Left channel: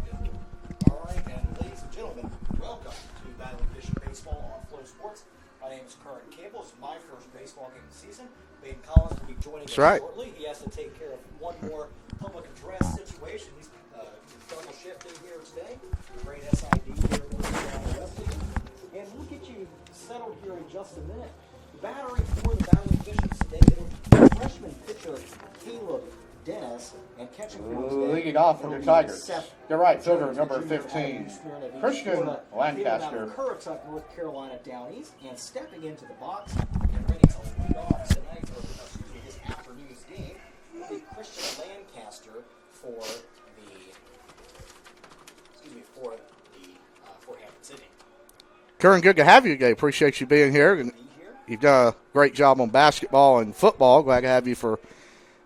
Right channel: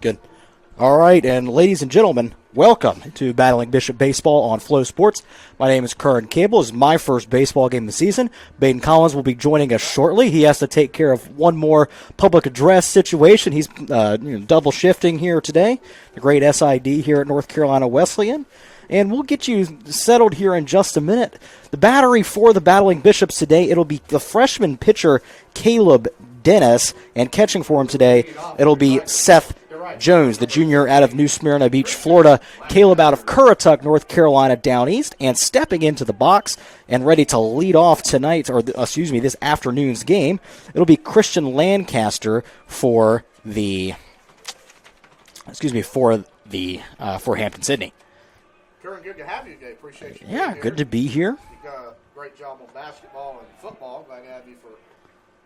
Good. All right, and ladies and gentlemen, welcome to Battling Bishop Baseball on Flow Sports. My name is Curran Campbell. This is my first baseball game of the season. Baden Collins will be joining us shortly. He has to take care of one more public address situation. He's double shifting here today. The great SID here at North Carolina Wesleyan. And we'll get you settled here in just a minute. The battery for the Battling Bishops today, it'll be the freshman pitcher Caleb Dennis, and catching for him today, it'll be Seth Jones, the junior out of New Smyrna Beach, Florida. Caleb out of Currituck, North Carolina, down east, and stepping into the box and ready to lead off this afternoon's game. It'll be Christian Lancaster for Hampden Sydney. Curran, good to have you today. Appreciate you being here. Good to be here. You've done a great job on basketball and football. Glad to have you for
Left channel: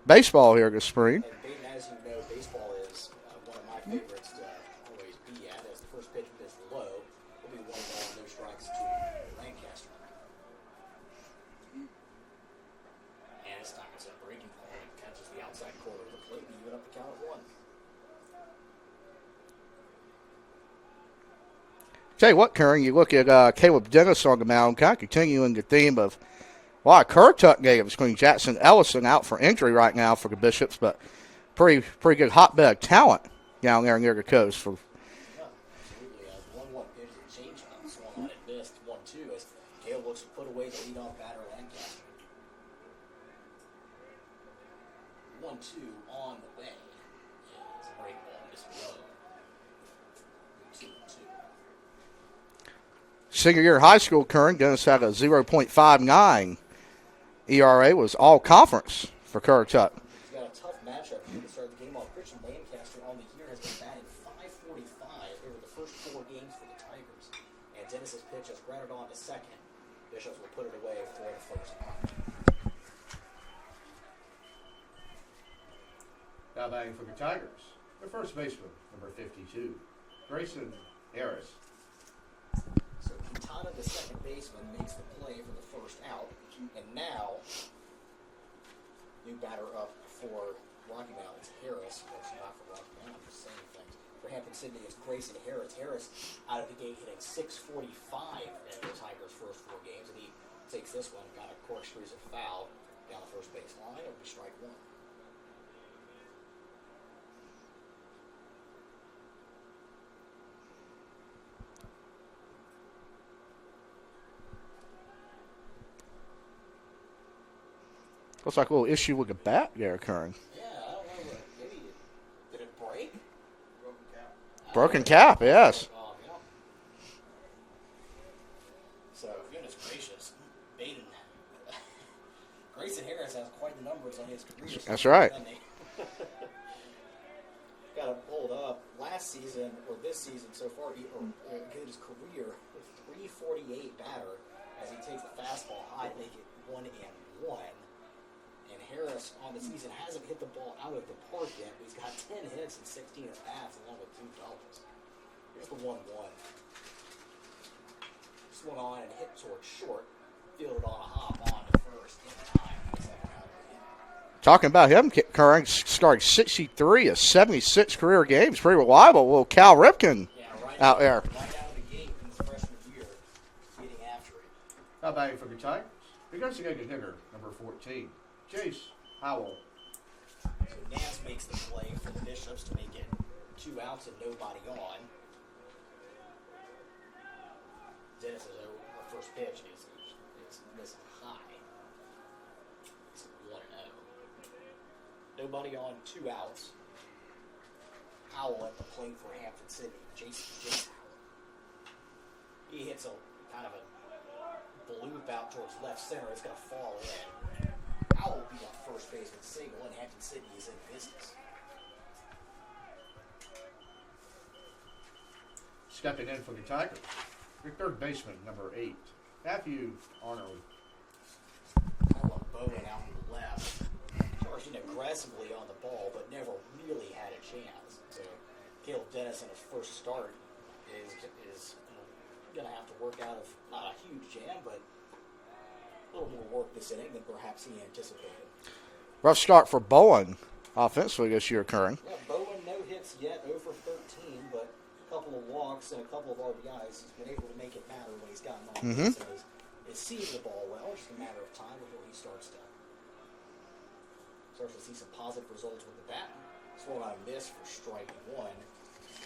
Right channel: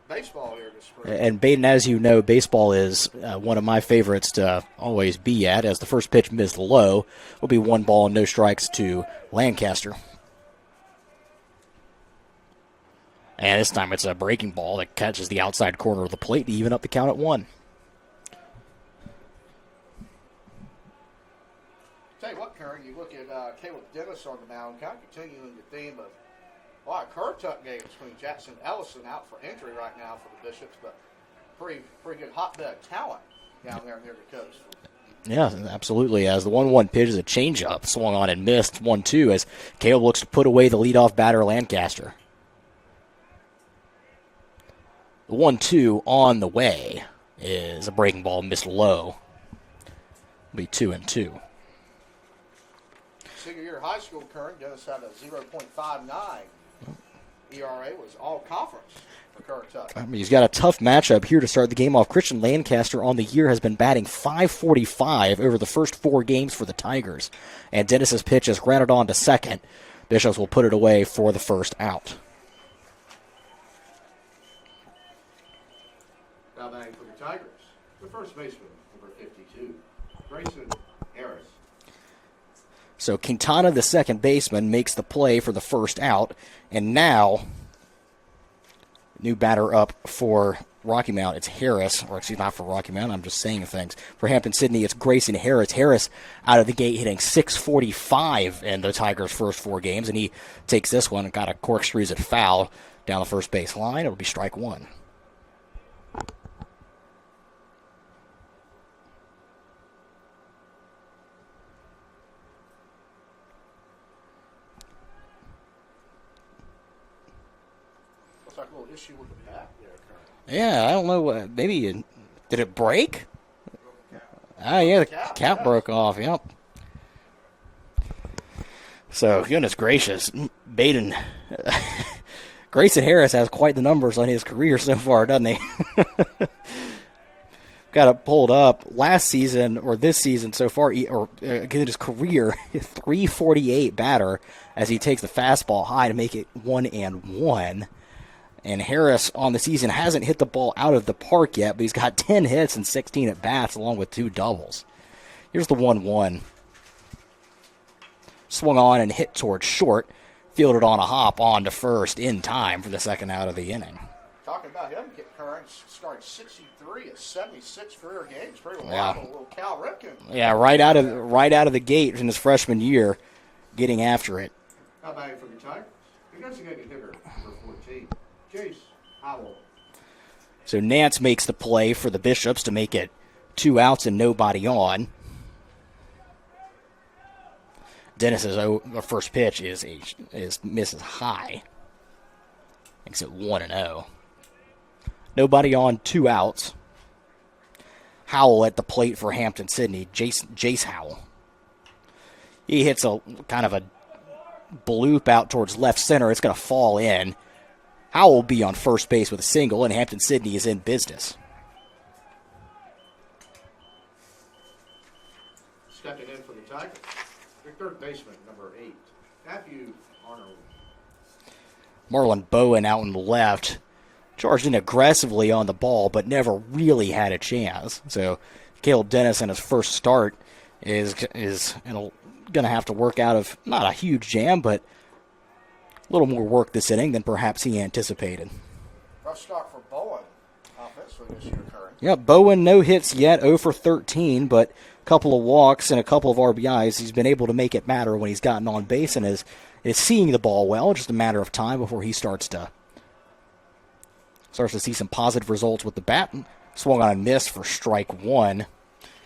baseball here this spring. And Baden, as you know, baseball is one of my favorites to always be at, as the first pitch missed low. Will be 1 ball, no strikes to Lancaster. And this time it's a breaking ball that catches the outside corner of the plate to even up the count at 1. Tell you what, Curran, you look at Caleb Dennis on the mound, kind of continuing the theme of a lot of Currituck games between Jackson Ellison out for injury right now for the Bishops, but pretty good hotbed of talent down there near the coast. Yeah, absolutely. As the 1-1 pitch is a changeup, swung on and missed 1-2 as Caleb looks to put away the leadoff batter Lancaster. The 1-2 on the way is a breaking ball missed low. It'll be 2-2. Senior year high school, Curran, Dennis had a 0.59 ERA, was all conference for Currituck. He's got a tough matchup here to start the game off. Christian Lancaster on the year has been batting .545 over the first 4 games for the Tigers. And Dennis's pitch is grounded on to second. Bishops will put it away for the first out. Now batting for the Tigers, the first baseman, number 52, Grayson Harris. So Quintana, the second baseman, makes the play for the first out. And now, new batter up for Rocky Mount. It's Harris. Or actually, not for Rocky Mount. I'm just saying things. For Hampden Sydney, it's Grayson Harris. Harris out of the gate hitting .645 in the Tigers' first 4 games. And he takes this one and got a corkscrews at foul down the first base line. It'll be strike 1. Looks like a little issue with the bat there, Curran. Yeah, I don't know. Maybe did it break? Yeah, the cap broke off, yep. So, goodness gracious, Baden. Grayson Harris has quite the numbers on his career so far, doesn't he? Got it pulled up. Last season, or this season so far, in his career, .348 batter as he takes the fastball high to make it 1-1. And Harris on the season hasn't hit the ball out of the park yet, but he's got 10 hits and 16 at-bats along with 2 doubles. Here's the 1-1. Swung on and hit towards short. Fielded on a hop on to first in time for the second out of the inning. Talking about him, Curran started 63 of 76 career games. Pretty reliable. Little Cal Ripken. Yeah, right out of the gate in his freshman year, getting after it. How about you for the Tigers? Investigated hitter, number 14. Chase Howell. So Nance makes the play for the Bishops to make it 2 outs and nobody on. Dennis's first pitch is misses high. Makes it 1-0. Nobody on, 2 outs. Howell at the plate for Hampden Sydney. Jace Howell. He hits a kind of a bloop out towards left center. It's going to fall in. Howell will be on first base with a single, and Hampden Sydney is in business. Stepping in for the Tigers, the third baseman, number 8, Matthew Arnold. Marlon Bowen out on the left. Charged in aggressively on the ball, but never really had a chance. So Caleb Dennis in his first start is going to have to work out of not a huge jam, but a little more work this inning than perhaps he anticipated. Rough start for Bowen. offensively this year, Curran. Yeah, Bowen no hits yet, 0 for 13, but a couple of walks and a couple of RBIs. He's been able to make it matter when he's gotten on base and is seeing the ball well. Just a matter of time before he starts to see some positive results with the bat. Swung on a miss for strike one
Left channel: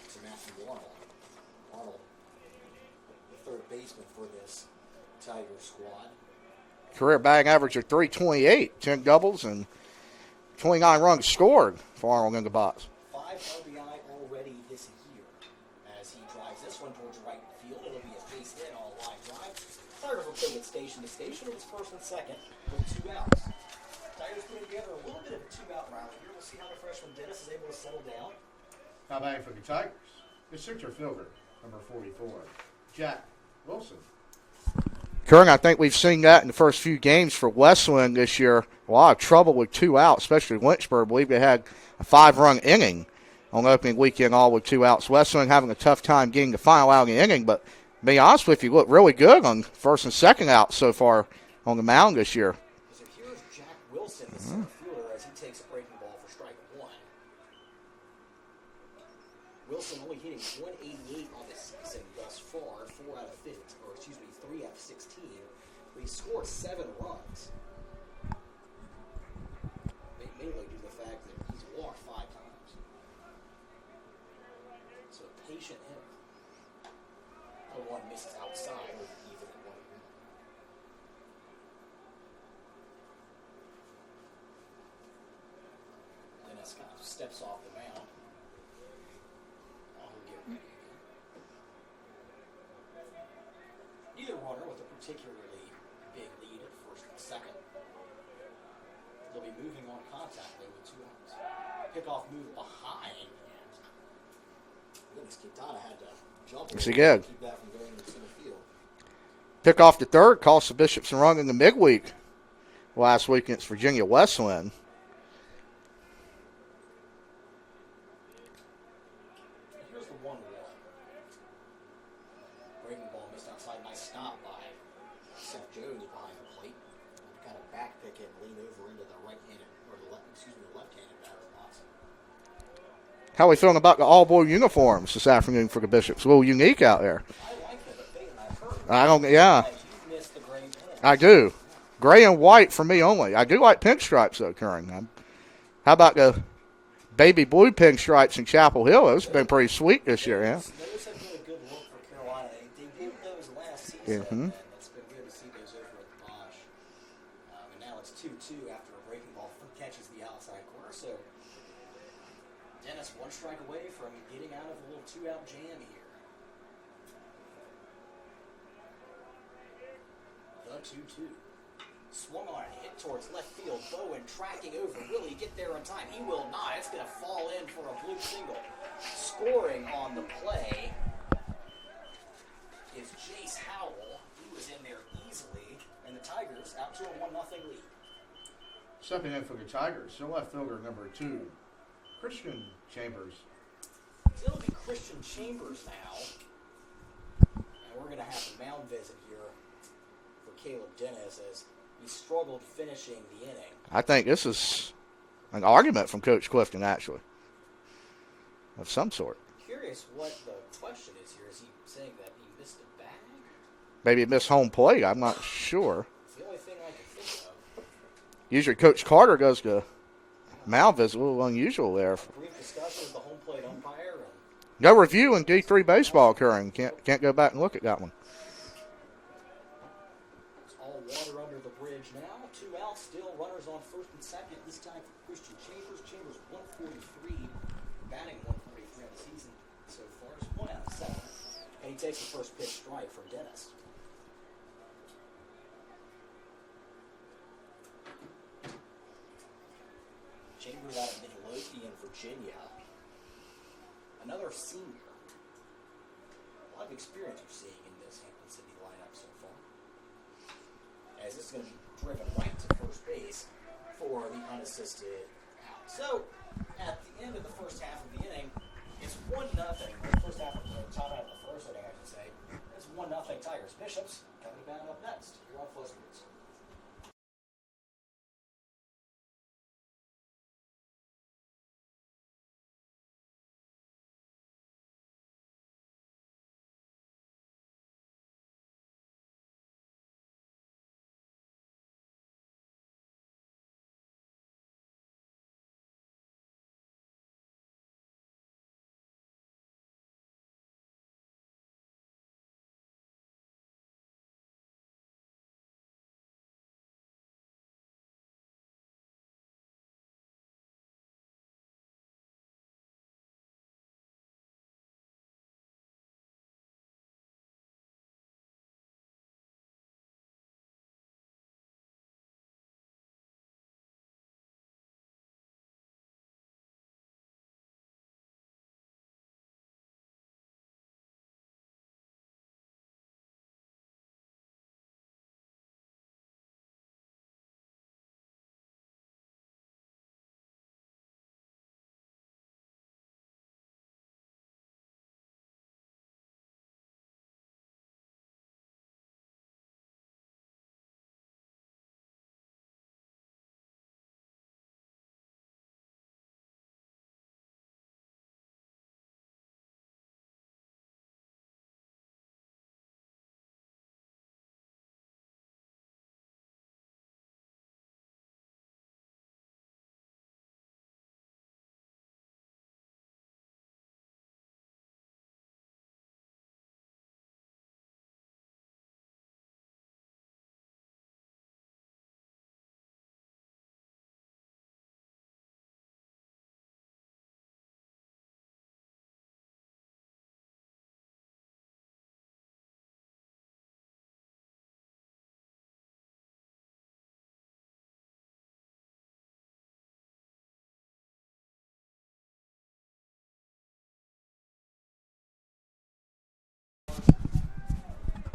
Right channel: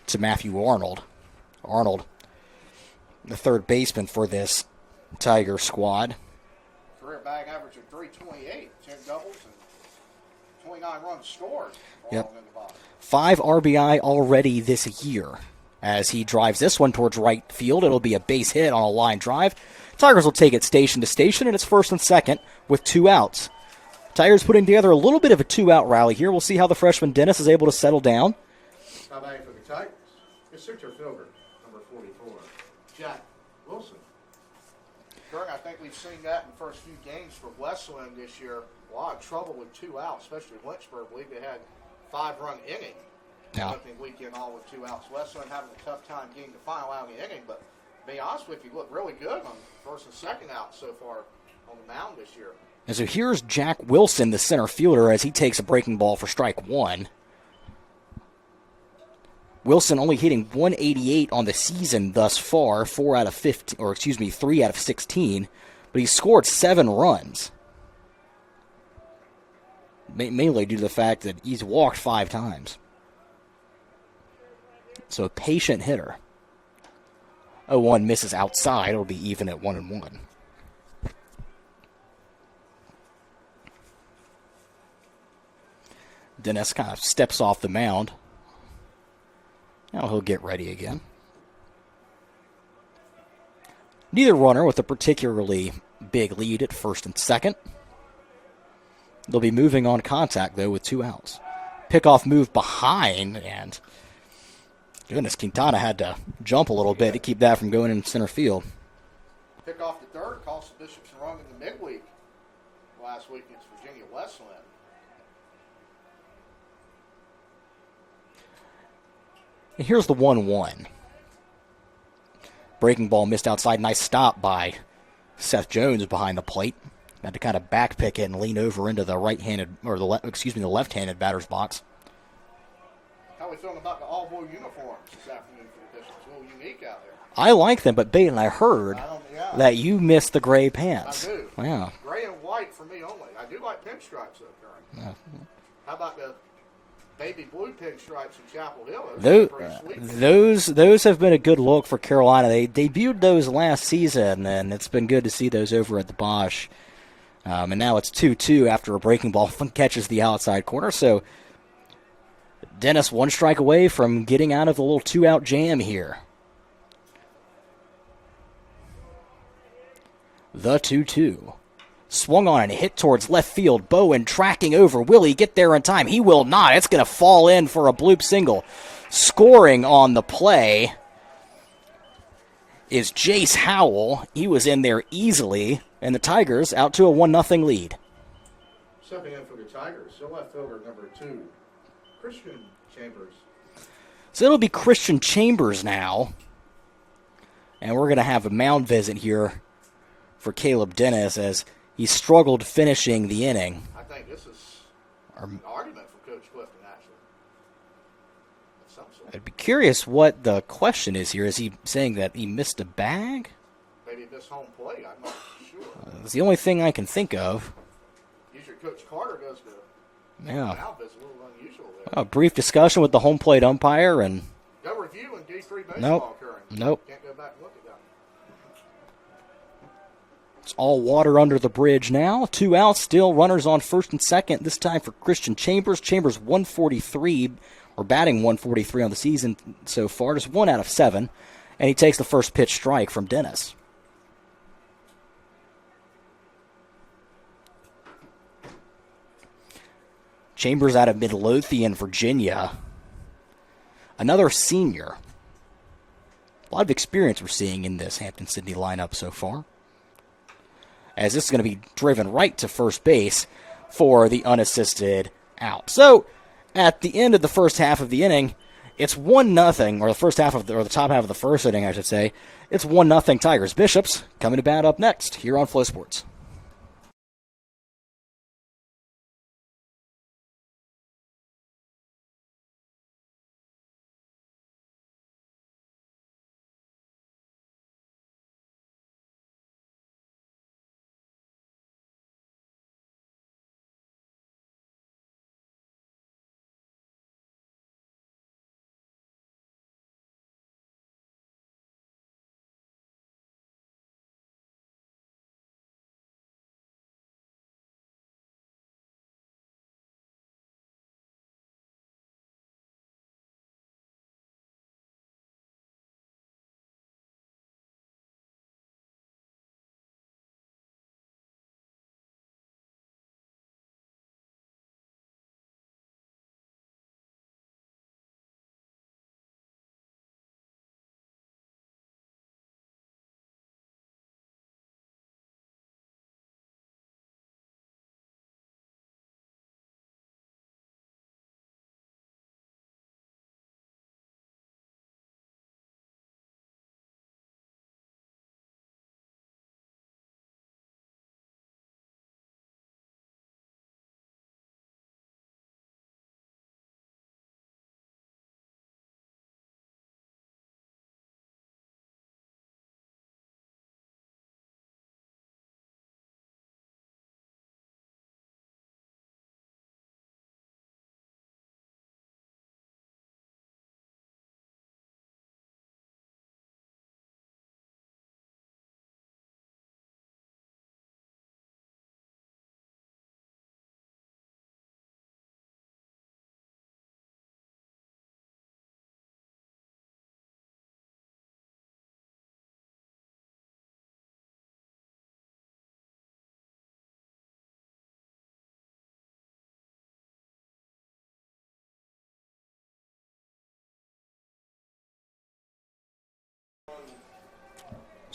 to Matthew Arnold. Arnold, the third baseman for this Tiger squad. Career batting average of 328, 10 doubles, and 29 runs scored for Arnold in the box. 5 RBI already this year. As he drives this one towards right field, it'll be a base hit on a line drive. Tigers will take it station to station, and it's first and second with 2 outs. Tigers putting together a little bit of a 2-out rally here. We'll see how the freshman Dennis is able to settle down. How about for the Tigers? It's center fielder, number 44, Jack Wilson. Curran, I think we've seen that in the first few games for Wesleyan this year. A lot of trouble with 2 outs, especially Lynchburg. I believe they had a 5-run inning on opening weekend, all with 2 outs. Wesleyan having a tough time getting the final out of the inning, but to be honest with you, look really good on first and second out so far on the mound this year. And so here's Jack Wilson, the center fielder, as he takes a breaking ball for strike one. Wilson only hitting 188 on the season thus far, 3 out of 16, but he's scored 7 runs. Mainly due to the fact that he's walked 5 times. So a patient hitter. 0-1 misses outside. It'll be even at 1-1. Dennis kind of steps off the mound. Now he'll get ready again. Neither runner with a particularly big lead at first and second. They'll be moving on contact, though, with 2 outs. Pickoff move behind, and goodness, Quintana had to jump a little bit to keep that from going in center field. Pick off the third, cost the Bishops a run in the midweek last week against Virginia Wesleyan. And here's the 1-1. Breaking ball missed outside. Nice stop by Seth Jones behind the plate. Had to kind of back pick it and lean over into the the left-handed batter's box. How are we feeling about the all-blue uniforms this afternoon for the Bishops? A little unique out there. I like them, but Baden, I heard that you missed the gray pants. I do. Yeah. Gray and white for me only. I do like pinstripes, though, Curran. How about the baby blue pinstripes in Chapel Hill? Those have been pretty sweet this year. Those have been a good look for Carolina. They debuted those last season, and it's been good to see those over at the Bosch. And now it's 2-2 after a breaking ball catches the outside corner. So Dennis 1 strike away from getting out of the little 2-out jam here. The 2-2. Swung on and hit towards left field. Bowen tracking over. Will he get there in time? He will not. It's going to fall in for a bloop single. Scoring on the play is Jace Howell. He was in there easily, and the Tigers out to a 1-0 lead. Stepping in for the Tigers, still left fielder number 2, Christian Chambers. So it'll be Christian Chambers now. And we're going to have a mound visit here for Caleb Dennis as he struggled finishing the inning. I think this is an argument from Coach Clifton, actually, of some sort. I'd be curious what the question is here. Is he saying that he missed a bag? Maybe he missed home plate. I'm not sure. It's the only thing I can think of. Usually Coach Carter goes to mound visit. A little unusual there. A brief discussion with the home plate umpire. And no review in D3 baseball occurring. Nope. Can't go back and look at that one. It's all water under the bridge now. 2 outs, still runners on first and second. This time for Christian Chambers. Chambers 143, or batting 143 on the season so far. Just 1 out of 7. And he takes the first pitch strike from Dennis. Chambers out of Midlothian, Virginia. Another senior. A lot of experience we're seeing in this Hampden-Sydney lineup so far. As this is going to be driven right to first base for the unassisted out. So, at the end of the first half of the inning, it's 1-0, or the top half of the first inning, I should say. It's 1-0 Tigers. Bishops coming to bat up next here on Flow Sports.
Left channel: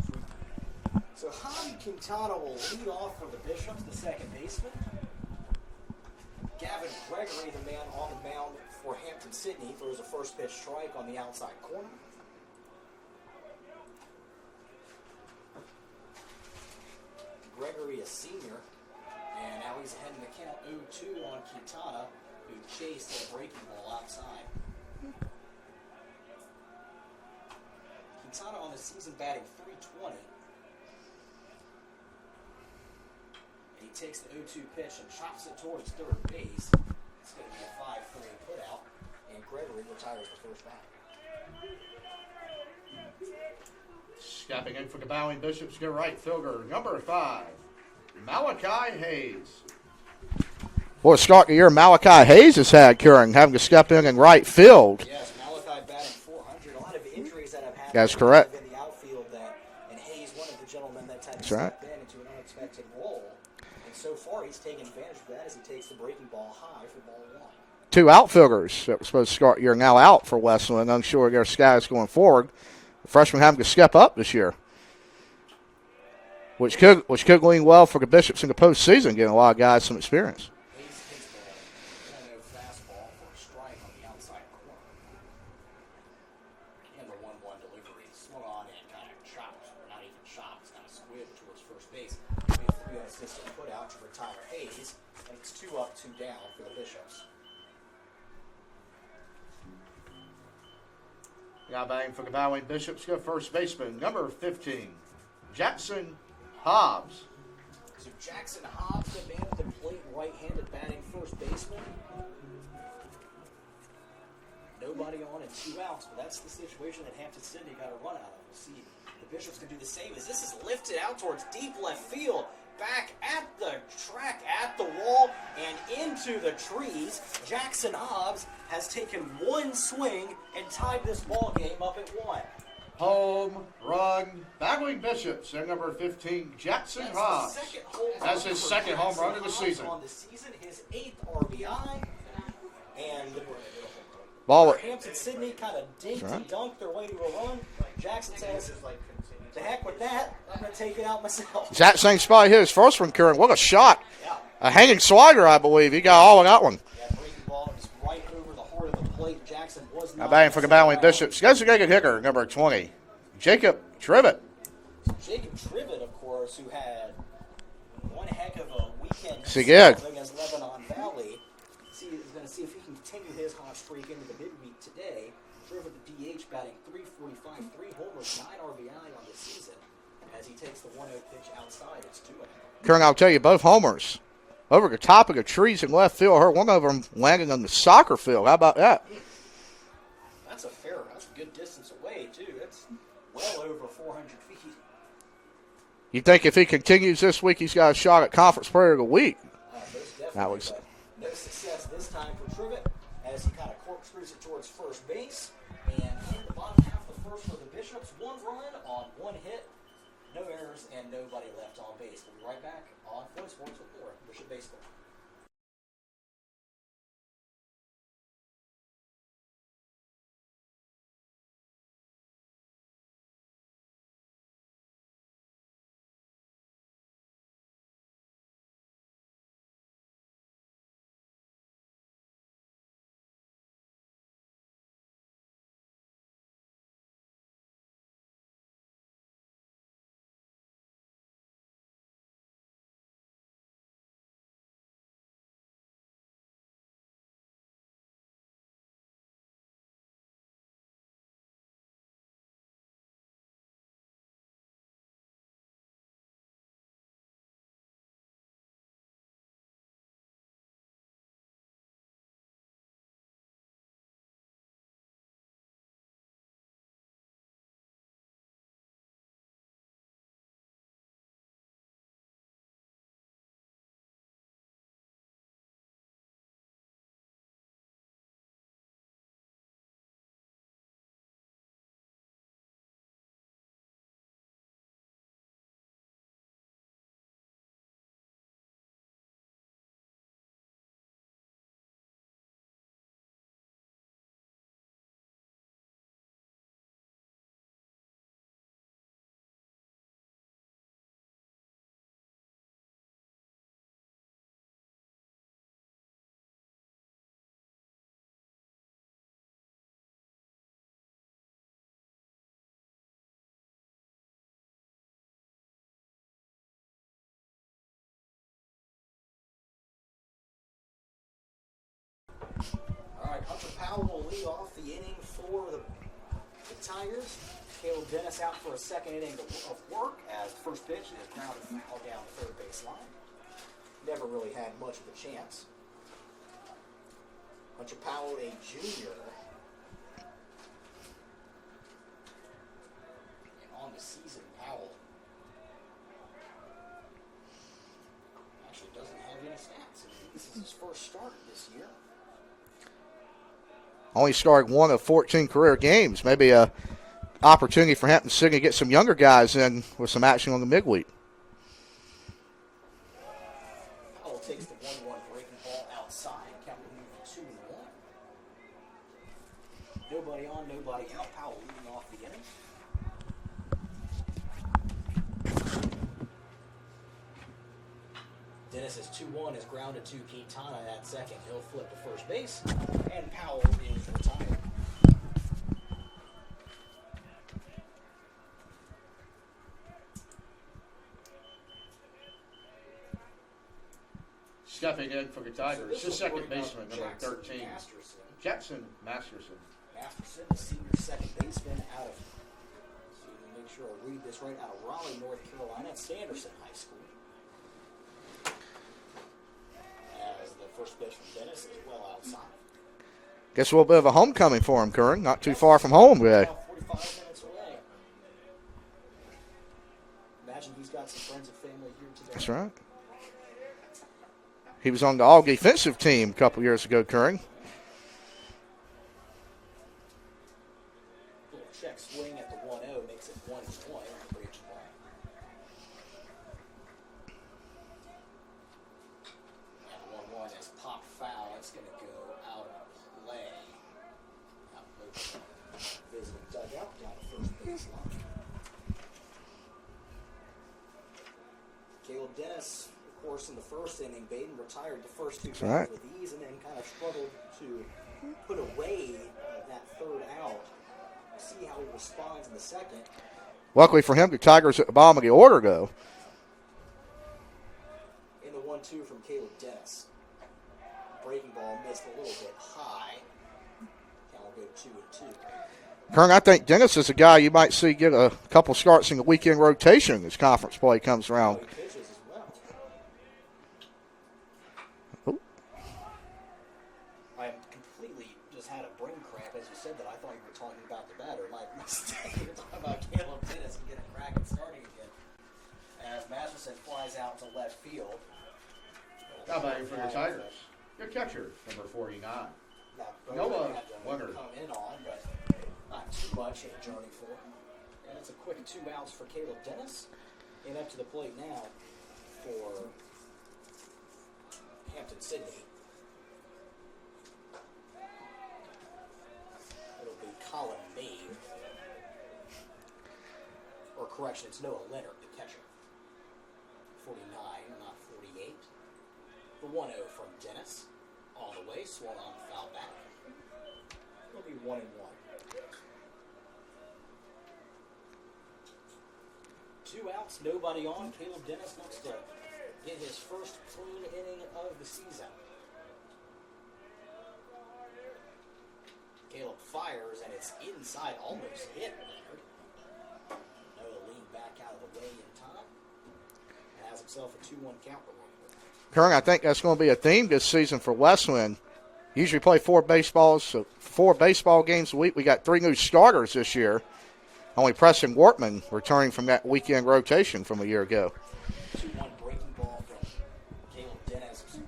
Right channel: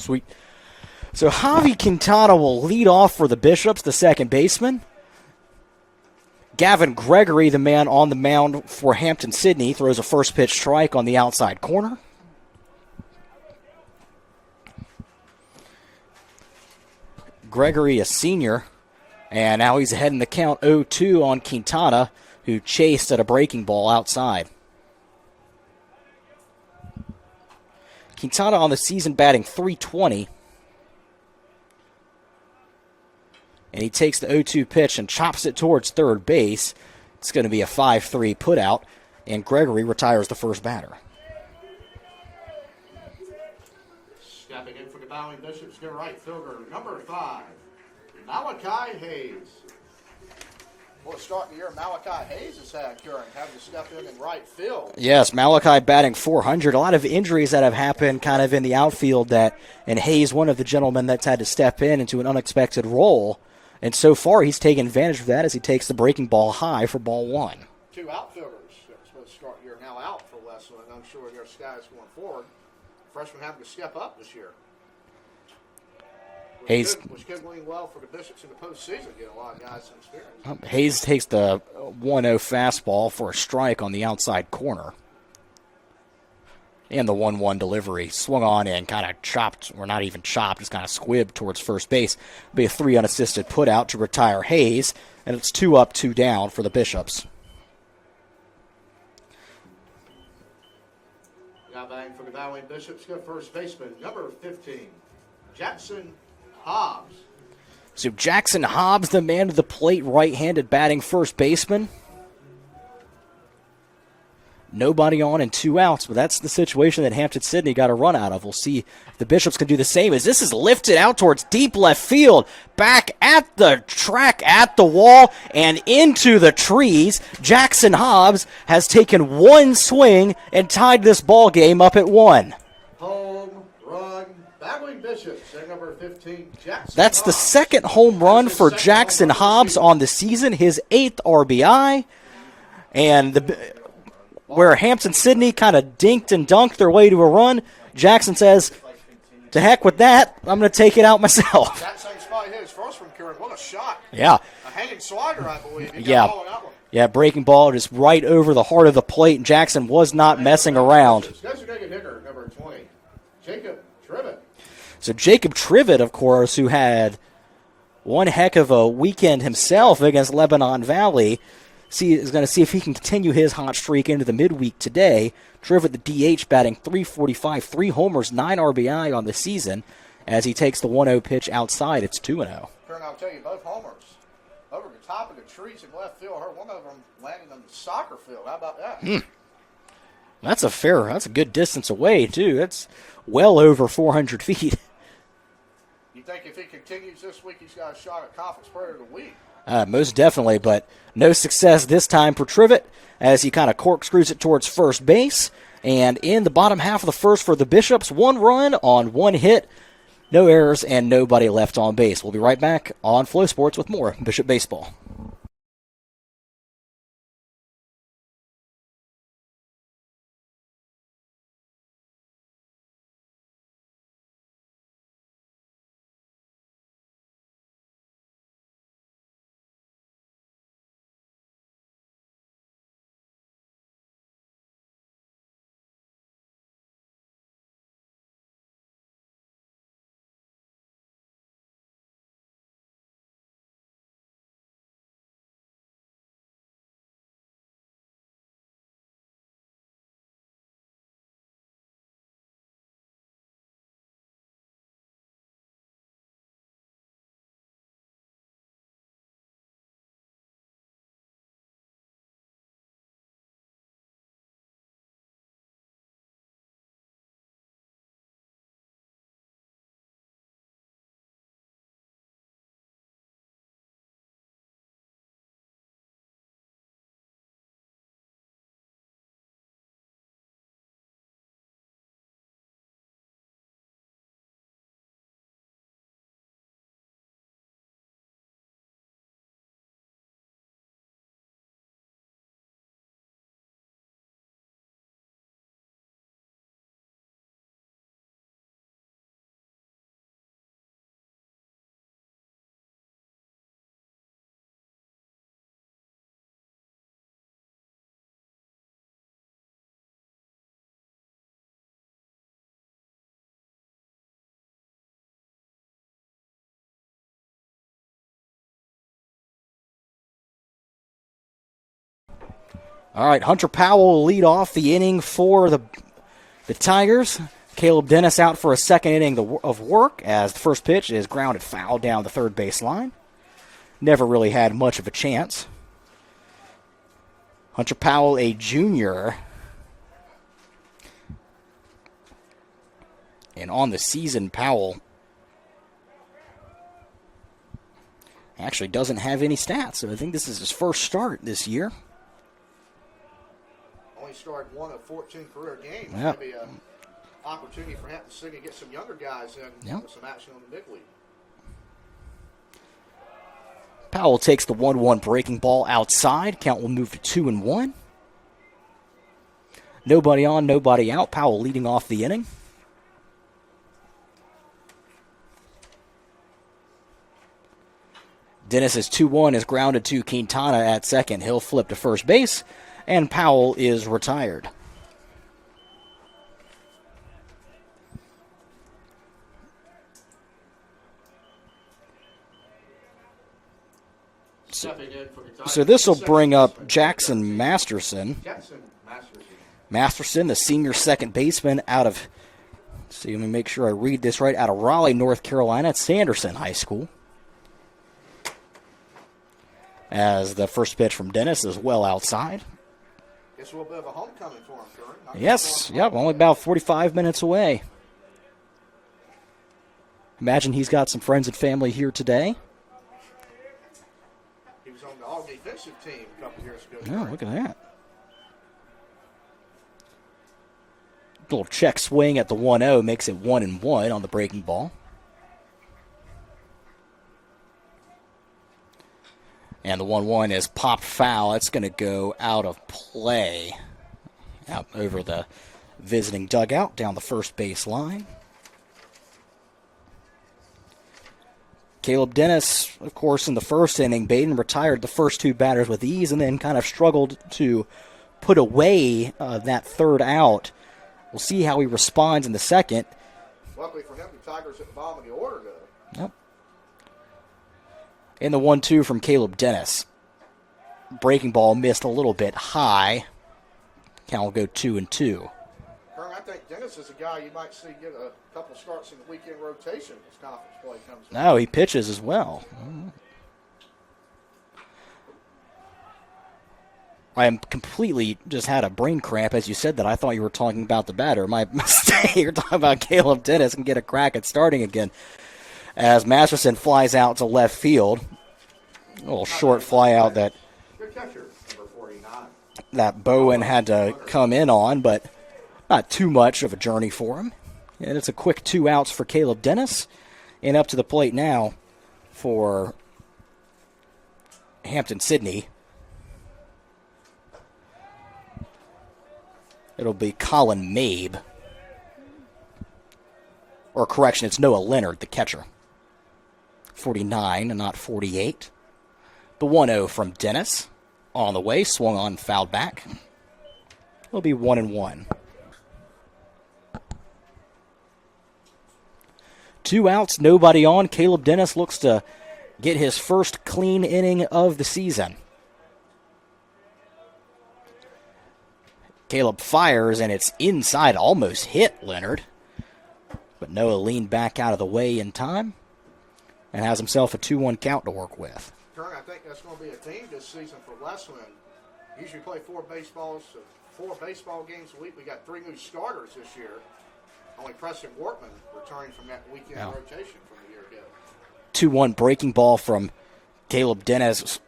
Sweet. So Javi Quintana will lead off for the Bishops, the second baseman. Gavin Gregory, the man on the mound for Hampden Sydney, throws a first pitch strike on the outside corner. Gregory, a senior, and now he's ahead in the count 0-2 on Quintana, who chased at a breaking ball outside. Quintana on the season batting .320. And he takes the 0-2 pitch and chops it towards third base. It's going to be a 5-3 putout, and Gregory retires the first batter. Stepping in for the Bowling Bishops, their right fielder, number 5, Malachi Hayes. Well, start the year, Malachi Hayes has had, Kieran, having to step in right field. Yes, Malachi batting .400. A lot of injuries that have happened kind of in the outfield, and Hayes, one of the gentlemen that's had to step in into an unexpected role. And so far, he's taken advantage of that as he takes the breaking ball high for ball 1. 2 outfielders that were supposed to start year now out for Wesleyan. Unsure of their status going forward. The freshmen having to step up this year, which could lean well for the Bishops in the postseason, getting a lot of guys some experience. Hayes takes the 1-0 fastball for a strike on the outside corner. And the 1-1 delivery swung on and kind of chopped, or not even chopped, just kind of squibbed towards first base. It'll be a 3 unassisted put out to retire Hayes, and it's 2 up, 2 down for the Bishops. Now batting for the Bowling Bishops, good first baseman, number 15, Jackson Hobbs. So Jackson Hobbs, the man to the plate, right-handed batting first baseman. Nobody on and 2 outs, but that's the situation that Hampden Sydney got a run out of. We'll see if the Bishops can do the same as this is lifted out towards deep left field, back at the track, at the wall, and into the trees. Jackson Hobbs has taken 1 swing and tied this ball game up at 1. Home run, Bowling Bishops, and number 15, Jackson That's Hobbs. The second home run for Jackson Hobbs on the season, his 8th RBI. And where Hampden Sydney kind of dinked and dunked their way to a run, Jackson says, to heck with that, I'm going to take it out myself. That same spot hit his first one, Kieran. What a shot. Yeah. A hanging slider, I believe. He got all of that one. Yeah, breaking ball just right over the heart of the plate, and Jackson was not messing around. Designated hitter, number 20, Jacob Trivet. So Jacob Trivet, of course, who had one heck of a weekend himself against Lebanon Valley, is going to see if he can continue his hot streak into the midweek today. Trivet, the DH, batting .345, 3 homers, 9 RBI on the season. As he takes the 1-0 pitch outside, it's 2-0. Kieran, I'll tell you, both homers over the top of the trees in left field. I heard one of them landing on the soccer field. How about that? That's a good distance away, too. That's well over 400 feet. You think if he continues this week, he's got a shot at Conference Player of the Week? Most definitely, but no success this time for Trivet as he kind of corkscrews it towards first base. And in the bottom half of the first for the Bishops, 1 run on 1 hit, no errors, and nobody left on base. We'll be right back on Flow Sports with more Bishop Baseball. All right, Hunter Powell will lead off the inning for the Tigers. Caleb Dennis out for a second inning of work as the first pitch is grounded foul down the third base line. Never really had much of a chance. Hunter Powell, a junior. And on the season, Powell actually doesn't have any stats, so I think this is his first start this year. Only started 1 of 14 career games. Yep. Maybe a opportunity for Hampton City to get some younger guys in with some action on the midweek. Powell takes the 1-1 breaking ball outside. Count will move to 2-1. Nobody on, nobody out. Powell leading off the inning. Dennis's 2-1 is grounded to Quintana at second. He'll flip to first base, and Powell is retired. So this will bring up Jackson Masterson. Masterson, the senior second baseman out of, let me make sure I read this right, out of Raleigh, North Carolina at Sanderson High School. As the first pitch from Dennis is well outside. Guess a little bit of a homecoming for him, Kern. Not too far from home. Only about 45 minutes away. Imagine he's got some friends and family here today. That's right. He was on the all defensive team a couple years ago, Kern. Look at that. Little check swing at the 1-0 makes it 1-1 on the breaking ball. And the 1-1 is popped foul. It's going to go out of play. Out over the visiting dugout down the first base line. Caleb Dennis, of course, in the first inning, Baden retired the first two batters with ease and then kind of struggled to put away that third out. We'll see how he responds in the second. Luckily for him, the Tigers at the bottom of the order go. Yep. In the 1-2 from Caleb Dennis. Breaking ball missed a little bit high. Count will go 2-2. Kern, I think Dennis is a guy you might see get a couple starts in the weekend rotation as conference play comes around. Oh, he pitches as well. I am completely just had a brain cramp as you said that. I thought you were talking about the batter. My mistake. You're talking about Caleb Dennis and get a crack at starting again. As Masterson flies out to left field. A little short fly out that Good catcher, number 49. That Bowen had to come in on, but not too much of a journey for him. And it's a quick 2 outs for Caleb Dennis. And up to the plate now for Hampton Sydney. It'll be Colin Mabe. Or correction, it's Noah Leonard, the catcher. 49 and not 48. The 1-0 from Dennis. On the way, swung on, fouled back. It'll be 1-1. 2 outs, nobody on. Caleb Dennis looks to get his first clean inning of the season. Caleb fires, and it's inside, almost hit Leonard. But Noah leaned back out of the way in time and has himself a 2-1 count to work with. Kern, I think that's going to be a theme this season for Wesleyan. Usually play 4 baseball games a week. We got 3 new starters this year. Only Preston Wortman returning from that weekend rotation from a year ago. 2-1 breaking ball from Caleb Dennis.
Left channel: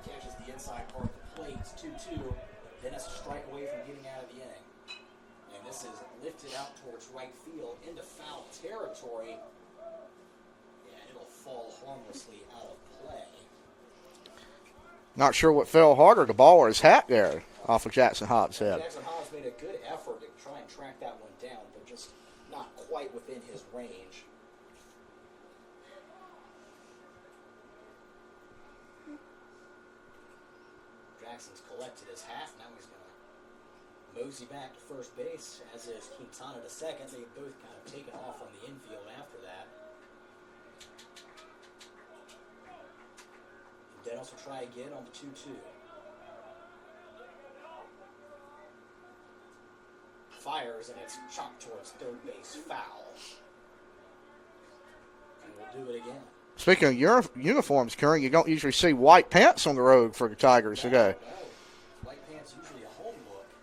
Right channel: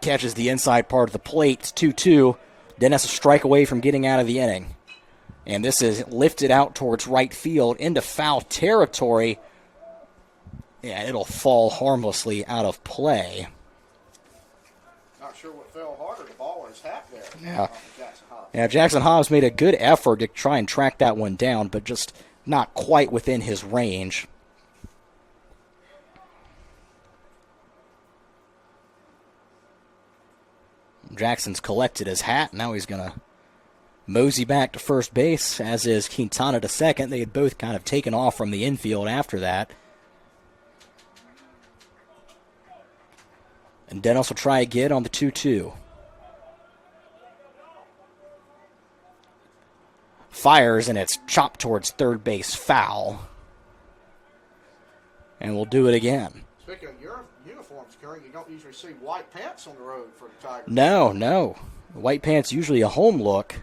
Catches the inside part of the plate. It's 2-2. Dennis a strike away from getting out of the inning. And this is lifted out towards right field into foul territory. Yeah, it'll fall harmlessly out of play. Not sure what fell harder, the ball or his hat there off of Jackson Hobbs. Yeah, Jackson Hobbs made a good effort to try and track that one down, but just not quite within his range. Jackson's collected his hat. Now he's going to mosey back to first base, as is Quintana to second. They had both kind of taken off from the infield after that. And Dennis will try again on the 2-2. fires, and it's chopped towards third base, foul. And we'll do it again. Speaking of uniforms, Karen, you don't usually see white pants on the road for the Tigers. No. White pants usually a home look.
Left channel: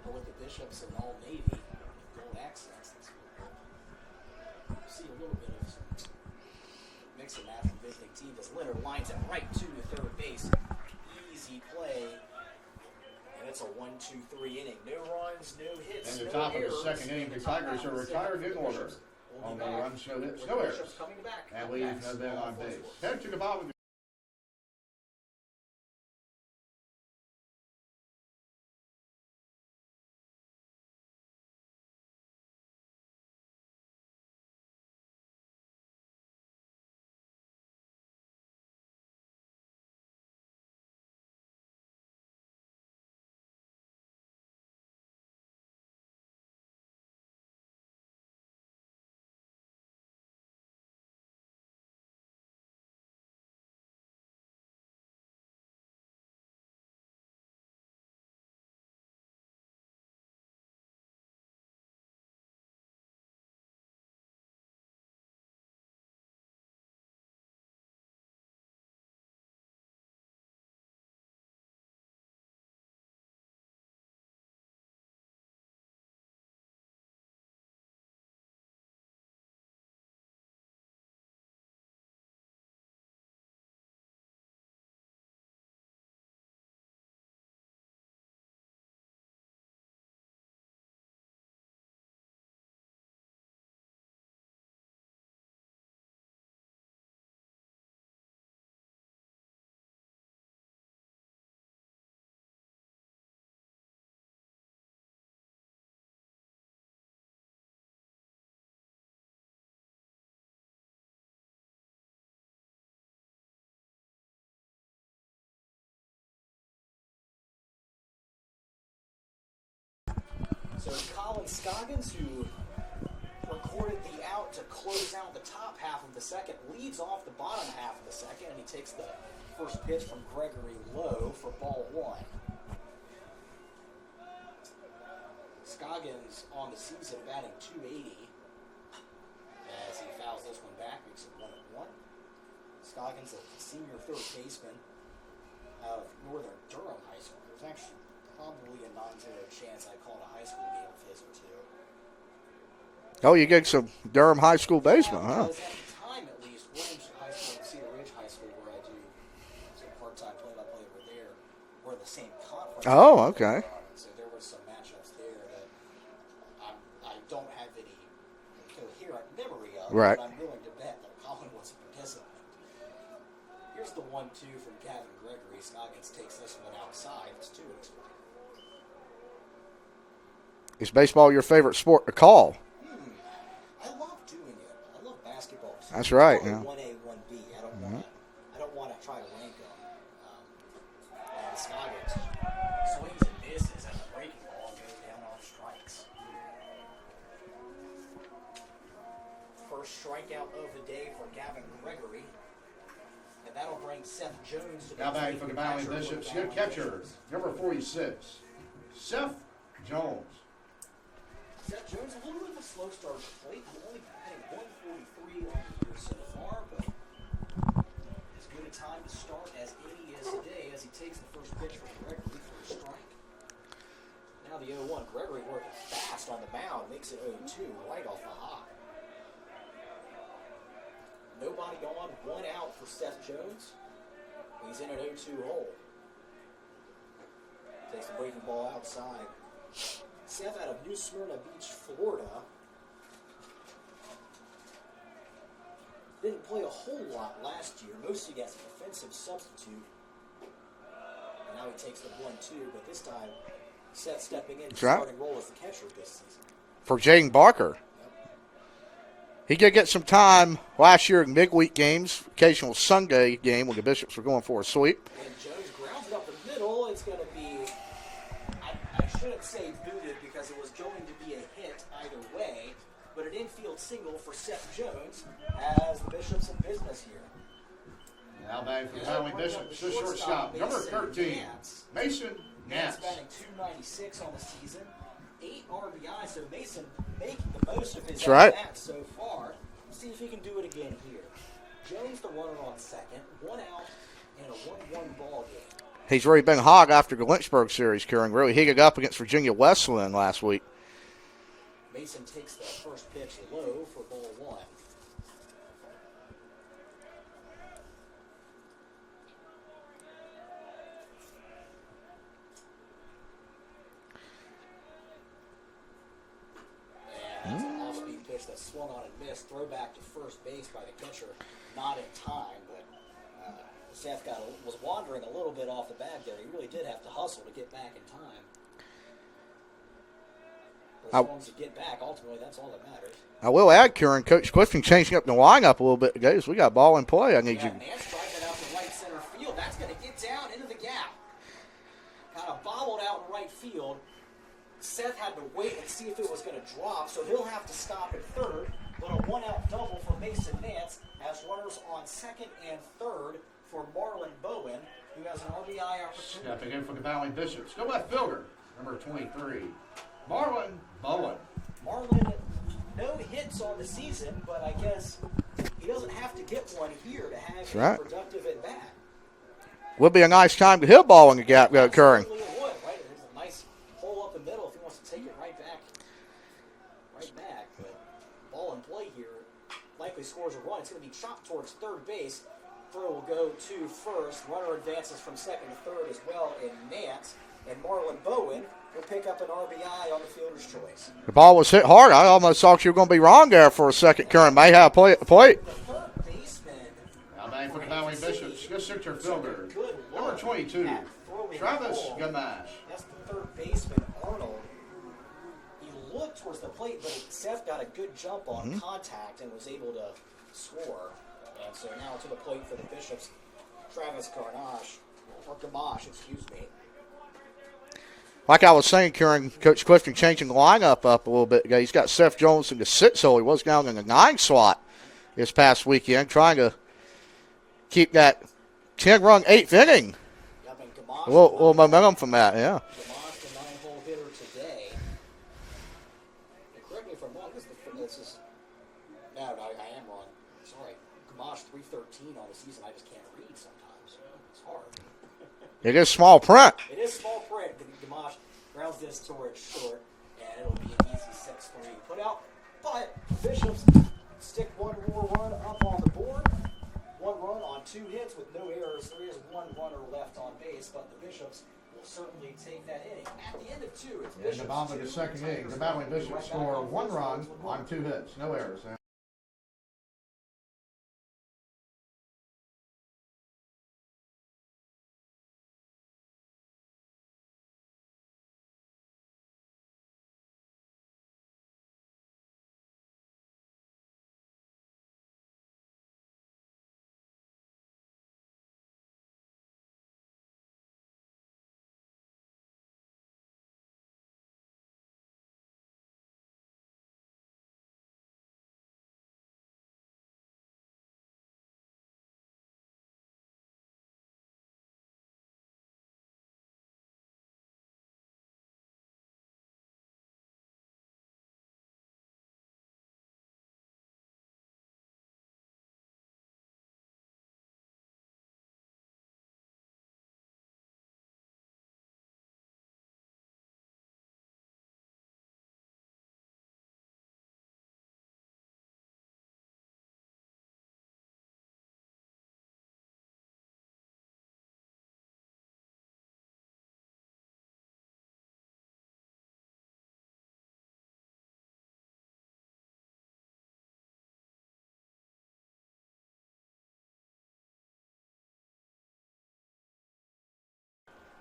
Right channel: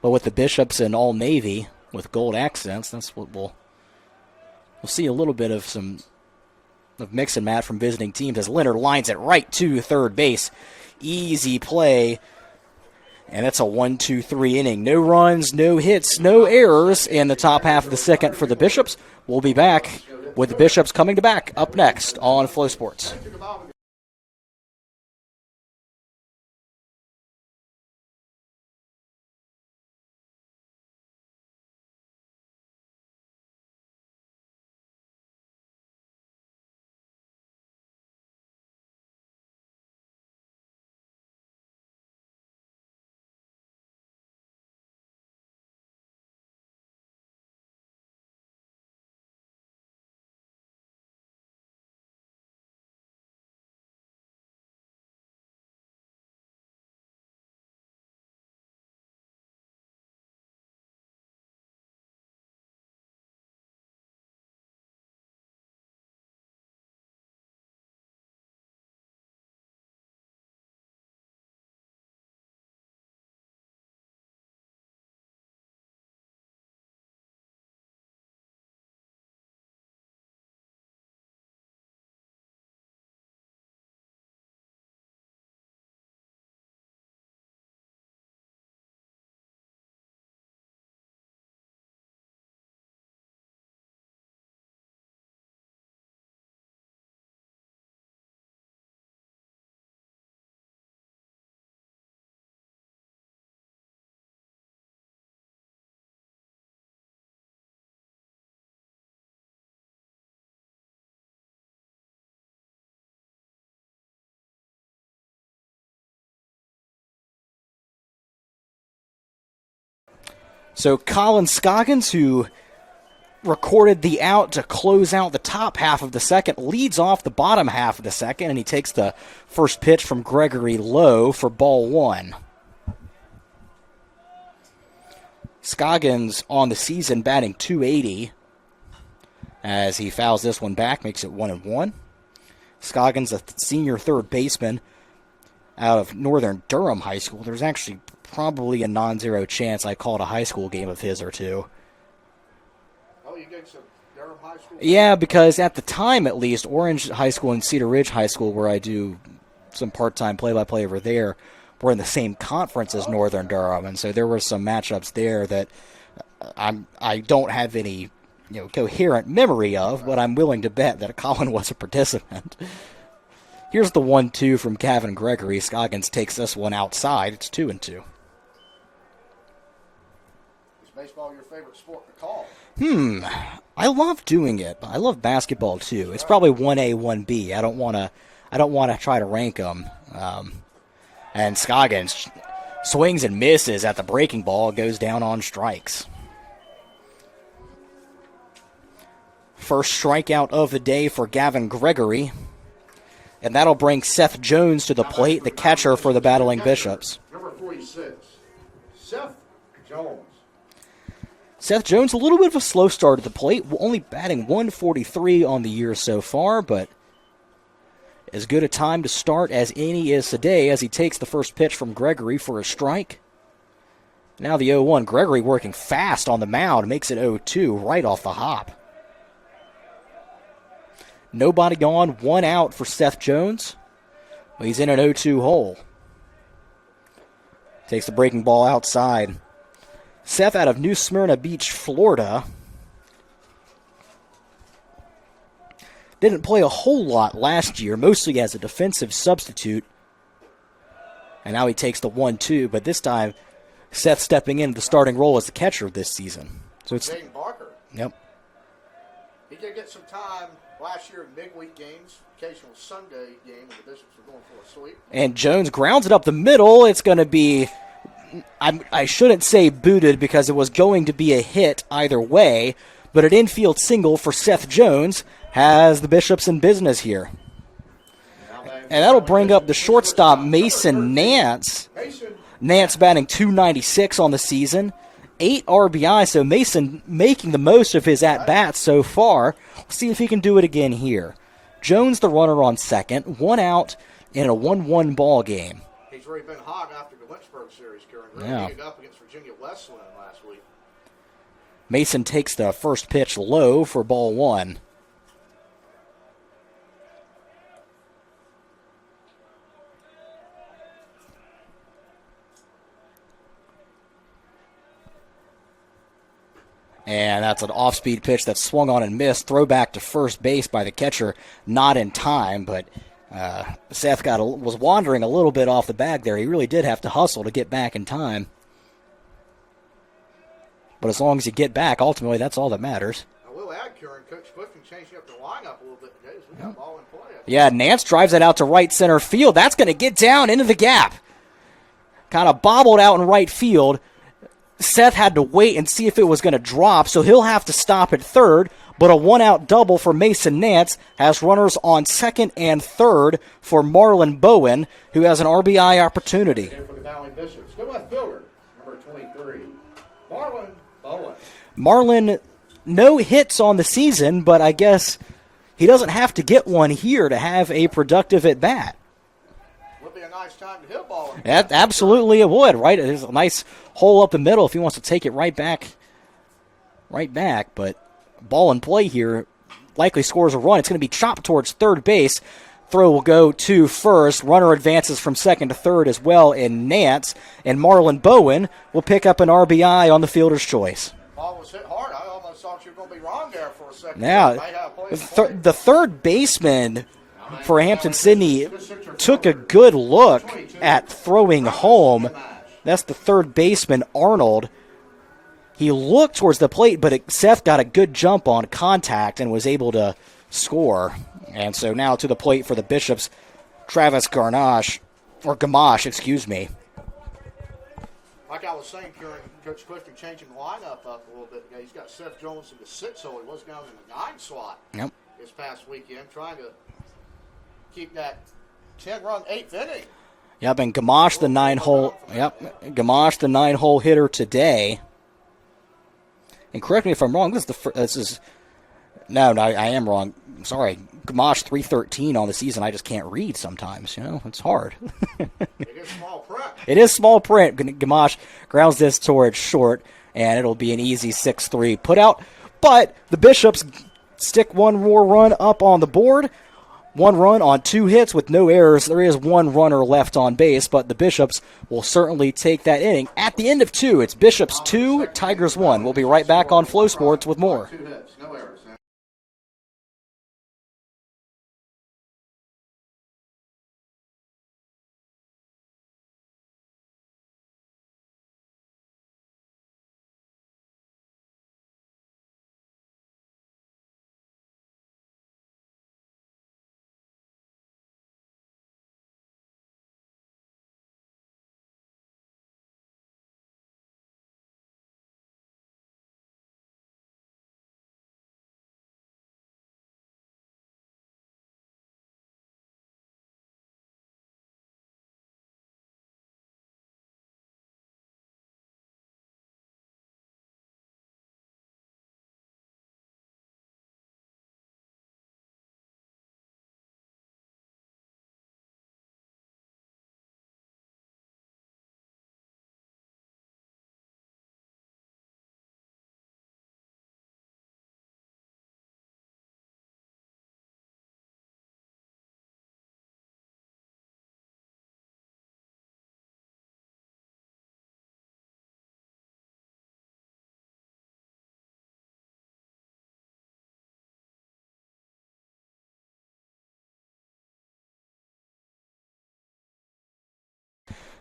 But with the Bishops in all navy with gold accents, that's what we'll see a little bit of mix and match from visiting teams as Leonard lines it right to third base. Easy play. And it's a 1-2-3 inning. No runs, no hits, no errors in the top half of the second for the Bishops. We'll be back with the Bishops coming to back up next on Flow Sports. So Colin Scoggins, who recorded the out to close out the top half of the second, leads off the bottom half of the second, and he takes the first pitch from Gregory low for ball one. Scoggins on the season batting .280 as he fouls this one back, makes it 1-1. Scoggins, a senior third baseman out of Northern Durham High School. There's actually probably a non-zero chance I called a high school game of his or two. Oh, you get some Durham High School baseball? Yeah, because at the time, at least, Orange High School and Cedar Ridge High School, where I do some part-time play-by-play over there, were in the same conference as Northern Durham, and so there were some matchups there that I don't have any coherent memory of, but I'm willing to bet that Colin was a participant. Here's the 1-2 from Gavin Gregory. Scoggins takes this one outside. It's 2-2. Is baseball your favorite sport to call? I love doing it, but I love basketball too. That's it's right. Probably 1A, 1B. I don't want to try to rank them. And Scoggins swings and misses at the breaking ball. Goes down on strikes. First strikeout of the day for Gavin Gregory. And that'll bring Seth Jones to the plate, the catcher for the Battling Bishops. Number 46, Seth Jones. Seth Jones, a little bit of a slow start at the plate, only batting .143 on the year so far, but as good a time to start as any is today as he takes the first pitch from Gregory for a strike. Now the 0-1. Gregory working fast on the mound, makes it 0-2 right off the hop. Nobody on, one out for Seth Jones. Well, he's in an 0-2 hole. Takes the breaking ball outside. Seth out of New Smyrna Beach, Florida. Didn't play a whole lot last year, mostly as a defensive substitute. And now he takes the 1-2, but this time Seth stepping into the starting role as the catcher this season. For Jaden Barker. Yep. He did get some time last year in midweek games, occasional Sunday game when the Bishops were going for a sweep. And Jones grounds it up the middle. It's going to be, I shouldn't say booted because it was going to be a hit either way, but an infield single for Seth Jones has the Bishops in business here. And that'll bring up the shortstop, Mason Nance. Nance batting .296 on the season, 8 RBI, so Mason making the most of his at-bats so far. We'll see if he can do it again here. Jones the runner on second, 1 out in a 1-1 ball game. He's really been hog after the Lynchburg series, Kieran. Really heated up against Virginia Wesleyan last week. Mason takes the first pitch low for ball 1. And that's an off-speed pitch that swung on and missed. Throw back to first base by the catcher, not in time, but Seth was wandering a little bit off the bag there. He really did have to hustle to get back in time. But as long as you get back, ultimately, that's all that matters. I will add, Kieran, Coach Clifton changing up the lineup a little bit today, so we got ball in play. Nance drives it out to right center field. That's going to get down into the gap. Kind of bobbled out in right field. Seth had to wait and see if it was going to drop, so he'll have to stop at third. But a 1-out double for Mason Nance has runners on second and third for Marlon Bowen, who has an RBI opportunity. For the Valley Bishops. Go left fielder, number 23, Marlon Bowen. Marlon, no hits on the season, but I guess he doesn't have to get one here to have a productive at-bat. Would be a nice time to hit ball in the gap. Absolutely it would, right? There's a nice hole up the middle if he wants to take it right back. But ball in play here, likely scores a run. It's going to be chopped towards third base. Throw will go to first. Runner advances from second to third as well in Nance. And Marlon Bowen will pick up an RBI on the fielder's choice. The ball was hit hard. I almost thought you were going to be wrong there for a second. May have play at the plate. The third baseman for Hampton Sydney took a good look at throwing home. That's the third baseman, Arnold. He looked towards the plate, but Seth got a good jump on contact and was able to score. And so now to the plate for the Bishops, Travis Gamache. Like I was saying, Kieran, Coach Clifton changing the lineup up a little bit. He's got Seth Jones in the 6 hole. He was down in the 9 slot this past weekend, trying to keep that 10-run 8th inning. Yep, and Gamache, the 9-hole. From that, Gamache, the 9-hole hitter today. And correct me if I'm wrong. No, I am wrong. Sorry, Gamache 313 on the season. I just can't read sometimes. It's hard. It is small print. It is small print. Gamache grounds this towards short, and it'll be an easy 6-3 put out. But the Bishops stick one more run up on the board. 1 run on 2 hits with no errors. There is 1 runner left on base, but the Bishops will certainly take that inning. At the end of 2, it's Bishops 2, Tigers 1. We'll be right back on Flow Sports with more. 2 hits, no errors.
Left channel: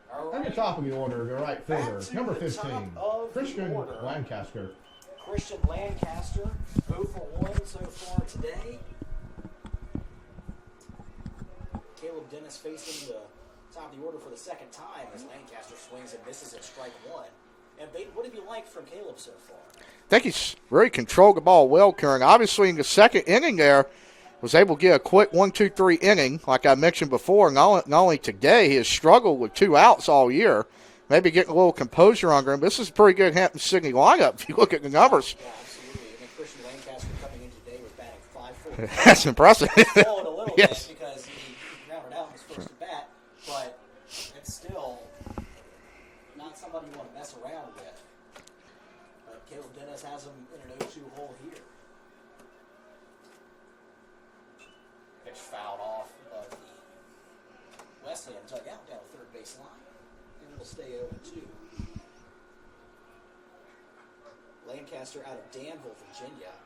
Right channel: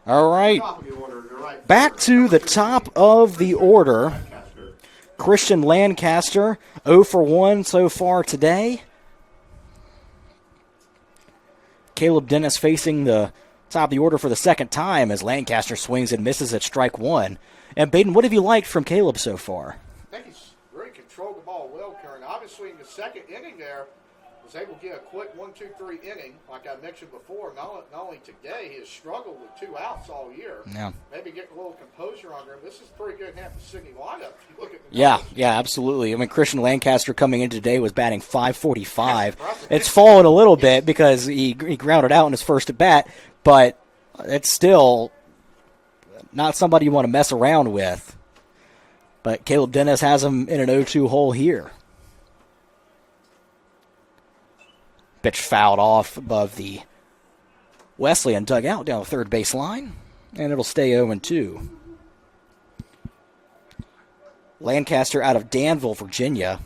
All right, back to the top of the order. Christian Lancaster, 0 for 1 so far today. Caleb Dennis facing the top of the order for the second time as Lancaster swings and misses at strike 1. And Baden, what have you liked from Caleb so far? I think he's really controlled the ball well, Kieran. Obviously, in the second inning there, was able to get a quick 1-2-3 inning, like I mentioned before. Not only today, he has struggled with 2 outs all year. Yeah. Maybe getting a little composure under him. This is a pretty good Hampton-Sydney lineup if you look at the numbers. Yeah, absolutely. I mean, Christian Lancaster coming in today was batting .545. That's impressive. It's fallen a little Yes. bit because he grounded out in his first at bat, but it's still not somebody you want to mess around with. But Caleb Dennis has him in an 0-2 hole here. Pitch fouled off above the Wesleyan dugout down the third base line, and it'll stay 0-2. Lancaster out of Danville, Virginia,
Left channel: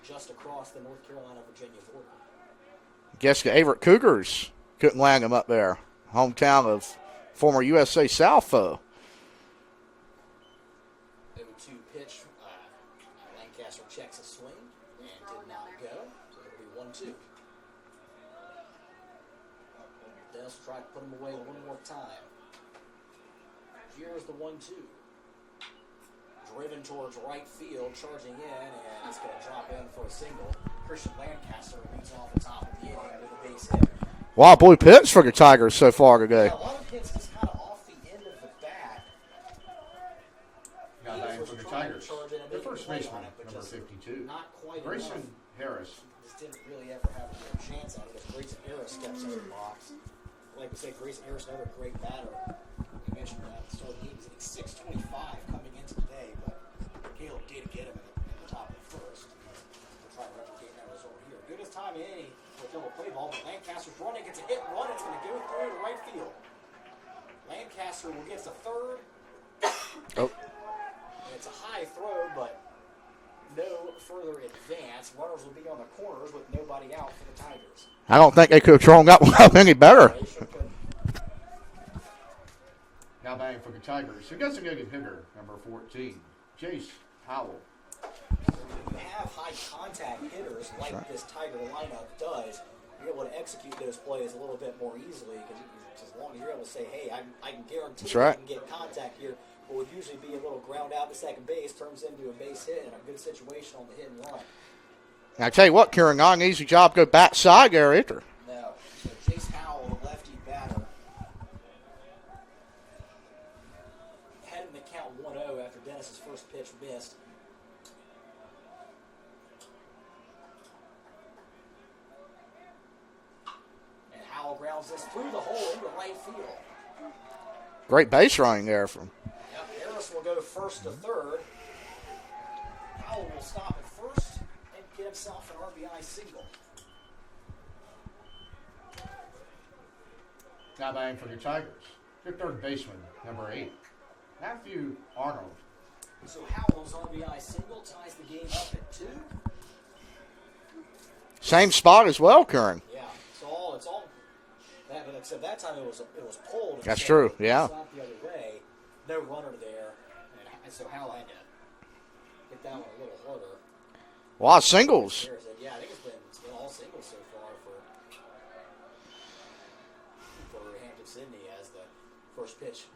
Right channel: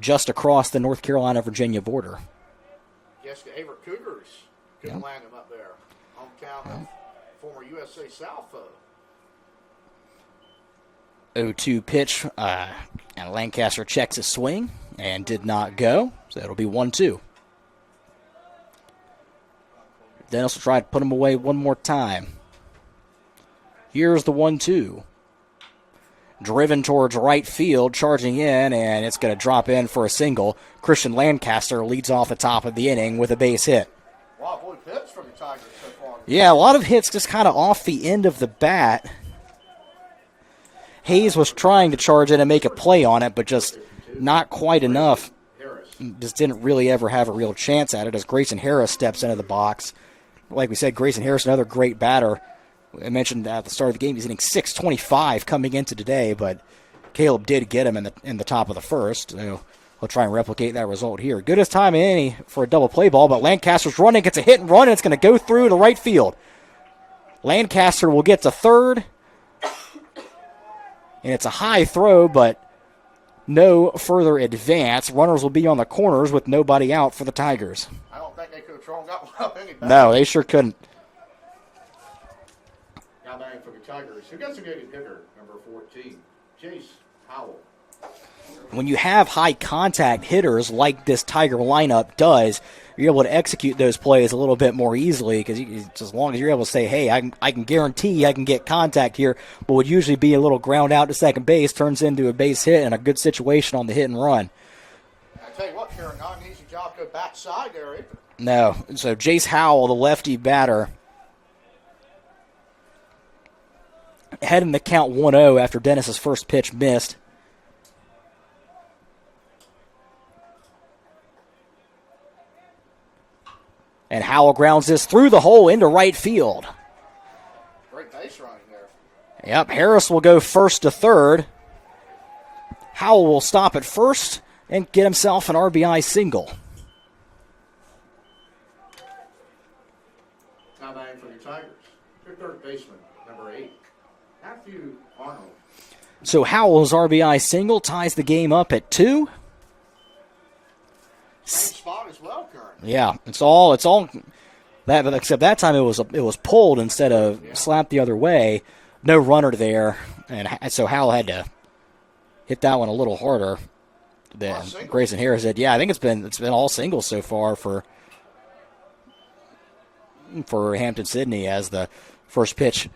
just across the North Carolina-Virginia border. Guess the Averett Cougars couldn't land him up there. Hometown of former USA South foe. 0-2 pitch, and Lancaster checks his swing and did not go, so it'll be 1-2. Dennis will try to put him away one more time. Here's the 1-2. Driven towards right field, charging in, and it's going to drop in for a single. Christian Lancaster leads off the top of the inning with a base hit. Wow, blue pitch for the Tigers so far today. Yeah, a lot of hits just kind of off the end of the bat. Hayes was trying to charge in and make a play on it, but just not quite enough. Just didn't really ever have a real chance at it as Grayson Harris steps into the box. Like we said, Grayson Harris, another great batter. I mentioned at the start of the game he's hitting .625 coming into today, but Caleb did get him in the top of the first. So he'll try and replicate that result here. Good as time any for a double play ball, but Lancaster's running, gets a hit and run, and it's going to go through to right field. Lancaster will get to third. And it's a high throw, but no further advance. Runners will be on the corners with nobody out for the Tigers. I don't think they could have thrown that one up any better. No, they sure couldn't. Now batting for the Tigers. Who gets a good hitter, number 14, Jace Howell. When you have high contact hitters like this Tiger lineup does, you're able to execute those plays a little bit more easily because as long as you're able to say, hey, I can guarantee right. I can get contact here, what would usually be a little ground out to second base turns into a base hit and a good situation on the hit and run. And I tell you what, Kieran, not an easy job to go back side there either. No. So Jace Howell, the lefty batter, had him to count 1-0 after Dennis's first pitch missed. And Howell grounds this through the hole into right field. Great base running there from. Yep, Harris will go first to third. Howell will stop at first and get himself an RBI single. Now batting for the Tigers, your third baseman, number 8, Matthew Arnold. So Howell's RBI single ties the game up at 2. Same spot as well, Kieran. Yeah, it's all that, but except that time it was pulled instead of slapped the other way. No runner there, and so Howell had to hit that one a little harder. A lot of singles. Grayson Harris said, "Yeah, I think it's been all singles so far for Hampden-Sydney as the first pitch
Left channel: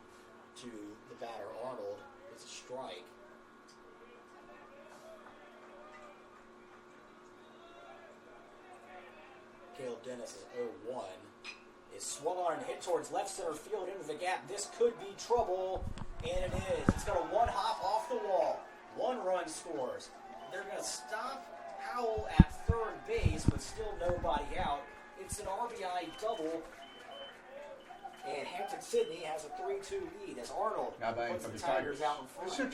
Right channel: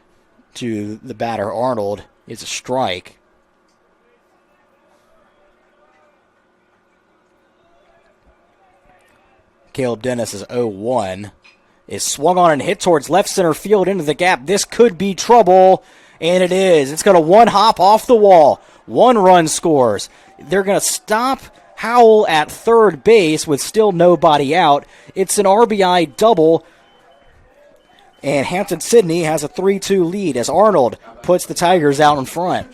to the batter Arnold is a strike." Caleb Dennis is 0-1. Is swung on and hit towards left center field into the gap. This could be trouble, and it is. It's going to one hop off the wall. 1 run scores. They're going to stop Howell at third base with still nobody out. It's an RBI double, and Hampden-Sydney has a 3-2 lead as Arnold puts the Tigers out in front.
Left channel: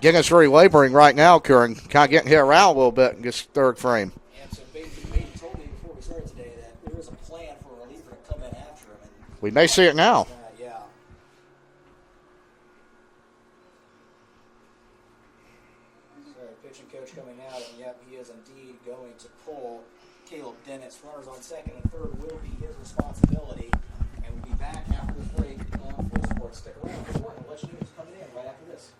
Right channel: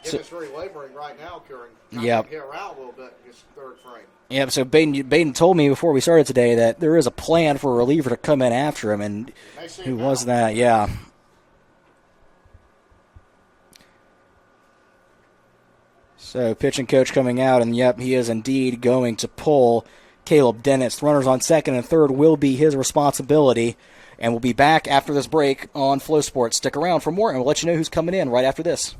Guinness really laboring right now, Kieran. Kind of getting hit around a little bit in this third frame. Yeah, so Baden told me before we started today that there is a plan for a reliever to come in after him, and we may see it now. That, yeah. So pitching coach coming out, and yep, he is indeed going to pull Caleb Dennis. Runners on second and third will be his responsibility, and we'll be back after this break on Flow Sports. Stick around for more, and we'll let you know who's coming in right after this.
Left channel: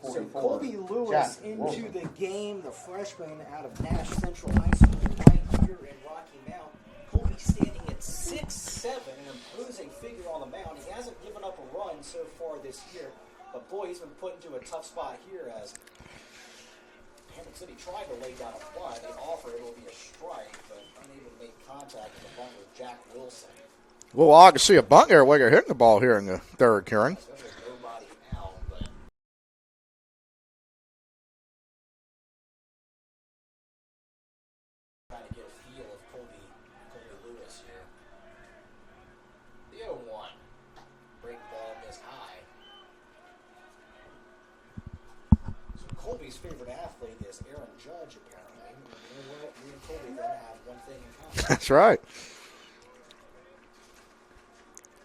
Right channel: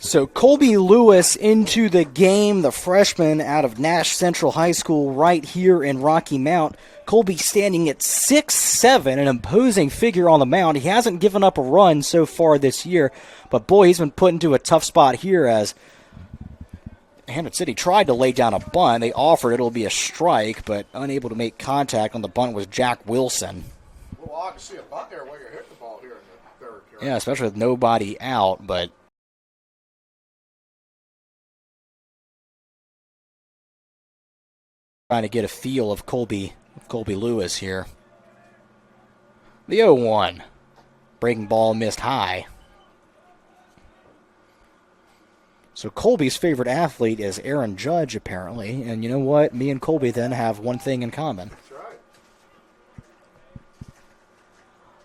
So Colby Lewis into the game, the freshman out of Nash Central High School right here in Rocky Mount. Colby standing at 6'7", an imposing figure on the mound. He hasn't given up a run so far this year, but boy, he's been put into a tough spot here as Hampden City tried to lay down a bunt. They offered it'll be a strike, but unable to make contact on the bunt was Jack Wilson. Well, I can see a bunt there where you're hitting the ball here in the third, Karen. Yeah, especially with nobody out, but trying to get a feel of Colby Lewis here. The 0-1. Breaking ball missed high. So Colby's favorite athlete is Aaron Judge, apparently. And you know what? Me and Colby then have one thing in common. That's right.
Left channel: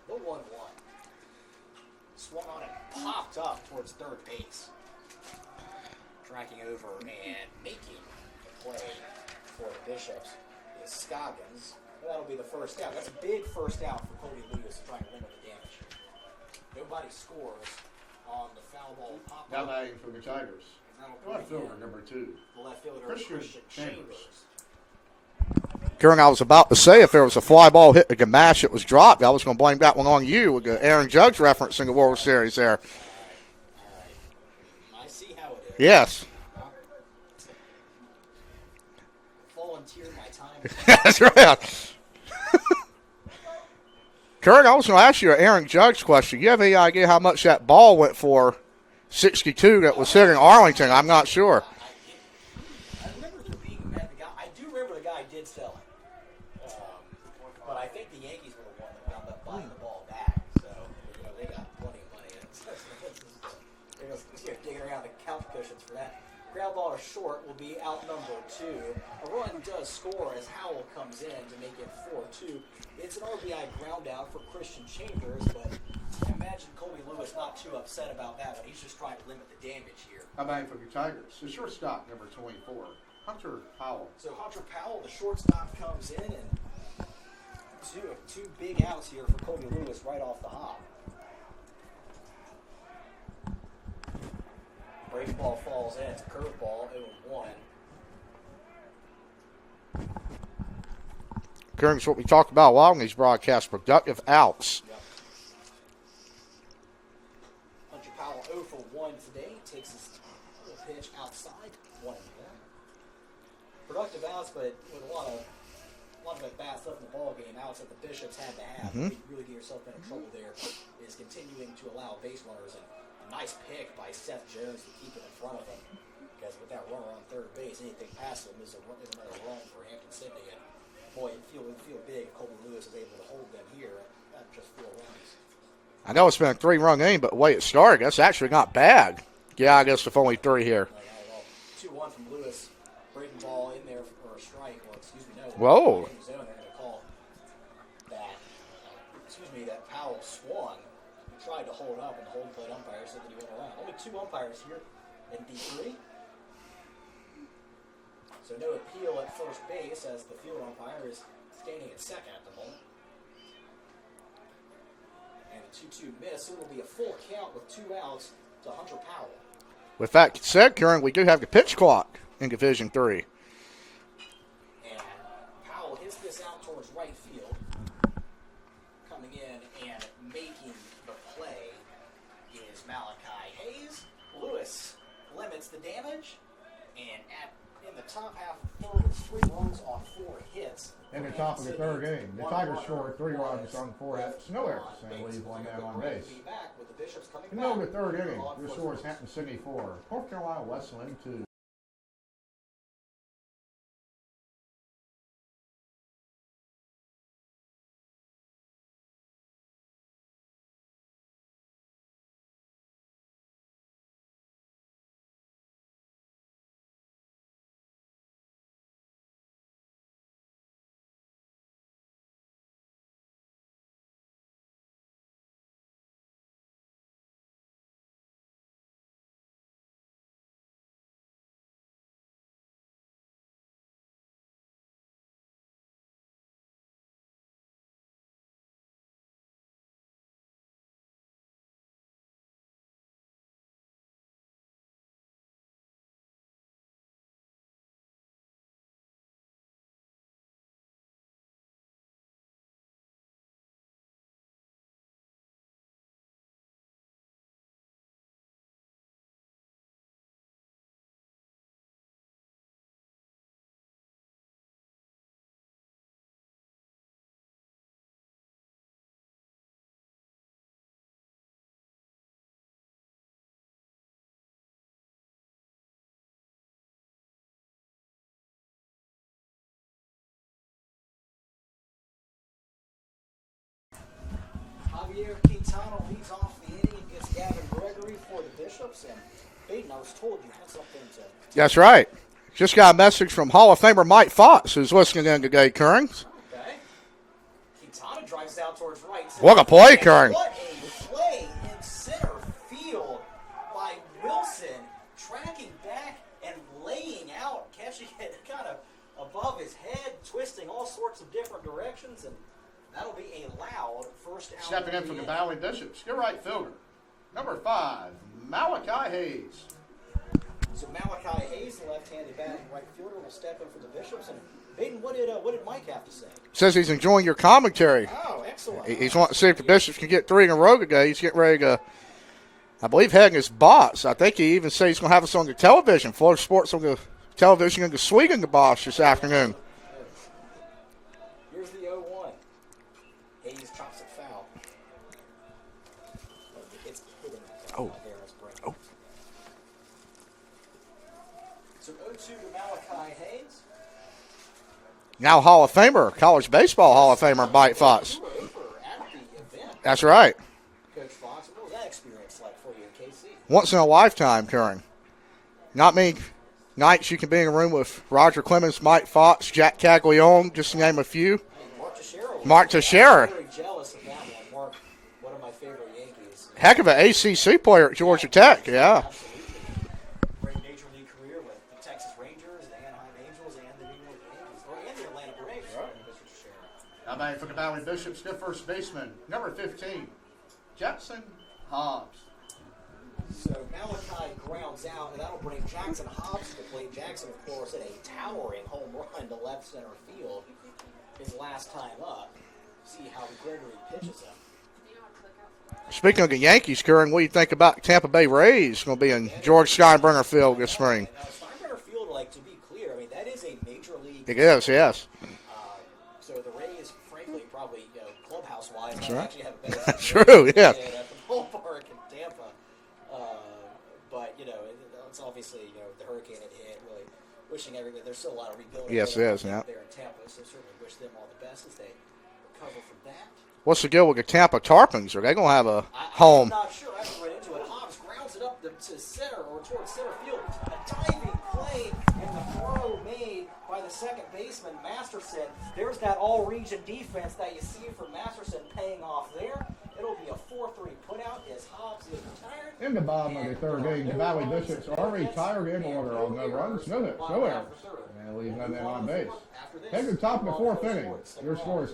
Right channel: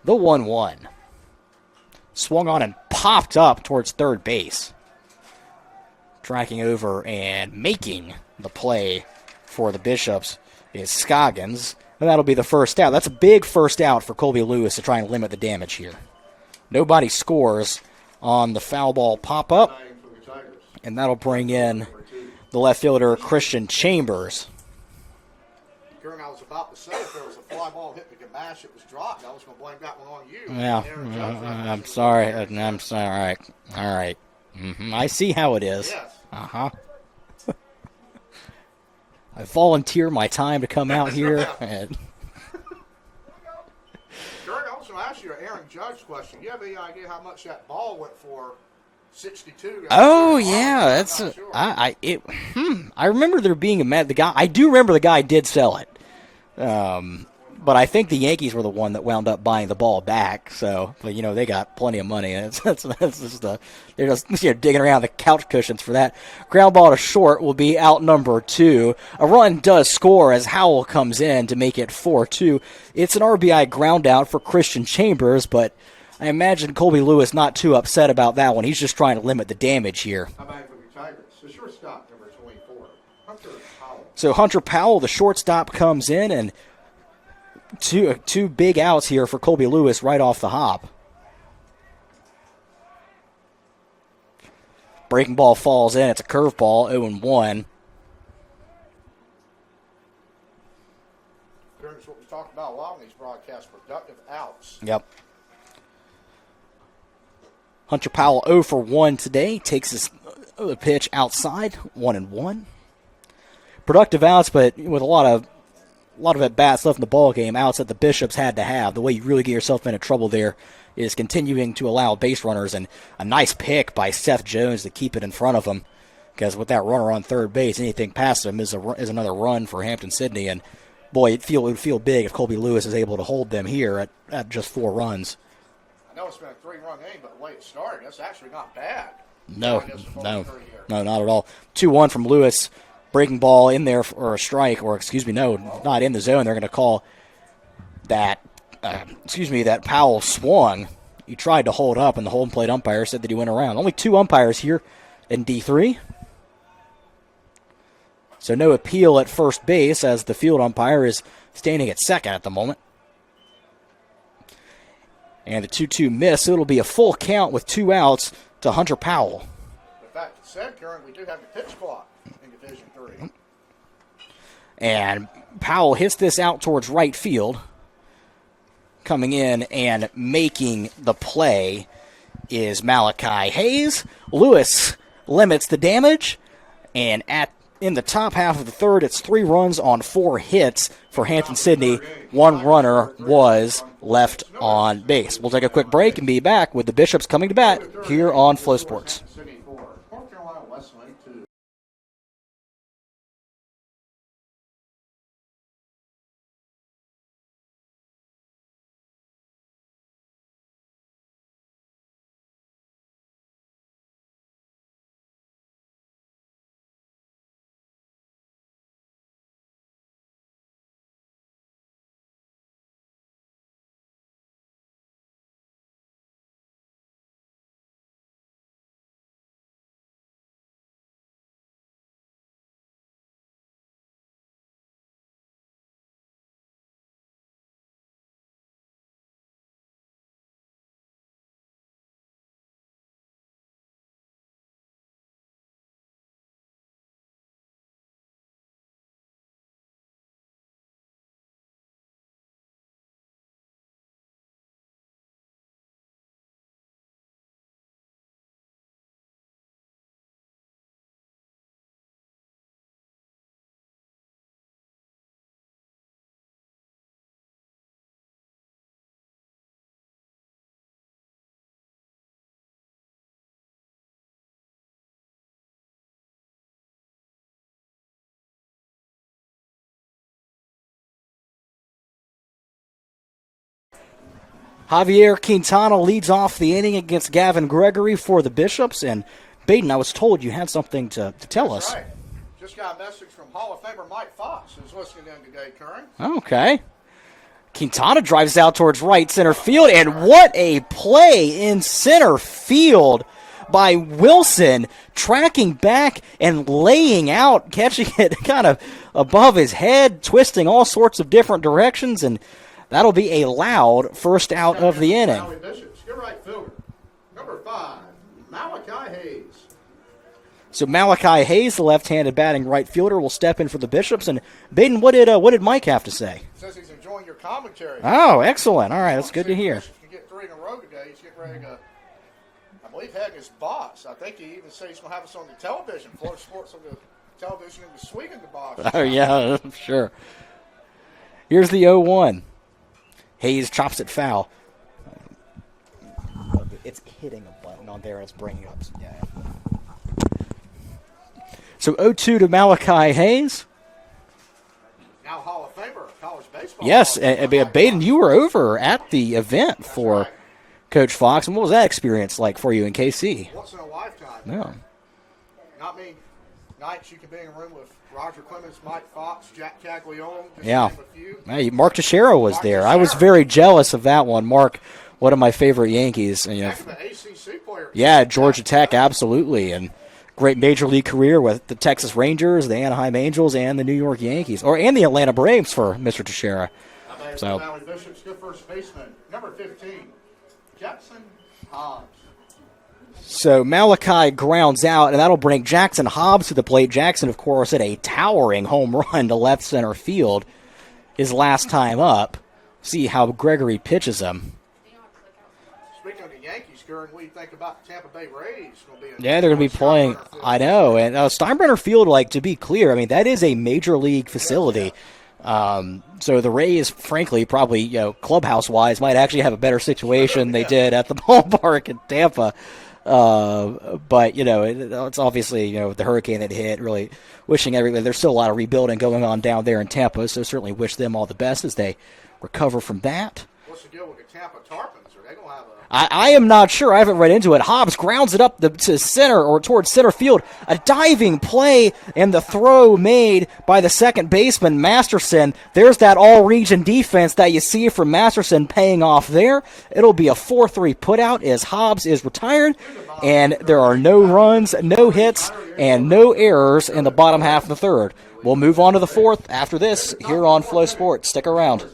The 1-1. Swung on and popped up towards third base. Tracking over and making the play for the Bishops is Scoggins. And that'll be the first out. That's a big first out for Colby Lewis to try and limit the damage here. Nobody scores on the foul ball pop-up. And that'll bring in the left fielder, Christian Chambers. Karen, I was about to say if there was a fly ball hit the Gamache, it was dropped. I was going to blame that one on you with the Aaron Judge referencing the World Series there. All right. Mm-hmm. I see how it is. Yes. Uh-huh. I volunteer my time to come out here. Right. Karen, I was going to ask you an Aaron Judge question. You have any idea how much that ball went for? 62 that was hit in Arlington. I'm not sure. I remember there being the guy. I do remember the guy did sell it, but I think the Yankees were the one that wound up buying the ball back. So, but they got plenty of money. They're just digging around the couch cushions for that. Ground ball to short will be out number 2. A run does score as Howell comes in to make it 4-2. It's an RBI ground out for Christian Chambers, but I imagine Colby Lewis not too upset about that one. He's just trying to limit the damage here. How about for your Tigers? The shortstop, number 24, Hunter Powell. So Hunter Powell, the shortstop, comes in, and two big outs here for Colby Lewis right off the hop. Breaking ball falls in. It's a curveball, 0-1. Currently, what we talked about a while in these broadcasts, productive outs. Yep. Hunter Powell 0 for 1 today. Takes his pitch outside, 1-1. Productive outs, but with a lot of at-bats left in the ball game, outs that the Bishops had to have. The way you really get yourself into trouble there is continuing to allow base runners, and a nice pick by Seth Jones to keep it in front of him, because with that runner on third base, anything past him is another run for Hampden Sydney, and boy, it would feel big if Colby Lewis is able to hold them here at just 4 runs. I know it's been a 3-run game, but the way it started, that's actually not bad. Yeah, I guess if only 3 here. No, not at all. 2-1 from Lewis. Breaking ball in there for a strike, or not in the zone. They're going to call that, that Powell swung. He tried to hold up, and the home plate umpire said that he went around. Only 2 umpires here in D3. So no appeal at first base, as the field umpire is standing at second at the moment. And the 2-2 miss. It'll be a full count with 2 outs to Hunter Powell. With that said, Karen, we do have the pitch clock in Division 3. And Powell hits this out towards right field. Coming in and making the play is Malachi Hayes. Lewis limits the damage. And in the top half of the third, it's 3 runs on 4 hits for Hampden Sydney. 1 runner was left on base. We'll take a quick break and be back with the Bishops coming to bat here on Flow Sports. Wesleyan, Javier Quintana leads off the inning against Gavin Gregory for the Bishops. And, Baden, I was told you had something to tell us. That's right. Just got a message from Hall of Famer Mike Fox, who's listening in today, Curran. Okay. Quintana drives out towards right center What a field. play, And Curran. what a play in center field by Wilson, tracking back and laying out, catching it kind of above his head, twisting all sorts of different directions, and that'll be a loud first out of the inning. Valley Bishops, get right fielder. Number 5, Malachi Hayes. So Malachi Hayes, the left-handed batting right fielder, will step in for the Bishops. And Baden, what did Mike have to say? Says he's enjoying your commentary. Oh, excellent! All right, He's that's wanting to good see if to the hear. Bishops can get 3 in a row today. He's getting ready to, I believe, heading his boss. I think he even said he's going to have us on the television. Florida Sports on the television, and the swinging the boss this afternoon. Yeah, sure. Here's the 0-1. Hayes chops it foul. It's hitting a button on there. It's bringing it. Yeah. So 0-2 to Malachi Hayes. Now Hall of Famer, college baseball Hall Yes, of Famer and Mike Baden, Fox. you were over at the event. That's for right. Coach Fox. And what was that experience like for you in KC? Once in a lifetime, Karen. Not many nights you can be in a room with Roger Clemens, Mike Fox, Jack Caglione, just to name a few. Hey, Mark Teixeira was Mark there. I Teixeira. was very jealous of that one. Mark, one of my favorite Yankees. And, Heck of an ACC player at Georgia yeah, Tech. Georgia Tech, Yeah. absolutely. And great major league career with the Texas Rangers, the Anaheim Angels, and the New York Yankees. And the Atlanta Braves for Mr. Teixeira. Now back to the Valley Bishops, good first baseman, number 15, Jackson Hobbs. So Malachi grounds out, and that'll bring Jackson Hobbs to the plate. Jackson, of course, hit a towering home run to left center field his last time up. See how Gregory pitches him. Speaking of the Yankees, Karen, what do you think about Tampa Bay Rays going to be in Yeah, they're George gonna be playing. Steinbrenner Field I this know, spring? and Steinbrenner Field, like, to be clear, I mean, that is a major league It is, facility. yes. So the Rays, frankly, probably clubhouse-wise, might actually have a better situation True, than yeah. they did at the ballpark in Tampa. But it's obviously with the hurricane that hit, really wishing everything. There's still a lot of rebuilding Yes, going it on is, down there in Tampa, so certainly wish them all the best as they recover from that. What's the deal with the Tampa Tarpons? Are they going to have a I am not sure. I haven't read into it. Hobbs grounds it up to center or towards center field. A diving play and the throw made by the second baseman, Masterson. There's that all-region defense that you see from Masterson paying off there. It'll be a 4-3 putout as Hobbs is retired, and there are no runs, no hits, and no errors in the bottom half of the third. We'll move on to the fourth after this here on Flow Sports. Stick around.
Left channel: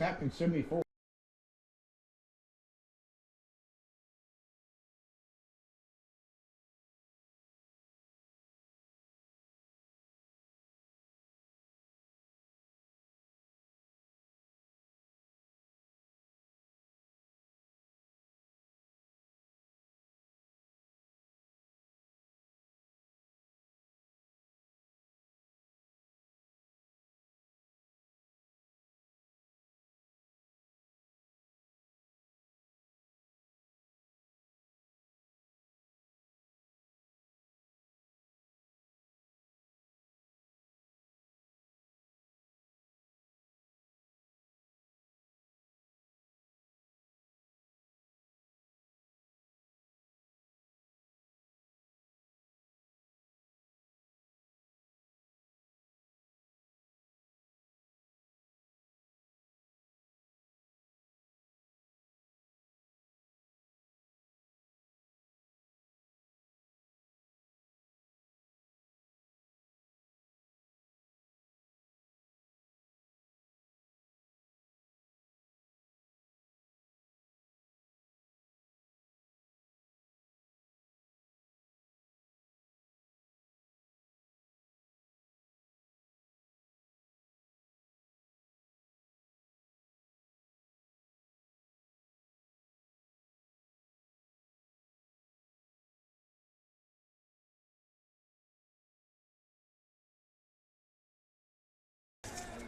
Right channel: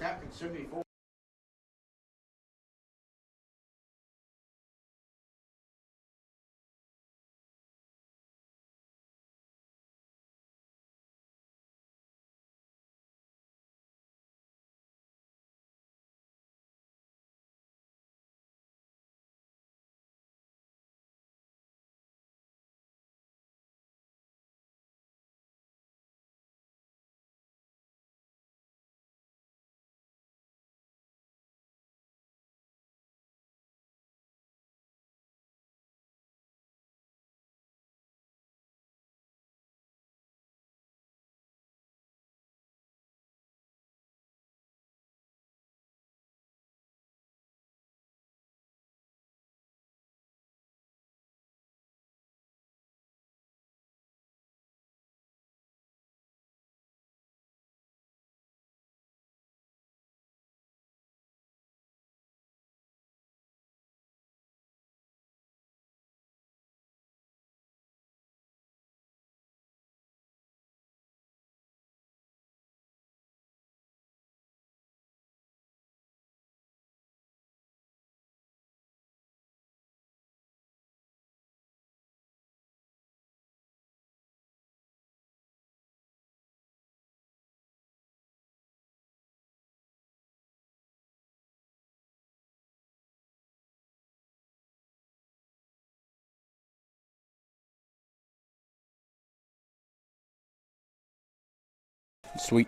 Sweet.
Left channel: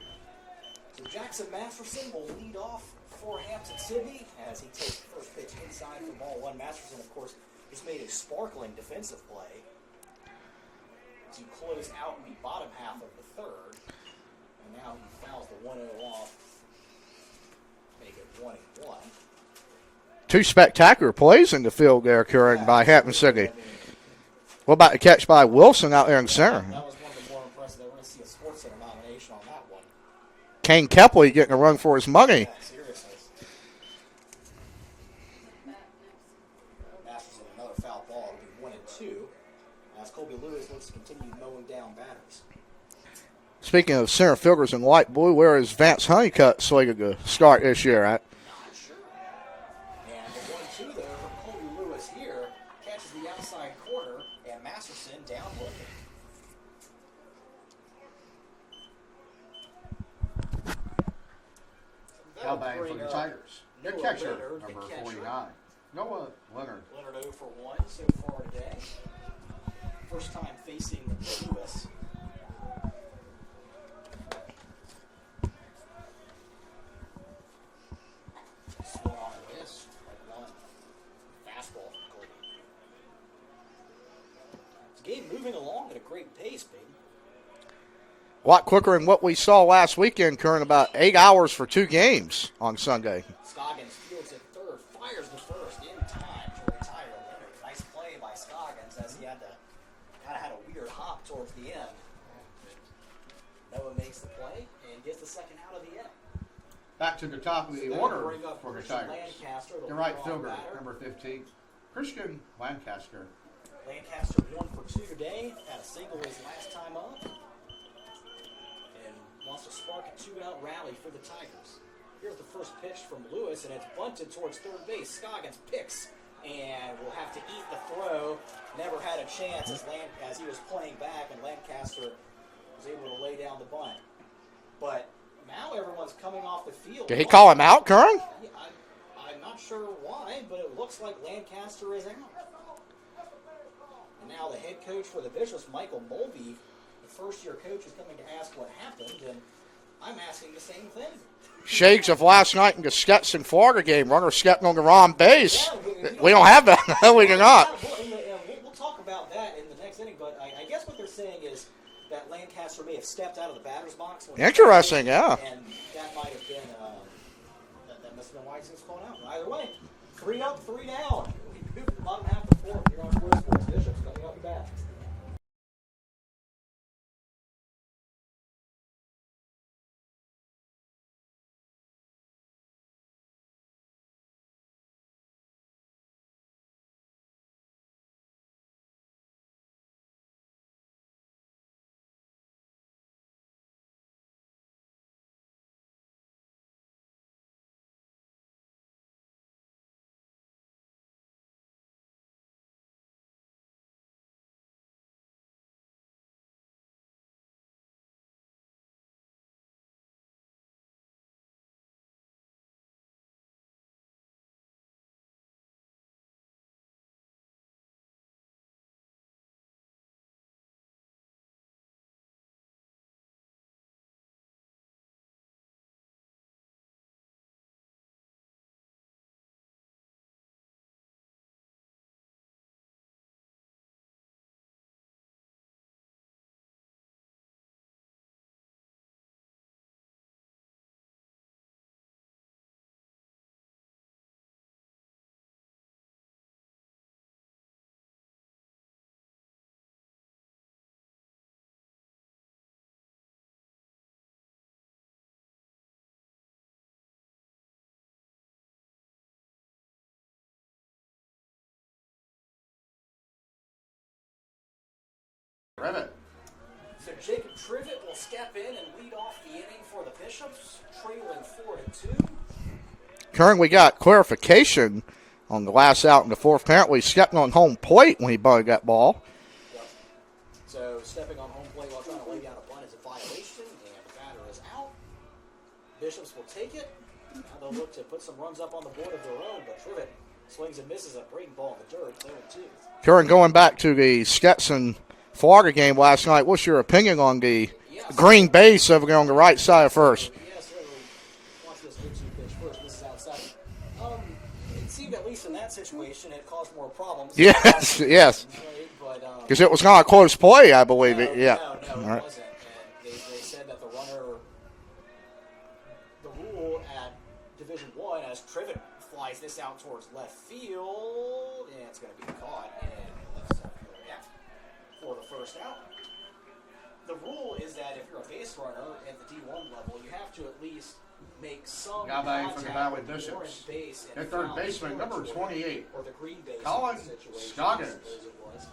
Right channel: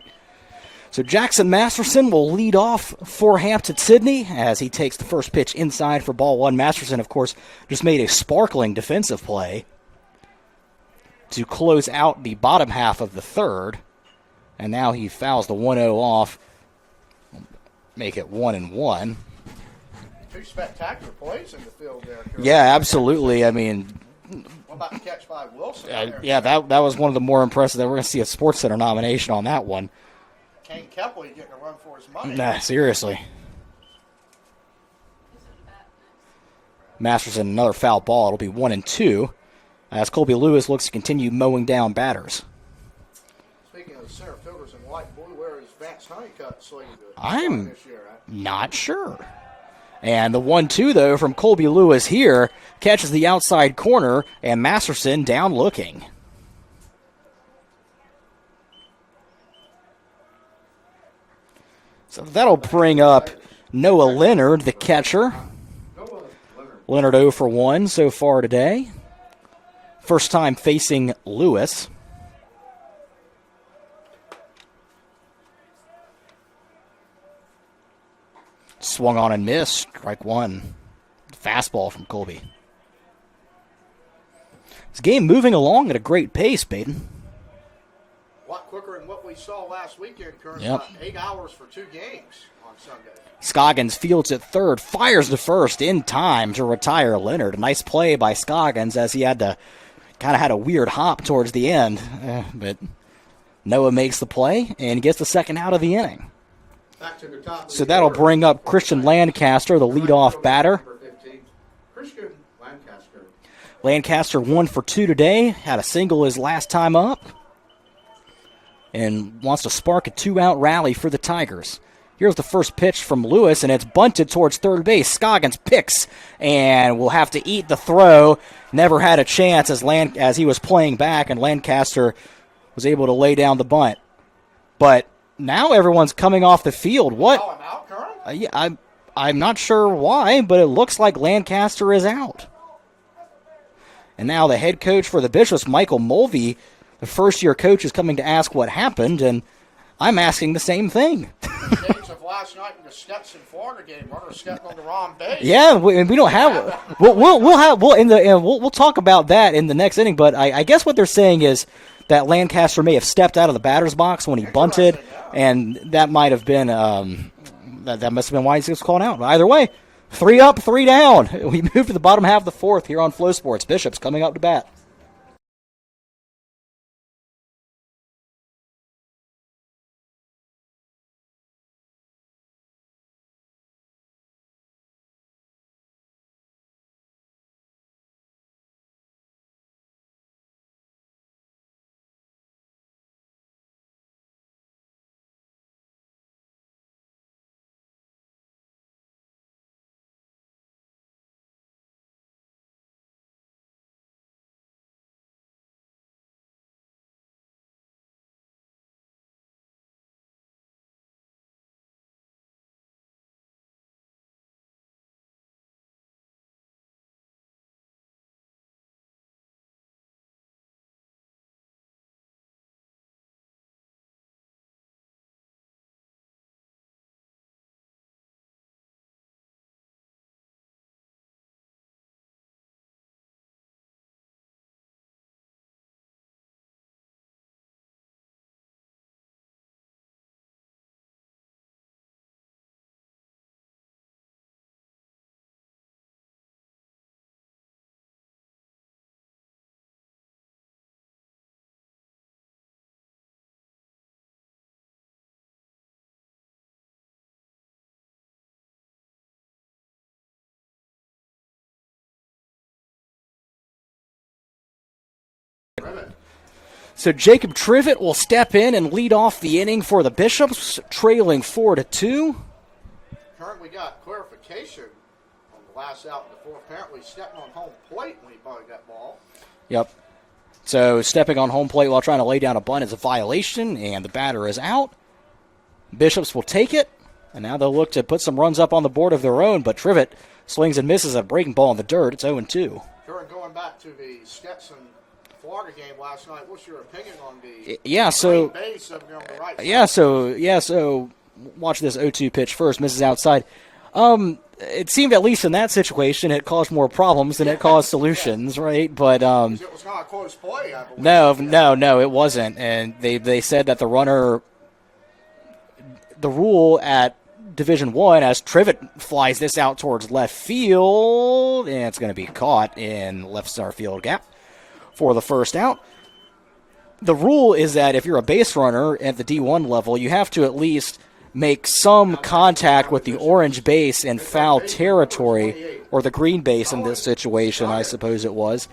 So Jackson Masterson will lead off for Hampton Sydney as he takes the first pitch inside for ball one. Masterson, of course, just made a sparkling defensive play to close out the bottom half of the third. And now he fouls the 1-0 off, make it 1-1. two spectacular plays in the field there, Curran. Yeah, by absolutely. Hampden. I mean, what about the catch by Wilson out there in center? that was one of the more impressive. That we're going to see a Sports Center nomination on that one. Kane Kepley getting a run for his money. Yeah, seriously. Masterson, another foul ball. It'll be 1-2 as Colby Lewis looks to continue mowing down batters. Speaking of center fielders in light blue, where is Vance Honeycutt slated to start this year at? Not sure. And the 1-2, though, from Colby Lewis here catches the outside corner, and Masterson down looking. So that'll bring up Noah Leonard, the catcher. Leonard 0 for 1 so far today. First time facing Lewis. Swung on and missed. Strike one. Fastball from Colby. This game moving along at a great pace, Baden. A lot quicker than what we saw last weekend, Curran. Yep. About 8 hours for 2 games on Sunday. Scoggins fields at third, fires to first in time to retire Leonard. A nice play by Scoggins as he had a weird hop towards the end. But Noah makes the play and gets the second out of the inning. Back to the top of So the that'll order. bring up Christian Lancaster, the leadoff batter. Number 15, Christian Lancaster. Lancaster 1 for 2 today. Had a single his last time up. And wants to spark a 2-out rally for the Tigers. Here's the first pitch from Lewis, and it's bunted towards third base. Scoggins picks and will have to eat the throw. Never had a chance as he was playing back, and Lancaster was able to lay down the bunt. But now everyone's coming off the field. Did he call him out, Curran? Yeah, I'm not sure why, but it looks like Lancaster is out. And now the head coach for the Bishops, Michael Mulvey, the first-year coach, is coming to ask what happened, and I'm asking the same thing. Shades of last night in the Stetson Florida game. Runner stepping on the wrong base. Yeah, we don't have that. We'll talk about that in the next inning. But I guess what they're saying is that Lancaster may have stepped out of the batter's box when he bunted, yeah. and that might have been that must have been why he was called out. But either way, 3 up, 3 down. We move to the bottom half of the fourth here on Flow Sports. Bishops coming up to bat. So Jacob Trivet will step in and lead off the inning for the Bishops, trailing 4-2. Curran, we got clarification on the last out in the fourth. Apparently stepping on home plate when he bunted that ball. Yep. So stepping on home plate while trying to lay down a bunt is a violation, and the batter is out. Bishops will take it, and now they'll look to put some runs up on the board of their own, but Trivet swings and misses a breaking ball in the dirt. It's 0-2. Curran, going back to the Stetson Florida game last night, what's your opinion on the so, green base over there on the right side first? So watch this 0-2 pitch first, misses outside. It seemed, at least in that situation, it caused more problems than it caused solutions, right? But because it was not a close play, I believe. No, it wasn't. And they said that the rule at Division One as Trivet flies this out towards left field, and it's going to be caught in left center field gap for the first out. The rule is that if you're a base runner at the D1 level, you have to at least make some contact with the orange base in foul territory, or the green base in this situation, I suppose it was.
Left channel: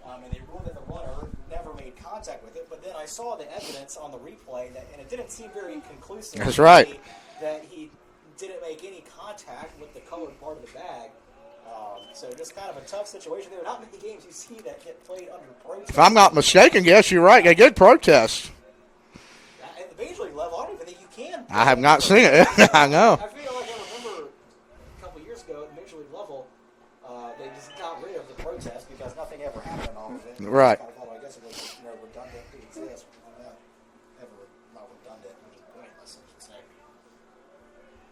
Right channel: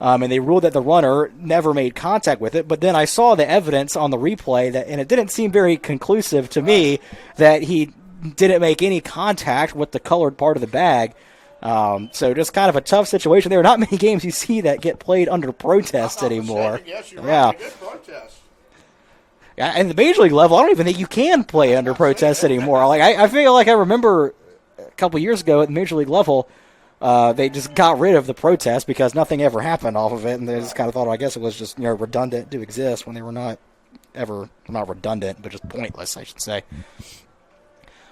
And they ruled that the runner never made contact with it. But then I saw the evidence on the replay, and it didn't seem very conclusive to me that he didn't make any contact with the colored part of the bag. So just kind of a tough situation. There are not many games you see that get played under protest. If I'm not mistaken, yes, you're right. They did protest. Yeah, and the Major League level, I don't even think you can play under protest anymore. I feel like I remember a couple years ago at the Major League level, they just got rid of the protest because nothing ever happened off of it, and they just kind of thought, I guess it was just redundant to exist when they were not redundant, but just pointless, I should say.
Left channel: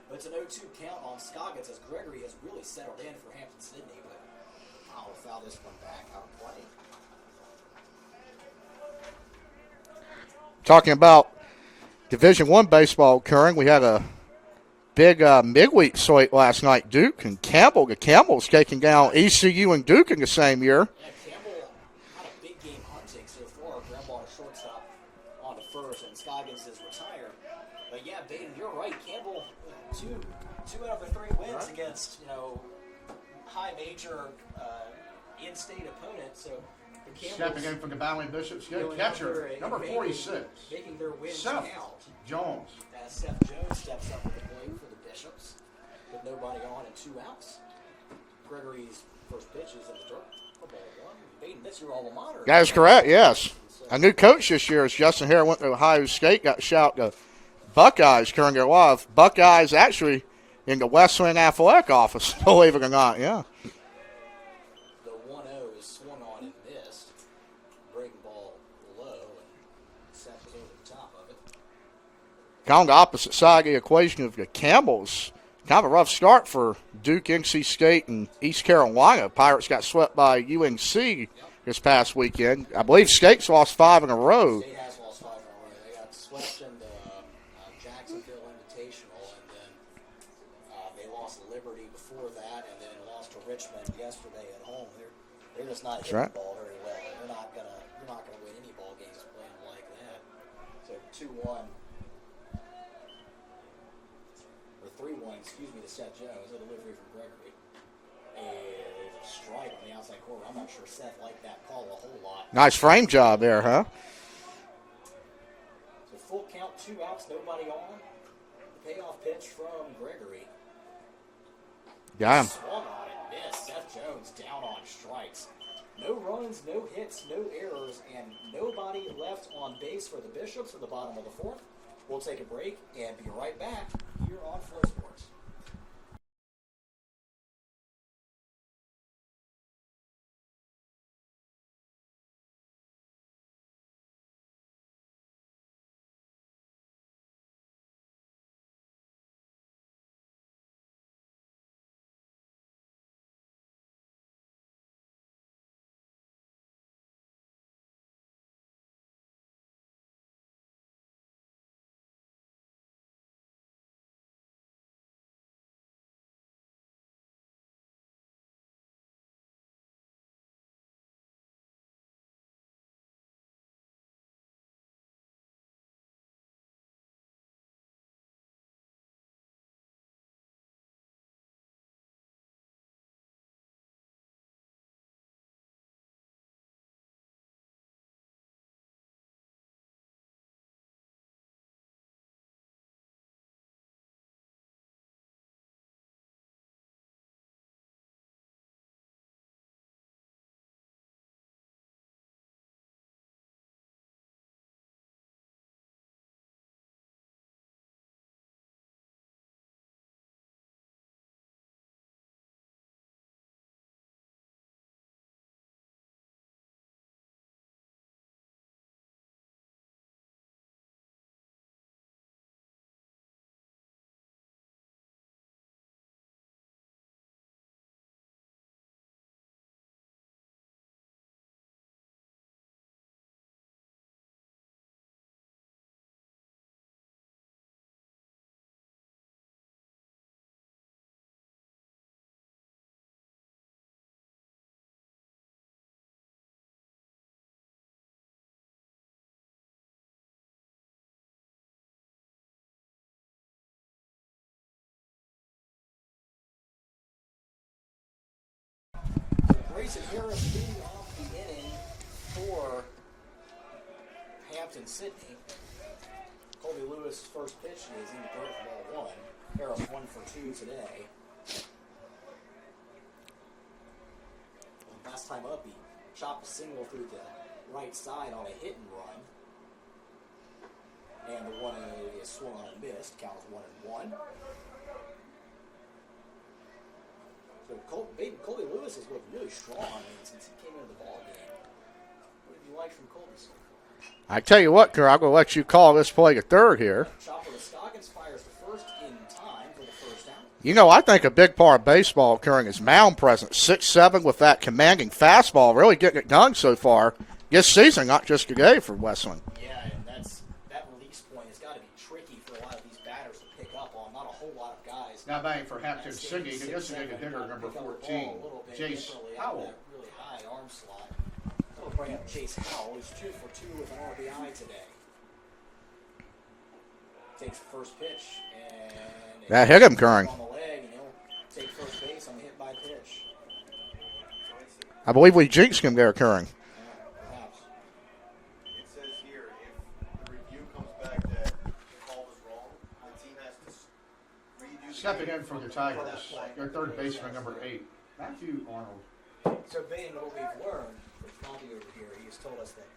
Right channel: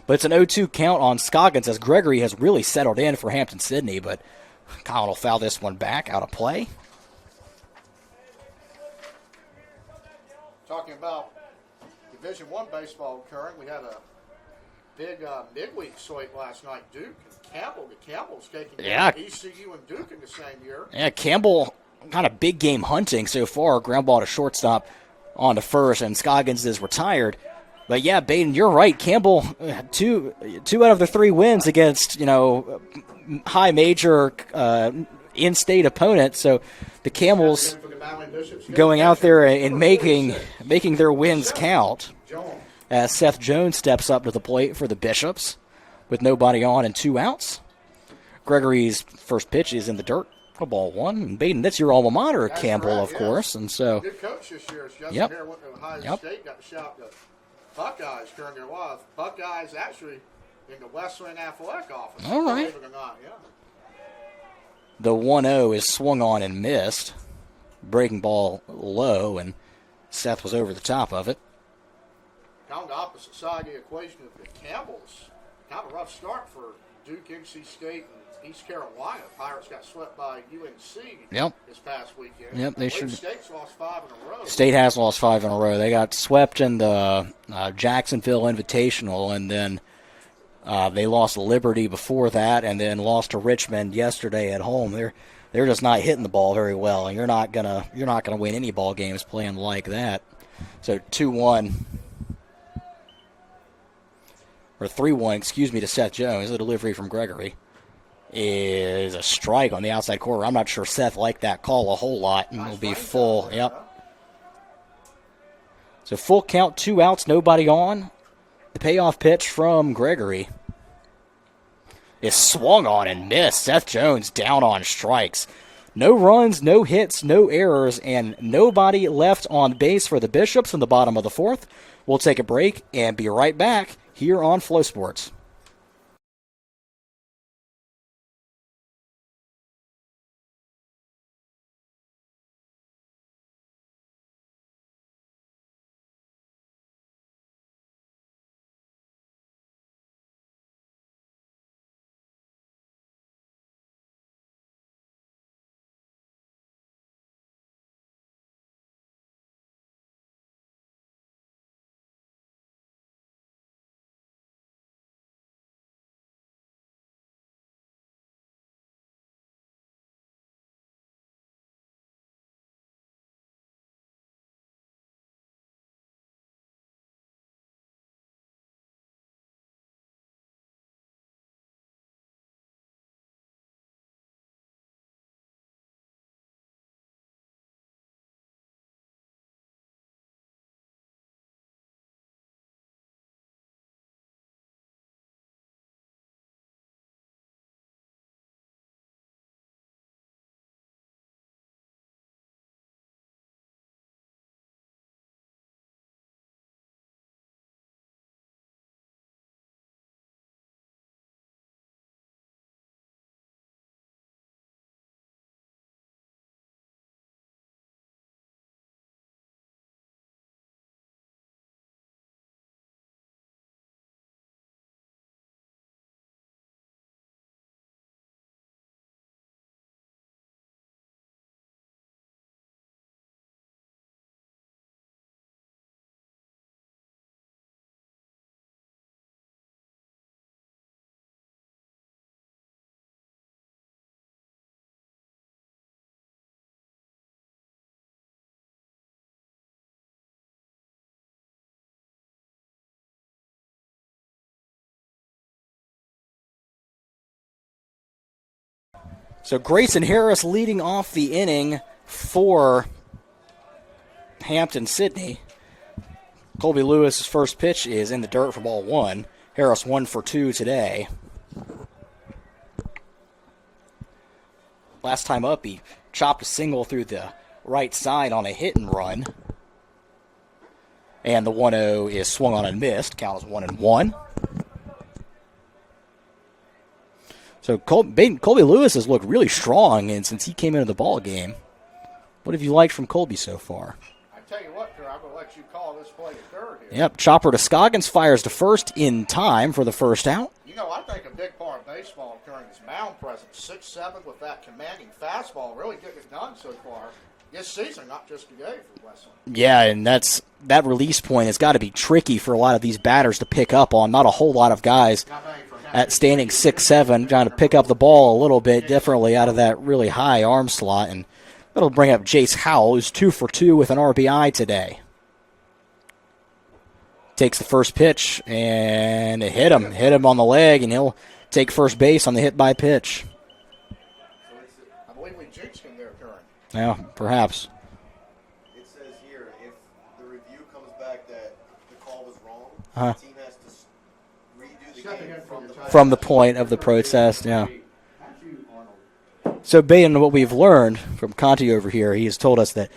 But it's an 0-2 count on Scoggins as Gregory has really settled in for Hampden-Sydney, but Collin will foul this one back out of play. Talking about Division I baseball occurring, we had a big midweek slate last night. Duke and Campbell. The Campbell's taking down ECU and Duke in the same year. Yeah, Campbell kind of big game hunting so far. Ground ball to shortstop on to first, and Scoggins is retired. But yeah, Baden, you're right. Campbell, two out of the 3 wins against high major in-state opponents. So the Camels going out there and making their wins count. As Seth Jones steps up to the plate for the Bishops with nobody on and 2 outs. Gregory's first pitch is in the dirt. Ball 1. And Baden, that's your alma mater. That's Campbell, correct, of course. And so, a new coach this year is Justin Hare. Went to Ohio State, got shout to Buckeyes currently alive. Buckeyes actually in the Wesleyan athletic office, believe it or not, The 1-0 is swung on and missed. Breaking ball low, and Seth was over the top of it. Kind of on the opposite side of the equation of the Campbells. Kind of a rough start for Duke, NC State, and East Carolina. Pirates got swept by UNC this past weekend. I believe State's lost 5 in a row. State has lost 5 in a row. They got swept in the Jacksonville Invitational, and then they lost to Liberty before that, and then lost to Richmond yesterday at home. They're just not hitting the ball very well, and you're not gonna win any ball games playing like that. So 2-1. Or 3-1, to Seth Jones. The delivery from Gregory is a strike on the outside corner. I'm not sure Seth liked that call a whole lot. Nice frame job there, huh? So full count, 2 outs, nobody on. The payoff pitch from Gregory is swung on and missed. Seth Jones down on strikes. No runs, no hits, no errors, and nobody left on base for the Bishops in the bottom of the 4th. We'll take a break and be right back here on Flow Sports. So Grayson Harris leading off the inning for Hampden Sydney. Colby Lewis's first pitch is in the dirt for ball one. Harris 1 for 2 today. Last time up, he chopped a single through the right side on a hit and run. And the 1-0 is swung on and missed. Count is 1-1. So Colby Lewis has looked really strong and since he came into the ball game. What have you liked from Colby so far? I tell you what, Kerr, I'm going to let you call this play a third here. Yep, chopper to Scoggins, fires to first in time for the first out. You know, I think a big part of baseball occurring is mound presence. 6'7" with that commanding fastball, really getting it done so far this season, not just today for Wesleyan. Yeah, and that release point has got to be tricky for a lot of these batters to pick up on. Not a whole lot of guys at standing 6'7", trying to pick up the ball a little bit differently out of that really high arm slot. And that'll bring up Jace Howell, who's 2 for 2 with an RBI today. Takes the first pitch and hit him on the leg, and he'll take first base on the hit by pitch. I believe we jinxed him there, Curran. Yeah, perhaps. It says here, if the review comes back that the call was wrong, the team has to redo the game from the point of the protest, yeah. So, Baden, what we've learned from Conti over here, he has told us that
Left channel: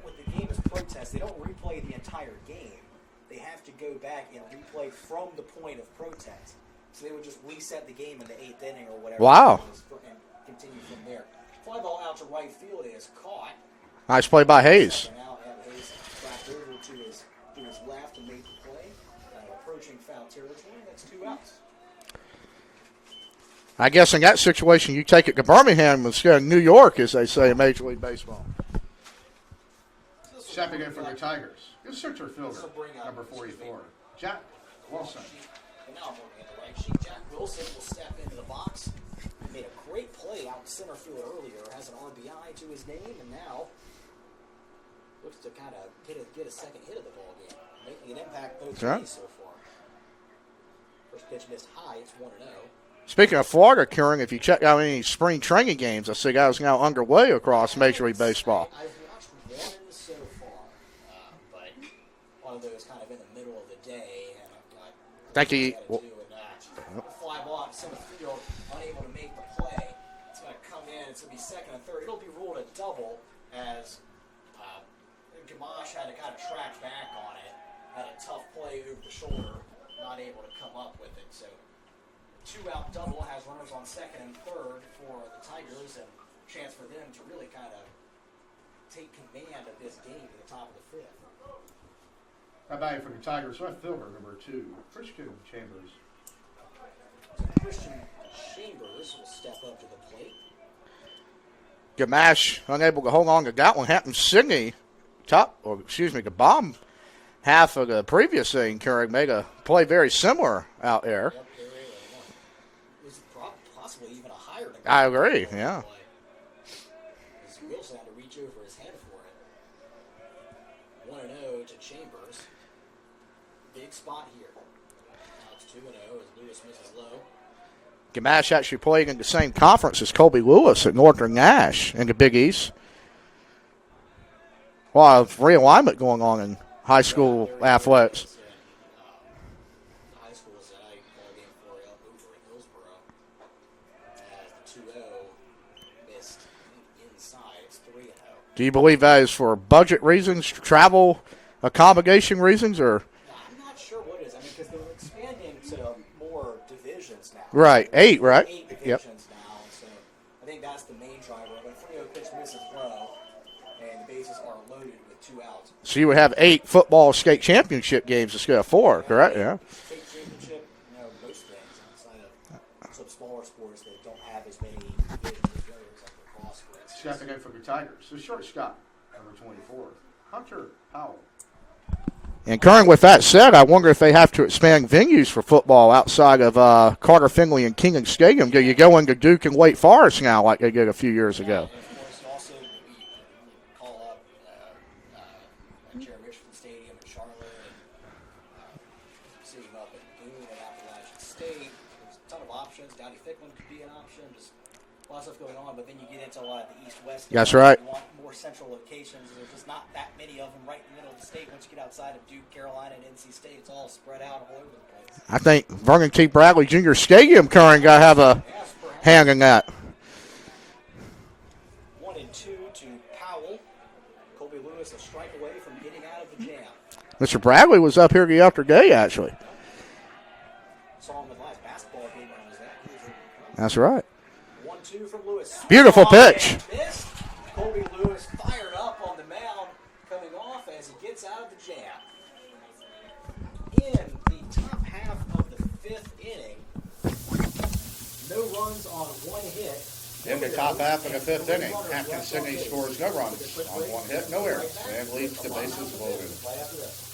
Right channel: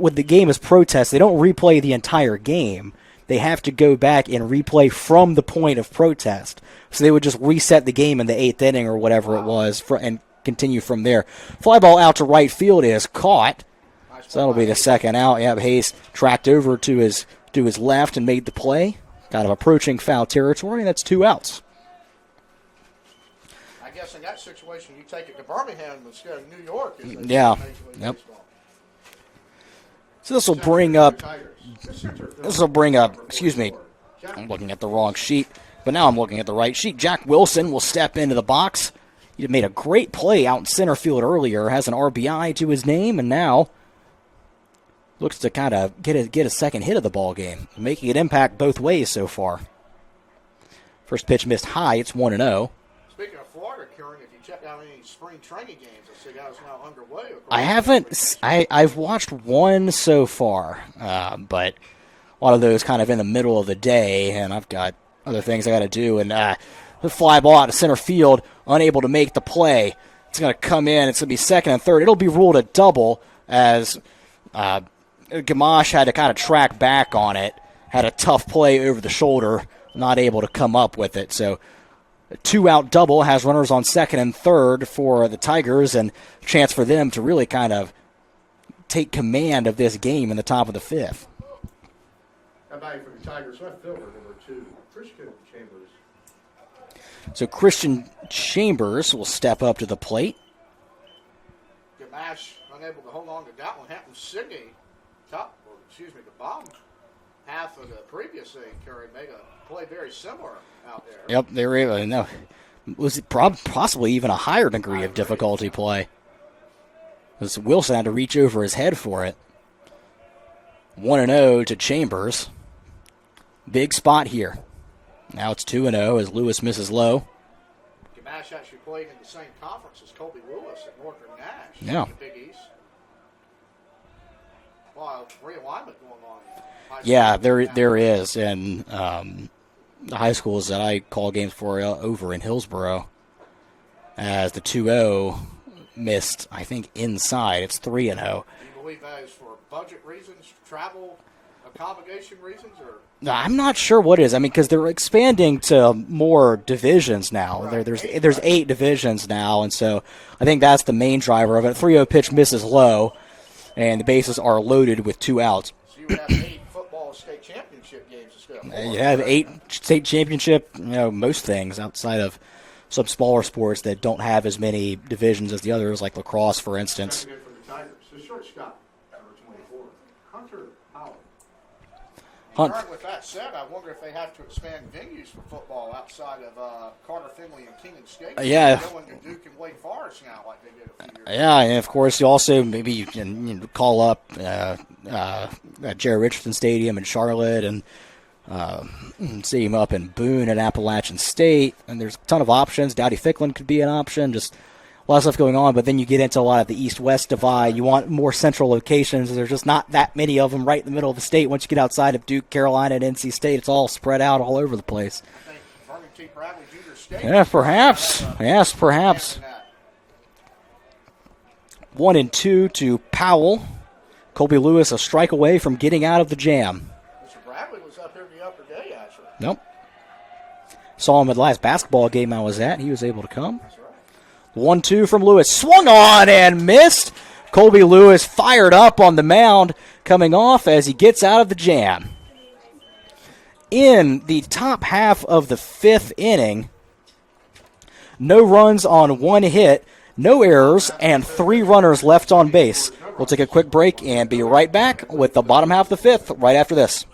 with the game as protest, they don't replay the entire game. They have to go back and replay from the point of protest. So they would just reset the game in the 8th inning or whatever it was and continue from there. Fly ball out to right field is caught. Nice play by Hayes. Second out. Yeah, Hayes tracked over to his left and made the play. Kind of approaching foul territory, and that's 2 outs. I guess in that situation, you take it to Birmingham instead of New York, as they say in Major League Baseball. So this will bring up, excuse me, I'm looking at the wrong sheet, but now I'm looking at the right sheet. Jack Wilson will step into the box. He made a great play out in center field earlier, has an RBI to his name, and now looks to kind of get a second hit of the ball game, making an impact both ways so far. First pitch missed high, it's 1-0. Speaking of Florida, Kieran, if you check out any spring training games, I see guys now underway across Major League Baseball. I've watched one so far, but a lot of those kind of in the middle of the day, and I've got other things I got to do. And the fly ball out to center field, unable to make the play. It's going to come in. It's going to be second and third. It'll be ruled a double as Gamache had to kind of track back on it, had a tough play over the shoulder, not able to come up with it. So a 2-out double has runners on second and third for the Tigers, and a chance for them to really kind of take command of this game in the top of the 5th. How about for the Tigers left fielder, number 2, Christian Chambers. So Christian Chambers will step up to the plate. Gamache unable to hold on to that one. Hampden Sydney, the bomb half of the previous thing, Curry made a play very similar out there. Yep, they were able to know. Was it possibly even a higher degree of difficulty play? Because Wilson had to reach over his head for it. 1-0 to Chambers. Big spot here. Now it's 2-0 as Lewis misses low. Gamache actually played in the same conference as Colby Lewis at Northern Nash in the Big East. A lot of realignment going on in high school. Yeah, there is. And the high schools that I call games for over in Hillsboro, as the 2-0 missed, I think, inside. It's 3-0. Do you believe that is for budget reasons, travel accommodation reasons, or? I'm not sure what it is. I mean, because they're expanding to more divisions now. Right. So there's 8 divisions now, and so I think that's the main driver of it. 3-0 pitch misses low, and the bases are loaded with 2 outs. So you would have 8 football state championship games instead of 4, correct? 8 state championship, most things outside of some smaller sports that don't have as many divisions as the others, like lacrosse, for instance. For the Tigers, the shortstop, number 24, Hunter Howell. And Kern, with that said, I wonder if they have to expand venues for football outside of Carter Finley and King Stadium. Do you go into Duke and Wake Forest now like they did a few years ago? Yeah, and of course you also maybe can call up Jerry Richardson Stadium in Charlotte and see him up in Boone at Appalachian State. And there's a ton of options. Dowdy Ficklin could be an option. Just a lot of stuff going on, but then you get into a lot of the east-west divide. That's right. You want more central locations. There's just not that many of them right in the middle of the state. Once you get outside of Duke, Carolina, and NC State, it's all spread out all over the place. I think Vernon T. Bradley Jr. Stadium got to have a hand in that. 1-2 to Powell. Colby Lewis a strike away from getting out of the jam. Mr. Bradley was up here the other day, actually. Nope. Saw him at the last basketball game I was at. He was able to come. That's right. 1-2 from Lewis. Swung Beautiful on pitch. and missed. Colby Lewis fired up on the mound coming off as he gets out of the jam. In the top half of the 5th inning, no runs on 1 hit, no errors, and 3 runners left on base. We'll take a quick break and be right back with the bottom half of the 5th right after this.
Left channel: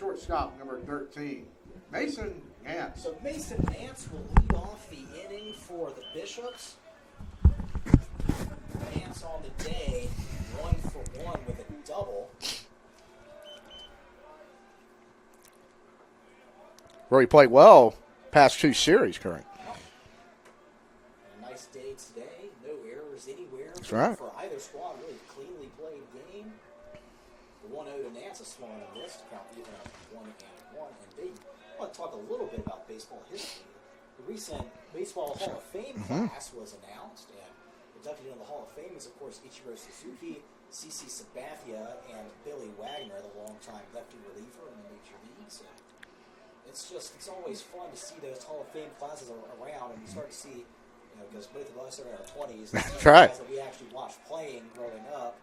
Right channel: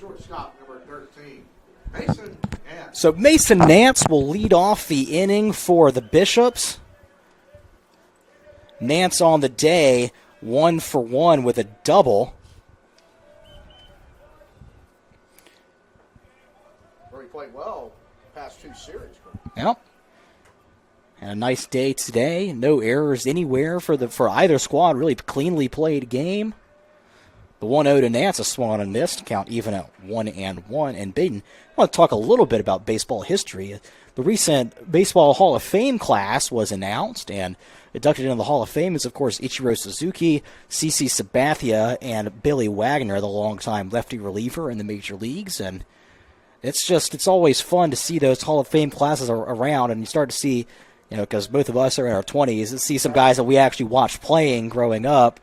Shortstop number 13, Mason Nance. So Mason Nance will lead off the inning for the Bishops. Nance on the day, 1 for 1 with a double. Where he played well past 2 series, correct? Yep. And a nice day today. No errors anywhere for either squad. Really cleanly played game. The 1-0 to Nance, a swung on and missed. Count even at 1-1. And Baden, I want to talk a little bit about baseball history. The recent Baseball Hall of Fame class was announced, and inducted into the Hall of Fame is, of course, Ichiro Suzuki, CC Sabathia, and Billy Wagner, the longtime lefty reliever in the major leagues. And it's always fun to see those Hall of Fame classes around, and you start to see, because both of us are in our 20s, and see some guys that we actually watched playing growing up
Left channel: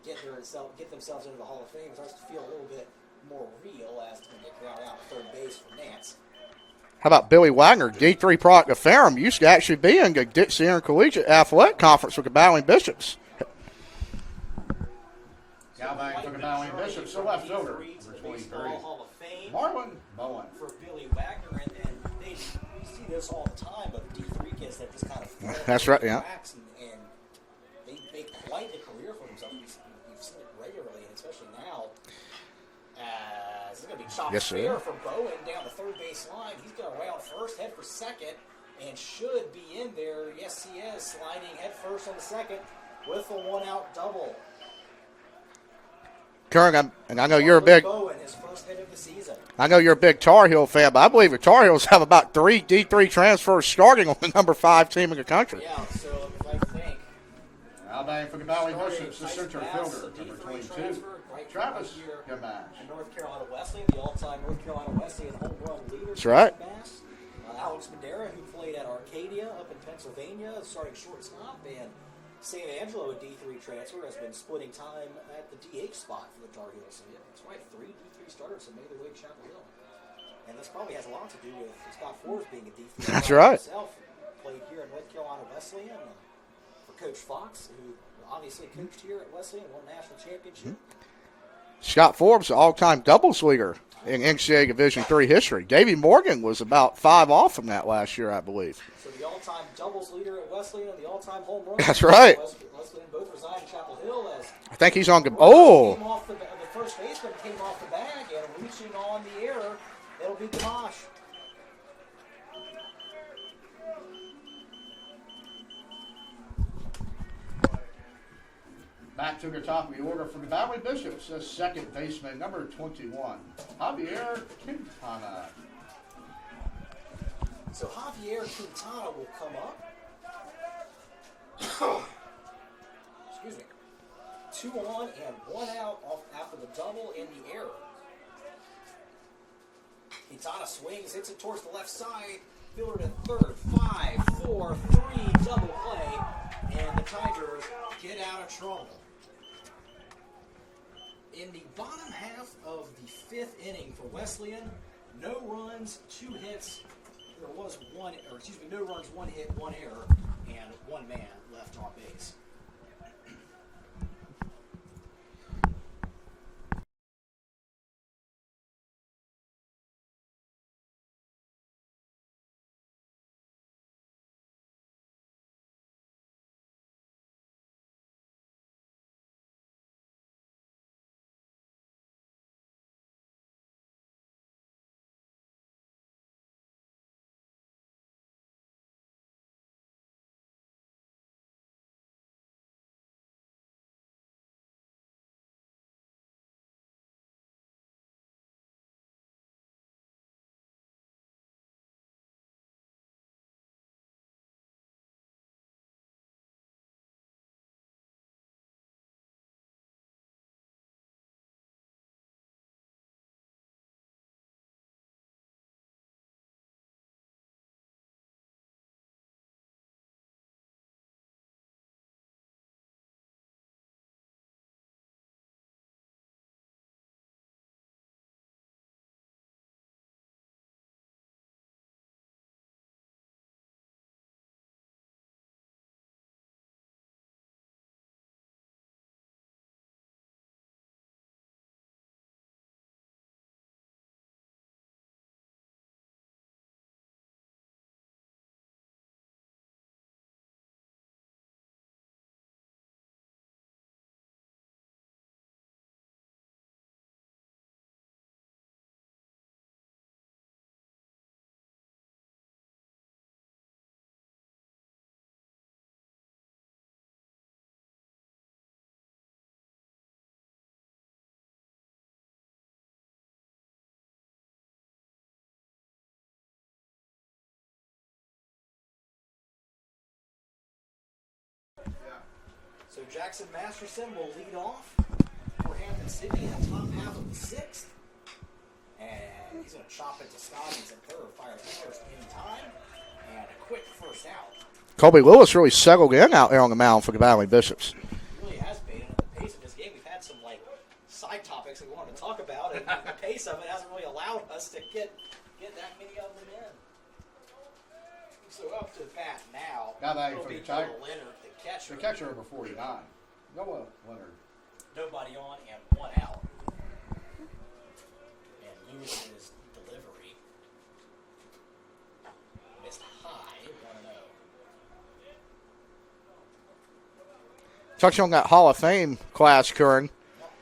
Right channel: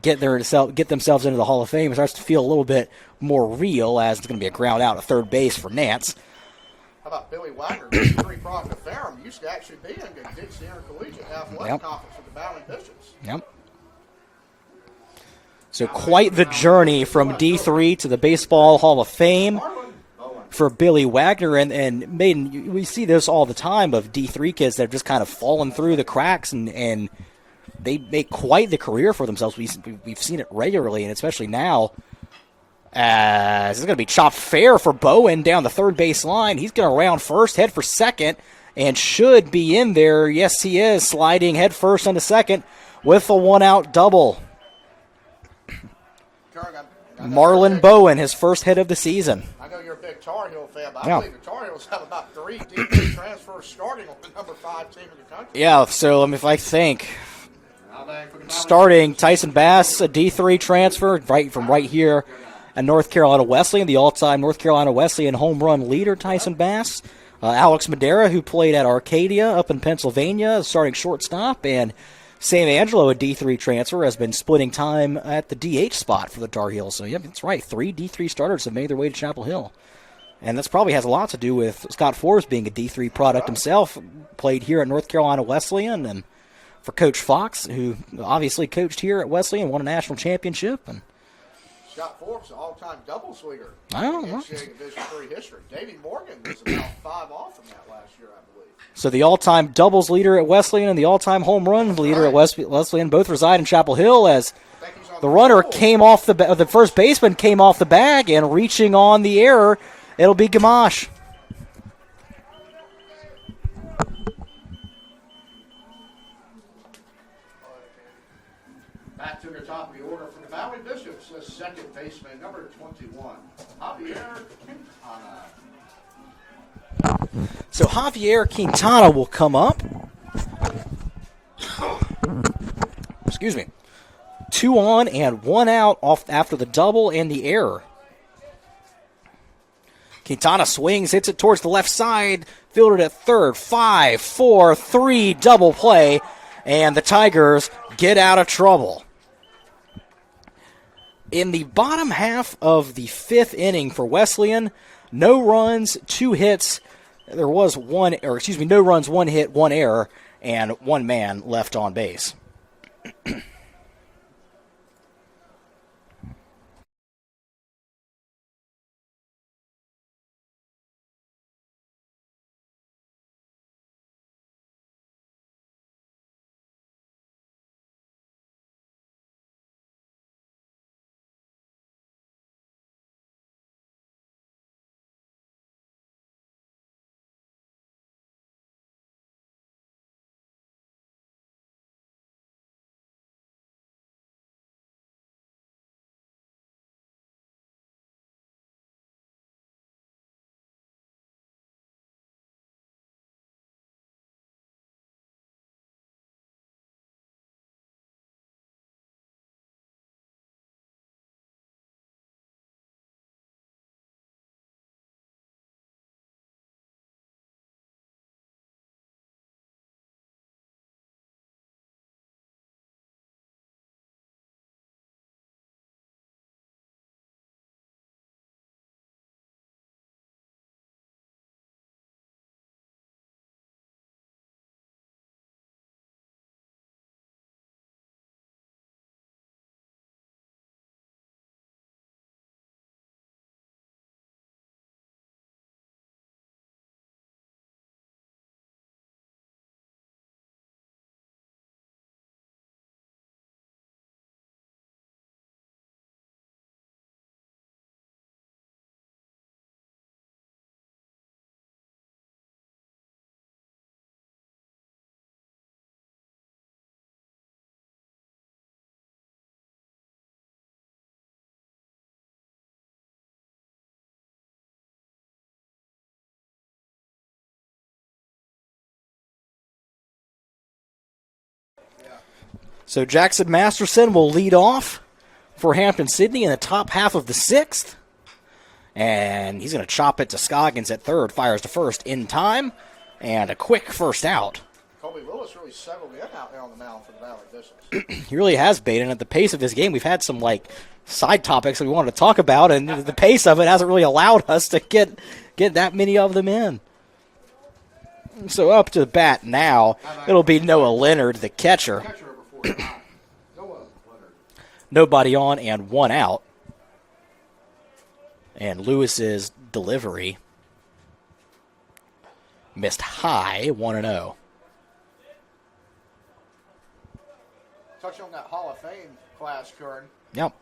get themselves into the Hall of Fame. It starts to feel a little bit more real, as it's going to be a ground out at third base for Nance. How about Billy Wagner, the D3 product of Ferrum, used to actually be in the Dixie Intercollegiate Athletic Conference with the Battling Bishops. Yep. So quite the journey from D3 to the Baseball Hall of Fame for Billy Wagner. And Maiden, we see this all the time of D3 kids that have just kind of fallen through the cracks, and they make quite the career for themselves. We've seen it regularly, and especially now. This is going to be chopped fair for Bowen down the third base line. He's going to round first, head for second, and should be in there. Yes, he is, sliding head first into second with a one-out double. Curran, and I know Marlon Bowen, his first hit of the season. I know you're a big Tar Heel fan, but I believe the Tar Heels have about 3 D3 transfers starting on the number 5 team in the country. Yeah, so if I think, starting Tyson Bass, a D3 transfer right here at North Carolina Wesleyan, the all-time North Carolina Wesleyan home run leader, Tyson Bass. Alex Madera, who played at Arcadia up in Pennsylvania, starting shortstop, and Sam Angelo, a D3 transfer, has been splitting time at the DH spot for the Tar Heels. So, yeah, that's right. 3 D3 starters have made their way to Chapel Hill. And this probably has a lot to do with Scott Forbes being a D3 product himself. Played here at North Carolina Wesleyan, and for Coach Fox, who obviously coached here at Wesleyan, won a national championship. And Scott Forbes, the all-time doubles leader in NCAA Division III history. Davey Morgan was about 5 off from that last year, I believe. So the all-time doubles leader at Wesleyan and the all-time home runs leader at Wesleyan both reside in Chapel Hill. As I think he's on the runner came off the first baseman came off the bag and reaching on the error it'll be Gamache. Back to the top of the order from the Valley Bishops, the second baseman, number 21, Javier Quintana. So Javier Quintana will come up. Excuse me. 2 on and 1 out off after the double and the error. Quintana swings, hits it towards the left side, fielded at third. 5, 4, 3, double play, and the Tigers get out of trouble. In the bottom half of the 5th inning for Wesleyan, no runs, 2 hits. There was no runs, 1 hit, 1 error, and 1 man left on base. So Jackson Masterson will lead off for Hampden Sydney in the top half of the 6th. And he's going to chop it to Scoggins at third, fires to first in time, and a quick first out. Colby Lewis really settled in out there on the mound for the Valley Bishops. He really has been, and at the pace of his game, we've had some side topics that we wanted to talk about, and the pace of it hasn't really allowed us to get that many of them in. So up to the bat now, it'll be Noah Leonard, the catcher. Nobody on and 1 out. And Lewis's delivery missed high, 1-0. Touching on that Hall of Fame class, Curran. Yep.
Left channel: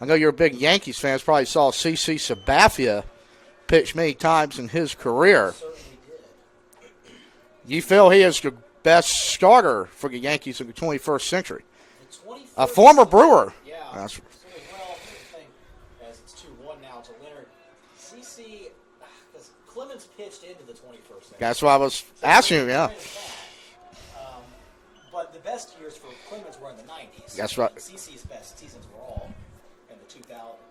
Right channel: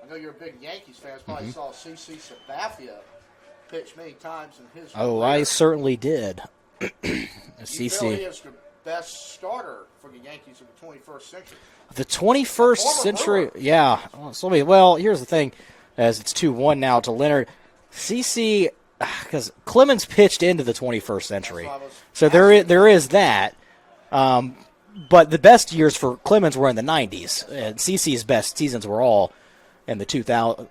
I know you're a big Yankees fan. Probably saw C.C. Sabathia pitch many times in his career. I certainly did. You feel he is the best starter for the Yankees of the 21st century? The 21st a former century. Brewer. Yeah. Well, here's the thing. As it's 2-1 now to Leonard. CC, because Clemens pitched into the 21st century. That's what I was So there is that. But the best years for Clemens were in the 90s. That's right. CC's best seasons were all in the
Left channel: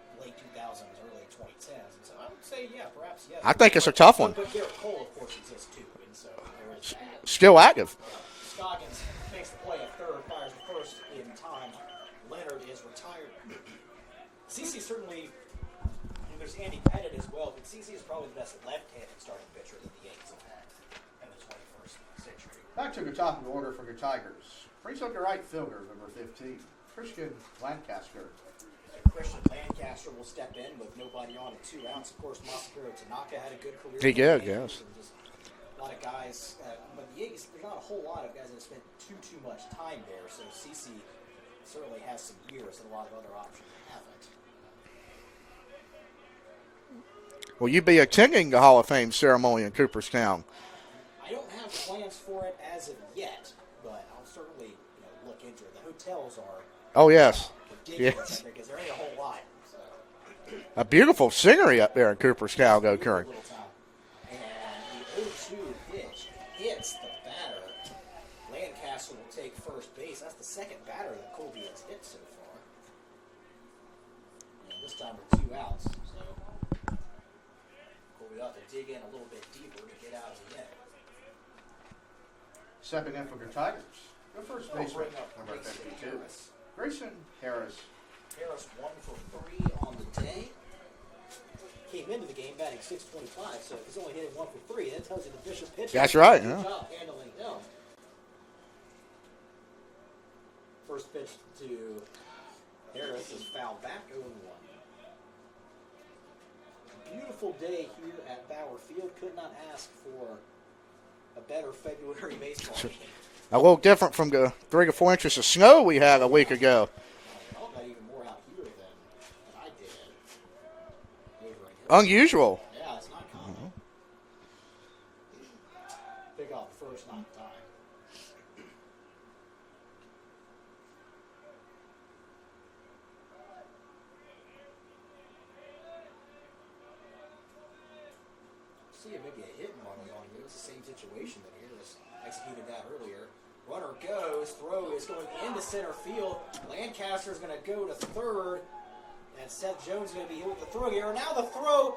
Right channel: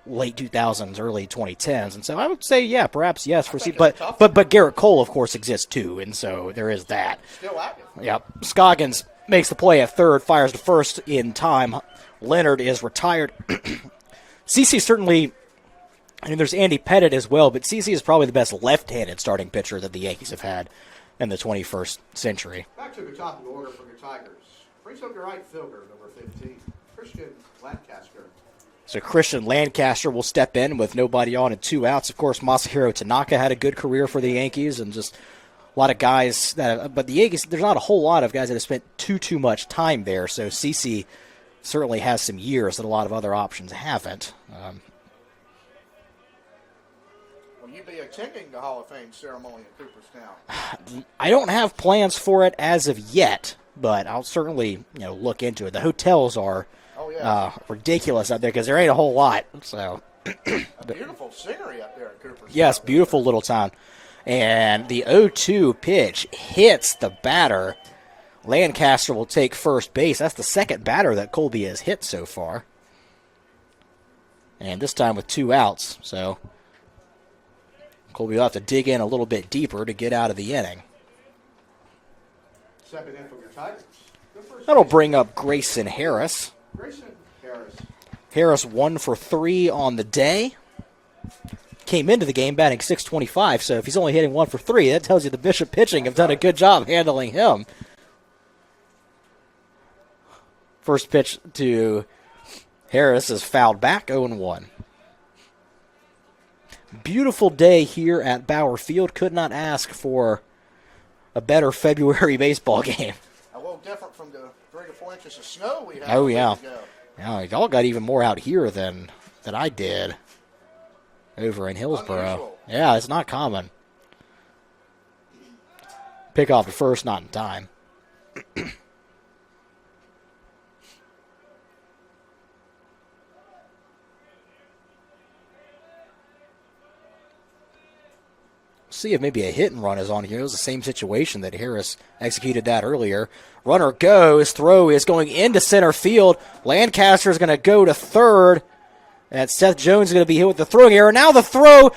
late 2000s, early 2010s. And so I would say, yeah, perhaps yes. I think it's a tough one. But Garrett Cole, of course, exists too, and so there is that. Still active. Yep. Scoggins makes the play at third, fires to first in time. Leonard is retired. CC certainly, there's Andy Pettit as well, but CC is probably the best left-handed starting pitcher that the Yankees have had in the 21st century. Back to the top of the order for the Tigers. Brings up the right fielder, number 15, Christian Lancaster. So Christian Lancaster will step in with nobody on and 2 outs. Of course, Masahiro Tanaka had a good career for the Yankees, and just a lot of guys but the Yankees, there's not a whole lot of guys that have spent too much time there. So CC certainly has some years that a lot of other options haven't. Will you be attending the Hall of Fame ceremony in Cooperstown? I don't have plans for it as of yet, but I'll certainly look into it. The hotels are ridiculous out there because there ain't a whole lot. So a beautiful scenery up there in Cooperstown. Yes, beautiful little town. And the 0-2 pitch hits the batter. Lancaster will take first base. That's the second batter that Colby has hit so far. And this time with 2 outs. So Colby will have to dig in a little bit deeper to get out of the inning. Stepping in for the Tigers. That'll bring up Grayson Harris. Harris 1 for 3 on the day. Came into the game batting .625, so if he's only hitting 1 for 3, that tells you the Bishop pitching has done a good job handling him. First pitch to Harris is fouled back, 0-1. Beautiful day here at Bauer Field. Could not ask for a better February baseball game. A little different from the 3 to 4 inches of snow we had a week ago. Yeah, y'all got even more out here than I did over in Hillsborough. Unusual. Yeah, it's not common. Pick off at first, not in time. See if maybe a hit and run is on here. It was the same situation that Harris executed that earlier. Runner goes. Throw is going into center field. Lancaster is going to go to third. And Seth Jones is going to be hit with the throwing error. Now the throw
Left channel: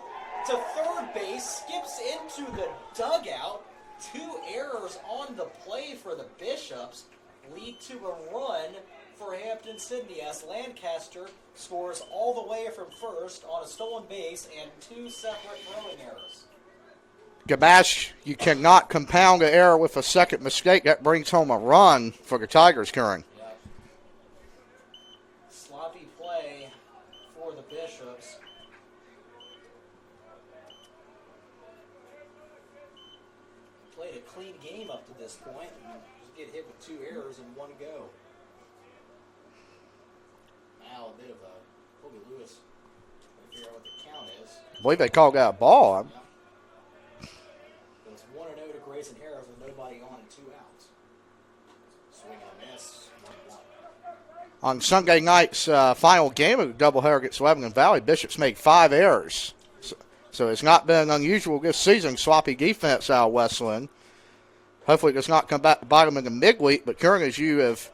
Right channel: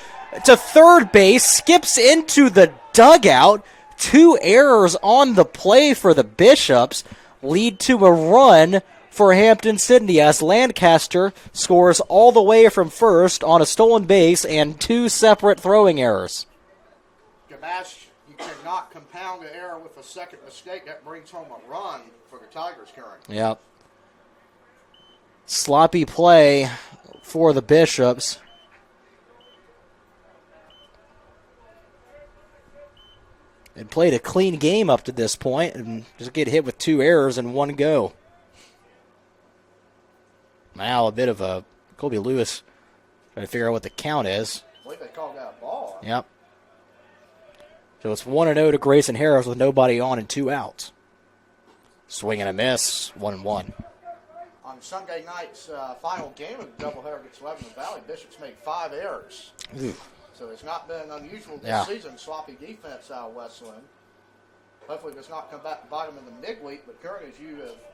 to third base skips into the dugout. 2 errors on the play for the Bishops lead to a run for Hampden Sydney as Lancaster scores all the way from first on a stolen base and 2 separate throwing errors. Gabash, you cannot compound an error with a second mistake. That brings home a run for the Tigers, Curran. Yep. Sloppy play for the Bishops. They played a clean game up to this point and just get hit with 2 errors and 1 go. Now a bit of a Colby Lewis trying to figure out what the count is. I believe they called that a ball. Yep. So it's 1-0 to Grayson Harris with nobody on and 2 outs. Swing and a miss, 1-1. On Sunday night's final game of the doubleheader against Lebanon Valley, Bishops made 5 errors. So it's not been unusual this season. Sloppy defense out of Wesleyan. Hopefully it does not come back to bite them in the midweek. But Curran, as you have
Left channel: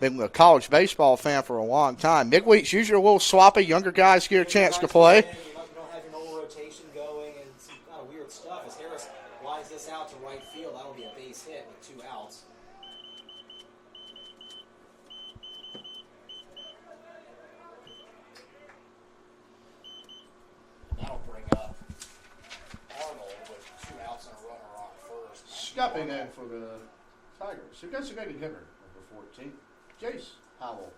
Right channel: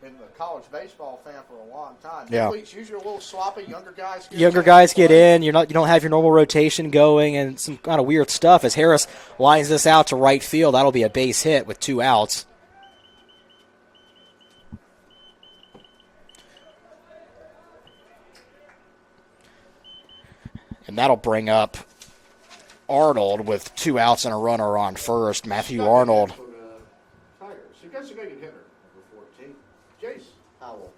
been a college baseball fan for a long time, midweek's usually a little sloppy. Younger guys get in. You don't have your normal rotation going and some kind of weird stuff. As Harris lines this out to right field, that'll be a base hit with 2 outs. And that'll bring up Arnold with 2 outs and a runner on first. Matthew Arnold. So that's a good hitter, number 14. Jace Howell.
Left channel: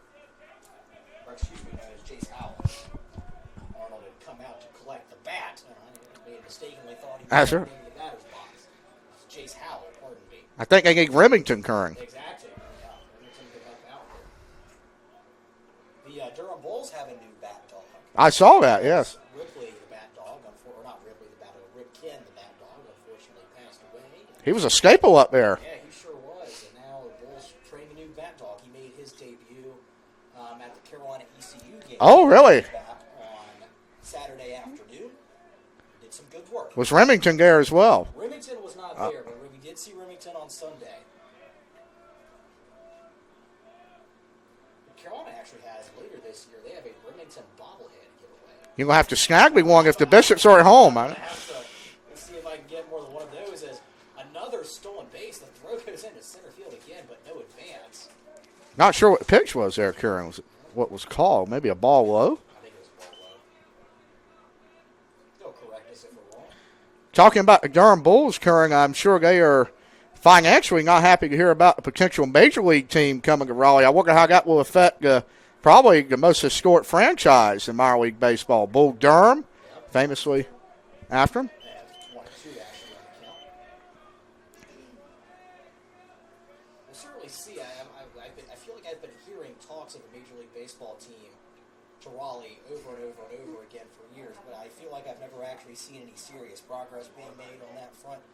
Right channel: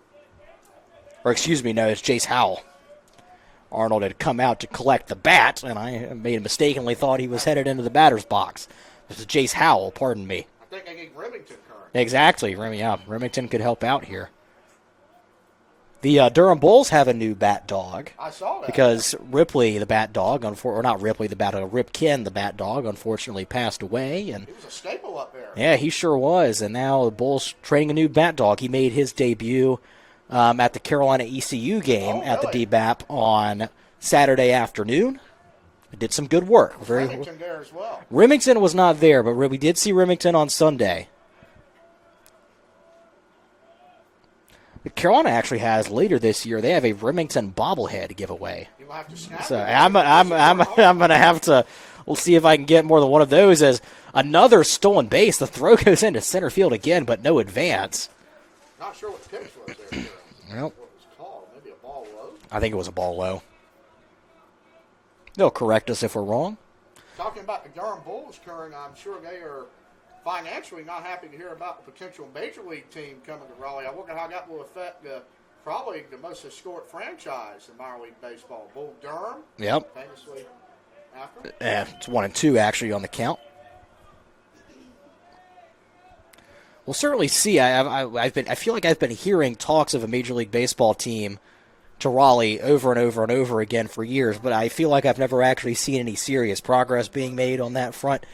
Or excuse me, no, it's Jace Howell. Arnold had come out to collect the bat, and I mistakenly thought he was headed into the batter's box. This is Jace Howell, pardon me. I think I need Remington, Curran. Exactly. Remington could help out here. The Durham Bulls have a new bat dog. I saw that, because Ripley, the bat dog, or not Ripley, the bat dog, Ripken, the bat dog, unfortunately passed away. And he was a staple up there. Yeah, he sure was. And now the Bulls training a new bat dog. He made his debut at the Carolina ECU game at the BBAP on Saturday afternoon. Did some good work. Was Remington there as well? Remington was not there, but we did see Remington on Sunday. Carolina actually has later this year, they have a Remington bobblehead giveaway. You're going to have to snag me one if the Bishops are at home. I'm going to have to, we'll see if I can get more than one of those as another stolen base. The throw goes into center field again, but no advance. Not sure what the pitch was there, Karen. Was it what was called? Maybe a ball low? I think it was a ball low. They'll correct us if we're wrong. Talking about the Durham Bulls, Karen, I'm sure they are financially not happy to hear about the potential major league team coming to Raleigh. I wonder how that will affect probably the most historic franchise in minor league baseball. Bull Durham, famously after him. Yeah, it's 1-2 actually on the count. We'll certainly see. I feel like I've been hearing talks of a major league baseball team to Raleigh over and over and over again for years, but I feel like I've never actually seen any serious progress being made on that front.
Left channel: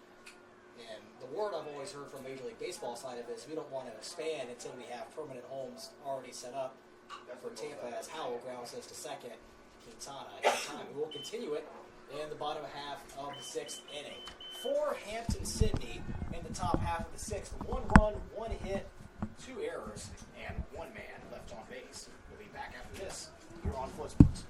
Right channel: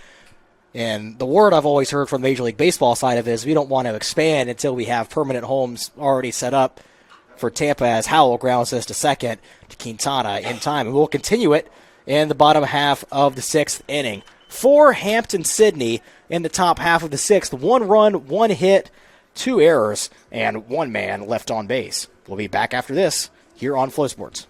And the word I've always heard from the Major League Baseball side of it is we don't want to expand until we have permanent homes already set up for Tampa, as Howell grounds this to second to Quintana in time. And we'll continue it in the bottom half of the 6th inning. For Hampden Sydney in the top half of the 6th, 1 run, 1 hit, 2 errors, and 1 man left on base. We'll be back after this here on Flow Sports.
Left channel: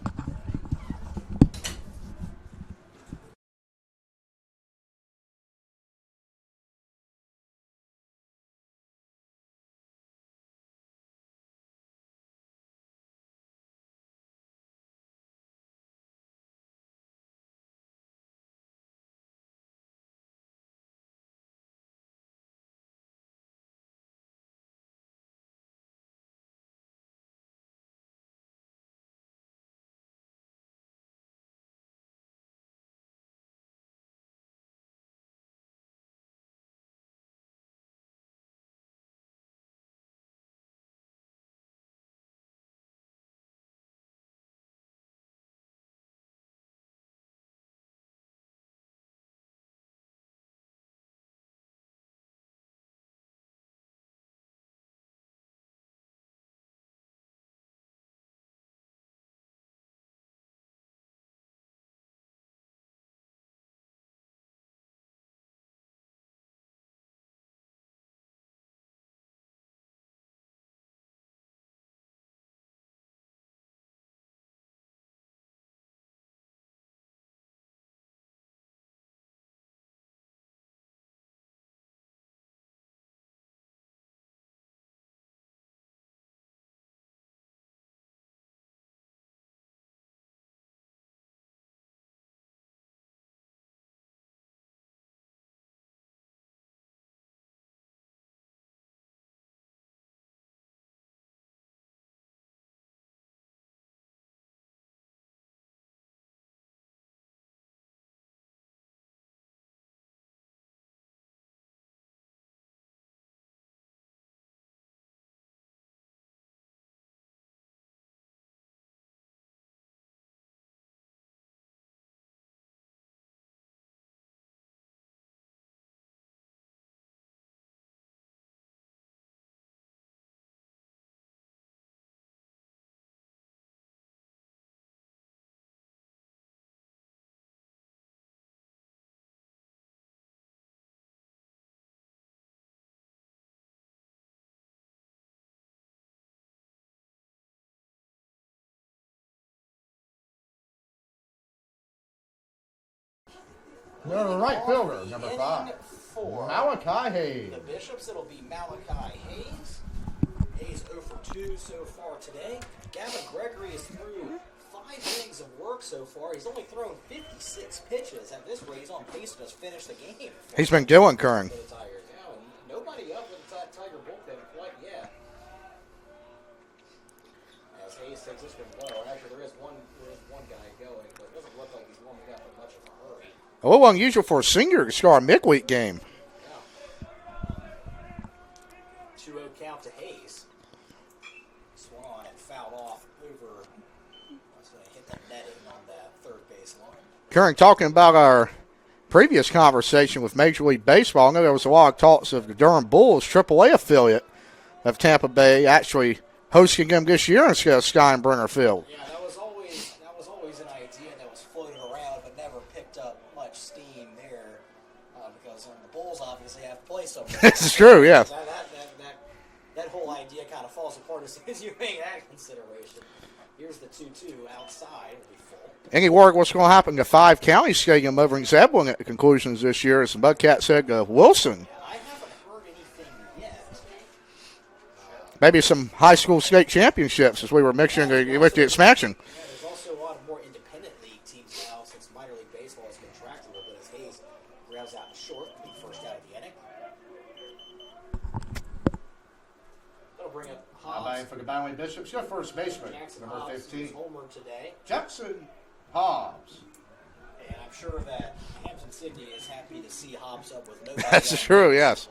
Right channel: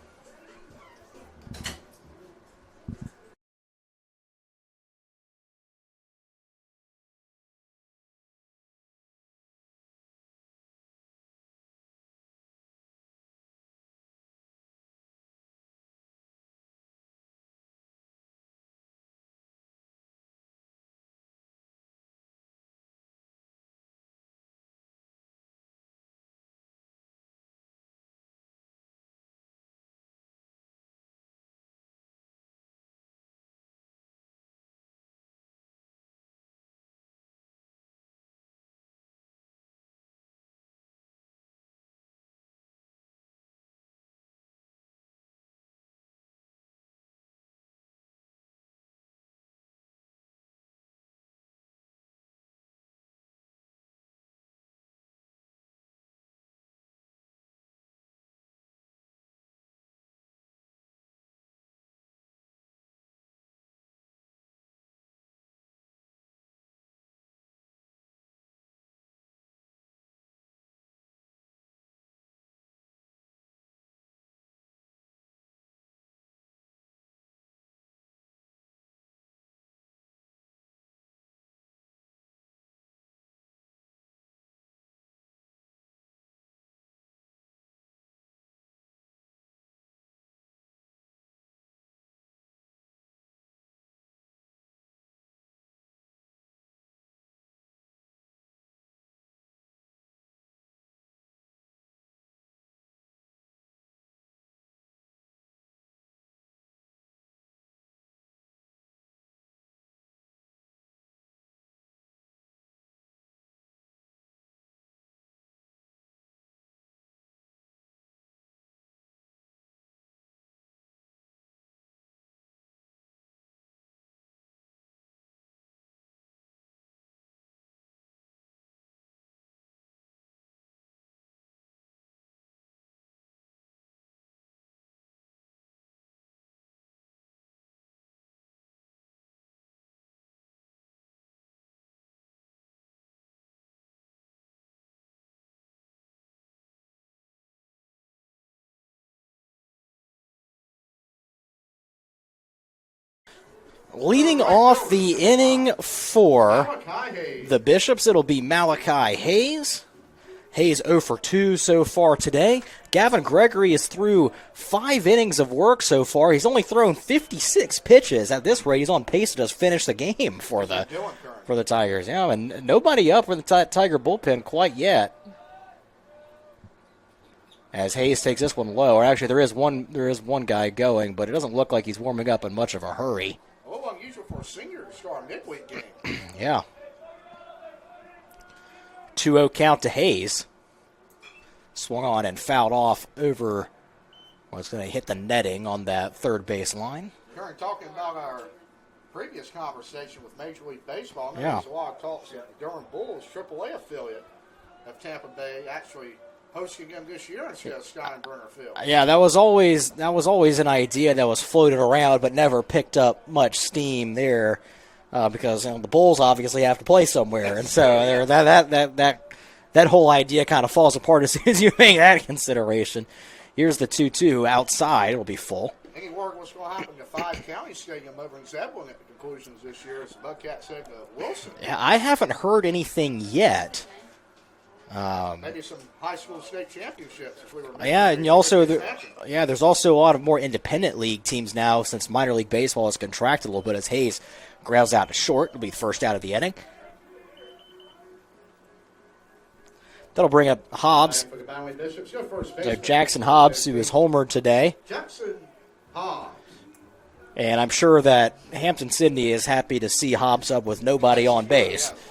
Leading off the inning for the Bishops, it'll be Malachi Hayes. Hayes 0 for 2 so far today. Gavin Gregory is through 5 innings of work so far. He's only thrown 56 pitches. At this rate, he's on pace to just finish the game for been doing, Kern. For the Tigers. Yeah, and nobody up for the Tiger bullpen quite yet. As Hayes takes this one low. Or actually, there is one guy going, but it doesn't look like he's warming up in much of a hurry. A little unusual for a senior to score a midweek game. Yeah. 2-0 count to Hayes. Swung on and fouled off over, well, it's going to hit the netting on that third base line. Karen, talking about our previous conversation with Major League Baseball, I know there was a lot of talks of the Durham Bulls, AAA affiliate of Tampa Bay, actually hosting them this year instead of Steinbrenner Field. Yeah, that was always an idea that was floated around, but never picked up much steam there, because the Bulls obviously have to play somewhere. That's true. Yeah, that whole idea kind of falls apart as soon as you make that consideration. Here's the 2-2 outside. It'll be full. Any word what's going to happen to 5 County Stadium over in Zebulon at the conclusions this year, as the Mudcats said, Wilson? Yeah, I haven't heard anything yet. Maybe some high school state championships, as we were mentioning with the expansion. Yeah, there's also a lot of more independent league teams now since minor league baseball has contracted a little bit, as Hayes grounds out to short. It'll be the first out of the inning. That'll bring up Hobbs. For the Battling Bishops, your first baseman. Jackson Hobbs, who is homered today. Jackson Hobbs. And I'm sure that Hampden Sydney is happy to see Hobbs up with nobody on true, base. Yes.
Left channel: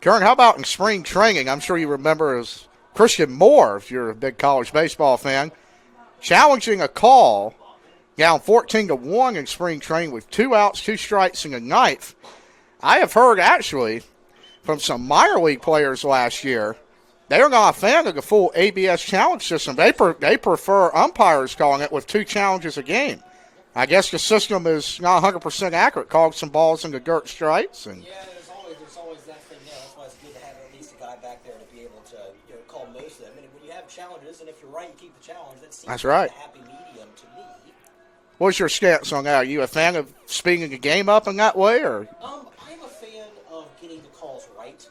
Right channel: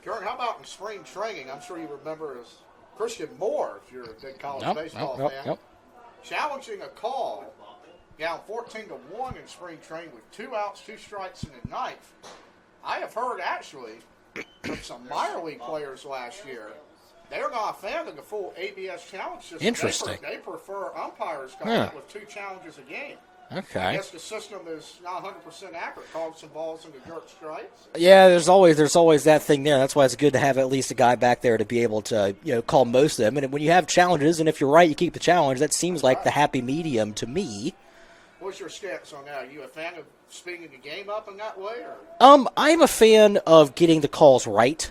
Karen, how about in spring training? I'm sure you remember as Christian Moore, if you're a big college baseball fan, challenging a call down 14-1 in spring training with 2 outs, 2 strikes, and a ninth. I have heard, actually, from some minor league players last year, they're not a fan of the full ABS challenge system. They prefer umpires calling it with 2 challenges a game. Okay. I guess the system is not 100% accurate, calling some balls into dirt strikes. Yeah, there's always that thing there. That's why it's good to have at least a guy back there to be able to call most of them. And when you have challenges, and if you're right, you keep the challenge. That seems like the happy medium to me. What's your stance on that? Are you a fan of speeding the game up in that way, or? I'm a fan of getting the calls right.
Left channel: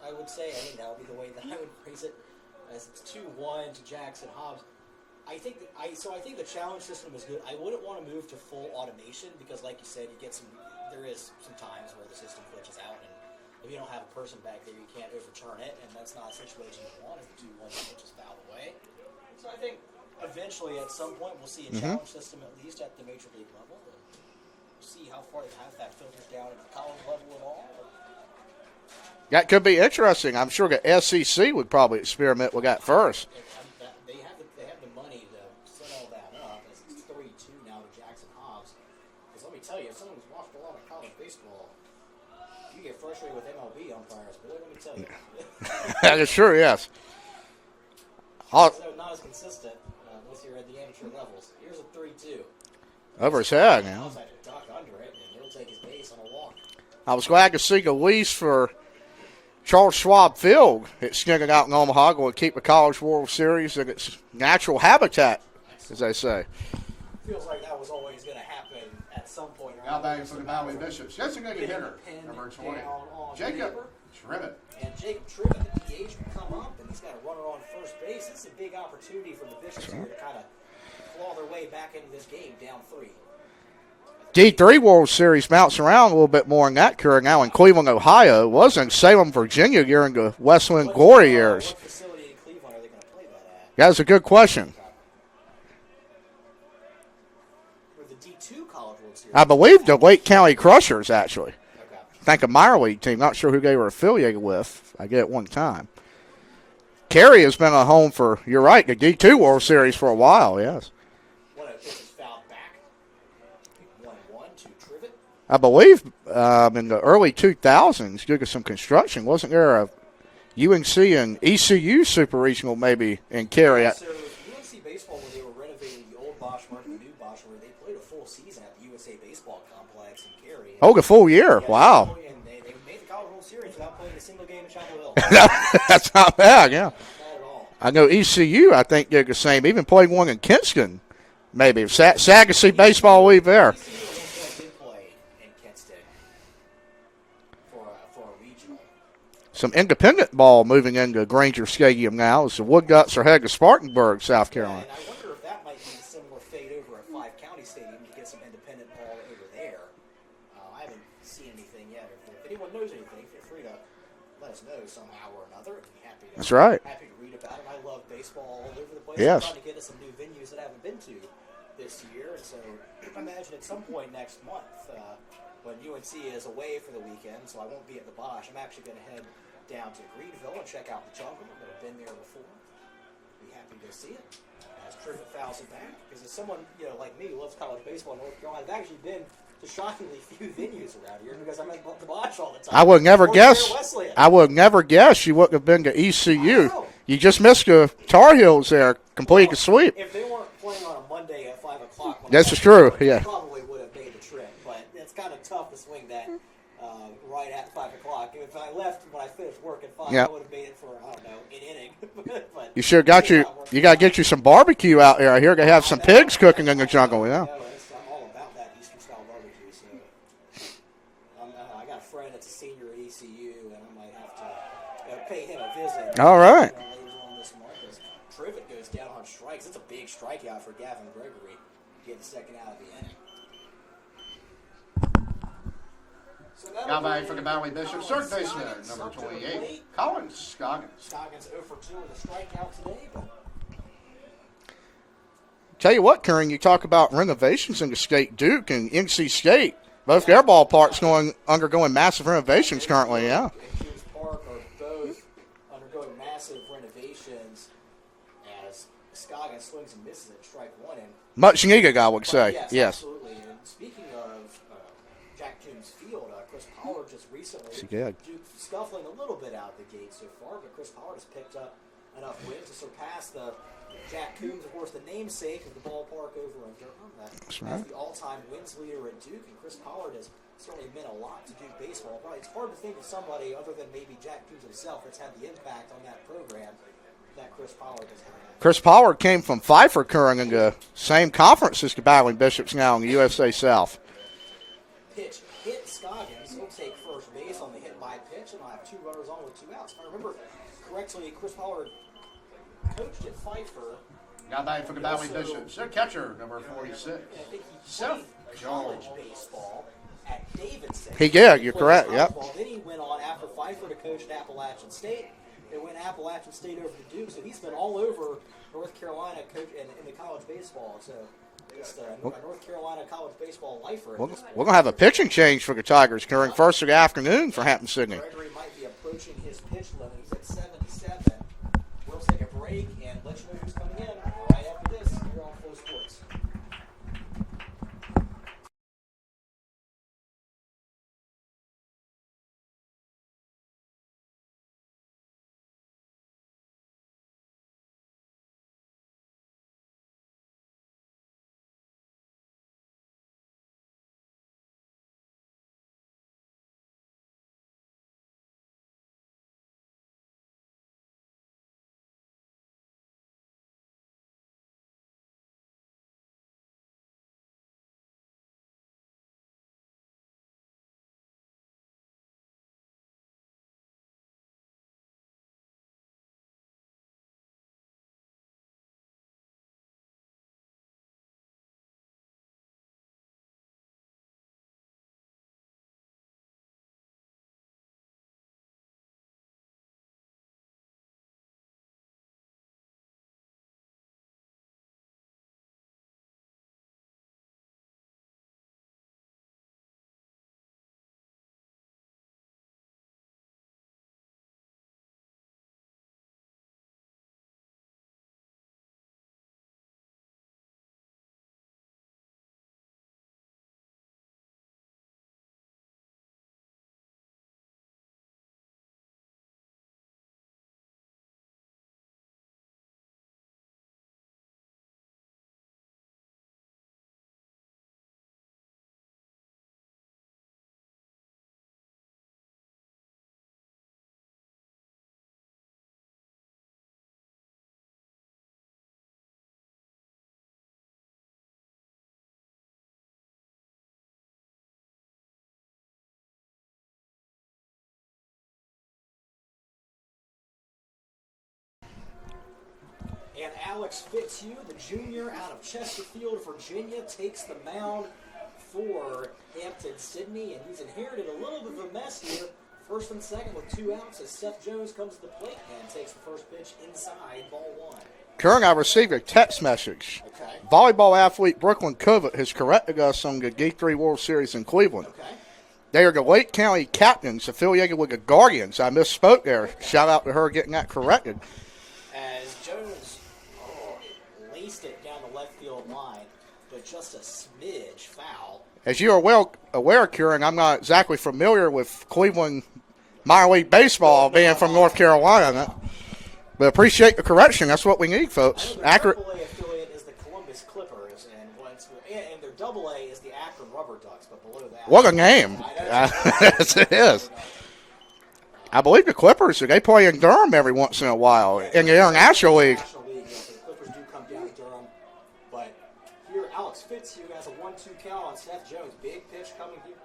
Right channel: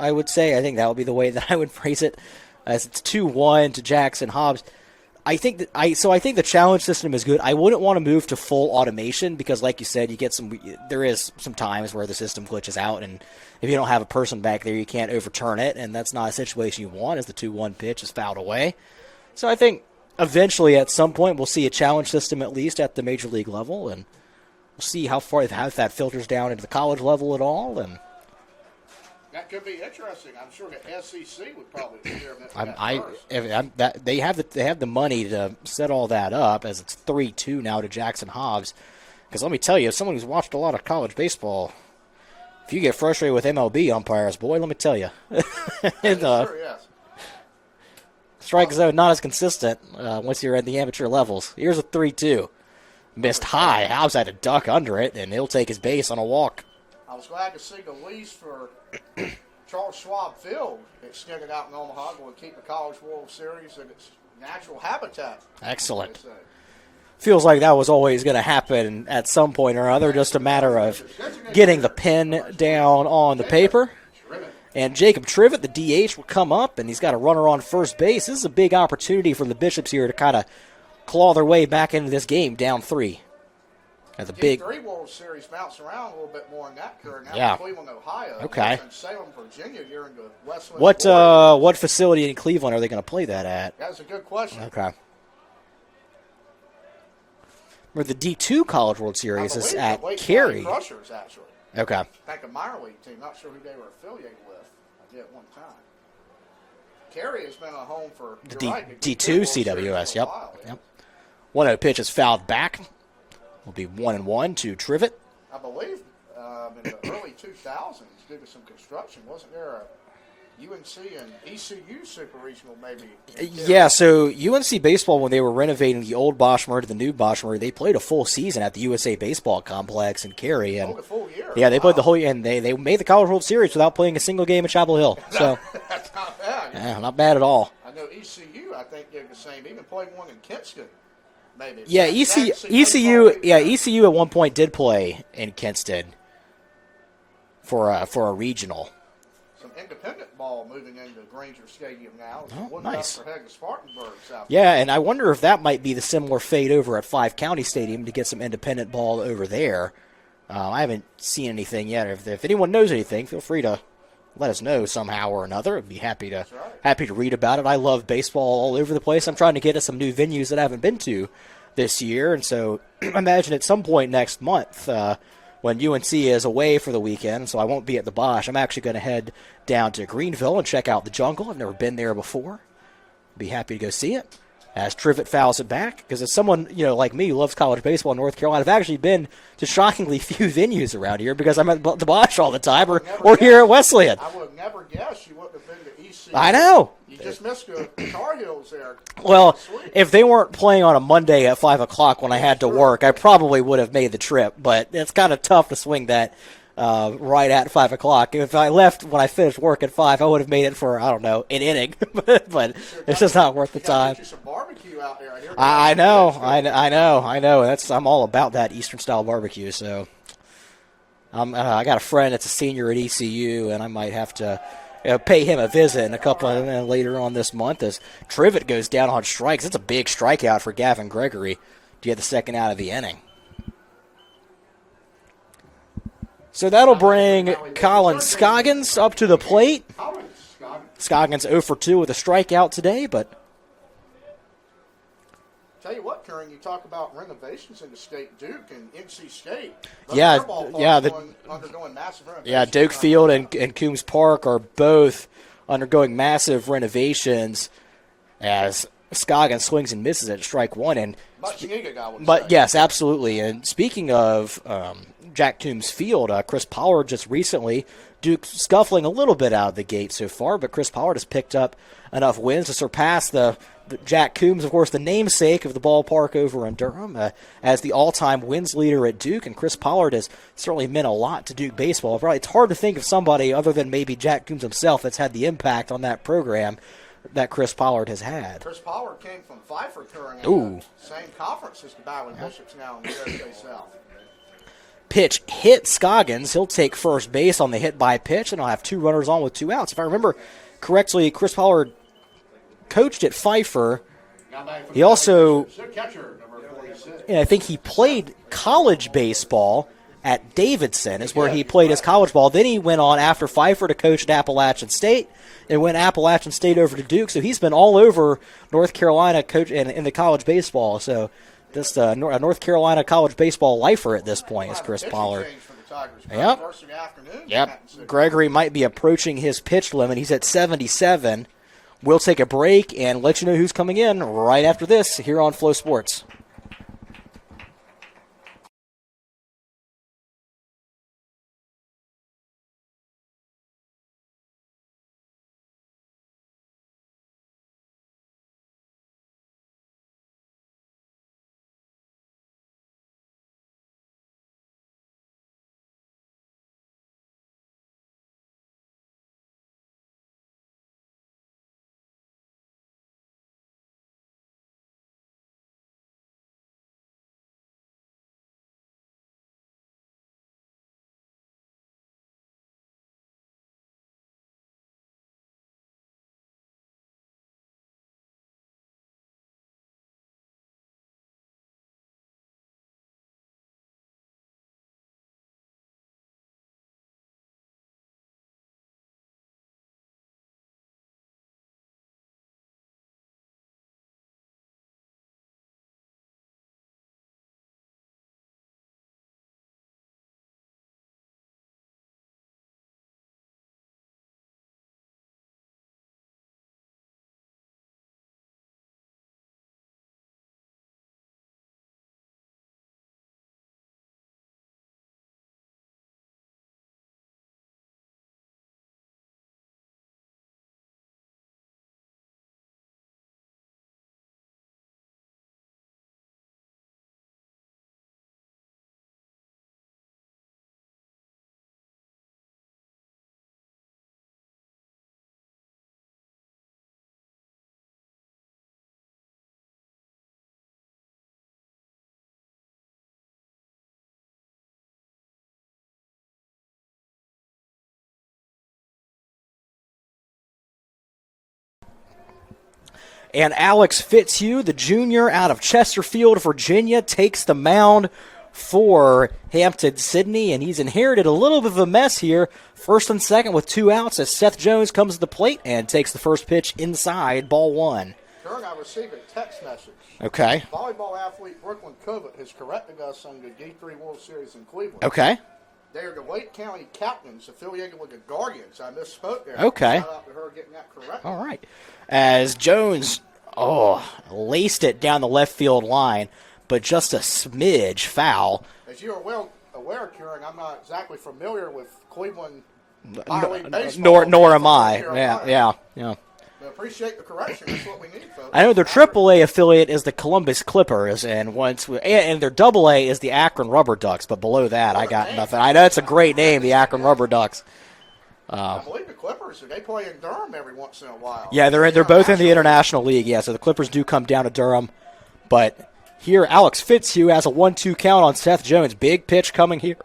I would say. I think that would be the way that I would phrase it. As it's 2-1 to Jackson Hobbs. I think the challenge system is good. I wouldn't want to move to full automation because, like you said, there is some times where the system glitches out, and if you don't have a person back there, you can't overturn it, and that's not a situation you want as the 2-1 pitch is fouled away. So I think eventually, at some point, we'll see a challenge system at least at the major league level, and we'll see how that filters down into the college level at all. And that could be interesting. I'm sure the SEC would probably experiment with that first. They have the money to set all that up, as it's 3-2 now to Jackson Hobbs. Because let me tell you, as someone who's watched a lot of college baseball, if you get frustrated with MLB umpires, boy, let me tell you. That is true, yes. Strike zone not as consistent once you're at the amateur levels. Here's a 3-2. Missed high. Hobbs had to duck under it, and he'll take his base on a walk. I was glad to see the lease for Charles Schwab Field extended out in Omaha will keep the College World Series in its natural habitat. Excellent. As they say. Feels like that was always going to happen at some point or other, just a matter of getting the pen down on the paper. And Jacob Trivet, the DH, will come up, and he's got a runner on first base. This is a big opportunity for the Bishops here to kind of claw their way back into this game, down 3. D3 World Series bounce around a little bit more in that career now in Cleveland, Ohio. It was in Salem, Virginia during the Wesleyan glory years. What facility in Cleveland are they going to play that at? That's a good question. Okay. Or the D2 College World Series. I believe the Lake County Crushers, actually. Okay. I think a minor league team. Not sure who they were affiliated with. I get it one time. Cary has been a home for, the D2 World CWS, Series for a while, yes. 1-0 pitch is fouled back. Will be 1-1 to Trivet. I believe in the early 2000s, due to some construction, wasn't there a UNC and ECU Super Regional maybe in Cary? Yeah, so UNC baseball, when they were renovating the old Boschmer to the new Boschmer, they played a full season at the USA Baseball Complex in Cary. Oh, the full year. Yeah, they played the whole year, and they made the College World Series without playing a single game at Chapel Hill. That's not bad, yeah. Not bad at all. I know ECU, I think they're the same. Even played one in Kinston. Maybe. Sagacy Baseball League there. ECU at one point did play in Kinston for a regional. Some independent ball moving into Granger Stadium now. The Woodguts are headed to Spartanburg, South Carolina. Yeah, and I wonder if that might be the similar fate over at Five County Stadium to get some independent ball over there. I haven't seen anything yet. If anyone knows anything, feel free to let us know somehow or another. I'd be happy to. That's right. Happy to read about it. I love baseball all over the place. Yes. I'm trying to get us some new venues that I haven't been to this year, and so I imagine at some point next month when UNC is away for the weekend, so I won't be at the Bosch, I'm actually going to head down to Greenville and check out the Jungle. I've never been there before. Be happy to go see it. As Trivet fouls it back, because as someone like me who loves college baseball in North Carolina, I've actually been to shockingly few venues around here because I'm at the Bosch all the time. I would never guess. Here at Wesleyan. I would never guess you wouldn't have been to ECU. I know. You just missed the Tar Heels there, completing the sweep. If they weren't playing on a Monday at 5 o'clock when I had to work, I probably would have made the trip. But it's kind of tough to swing that right at 5 o'clock. If I left when I finished work at 5, I would have made it for, I don't know, an inning. But you sure got you got to get you some barbecue out there. I hear they have some pigs cooking in the jungle. I know. I'm all about that Eastern style barbecue. So I got a friend that's a senior at ECU, and I might have to pay him a visit in a couple later on this month as Trivet goes down on strikes. It's a big strikeout for Gavin Gregory to get the second out of the inning. So that'll bring Colin Scoggins up to the plate. Scoggins 0 for 2 with a strikeout today, but tell you what, Karen, you talk about renovations in the state. Duke and NC State, both their ballparks undergoing massive renovations. Duke Field and Coombs Park are both undergoing massive renovations as Scoggins swings and misses at strike one. And much needed, I would say. Yes, absolutely. And speaking of Jack Toombs Field, Chris Pollard just recently, Duke scuffling a little bit out of the gate so far, but Chris Pollard has picked up enough wins to surpass the Jack Toombs, of course, the namesake of the ballpark over in Durham, as the all-time wins leader at Duke. And Chris Pollard has certainly meant a lot to Duke baseball. Probably it's hard to think of somebody other than maybe Jack Toombs himself that's had the impact on that program that Chris Pollard has had. Chris Pollard came from Pfeiffer, Curran, in the same conference as the Battling Bishops now in the USA South. Pitch hit Scoggins. He'll take first base on the hit by pitch, and I'll have 2 runners on with 2 outs. If I remember correctly, Chris Pollard coached at Pfeiffer. He also, I think he played college baseball at Davidson. He played his college ball. Then he went on after Pfeiffer to coach at Appalachian State, and went Appalachian State over to Duke. So he's been all over North Carolina coach in the college baseball. So just a North Carolina college baseball lifer at this point. We're going to have a pitching change for the Tigers. First of the afternoon for Hampden Sydney. Gregory might be approaching his pitch limit. He's at 77. We'll take a break and let you know who's coming in right after this here on Flow Sports. And Alex Fitzhugh, the junior out of Chesterfield, Virginia, takes the mound for Hampden Sydney, and he's inherited a little bit of a mess here. First and second with 2 outs as Seth Jones comes to the plate and takes the first pitch inside, ball 1. Currently, I received a text message. Okay. Volleyball athlete Brooklyn Covert has corrected us on the D3 World Series in Cleveland. Okay. They are the Lake County Captains affiliated with the Guardians. I misspoke there. Okay. Shout out to her getting that corrected. All right. As Jones, laced it down the left field line, but just a smidge foul. As you are well aware, Kieran, I'm not exactly familiar with Cleveland minor league baseball. Nor am from I. North Carolina. Yeah. But appreciate the correction. That's what we need, folks. I know their AAA affiliate is the Columbus Clippers, and their AA is the Akron Rubber Ducks. But below that, what a name! I know it's a great name, the Akron Rubber Ducks. I believe the Clippers, they play in Durham every once in a while. Yeah, they're both in the International League. Yeah, so the Clippers do come down to Durham. But here, Alex Fitzhugh has a 1-2 count on Seth Jones. Big pitch coming here.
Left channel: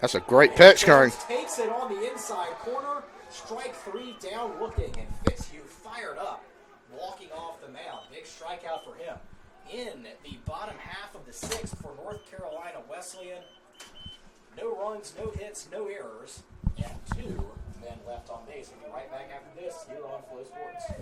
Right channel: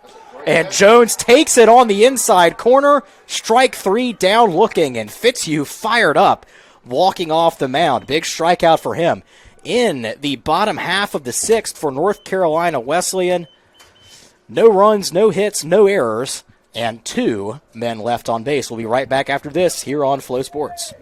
That's a great pitch. And Jones takes it on the inside corner. Strike 3, down looking, and Fitzhugh fired up, walking off the mound. Big strikeout for him. In the bottom half of the 6th for North Carolina Wesleyan. No runs, no hits, no errors, and 2 men left on base. We'll be right back after this here on Flow Sports.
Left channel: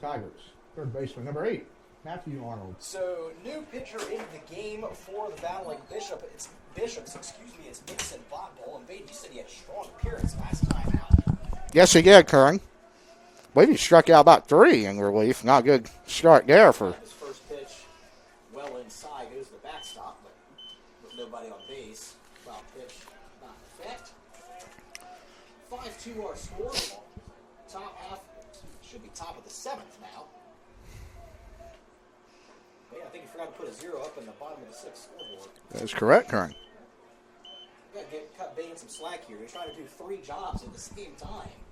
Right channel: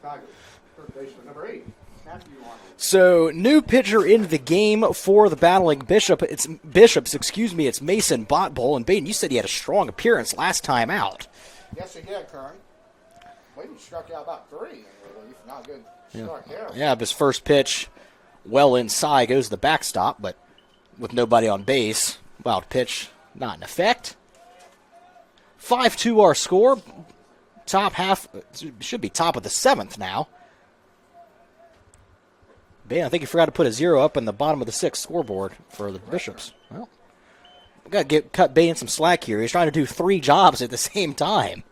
Tigers. Third baseman, number 8, Matthew Arnold. So, new pitcher in the game for the Battling Bishops. It's Mason Botbull. And Baden, you said he had a strong appearance last time out. Yes, he did, Curran. I believe he struck out about 3 in relief. Not a good start there. His first pitch well inside, goes to the backstop, but with nobody on base. Wild pitch not in effect. 5-2 our score. Top half, should be top of the 7th now. Ben, I think you forgot to put a 0 up in the bottom of the 6th scoreboard. That's correct, Kern. Well, we got to cut Bain some slack here. He's trying to do 3 jobs at the same time.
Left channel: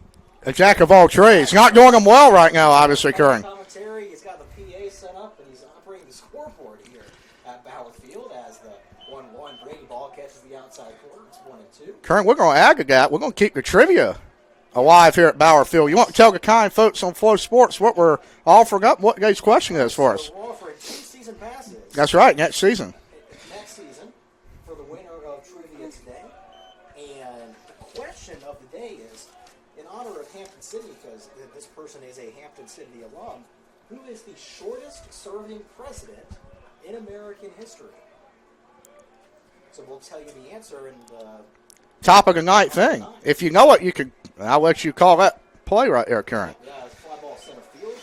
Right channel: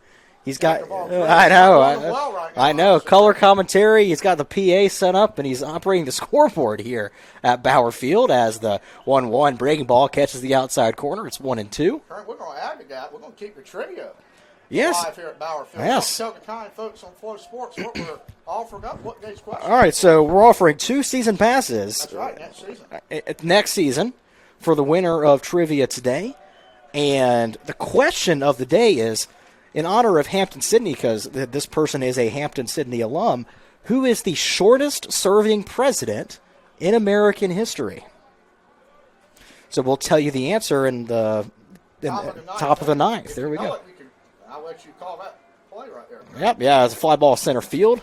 A jack of all trades. Not doing them well right now, obviously. Color commentary. He's got the PA set up, and he's operating the scoreboard here at Bauer Field as the 1-1 breaking ball catches the outside corner. It's 1-2. Kern, we're going to aggregate. We're going to keep the trivia alive here at Bauer Field. Yes. You want to tell the kind folks on Flow Sports what we're offering up? What guy's question All right, is for so us? we're offering 2 season passes. That's right, next season. Next season for the winner of trivia today. And the question of the day is, in honor of Hampden Sydney, because this person is a Hampden Sydney alum, who is the shortest serving president in American history? So we'll tell you the answer in the top of the ninth. Top of the ninth. If you know it, you can. I'll let you call that play right there, Karen. Yep, yeah, it's a fly ball center field.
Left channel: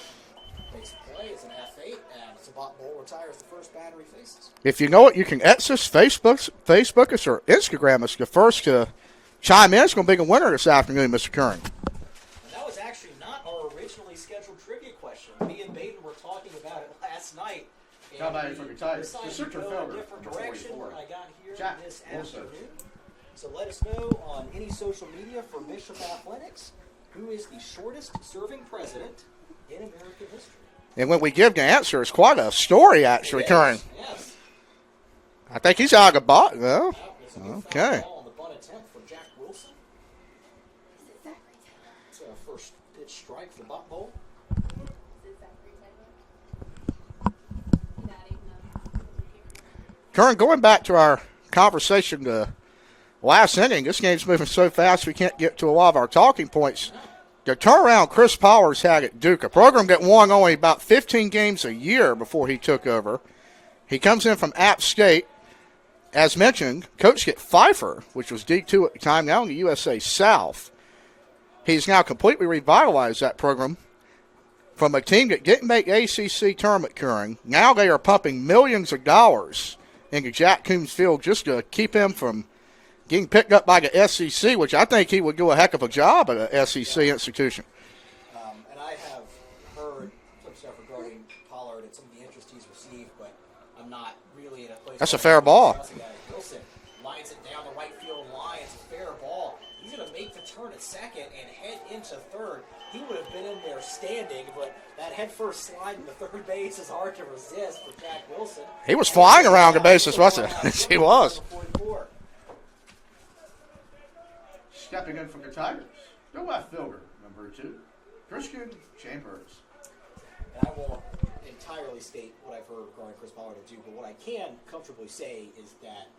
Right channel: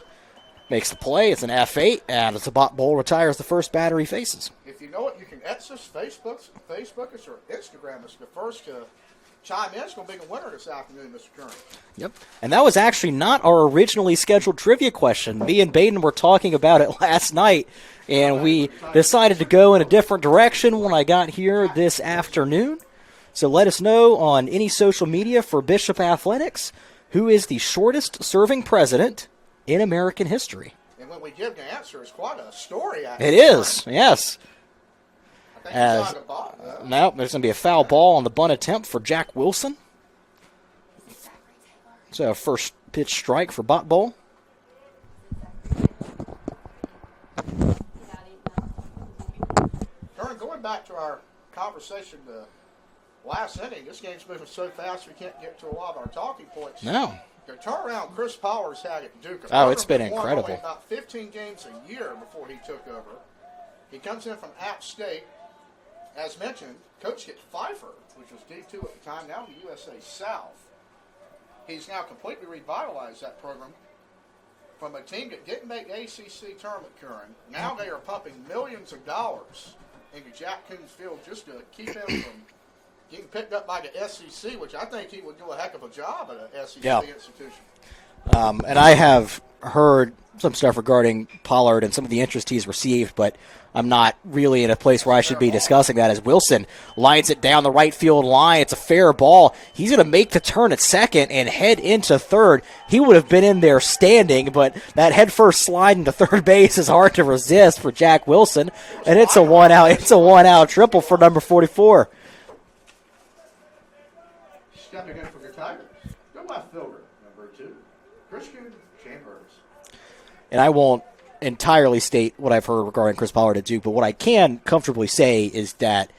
Makes the play. It's an F8, and it's a bot ball retires the first batter he faces. If you know it, you can X us, Facebook us, or Instagram us. The first to chime in is going to be the winner this afternoon, Mr. Curran. Yep. And that was actually not our originally scheduled trivia question. Me and Baden were talking about it last night, and we decided to go in a different direction when I got here this afternoon. So let us know on any social media for Bishop Athletics who is the shortest serving president in American history. And when we give the answer, it's quite a story, actually. It is, Curran. yes. I think he's out of the bot. No, there's going to be a foul ball on the bunt attempt for Jack Wilson. So first pitch strike for Bot Bowl. Curran, going back to our conversation last inning, this game's moving so fast we can't get to a lot of our talking points. No. The turnaround Chris Powers had at Duke, a program that won only about 15 games a year before he took over. He comes in from App State. As mentioned, Coach get Pfeiffer, which was D2 at the time, now in the USA South. He's now completely revitalized that program from a team that didn't make ACC tournament curing. Now they are pumping millions of dollars into Jack Coombs Field just to keep him from getting picked up by the SEC, which I think he would do a heck of a job at an SEC institution. And I have heard some stuff regarding Pollard and some of the interest he's received, but I'm not really in a place where I should be discussing that, as Wilson lines it down the right field line. It's a fair ball. He's going to make the turn at second and head into third. He would have been in there standing, but that head-first slide into third base is hard to resist for Jack Wilson. He was and flying around the bases, it's a one-out triple for number 44. Stepping in for the Tigers, the left fielder, number 2, Christian Chambers. And I won't entirely state what I've heard regarding Chris Pollard at Duke, but what I can comfortably say is that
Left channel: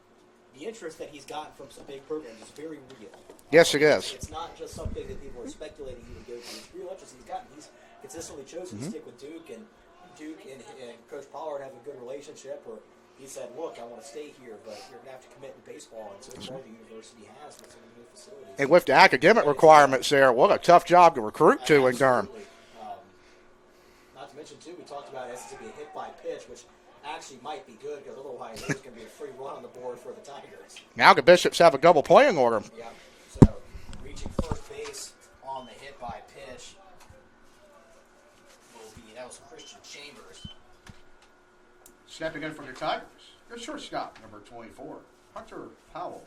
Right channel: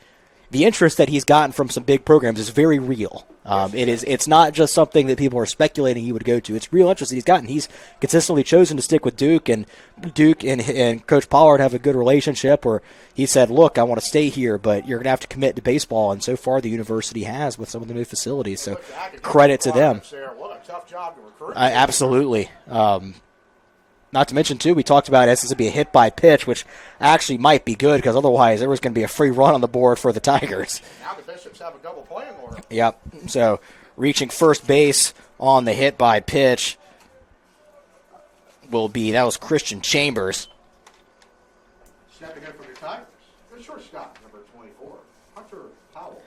the interest that he's gotten from some big programs is very real. Yes, it is. It's not just something that people are speculating he would go to. It's real interest that he's gotten. He's consistently chosen to stick with Duke, and Duke and Coach Pollard have a good relationship where he said, look, I want to stay here, but you're going to have to commit to baseball, and so far the university has with some of the new facilities. And so with the academic requirements there, what a tough job to recruit to. Absolutely. Not to mention, too, we talked about this to be a hit by pitch, which actually might be good because otherwise there was going to be a free run on the board for the Tigers. Now the Bishops have a double playing order. Yep. So reaching first base on the hit by pitch that was Christian Chambers. Stepping in for the Tigers, the shortstop, number 24, Hunter Powell.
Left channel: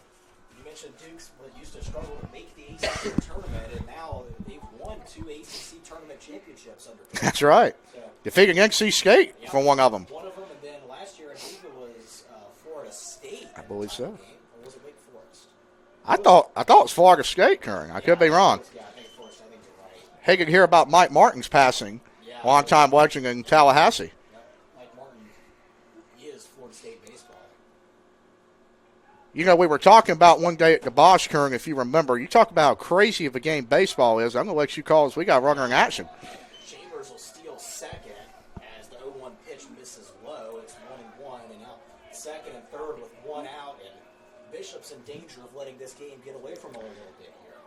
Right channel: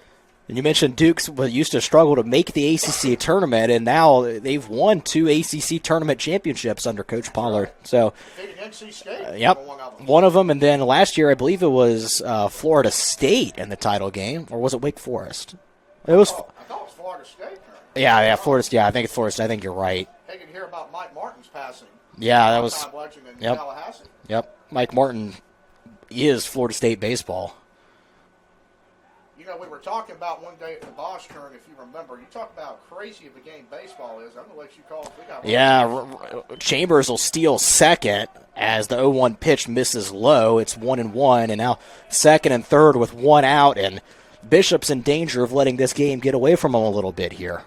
And you mentioned Duke's used to struggle to make the ACC tournament, and now they've won 2 ACC tournament championships under Coach Pollard. That's right. So defeating NC State for one of them. One of them, and then last year I believe it was Florida State in the title game, or was it Wake Forest? I thought it was Florida State, Curran. I could be wrong. I think it's Florida State. I think you're right. Hey, could hear about Mike Martin's passing. Yeah, long-time legend in Tallahassee. Yep, Mike Martin is Florida State baseball. You know, we were talking about one day at the Bosch, Kern, if you remember. You talk about how crazy of a game baseball is. I'm going to let you call us. We got running action. Chambers will steal second as the 0-1 pitch misses low. It's 1-1, and now second and third with one out, and Bishop's in danger of letting this game get away from him a little bit here.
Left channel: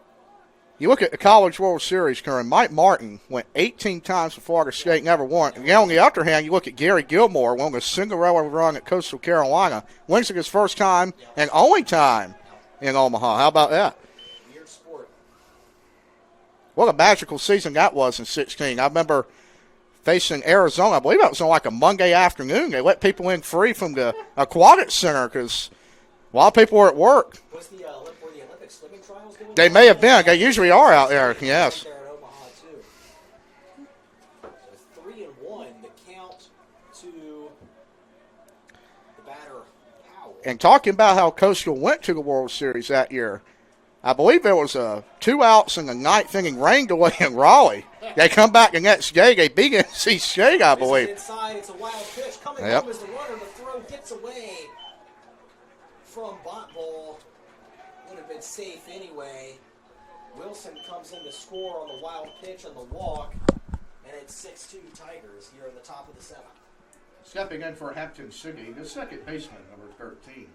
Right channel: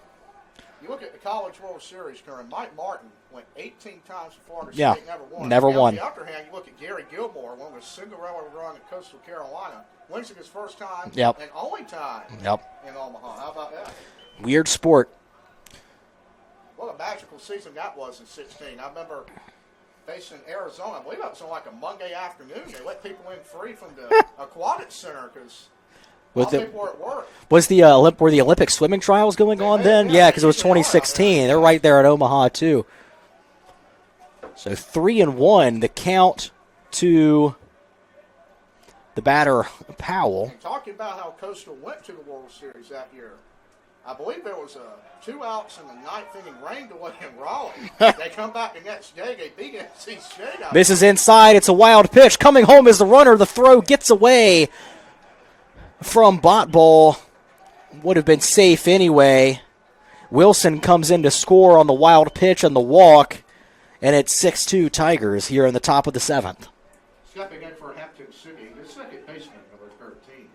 You look at the College World Series, Kern. Mike Martin went 18 times for Florida State, never won. Never won. On the other hand, you look at Gary Gilmore, won a Cinderella run at Coastal Carolina. Wins it his first time and only time in Omaha. How about that? Weird sport. What a magical season that was in 16. I remember facing Arizona. I believe that was on like a Monday afternoon. They let people in free from the Aquatic Center because a lot of people were at work. Was were the Olympic swimming trials going on? They may have been. Yeah, they usually are out there. They're right there at Omaha too. So 3-1, the count to the batter Powell. And talking about how Coastal went to the World Series that year, I believe there was 2 outs in the ninth inning, rained away in Raleigh. They come back the next day. They beat NC State, I believe. This is inside. It's a wild pitch. Coming home is the runner. The throw gets away from Botball. Would have been safe anyway. Wilson comes in to score on the wild pitch and the walk, and it's 6-2 Tigers here in the top of the 7th. Stepping in for Hampden City, the second baseman, number 13,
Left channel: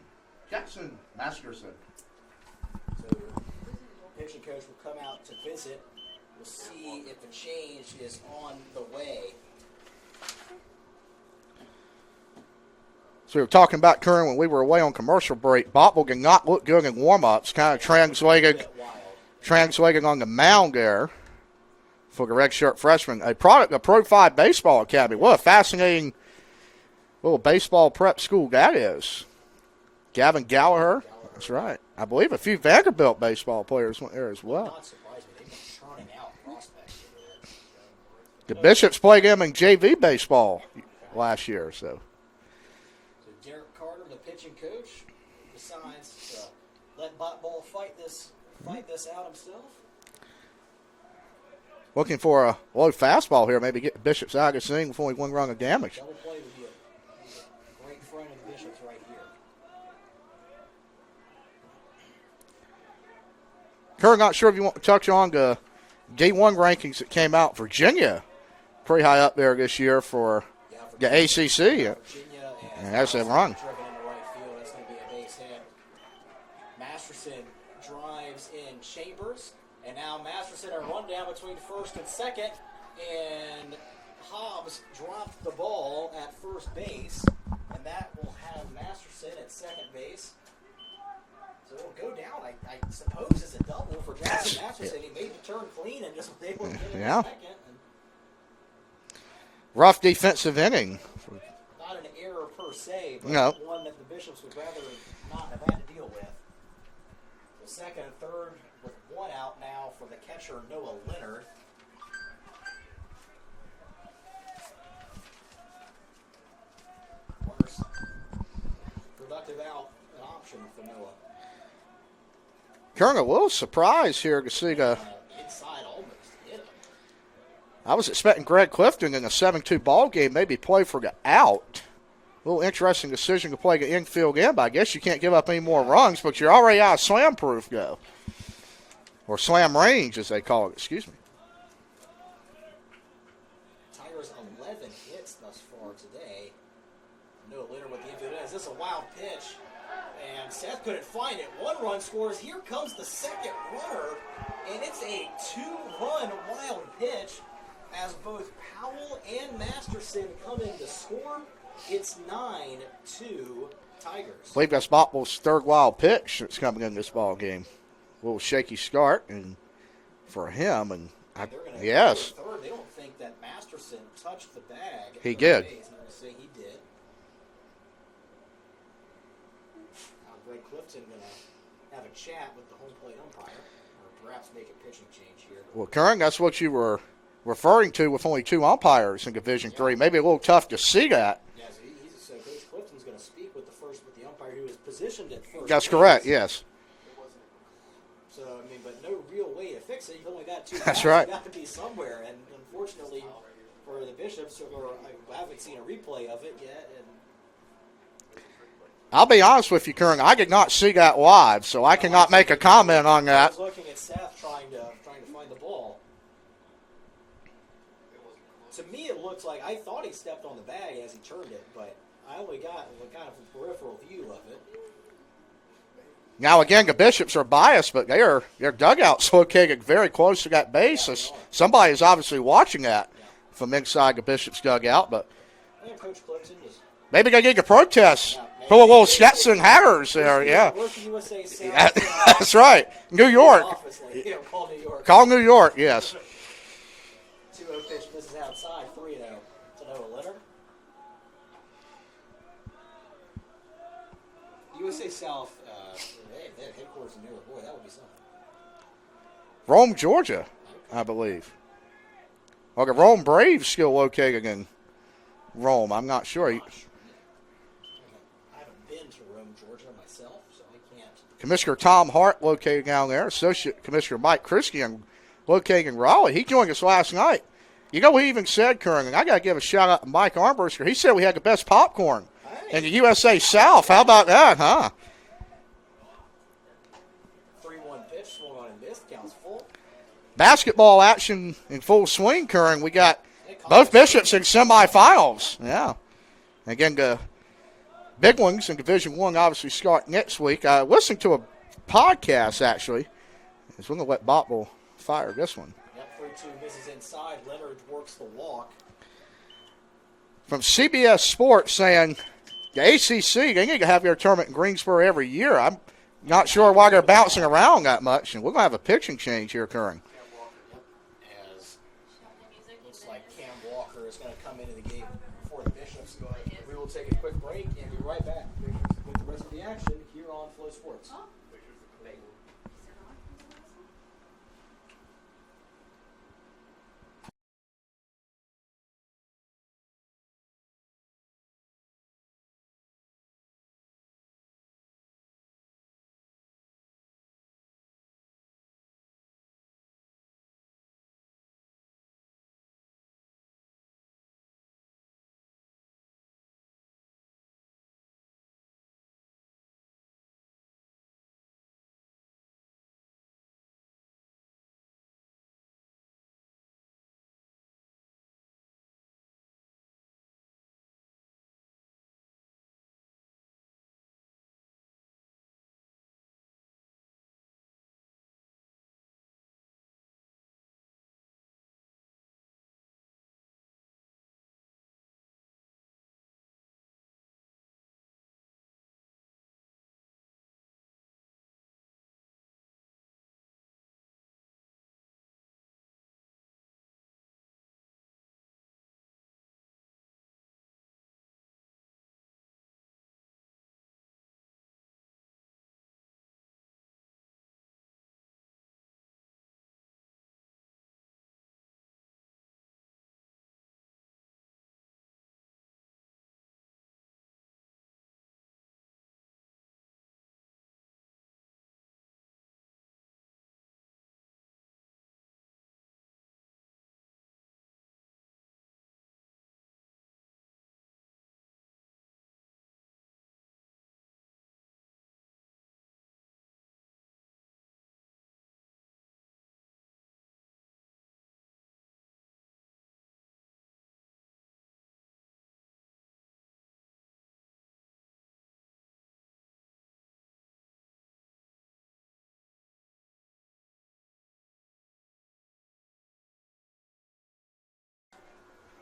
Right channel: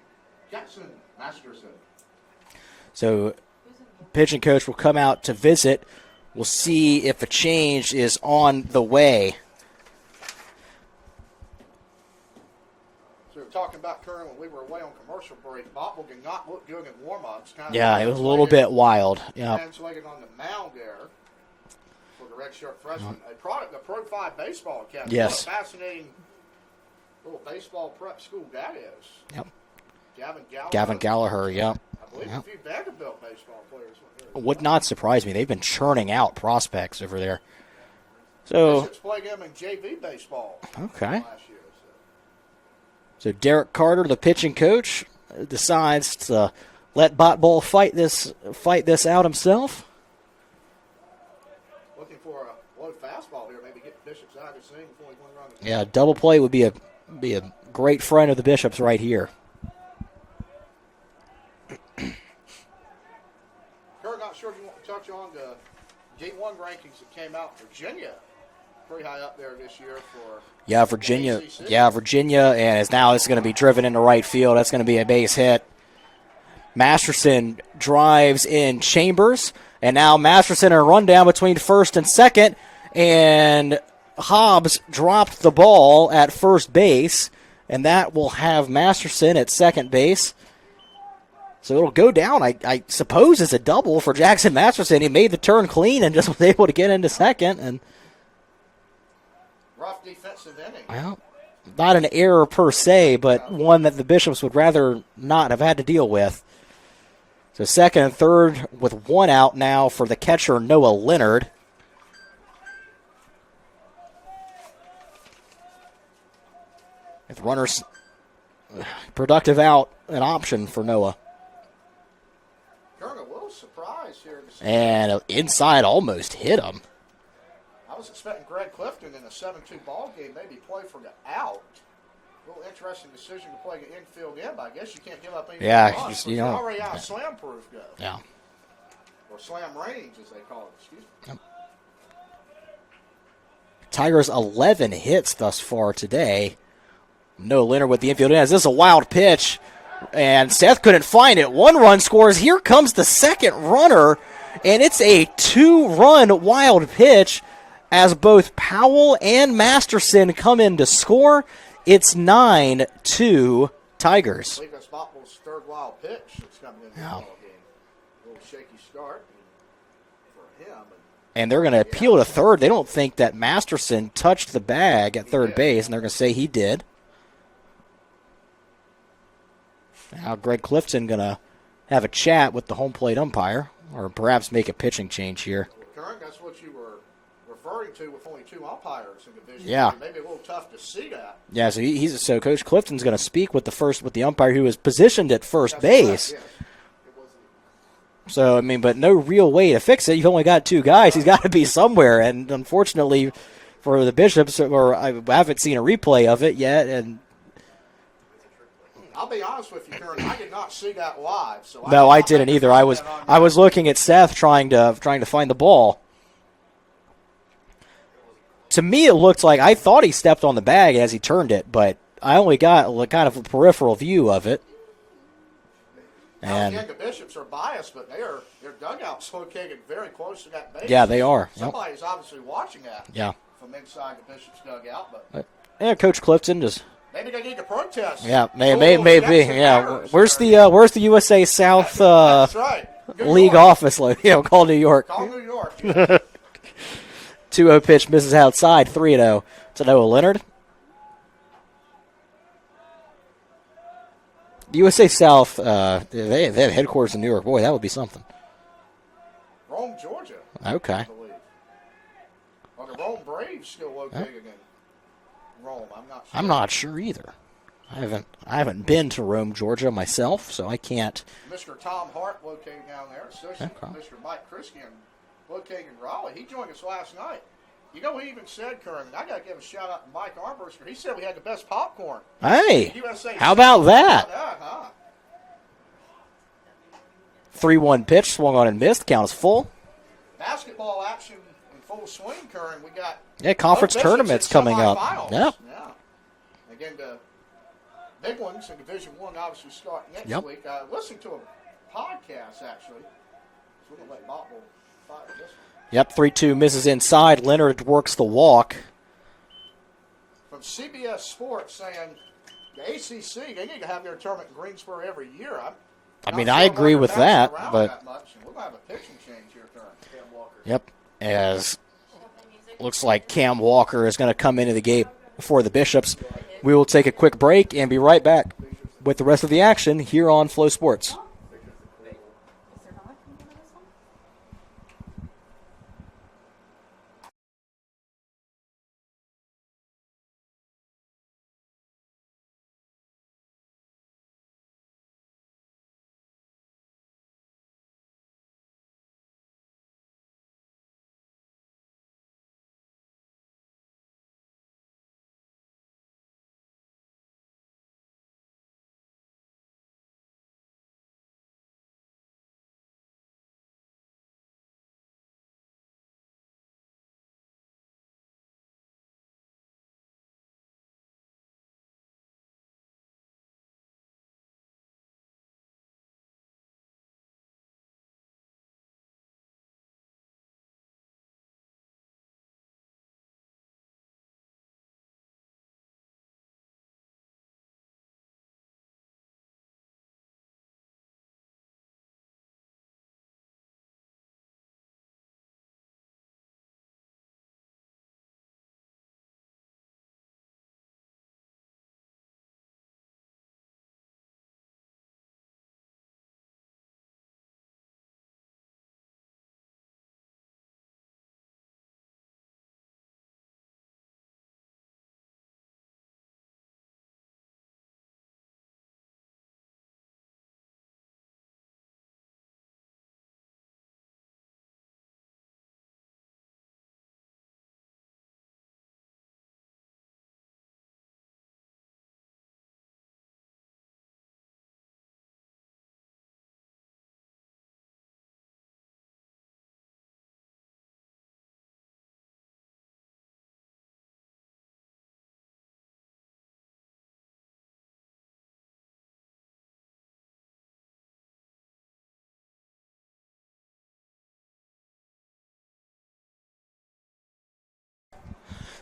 Jackson Masterson. So pitching coach will come out to visit. We'll see if a change is on the way. So we were talking about Curran when we were away on commercial break. Botwell did not look good in warm-ups. Kind of translated, it was a little bit wild. Yeah. Translating on the mound there for the red shirt freshman. A product of Pro 5 Baseball Academy. Yes. What a fascinating little baseball prep school that is. Yep. Gavin Gallagher, yeah. Right. I believe a few Vanderbilt baseball players went there as well. Would not surprise me. They've been churning out prospects over there. So, Bishops played them in JV baseball last year. So Derek Carter, the pitching coach, decides to let Botball fight this out himself. Looking for a low fastball here, maybe get the Bishops out of the scene before we one run of damage. Yeah, double play would be a great friend of the Bishops right here. Kerr, not sure if you want to touch on the D1 rankings that came out. Virginia, pretty high up there this year for Virginia, the ACC. Yeah, Virginia, and now it's going to be driven into right field. That's going to be a base hit. Masterson drives in Chambers, and now Masterson in a rundown between first and second, and Hobbs dropped the ball at first base, and that will have Masterson at second base. So it'll go down, I suppose, as a double for Jackson Masterson. He made the turn clean and just was able to get into second. And rough defensive inning. Well, not an error per se, but one that the Bishops would rather not have had to deal with. So second and third with one out now for the catcher, Noah Leonard. With runners, productive out, an option for Noah. Kern, a little surprise here to see and inside almost hit him. I was expecting Greg Clifton in a 7-2 ball game maybe play for the out. A little interesting decision to play the infield in, but I guess you can't give up any more runs, but you're already out of slam-proof go. Yeah. Or slam range, as they call it. Excuse me. Yep. Tigers 11 hits thus far today. No Leonard with the infield in. This is a wild pitch. And Seth couldn't find it. 1 run scores. Here comes the second runner, and it's a 2-run wild pitch as both Powell and Masterson come in to score. It's 9-2 Tigers. I believe that's Botwell's third wild pitch that's coming in this ball game. A little shaky start and for him. And they're going to appeal to third. They don't think that Masterson touched the bag at third base, and they're going to say he did. Now Greg Clifton going to have a chat with the home plate umpire, or perhaps make a pitching change here. Well, Kern, that's what you were referring to with only 2 umpires in Division III. Maybe a little tough to see that. Yeah, so Coach Clifton's going to speak with the umpire who is positioned at first base. That's correct, yes. So, but no real way to fix it. You've only got 2 guys. He's got to be somewhere, and unfortunately for the Bishops, I haven't seen a replay of it yet, and I'll be honest with you, Kern. I did not see that live, so I no, I cannot didn't make a either. comment on that. I was looking at Seth trying to find the ball. To me, it looked like I thought he stepped on the bag as he turned it, but I only got kind of a peripheral view of it. Now, again, the Bishops are biased, but their dugout's located very close to that base. Yeah, they are. Somebody's obviously watching that from inside the Bishops dugout. But Coach Clifton just maybe they need to protest. Yeah, maybe. Yeah. Where's the USA South? That's right, New league York office. Call New York. Call New York. Yes. 2-0 pitch misses outside. 3-0 to Noah Leonard. The USA South, they have headquarters in New York. Boy, that would be something. Rome, Georgia. Okay. I believe. Well, the Rome Braves still located in Rome. I'm not sure. I'm not sure either. I haven't been to Rome, Georgia myself, so I can't. Commissioner Tom Hart located down there. Associate Commissioner Mike Christian located in Raleigh. He joined us last night. You know, he even said, Kern, and I got to give a shout-out to Mike Armbruster. He said we had the best popcorn. Hey. In the USA How South. about that? How about that, huh? 3-1 pitch, swung on and missed. Count is full. Basketball action in full swing, Kern. We got conference both Bishops in semifinals. Yeah. Again, the big ones in Division I obviously start next week. I listened to a podcast, actually. I was going to let Bottle fire this one. Yep, 3-2 misses inside. Leonard works the walk. From CBS Sports saying the ACC, they need to have their tournament in Greensboro every year. I'm not sure why they're bouncing around that much. And we're going to have a pitching change here occurring. Yep, as looks like Cam Walker is going to come into the game for the Bishops. We will take a quick break and be right back with the rest of the action here on Flow Sports.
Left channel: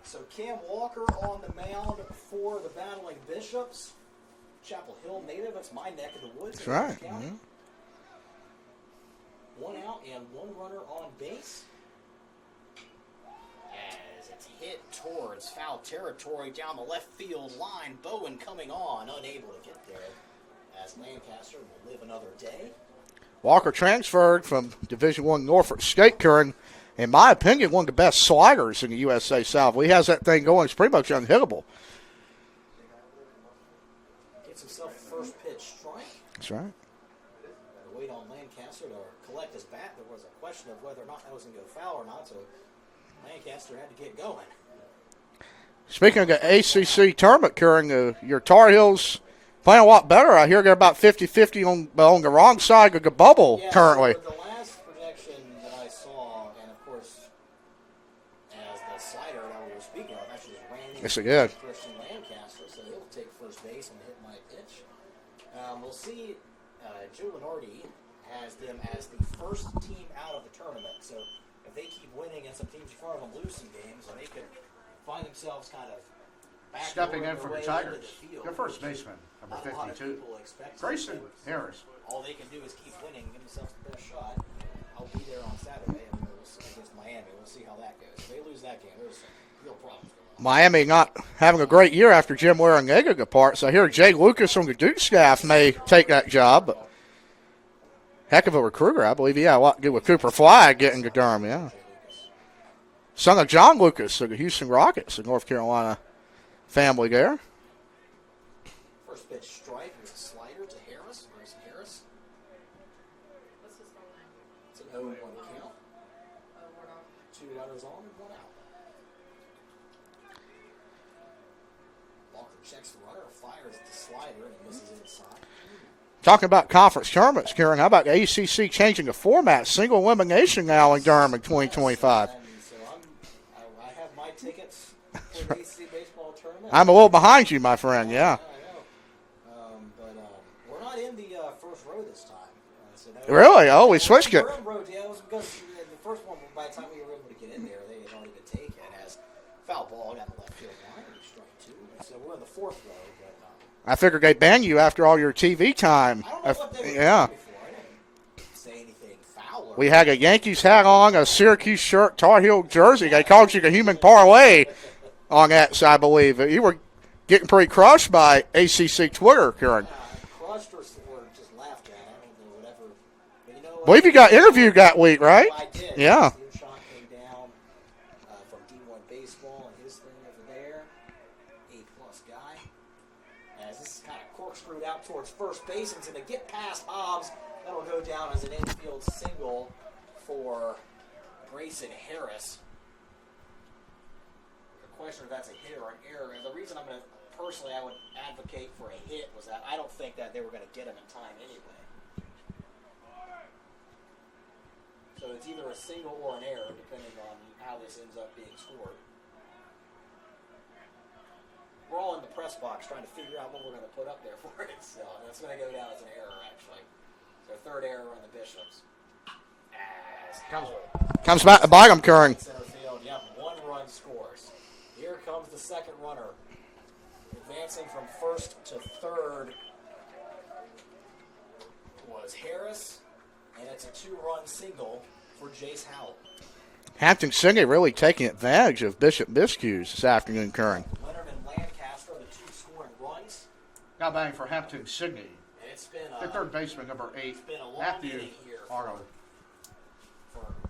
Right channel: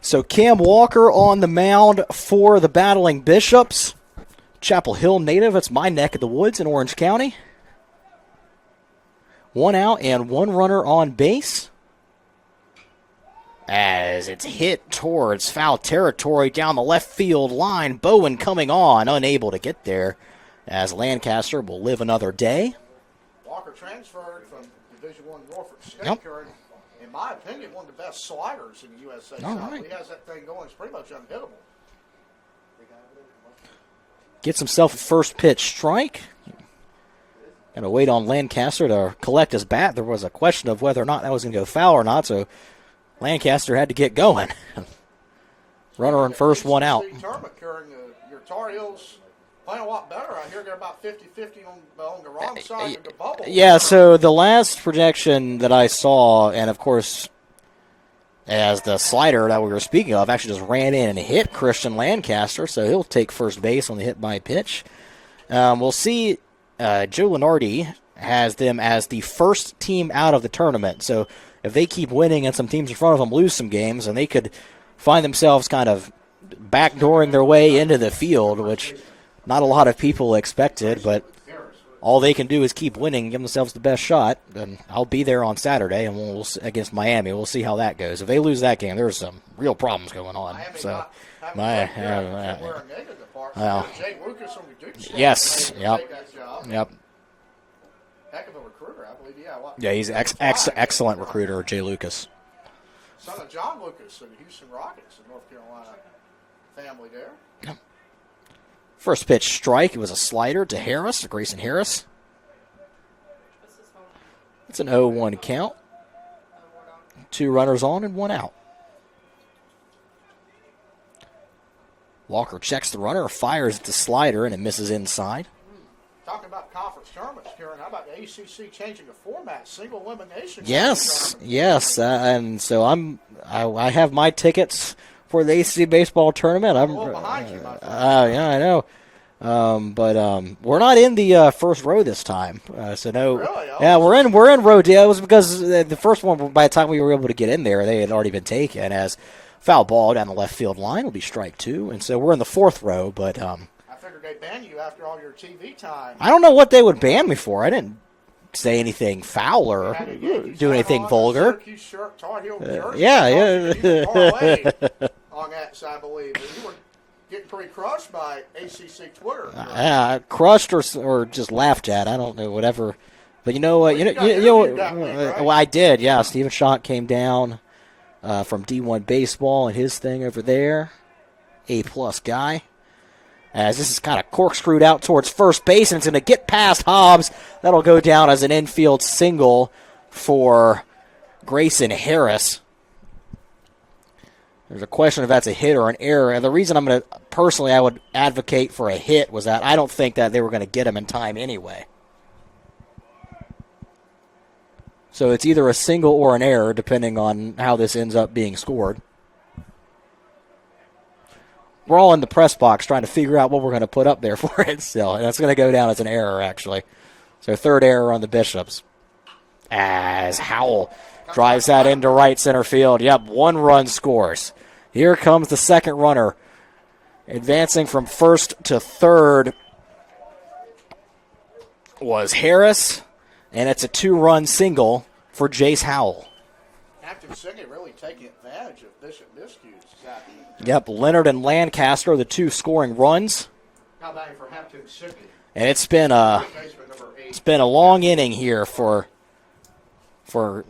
So Cam Walker on the mound for the Battling Bishops. Chapel Hill native. It's my neck of the woods in Orange County. 1 out and 1 runner on base. As it's hit towards foul territory down the left field line. Bowen coming on, unable to get there, as Lancaster will live another day. Walker transferred from Division I Norfolk State, Kern. In my opinion, one of the best sliders in the USA South. He has that thing going. It's pretty much unhittable. Gets himself a first pitch strike. That's right. Going to wait on Lancaster to collect his bat. There was a question of whether or not that was going to go foul or not, so Lancaster had to get going. Speaking of the ACC tournament, Kern, your Tar Heels Playing a lot better. I hear they're about 50-50 on the wrong side of the bubble. Yeah, currently. so the last projection that I saw, and of course, as the slider that we were speaking of actually just ran in and hit Christian Lancaster, so he'll take first base on the hit by pitch. We'll see. Joe Lenardi has them as the first team out of the tournament, so if they keep winning and some teams in front of them lose some games, and they could find themselves kind of backdooring their way into the field, which not a lot of people expected, but all they can do is keep winning, give themselves the best shot. And I'll be there on Saturday, and we'll against Miami. We'll see how that goes. If they lose that game, there's some real problems going on. Miami not having a great year after Jim Ware and Egg apart. So here, Jay Lucas on the Duke staff may take that job. Yep. Heck of a recruiter, I believe. Yeah, he's Cooper Flag excellent getting recruiter, Durham, Jay Lucas. Son of John Lucas of the Houston Rockets, the North Carolina family there. First pitch strike. It was a slider to Harris, to Grayson Harris. It's an 0-1 count. 2 runners on and 1 out. Walker checks the runner, fires at the slider, and it misses inside. Talking about conference tournaments, Karen, how about the ACC changing the format? Single elimination now in Durham in 2025. Yes, and so I have my tickets for the ACC baseball tournament. I'm a little behind you, my friend. Yeah, I know. But we're not in the first row this time. So no. Really? Oh, yeah, we're in row D. It was because the first one, by the time we were able to get in there, they had already been taken as foul ball down the left field line will be strike 2. And so we're in the 4th row, but I figured they'd ban you after all your TV time. I don't know what they would ban me for. I didn't say anything foul or we had a Yankees hat on, vulgar. A Syracuse shirt, Tar Heel jersey. They called you a human parlay on that, so I believe. You were getting pretty crushed by ACC Twitter, Karen. Yeah, crushed or just laughed at. I don't know, whatever. But you know what? Well, you got interviewed that week, right? Well, I did, yeah. Stephen Schott came down from D1 Baseball and his thing over there. A-plus guy. As this is kind of corkscrewed out towards first base, and it's going to get past Hobbs. That'll go down as an infield single for Grayson Harris. There's a question if that's a hit or an error. And the reason I would advocate for a hit was that I don't think that they were going to get him in time anyway. So it's either a single or an error, depending on how this ends up being scored. We're all in the press box trying to figure out what we're going to put up there for it still. And that's going to go down as an error, actually. So 3rd error on the Bishops. As Howell drives that into right center field. Yep, 1 run scores. Here comes the second runner. Advancing from first to third was Harris. And it's a 2-run single for Jace Howell. Hampton Sydney really taking advantage of Bishop miscues this afternoon, Karen. Yep, Leonard and Lancaster are the 2 scoring runs. Now batting for Hampton Sydney. And it's been a long inning here for the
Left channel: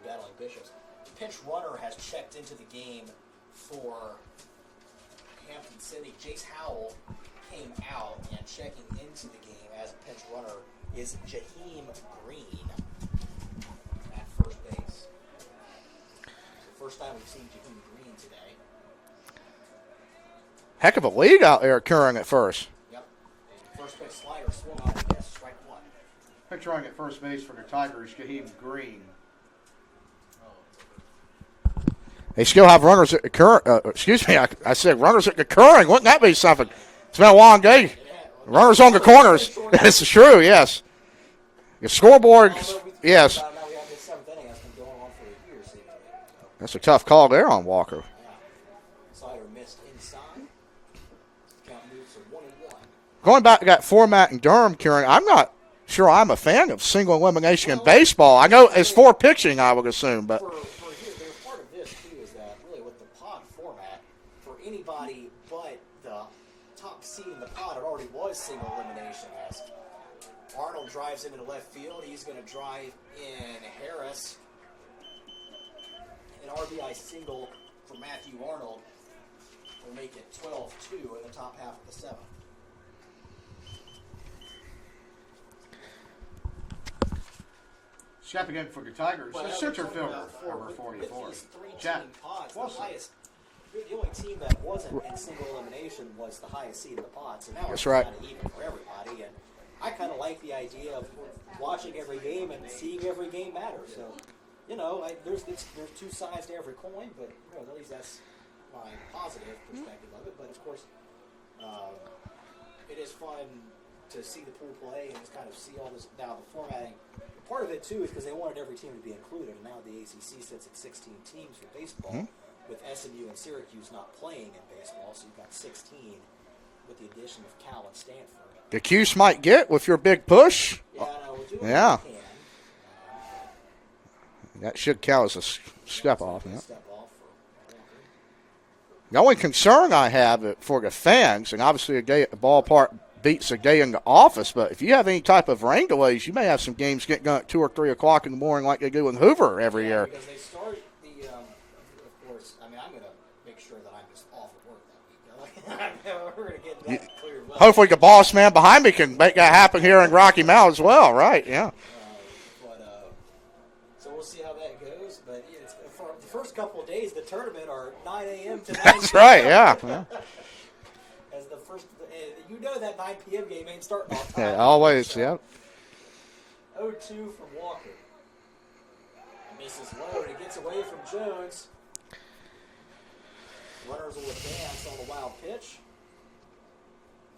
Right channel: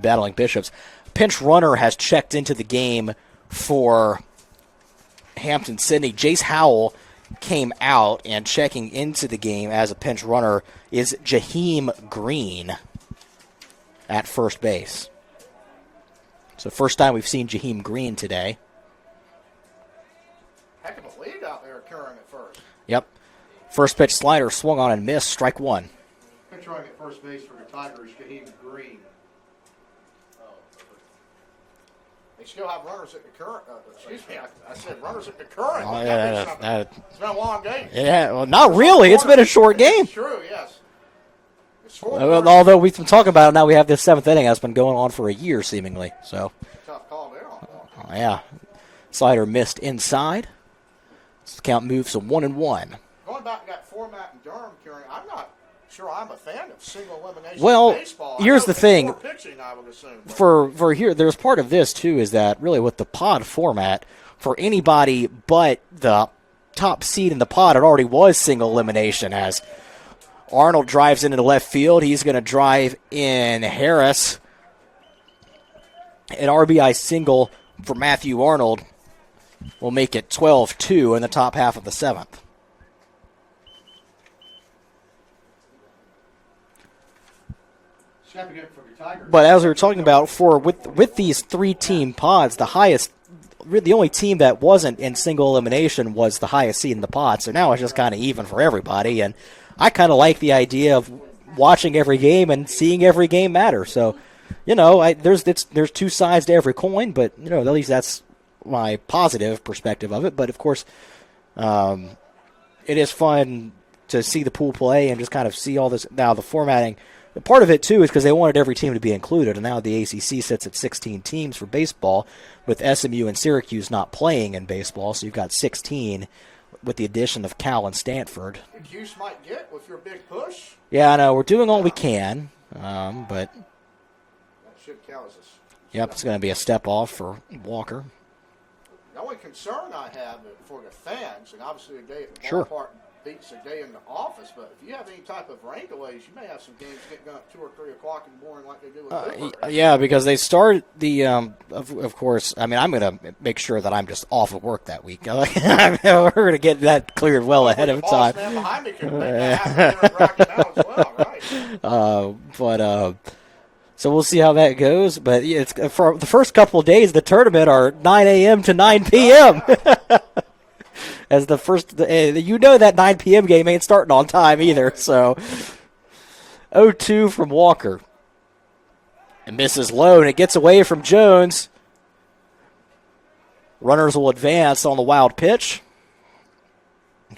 Battling Bishops. Pinch runner has checked into the game for Hampton Sydney. Jace Howell came out, and checking into the game as a pinch runner is Jaheim Green at first base. So first time we've seen Jaheim Green today. Heck of a lead out there occurring at first. Yep. First pitch slider swung on and missed, strike 1. Picturing at first base for the Tigers, Jaheim Green. They still have runners at the current. I said runners at the current. Wouldn't that be something? It's been a long day. Yeah, well, not really. It's been a short game. That's true, yes. The scoreboard. Although we've been talking about it now, we have this 7th inning that's been going on for a year, seemingly. So that's a tough call there on Walker. Yeah. Slider missed inside. So the count moves to 1-1. Going back to that format in Durham, Karen, I'm not sure I'm a fan of single elimination in baseball. I know it's for pitching, I would assume. But for here, there's part of this, too, is that really with the pod format, for anybody but the top seed in the pod, it already was single elimination as Arnold drives into the left field. He's going to drive in Harris. An RBI single for Matthew Arnold will make it 12-2 in the top half of the 7th. But as we were talking about, with these 3-team pods, the highest the only team that wasn't in single elimination was the highest seed in the pot. So now it's just right. kind of even for everybody. And I kind of like the idea of watching every game and seeing every game matter. So, there's two sides to every coin, but at least that's my positive perspective of it. But of course, it is fun to see the pool play and just kind of see all this. Now the formatting. Part of it, too, is because they wanted every team to be included, and now the ACC sits at 16 teams for baseball, with SMU and Syracuse not playing in baseball, so you've got 16 with the addition of Cal and Stanford. The Cuse might get with your big push. Yeah, I know. We're doing all we can, but that should count as a step it's going to be a step off for Walker. The only concern I have for the fans, and obviously a day at the ballpark beats a day in the office, but if you have any type of rain delays, you may have some games getting going at 2 or 3 o'clock in the morning like they do in Hoover every year. Because they start the, of course, I'm going to make sure that I'm just off of work that week. We're going to get that cleared well. Hopefully the boss man behind me can make that happen here in Rocky Mount as well, right? Yeah. So we'll see how that goes. But it's for the first couple of days, the tournament are 9 a.m. to 9 p.m. Right, yeah. As the first, that 9 p.m. game ain't starting on time either. Always, so, 0-2 from Walker. And misses low, and it gets away from Jones. Runners will advance on the wild pitch.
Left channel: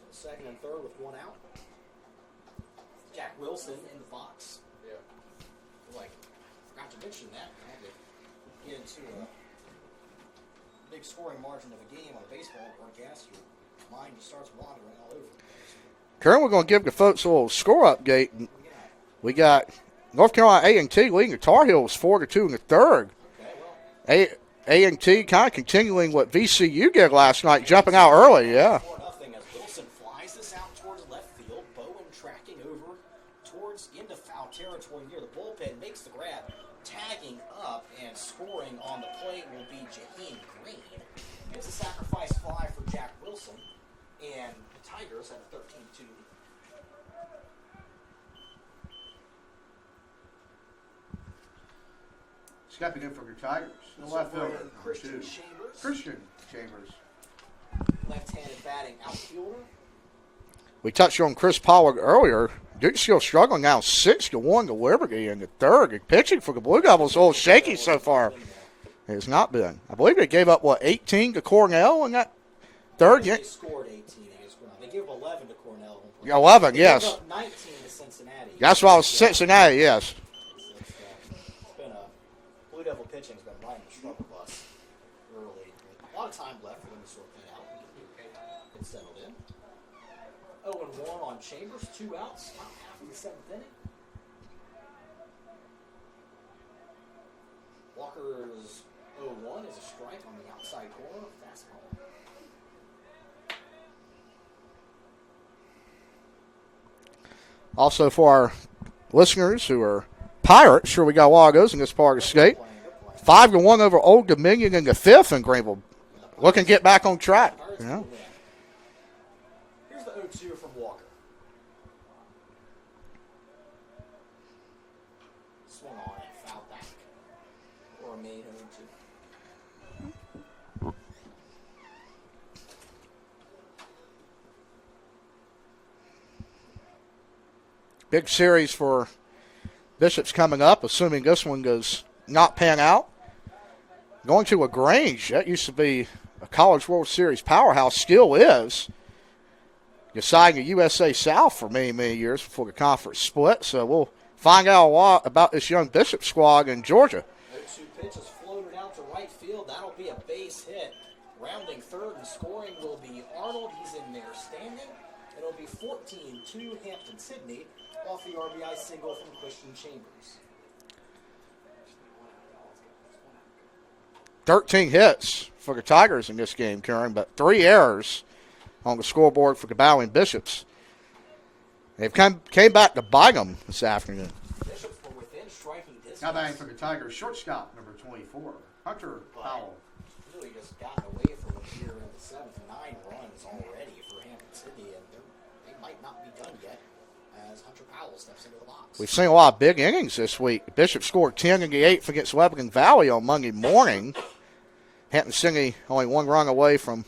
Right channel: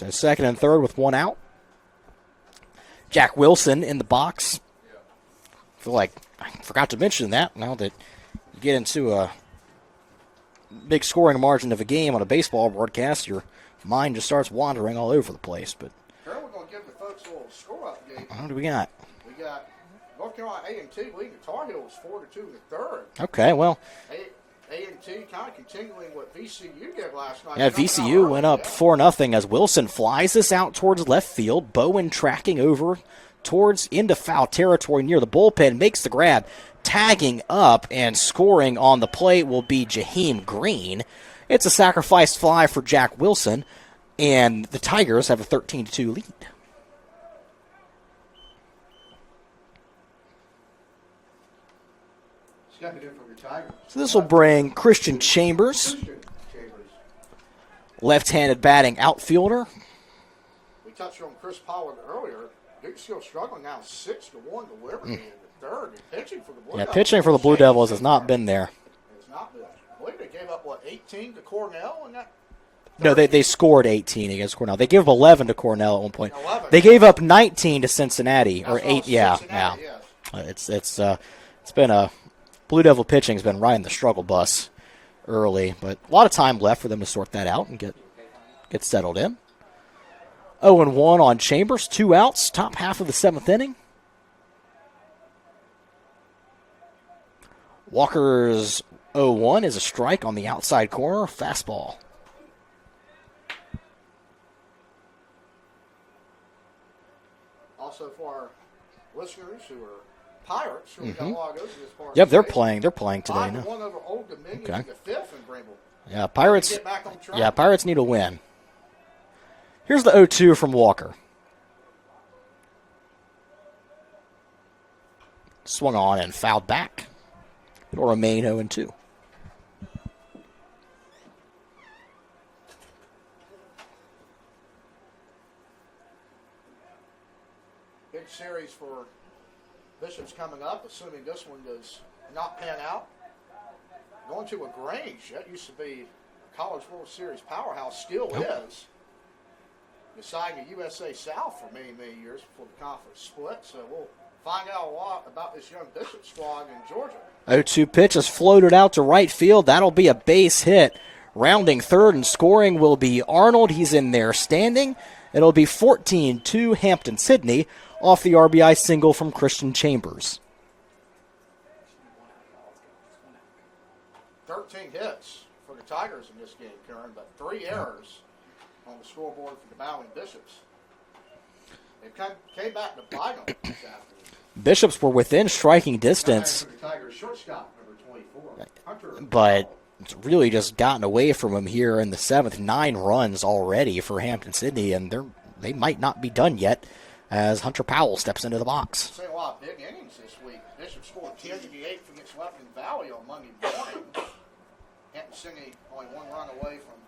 So second and third with one out. Jack Wilson in the box. I feel like I forgot to mention that now that you get into a big scoring margin of a game on a baseball broadcast, your mind just starts wandering all over the place. But currently, we're going to give the folks a little score update. What do we got? We got North Carolina A&T leading the Tar Heels 4-2 in the third. Okay, well, A&T kind of continuing what VCU did last night, jumping VCU out early. Went up 4-0 as Wilson flies this out towards left field. Bowen tracking over into foul territory near the bullpen, makes the grab. Tagging up and scoring on the plate will be Jaheim Green. It's a sacrifice fly for Jack Wilson, and the Tigers have a 13-2 lead. Stepping in for your Tigers. So this will bring Christian Chambers, left-handed batting outfielder. We touched on Chris Pollard earlier. Duke's still struggling now, 6-1 to Liberty in the third. Pitching for the Blue Devils. Pitching for the Blue Devils has not been there. It has not been. I believe they gave up, 18 to Cornell in that third? No, they scored 18 against Cornell. They gave up 11 to Cornell at one point. 11, They gave up 19 to Cincinnati. That's why Cincinnati, yes. It's been a Blue Devil pitching's been riding the struggle bus early, but a lot of time left for them to sort that out and get settled in. 0-1 on Chambers, 2 outs, top half of the 7th inning. Walker's 0-1 is a strike on the outside corner, fastball. Also for our listeners who are Pirates, sure we got Lagos in this part of the state. They're playing. 5-1 over Old Dominion in the 5th in Greenville. Yeah, Pirates looking to get back on track. Yeah, Pirates need a win. Here's the 0-2 from Walker. Swung on and fouled back. It'll remain 0-2. Big series for Bishops coming up, assuming this one does not pan out. Going to LaGrange, that used to be a College World Series powerhouse, still is. Deciding the USA South for many, many years before the conference split. So we'll find out a lot about this young Bishop squad in Georgia. 0-2 pitch is floated out to right field. That'll be a base hit. Rounding third and scoring will be Arnold. He's in there standing. It'll be 14-2 Hampden-Sydney off the RBI single from Christian Chambers. 13 hits for the Tigers in this game, Karen, but 3 errors on the scoreboard for the Bowling Bishops. They've came back to bite them this afternoon. Bishops were within striking distance. For the Tigers, shortstop number 24, Hunter. But it's really just gotten away from him here in the 7th. 9 runs already for Hampden-Sydney, and they might not be done yet as Hunter Powell steps into the box. We've seen a lot of big innings this week. Bishop scored 10 in the 8th against Lebanon Valley on Monday morning. Hampton City only one run away from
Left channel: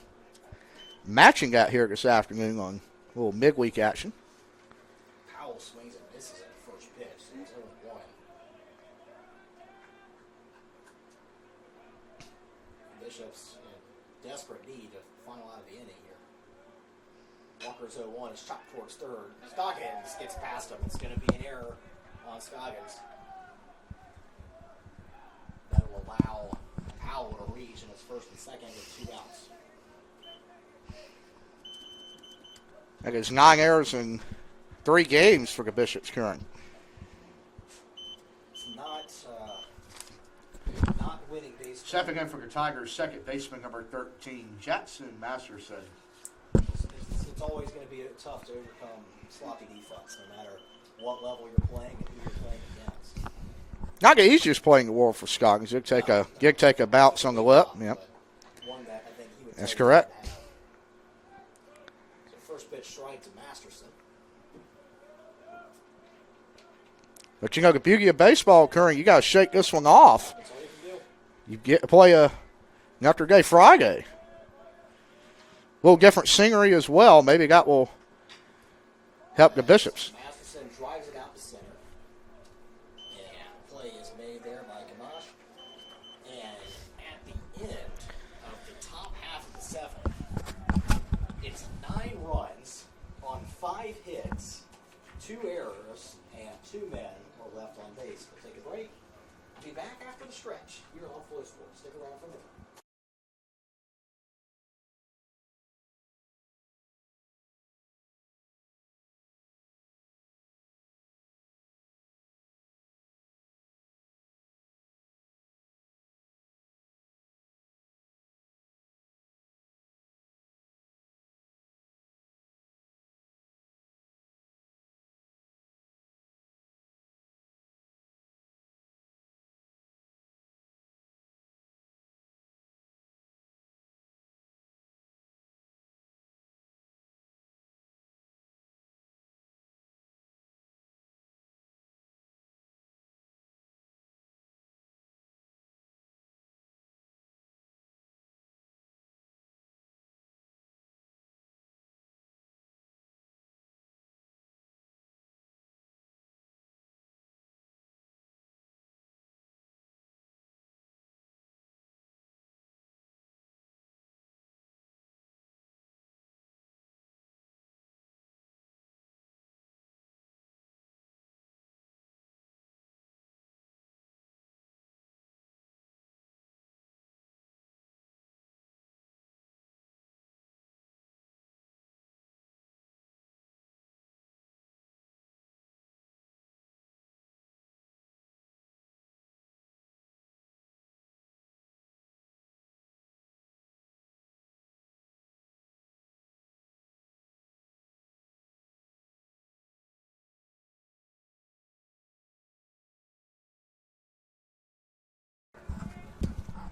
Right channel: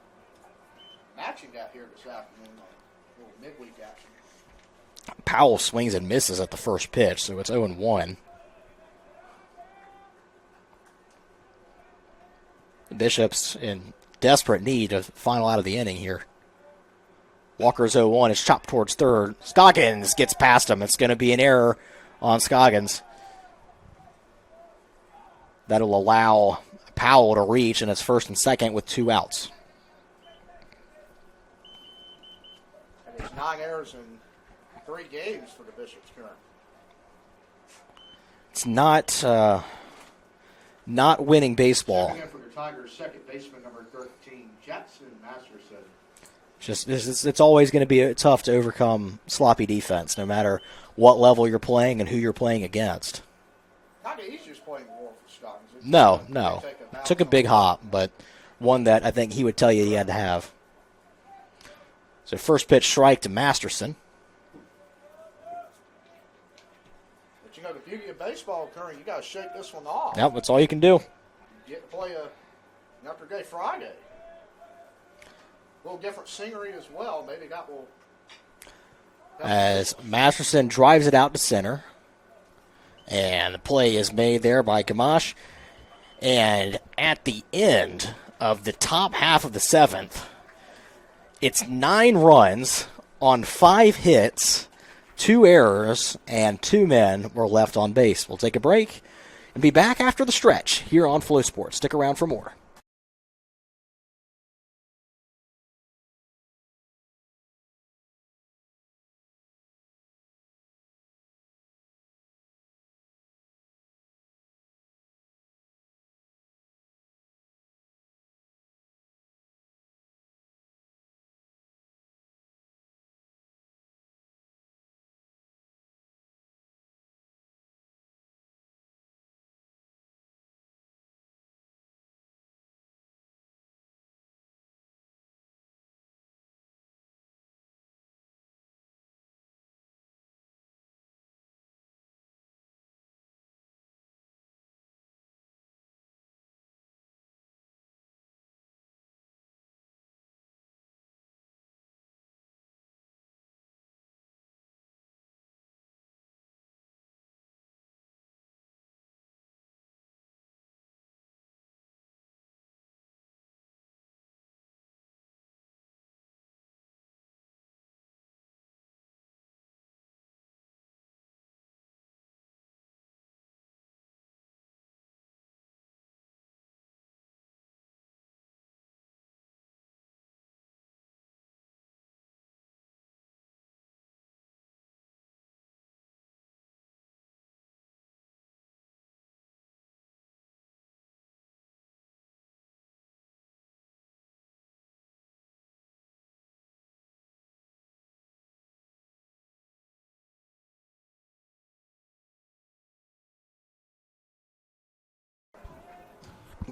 matching that here this afternoon on a little midweek action. Powell swings and misses at the first pitch, so it's 0-1. Bishop's in desperate need of final out of the inning here. Walker's 0-1. It's chopped towards third. Scoggins gets past him. It's going to be an error on Scoggins. That'll allow Powell to reach, and it's first and second with 2 outs. That is 9 errors in 3 games for the Bishops current. It's not winning baseball. Second in for the Tigers, second baseman number 13, Jackson Masterson. It's always going to be tough to overcome sloppy defense, no matter what level you're playing and who you're playing against. Not the easiest playing the world for Scoggins. It'd take a bounce. Took a big hop, but one that I think he would tell you he had to have. So first pitch strike to Masterson. But you know the beauty of baseball, Curran, you got to shake this one off. Yep, that's all you can do. You get to play an after day Friday. A little different scenery as well. Maybe that will help the Bishops. Masterson drives it out to center. And the play is made there by Gamache. And at the end of the top half of the 7th, it's 9 runs on 5 hits, 2 errors, and 2 men were left on base. We'll take a break and be back after the stretch here on Flow Sports. Stick around for more.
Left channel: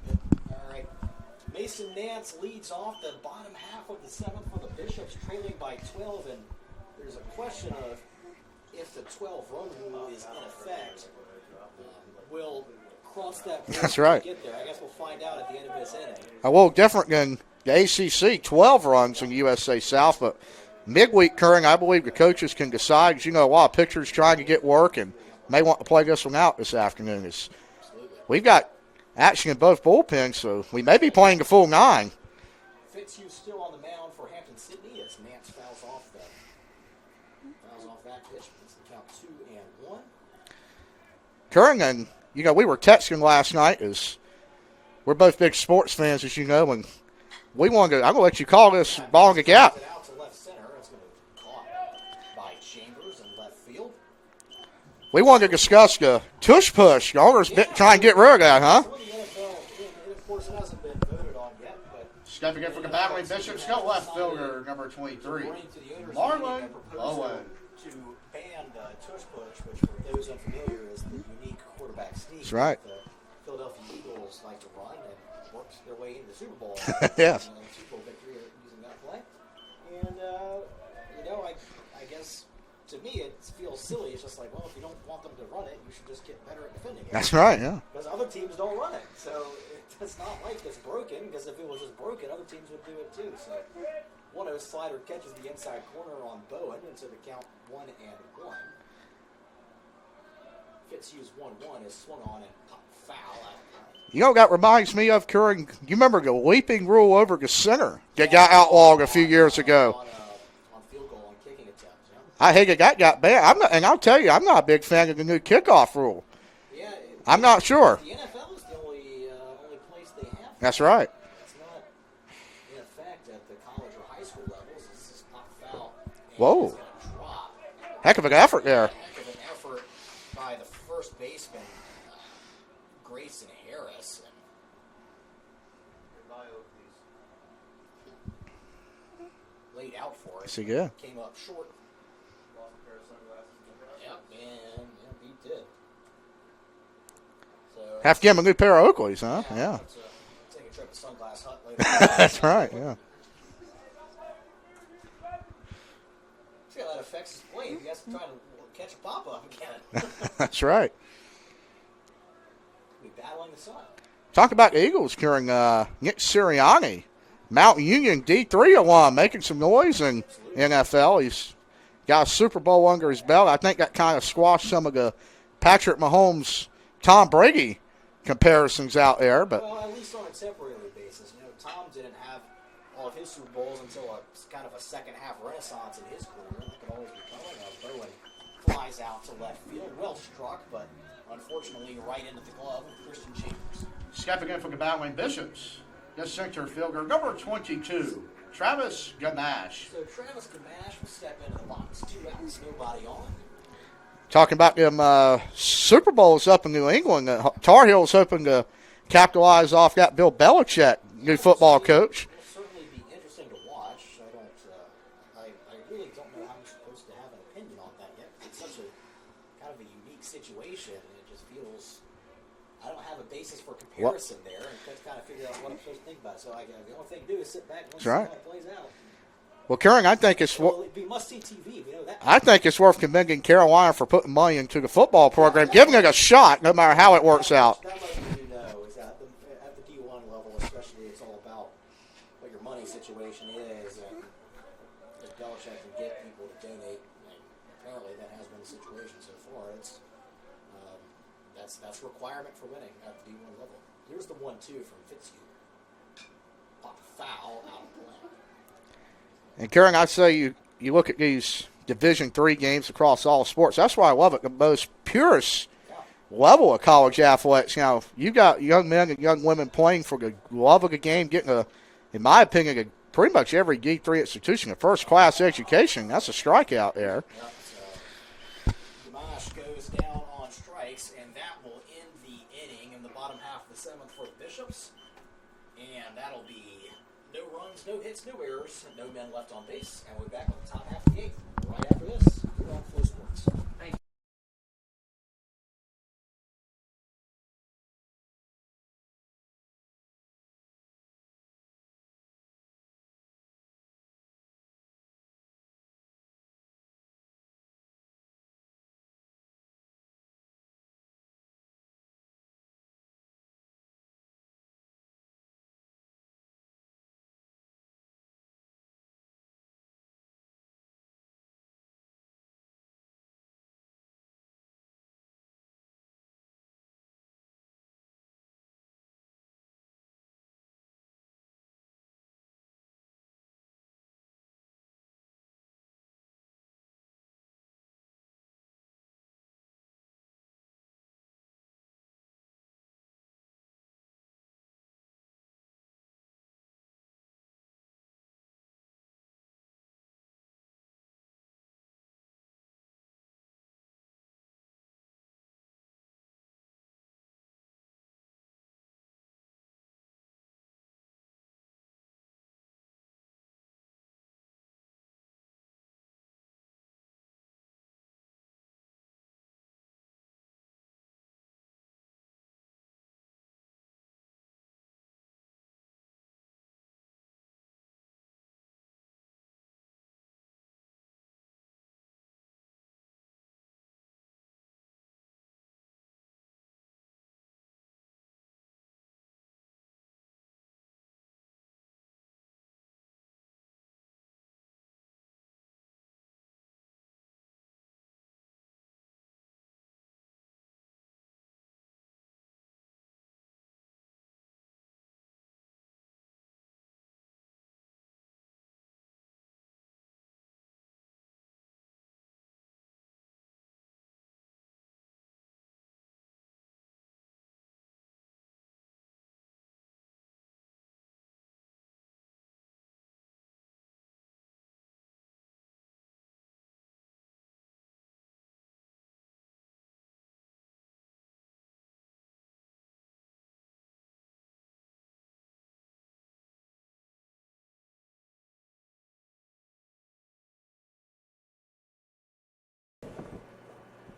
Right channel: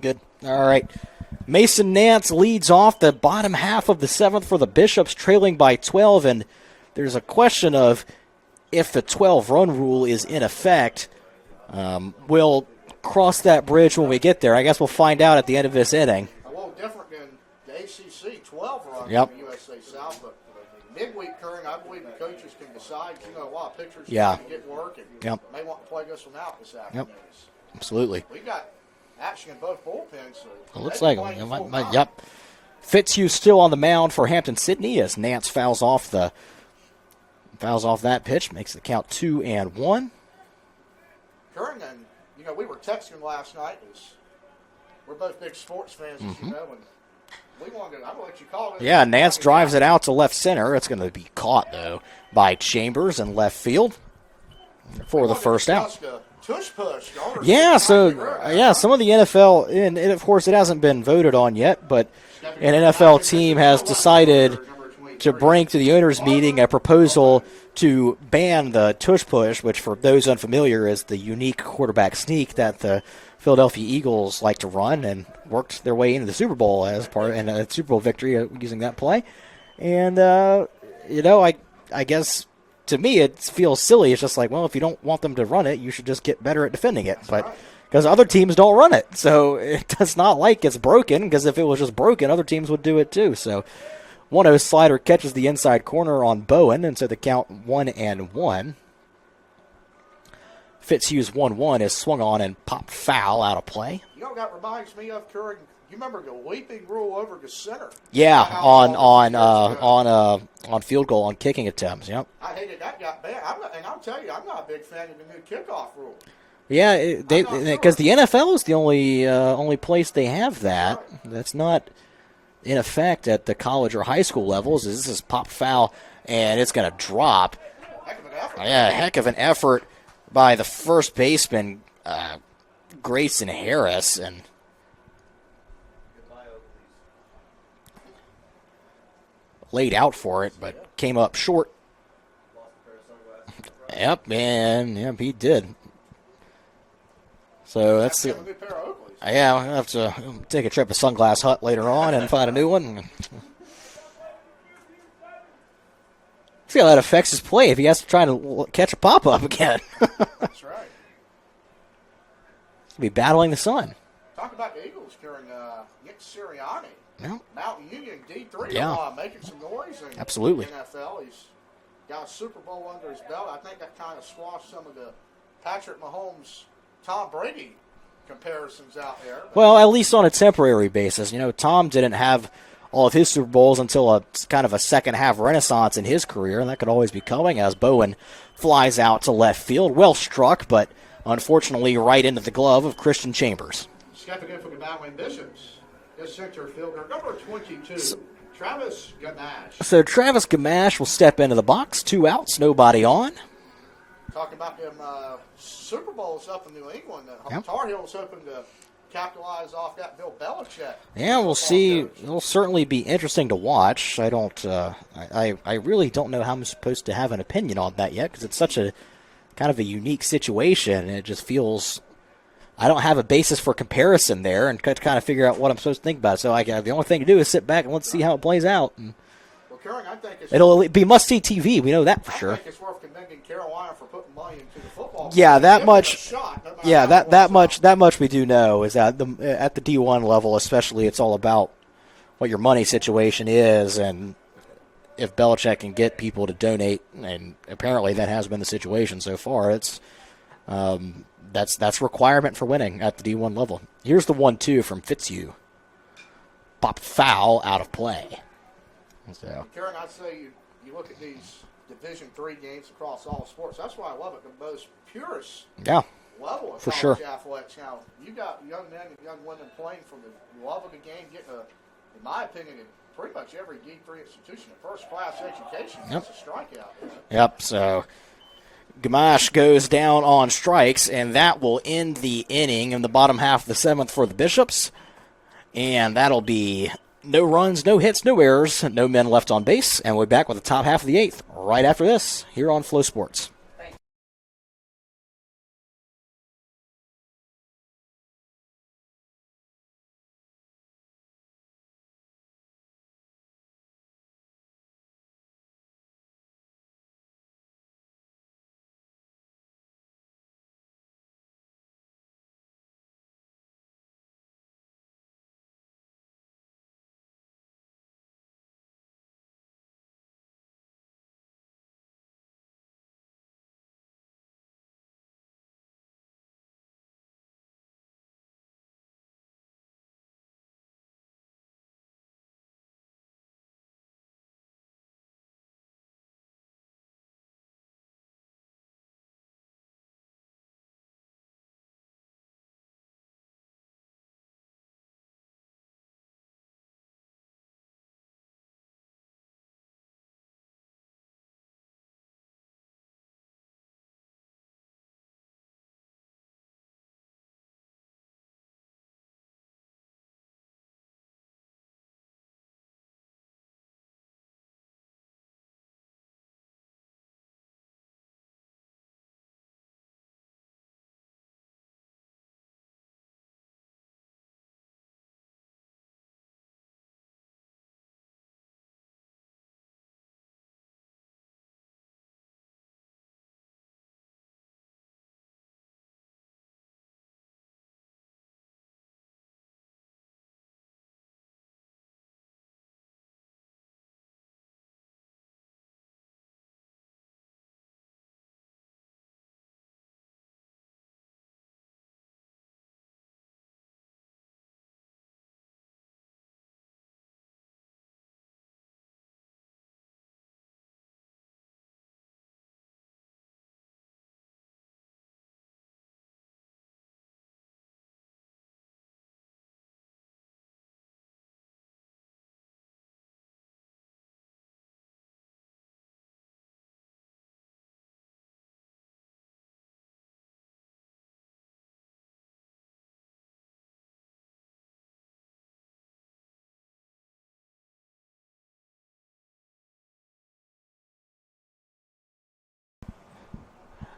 Good. All right. Mason Nance leads off the bottom half of the 7th for the Bishops, trailing by 12. And there's a question of if the 12-run rule is in effect. We'll cross that bridge when we get there. I guess we'll find out at the end of this inning. A little different than the ACC, 12 runs in the USA South. But midweek, Curran, I believe the coaches can decide. 'Cause, you know, a lot of pitchers trying to get work and may want to play this one out this afternoon. Absolutely. We've got action in both bullpens, so we may be playing the full 9. Yep. Fitzhugh still on the mound for Hampton Sydney as Nance fouls off that pitch, makes the count 2-1. Curran, and you know, we were texting last night as we're both big sports fans, as you know, and we want to. I'm gonna let you call this. Yeah, Nance drives it out to left center. It's going to be caught though by Chambers in left field. We wanted to discuss the tush push. The owners trying to get rid of that. Yeah, some of the NFL, and of course it hasn't been voted on yet, but an NFL team has decided to bring to the owners' meeting a proposal to ban the tush push, which for those unfamiliar is the unique quarterback sneak that the Philadelphia Eagles like to run and worked their way into the Super Bowl as a part in a Super Bowl victory using that play. And, you know, I guess to me, it feels silly. It's just like, well, if you don't want them to run it, you should just get better at defending it. That's right, yeah. Because other teams don't run it. So it's not like it's broken, because if it was just broken, other teams would do it too. So 1-0 slider catches the inside corner on Bowen, and so the count 1-1. Fitzhugh's 1-1 is swung on and popped foul out of play. You know what that reminds me of, Curran? You remember the leaping rule over the center? Yeah, got outlawed a few years ago. On field goal, on kicking attempts, yep. I hate that got banned. And I'll tell you, I'm not a big fan of the new kickoff rule. Yeah, I'm not sure. Because the NFL is the only place they have that. That's right. That's not in effect at the college or high school levels. This is pop foul, and it's going to drop. Heck of an effort. Yeah, heck of an effort by the first baseman, Grayson Harris, and laid out for it, but came up short. Yep, he did. So have to give him a new pair of Oakleys. Huh? Yeah, I'll have to take a trip to Sunglass Hut later on and find a new one. See how that affects his play if he has to try to catch a pop-up again. That's right. He'll be battling the sun. Talk about the Eagles carrying Nick Sirianni, Mount Union D3 alum, making some noise in NFL. He's got a Super Bowl under his belt. I think that kind of squashed some of the Patrick Mahomes, Tom Brady comparisons out there. But well, at least on a temporary basis. You know, Tom didn't have all of his Super Bowls until a kind of a second-half renaissance in his career, and that could always be coming as Bowen flies out to left field. Well struck, but unfortunately right into the glove of Christian Chambers. Stepping in for the Battling Bishops, the center fielder, number 22, Travis Gamache. So Travis Gamache will step into the box. 2 outs, nobody on. Talking about them Super Bowls up in New England, Tar Heels hoping to capitalize off that Bill Belichick, new football coach. It'll certainly be interesting to watch. I don't, I really don't know how I'm supposed to have an opinion on that yet, because it's such a kind of a unique situation, and it just feels I don't have a basis for comparison there, and kind of figure out what I'm supposed to think about. So the only thing to do is sit back and let's see how it plays out. Well, Karen, I think it'll be must-see TV. We know that. I think it's worth commending Carolina for putting money into the football program. Yeah, give it a shot, no matter how it works out. That much we do know is that at the D1 level, especially, it's all about what your money situation is, and if Belichick can get people to donate, and apparently that has been the situation so far. It's that's a requirement for winning at the D1 level. Here's the 1-2 from Fitzhugh. Pop foul out of play. So. And Karen, I say you look at these Division III games across all sports. That's why I love it. The most purest level of college athletics. You know, you got young men and young women playing for the love of the game, getting in my opinion, pretty much every D3 institution a first-class education. That's a strikeout there. Yep. So Gamache goes down on strikes, and that will end the inning in the bottom half of the 7th for the Bishops, and that'll be no runs, no hits, no errors, no men left on base, and we're back with the top half of the 8th right after this here on Flow Sports.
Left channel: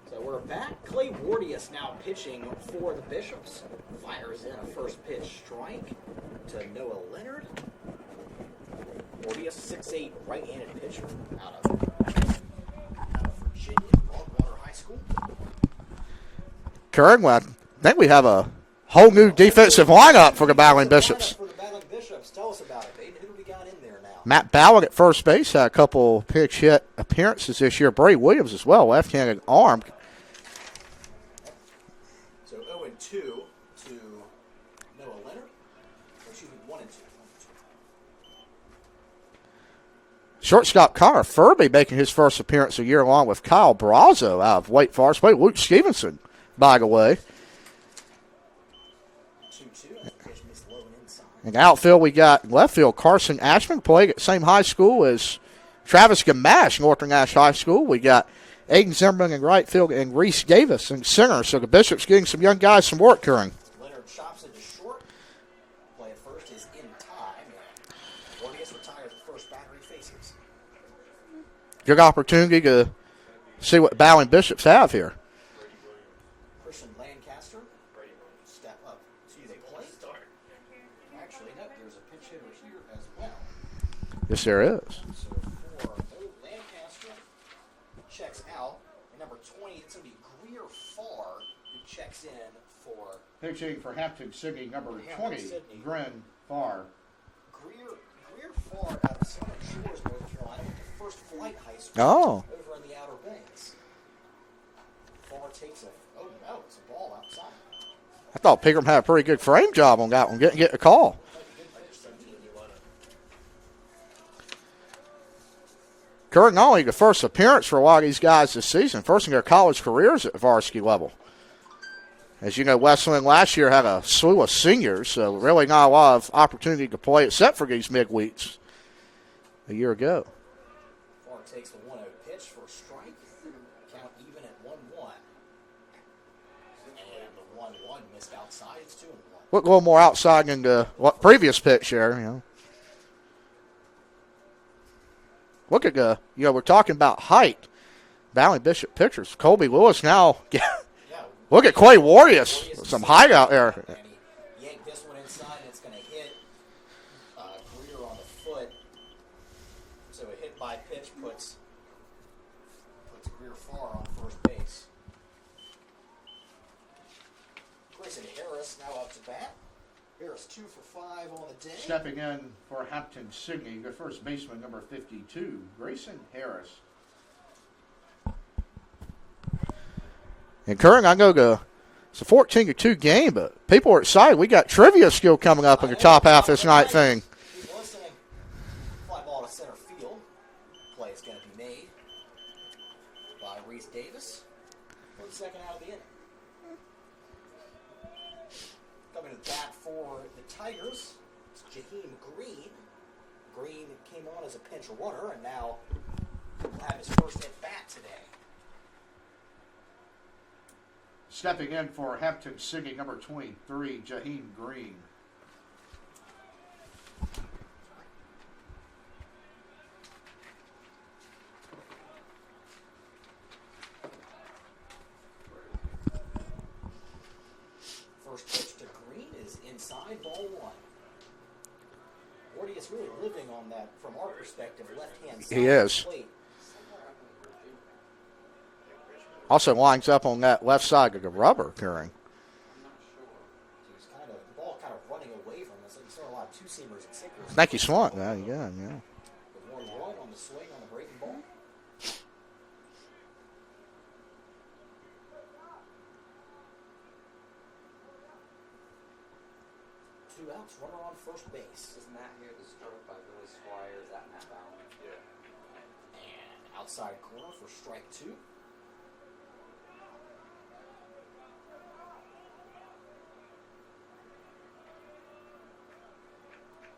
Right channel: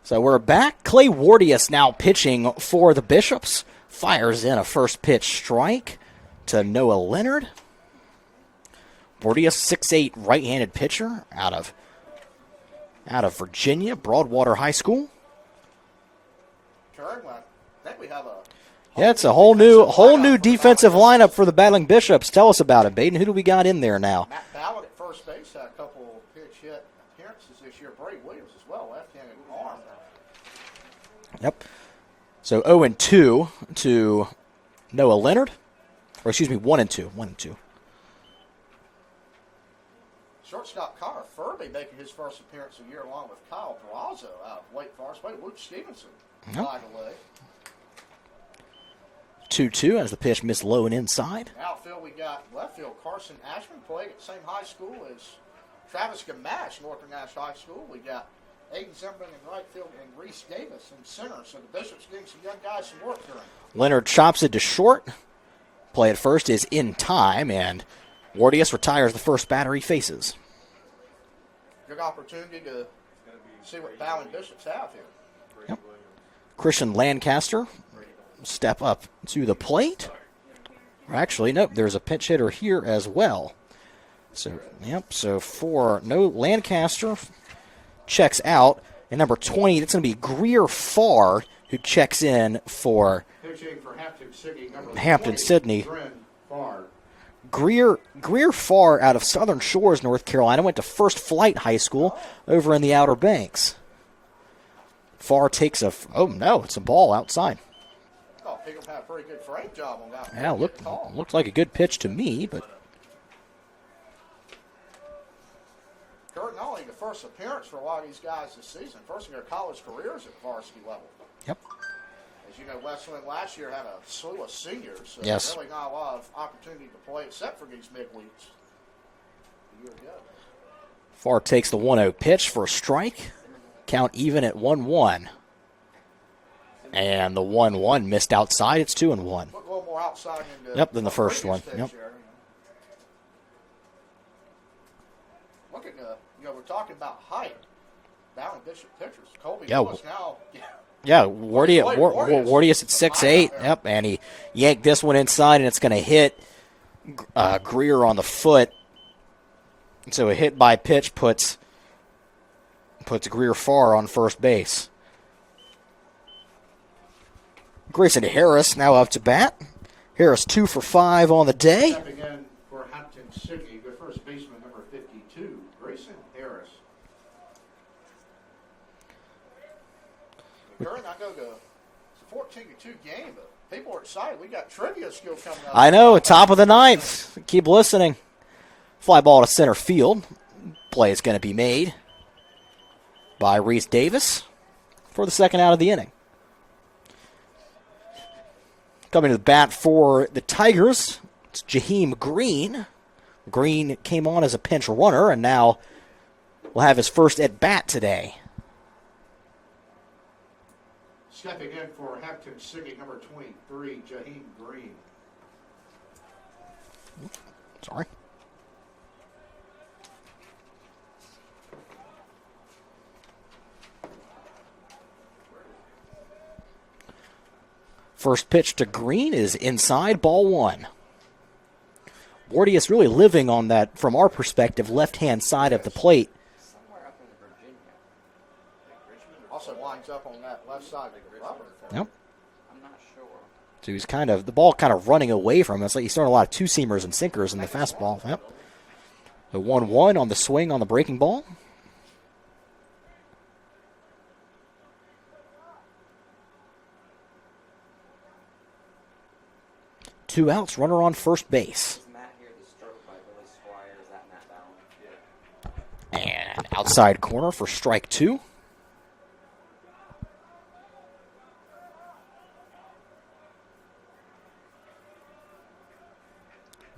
So we're back. Clay Wardius now pitching for the Bishops. Fires in a first pitch strike to Noah Leonard. Wardius, 6'8", right-handed pitcher out of Virginia, Broadwater High School. Curran, I think we have a whole new defensive lineup for the Battling Bishops. Tell us about it, Baden. Who do we got in there now? Matt Ballard at first base, had a couple pitch hit appearances this year. Brady Williams as well, left-handed arm. Yep. So 0-2 to Noah Leonard. Or excuse me, 1-2. 1-2. Shortstop Connor Furby making his first appearance a year along with Kyle Brazo out of Wake Forest. Luke Stevenson, by the way. 2-2 as the pitch missed low and inside. In the outfield, we got left field Carson Ashman, playing at the same high school as Travis Gamache, Northern Nash High School. We got Aiden Zimmerman in right field and Reese Davis in center. So the Bishops getting some young guys some work current. Leonard chops it to short. Play at first is in time, and Wardius retires the first batter he faces. Good opportunity to see what Battling Bishops have here. Yep. Christian Lancaster step up to the plate. Actually, nope, there's a pinch hitter here as well. Yes, there is. Yep, so Lancaster checks out. And number 20, that's going to be Greer Farr, who checks in for pitching for Hampden Sydney, Hampden Sydney. Greer Farr out of Southern Shores, North Carolina, went to First Flight High School over in the Outer Banks. Farr takes it's a ball outside. I thought Pigram had a pretty good frame job on that one. Didn't get the call. Looked like a good pitch to me, but Kurt, not only the first appearance for a lot of these guys this season, first in their college careers at the varsity level. Yep. As you know, Wesleyan last year had a slew of seniors, so really not a lot of opportunity to play except for these midweeks a year ago. Farr takes the 1-0 pitch for a strike. Count even at 1-1. And the 1-1 missed outside. It's 2-1. Look a little more outside than the previous pitch there. You know. Look at we're talking about height. Battling Bishop pitchers. Colby Lewis now. Yeah, look at Clay Wardius. Wardius at 6'8", yep, and he yanked this one inside, and it's going to hit Greer on the foot. So a hit by pitch puts Greer Farr on first base. Grayson Harris now up to bat. Harris 2 for 5 on the day. Stepping in for Hampden Sydney, the first baseman, number 52, Grayson Harris. And Curran, I know it's a 14-2 game, but people are excited. We got trivia skill coming up. I know, top of the ninth. Thing. Keep listening. Fly ball to center field. Play is going to be made by Reese Davis for the second out of the inning. Coming to the bat for the Tigers, it's Jaheim Green. Green came on as a pinch runner, and now will have his first at-bat today. Stepping in for Hampden Sydney, number 23, Jaheim Green. Sorry. First pitch to Green is inside, ball 1. Wardius really living on that, from our perspective, left-hand side of the plate. Also lines up on that left side of the rubber, Karen. Yep. So he's the ball kind of running away from him. It's like he's throwing a lot of two-seamers and sinkers in the fastball. Yep. Yeah. The 1-1 on the swing on the breaking ball. Two outs, runner on first base. And outside corner for strike 2.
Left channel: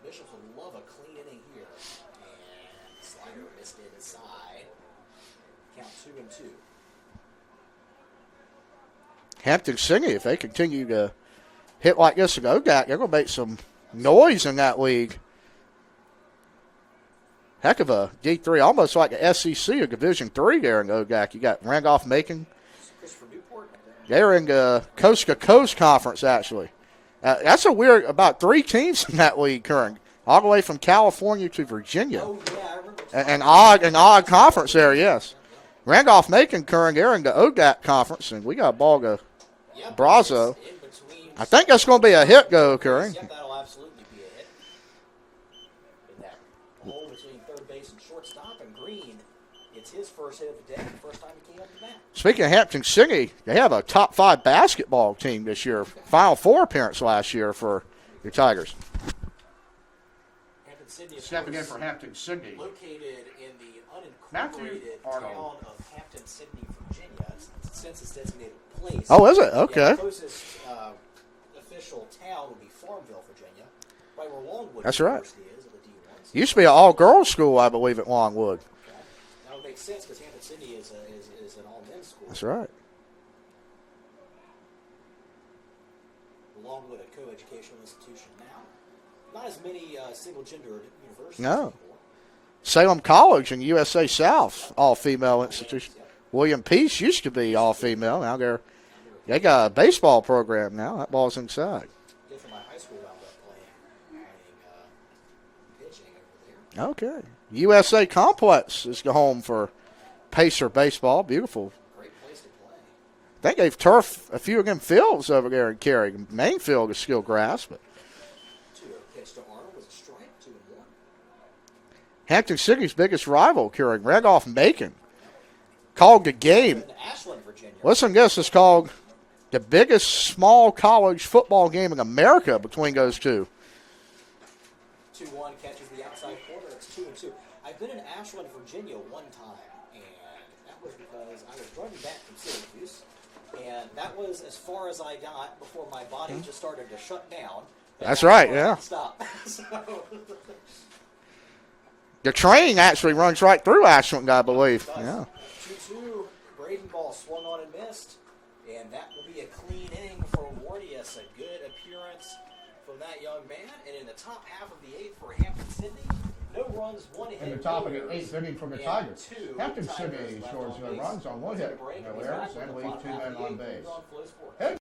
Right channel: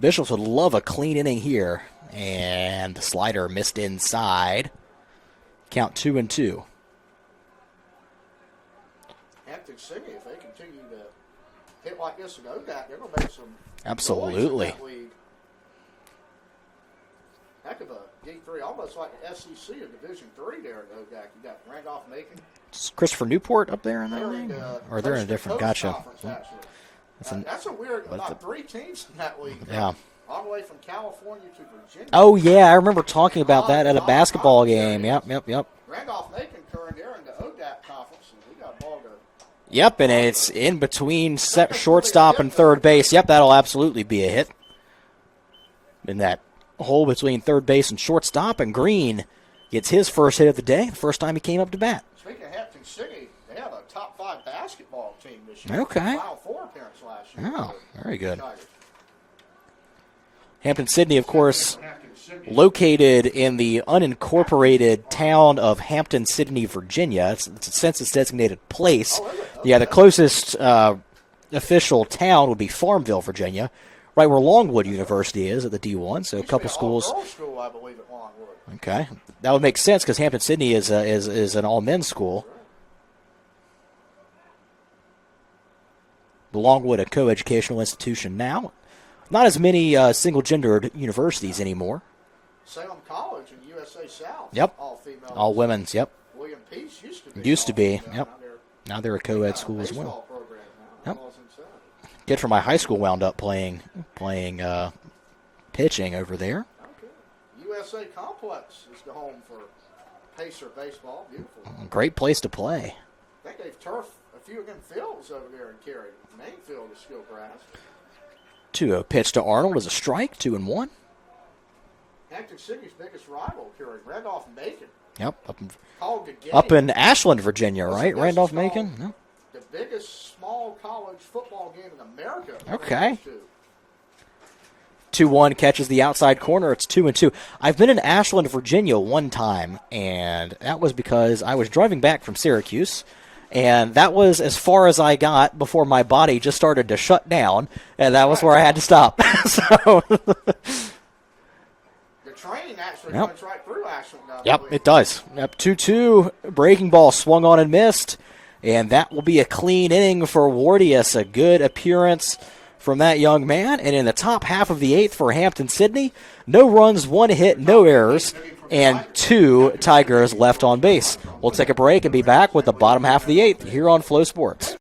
Bishops would love a clean inning here. And the slider missed inside. Count 2-2. Hampden Sydney, if they continue to hit like this and go that, they're going to make some noise in that league. Heck of a D3, almost like a SEC or Division III there in ODAC. You got Randolph-Macon, Is Christopher Newport up there? They're in the Or they're Coast in to different- Coast gotcha. Conference, actually. That's a weird, about 3 teams in that league, Kern. Yeah. All the way from California to Virginia. Oh, yeah, I remember talking An about odd- that at an a odd basketball conference game. there, yes. Yep. Randolph-Macon, Kern, they're in the ODAC Conference, and we got a ball go. Yep, and Brazo. it's in between think that's gonna be a shortstop hit and go, third base. Curry. Yep, that'll absolutely be a hit. In that hole between third base and shortstop, and Green gets his first hit of the day, first time he came up to bat. Speaking of Hampton City, they have a top 5 basketball team this year. Okay. Final 4 appearance last year Oh, for very good. the Tigers. Hampden-Sydney, of course, located in the unincorporated town of Hampden-Sydney, Virginia. It's a census-designated place. Oh, is it? Okay. Yeah, the closest official town would be Farmville, Virginia, right where Longwood That's University is at the D1. So Used a to be an couple schools- all-girls school, I believe, at Longwood. Okay, that would make sense because Hampden-Sydney is an all-men's school. That's right. Longwood, a co-educational institution now. Not as many single-gendered universities No. anymore. Salem College in USA South. Yep. All-female. All institution. women's, yep. William Peace used to be Used to be, all-female. yep. Now they're Now they're a they co-ed got a school as well. baseball program now. That Yep. ball's inside. Kid from my high school wound up playing pitching over there. Okay. USA Complex is the home for Pacer baseball. Beautiful. Great place to play. I think they've turfed a few of them fields over there in Cary. Main field is still grass, but 2-0 pitch to Arnold is a strike, 2-1. Hampton City's biggest rival, Cary, Randolph-Macon, Yep. called the game. Up in Ashland, Virginia, Listen, right? this is Randolph-Macon? called Yeah. the biggest small college football game in America between Okay. those two. 2-1 catches the outside corner. It's 2-2. I've been in Ashland, Virginia one time, and that was because I was driving back from Syracuse, and that was as far as I got before my body just started to shut down, and That's that was right, where I yeah. had to stop. So, The train actually runs right through Ashland, I yep, believe. it does. Yeah. Yep, 2-2. Breaking ball swung on and missed, and that will be a clean inning for Wardius. A good appearance from that young man. And in the top half of the 8th for Hampden-Sydney, no runs, 1 hit, no errors, and 2 Tigers left on base. We'll take a break and be back with the bottom half of the 8th here on Flow Sports.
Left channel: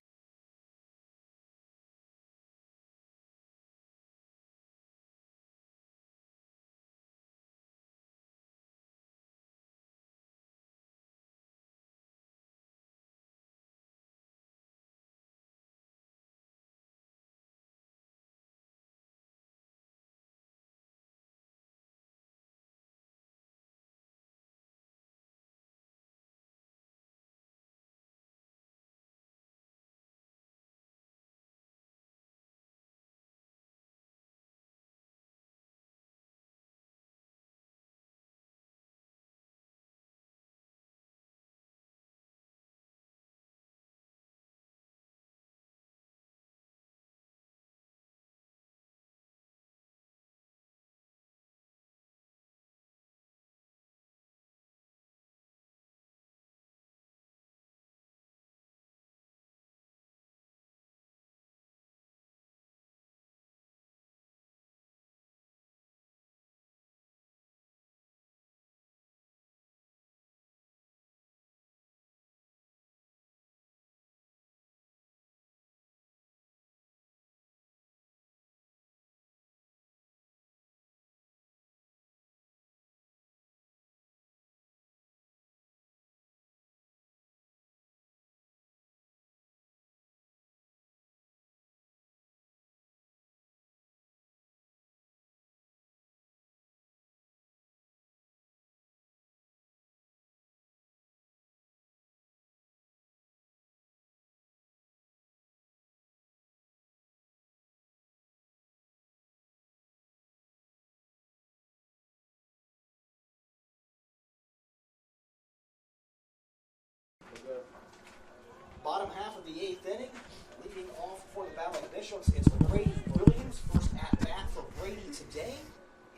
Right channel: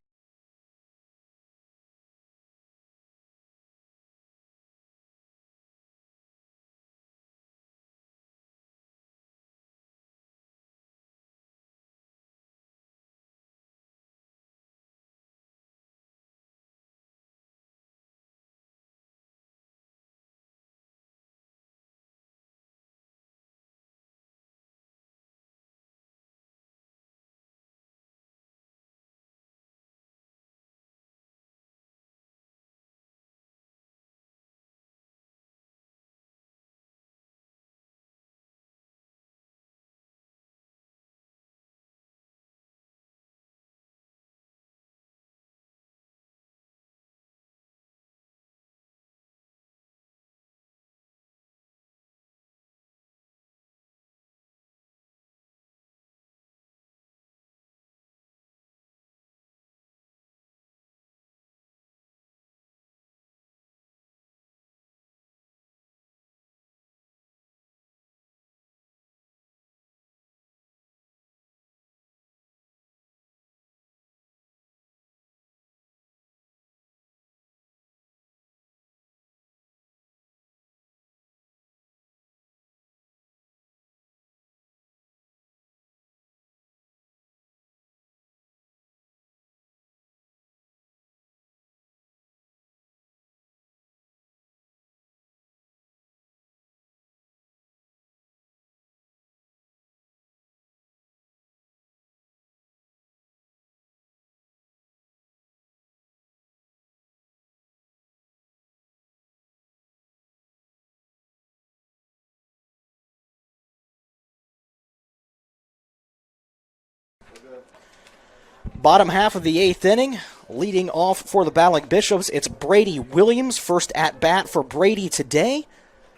Bottom half of the 8th inning, leading off for the Battling Bishops, it's Brady Williams. First at bat for Brady today.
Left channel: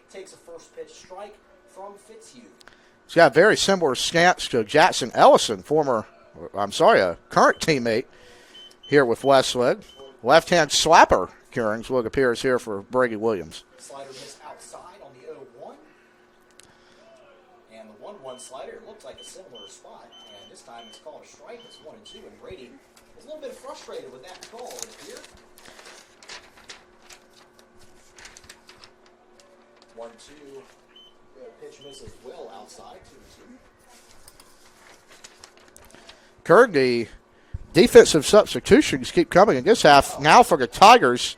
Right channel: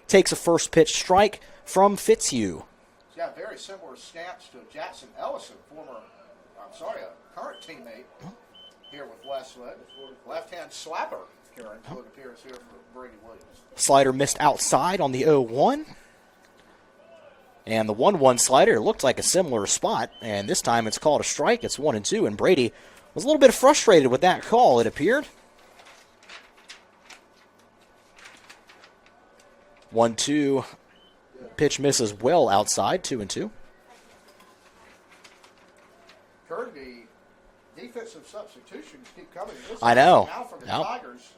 Takes a first pitch strike from Fitzhugh. He's got a very similar stance to Jackson Ellison, a current teammate here with Wesleyan. Left-hand slapper, Kearings, look appears here for Brady Williams. Slider missed outside on the 0-1. And the 1-1 slider looked like a similar spot, and this time it's called a strike. It's 1-2, and Brady was a little bit frustrated with that call, it appeared. 1-2, pitch misses well outside, 2-2. Kirk, the defensive substitutions keep coming in this half. Now for the Tigers,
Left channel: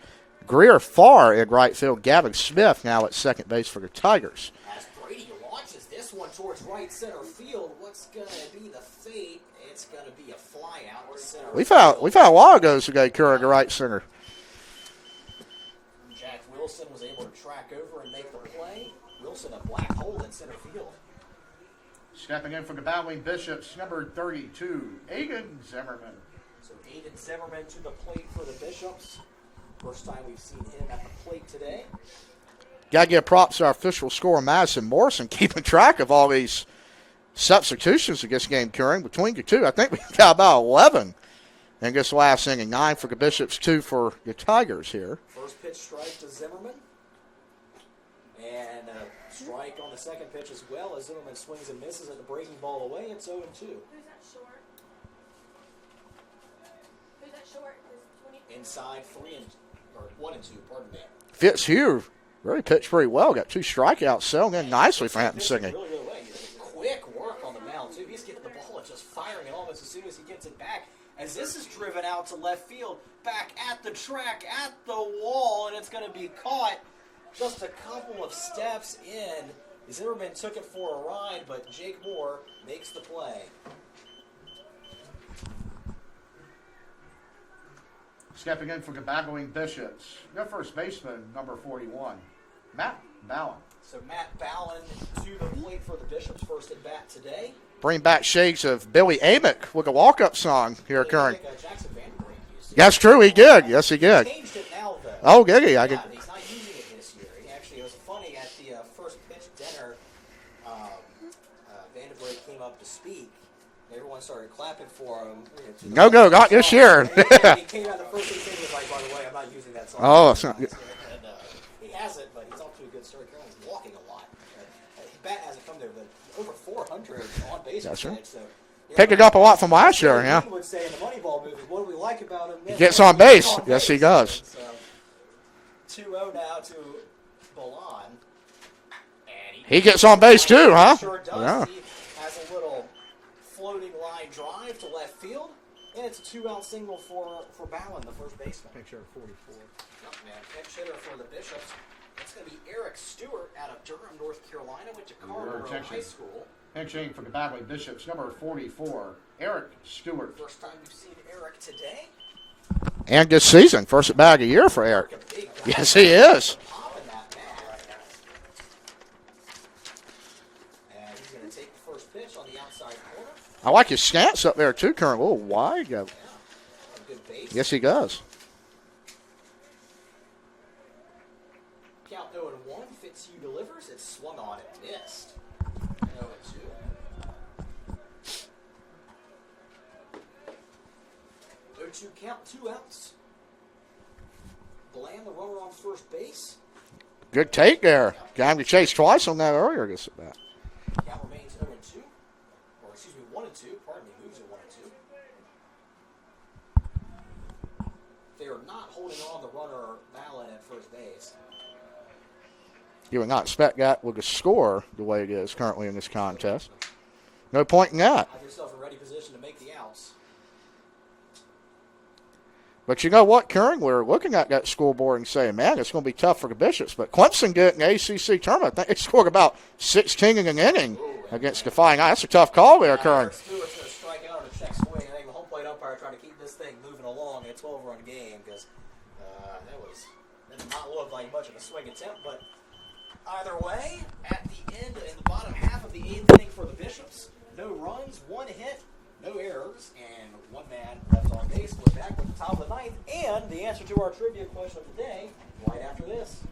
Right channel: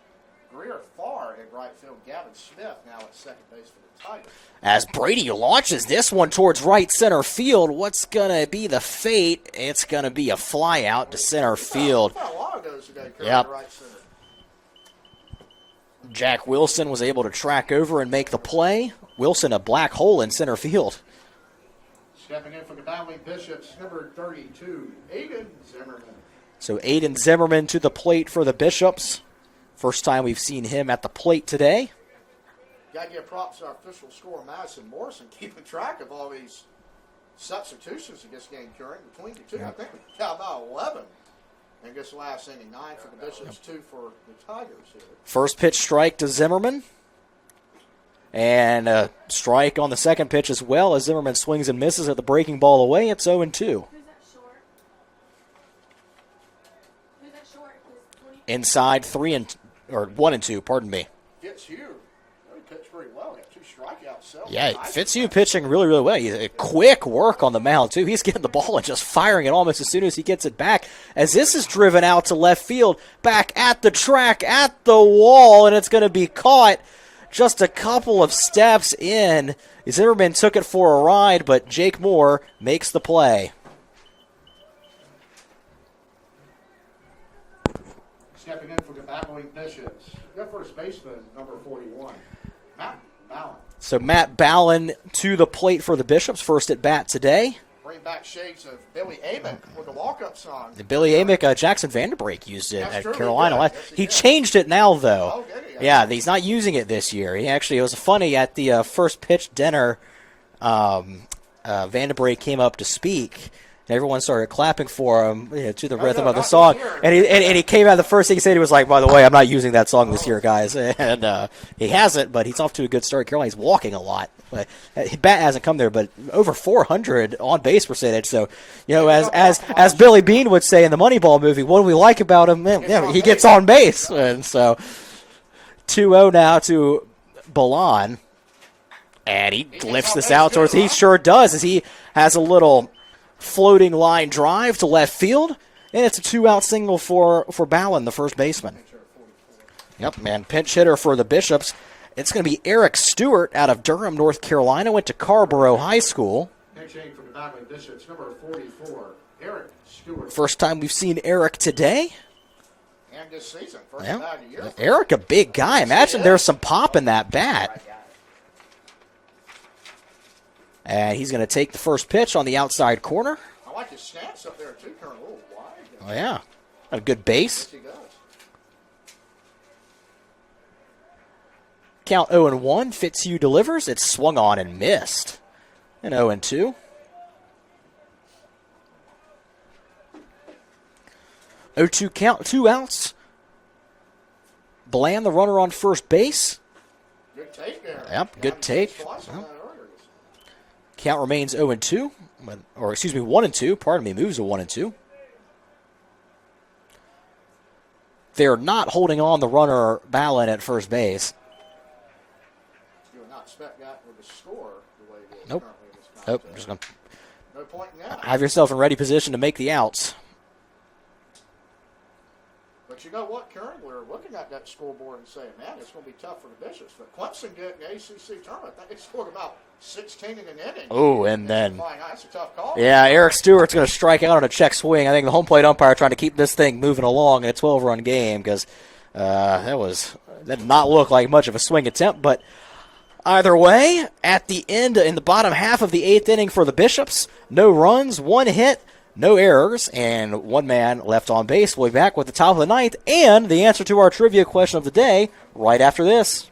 Greer Farr in right field. Gavin Smith now at second base for the Tigers. As Brady launches this one towards right center field, what's going to be the fate? It's going to be a fly out to center field. We found a while ago to go Curran to right center. Jack Wilson was able to track over and make the play. Wilson, a black hole in center field. Stepping in for the battling Bishops, number 32, Aiden Zimmerman. So Aiden Zimmerman to the plate for the Bishops. First time we've seen him at the plate today. Got to give props to our official scorer, Madison Morrison, keeping track of all these substitutions against game curing between the two. I think we've got about 11 in this last inning. 9 for the Bishops, 2 for the Tigers here. First pitch strike to Zimmerman. And a strike on the second pitch as well as Zimmerman swings and misses at the breaking ball away. It's 0-2. Inside 1-2, pardon me. Fitzhugh really pitched pretty well. Got 2 strikeouts, selling in nicely. Fitzhugh pitching really, really well. He's quick work on the mound, too. He's getting the ball and just firing it almost as soon as he gets it back. As this is driven out to left field, back at the track, at the wall, and it's going to be caught just a couple of steps in. Zimmerman took it for a ride, but Jake Moore makes the play. Stepping in for the battling Bishops, their first baseman, number 41, Matt Ballin. So Matt Ballin to the plate for the Bishops, first at bat today. Bring back shades of Billy Amick with a walk-up song. Billy Amick, Jackson Vanderbrake used it. That's true, he did. Yes, he did. He changed it now, though. Oh, did he? Yeah, he's not using it this year. He actually, it was funny, at the first pitch dinner, Vanderbrake came up to speak. Everyone started clapping for him to the rhythm of the not song. this year. And he came out, the first thing he said, he was like, by the way, I'm not using that song this year, guys. And he hasn't, but he's off to a good start. Carolina, he's walking a lot. But his bat hasn't come there, but over 400 on-base percentage. So, as Billy Bean would say in the Moneyball movie, what do we like about him? Man, he gets on base. Yes, he does. And so 2-0 now to Balan. And he gets on base too, huh? He sure does, as he has a little floating line drive to left field, and it's a 2-out single for Ballin, the first baseman. Yep, man, pinch hitter for the Bishops. It's going to be Eric Stewart out of Durham, North Carolina. Went to Carrboro High School. Pinching for the battling Bishops, number 44, Eric Stewart. First time we've seen Eric today. And this season, first bag a year for Eric. A big guy. Yes, Imagine there's some pop in that bat. And he's going to take the first pitch on the outside corner. I like his stance up there, too, Current. A little wide. Oh, yeah. A good base. Yes, he does. Count 0-1. Fitzhugh delivers. It's swung on and missed. And 0-2. 0-2 count. 2 outs. Bland, the runner on first base. Good take there. Yep, Got him to chase twice on that earlier. Count remains 0-2. Or, excuse me, 1-2. Pardon me, moves to 1-2. They're not holding on the runner Ballin at first base. You would not expect that with the score the way it is currently in this contest. No point in that. Have yourself in ready position to make the outs. But you know what, Karen? We're looking at that scoreboard and saying, man, it's going to be tough for the Bishops. But Clemson did in the ACC tournament. I think they scored about 16 in an inning against Defying Eye. That's a tough call. Yeah, Eric Stewart's going to strike out on a check swing. I think the home plate umpire trying to keep this thing moving along in a 12-run game because that did not look like much of a swing attempt. But either way, at the end, in the bottom half of the 8th inning for the Bishops, no runs, 1 hit, no errors, and 1 man left on base. We'll be back with the top of the 9th and the answer to our trivia question of the day right after this.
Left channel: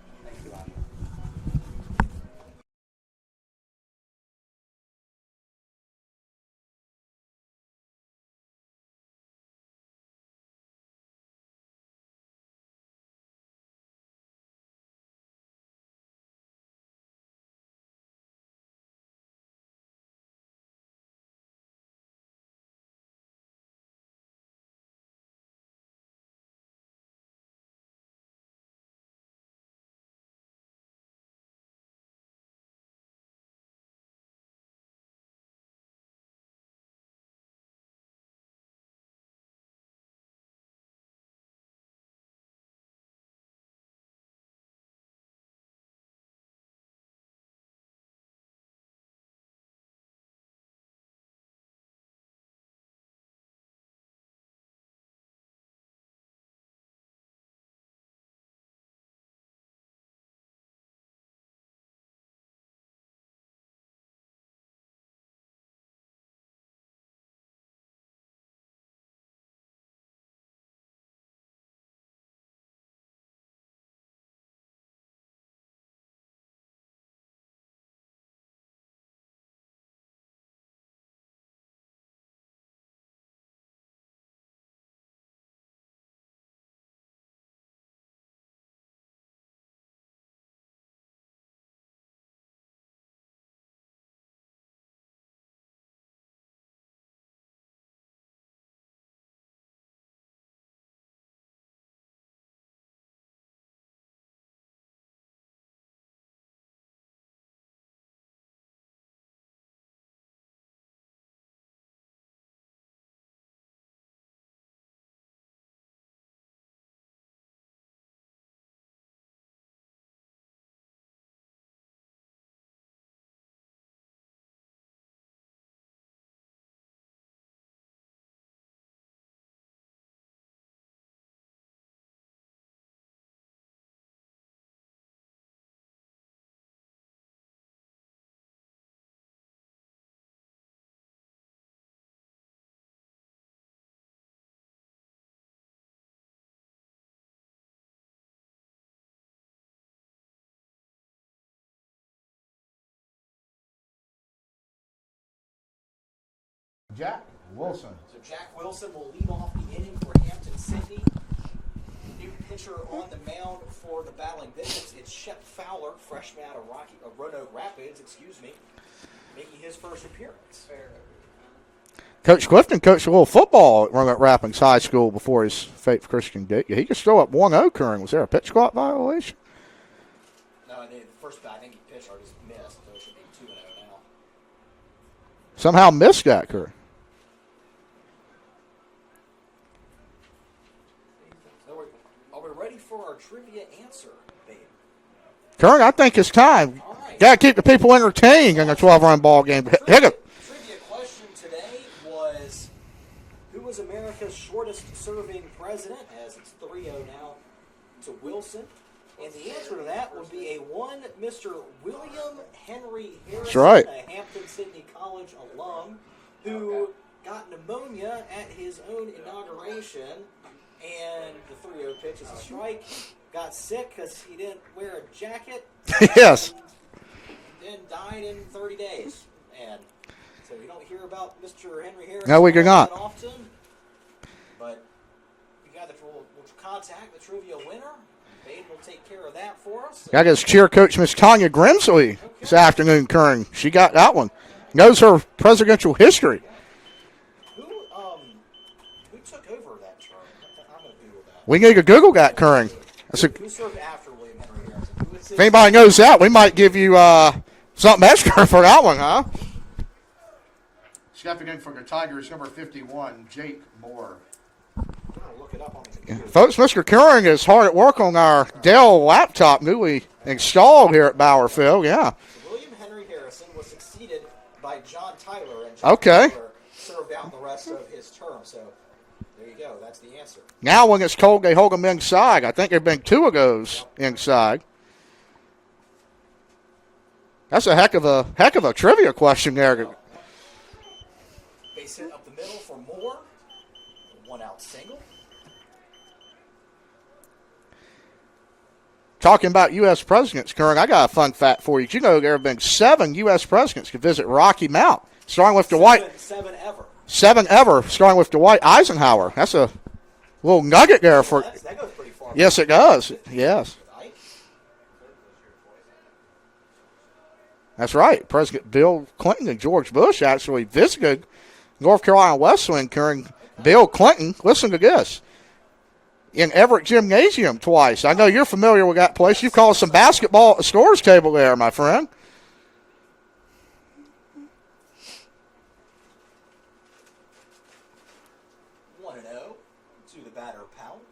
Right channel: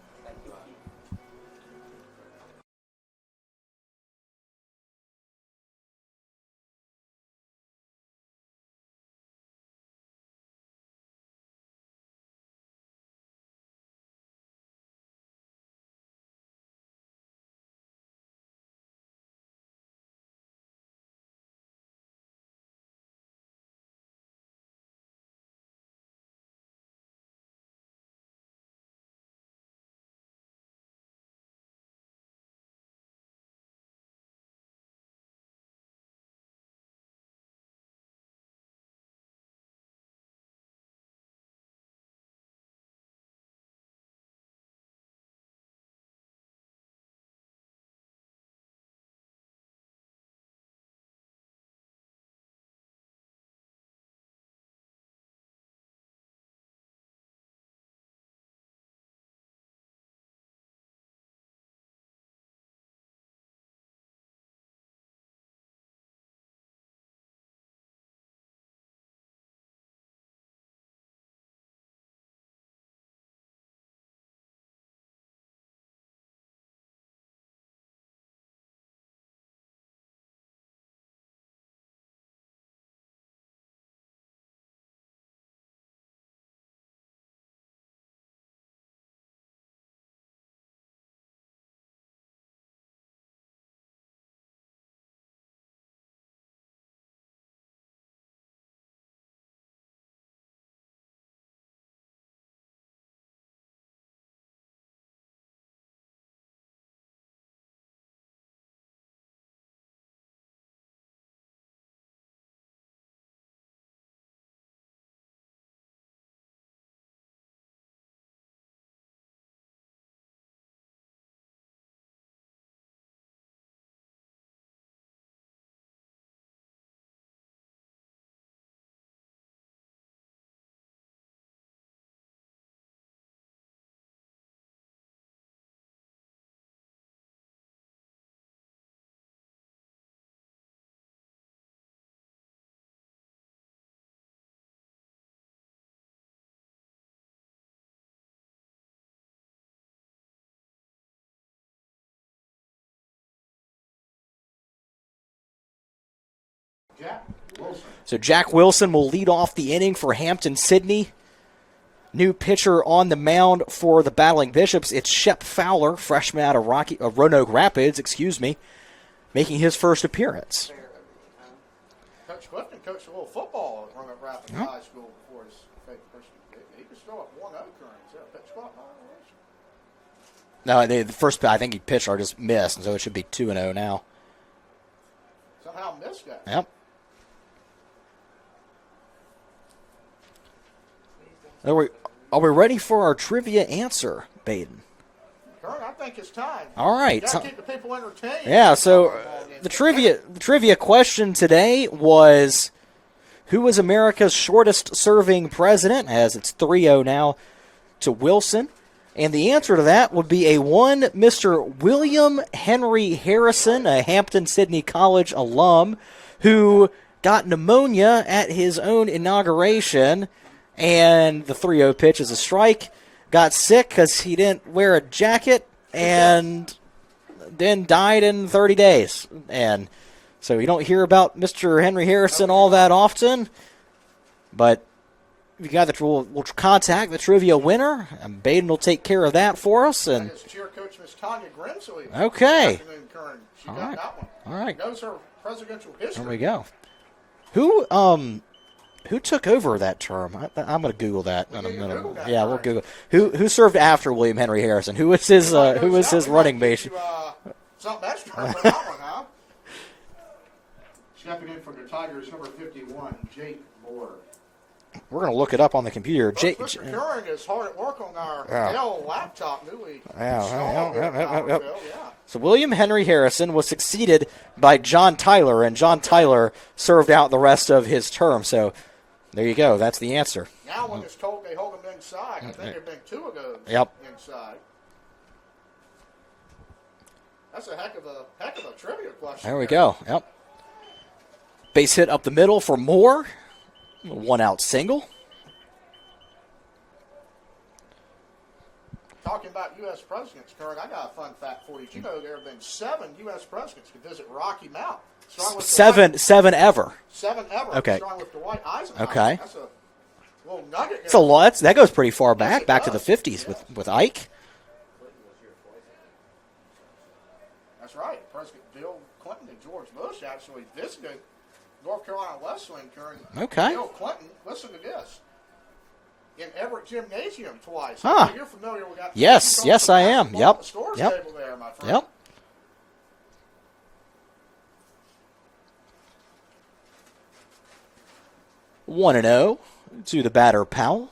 Jack Wilson. So Jack Wilson will lead off the inning for Hampden Sydney. New pitcher on the mound for the Battling Bishops. It's Shep Fowler, freshman out of Roanoke Rapids, making his first appearance. Coach Clifton coached a little football at Roanoke Rapids High School before his Faith Christian date. He could throw up 1-0 Curran. Was there a pitch clock violation? No, the first I think he pitched or just missed, and so it should be 2-0 now. Somehow missed that. Yep. Are we ready for our trivia answer, Baden? Curran, I think it's time. All right. Got to keep the people entertained in the 12-run ball game. The trivia question today was, who was America's shortest-serving president? As it's 3-0 now to Wilson. And the answer to that would be a one Mr. William Henry Harrison, right, a Hampden Sydney College alum, who got pneumonia at his own inauguration, and the 3-0 pitch is a strike. Got sick because he didn't wear a jacket, and then died in 30 days. And so you don't hear about Mr. Henry Harrison that often, but we'll contact the trivia winner, and Baden will take care of that for us. I guess cheer coach Miss Tanya Grimsley this afternoon, Curran. She got that one. All right. Knows her presidential history. There you go. Who took over that term? I'm going to Google that. We need to Google that, Curran. Who served after William Henry Harrison? Who was his? Anybody knows that? We might give you something extra for that one, huh? Stepping in for the Tigers, number 51, Jake Moore. We're going to look it up on the computer. Folks, Mr. Curran is hard at work on our Dell laptop newly installed here at Bowerfield. Yeah. So William Henry Harrison was succeeded by John Tyler, and John Tyler served out the rest of his term. So there you go. That's the answer. Now when it's cold, they hold them inside. I think there have been 2 of those inside. That's a heck of a trivia question there. There we go. Yep. Base hit up the middle for Moore. 1-out single. Talking about U.S. presidents, Curran, I got a fun fact for you. Did you know there have been 7 U.S. presidents to visit Rocky Mount? Starting with seven ever. 7 ever, starting with Dwight Eisenhower. Okay. That's a little nugget there. That goes pretty far back. Yes, it back does. In the 50s yes. with Ike. That's right. President Bill Clinton and George Bush actually visited North Carolina Wesleyan, Curran. Bill Clinton, listen to this, in Everett Gymnasium twice. I know you're familiar with that place. You call some basketball at the scores table there, my friend. Yep. 1-0 to the batter, Powell.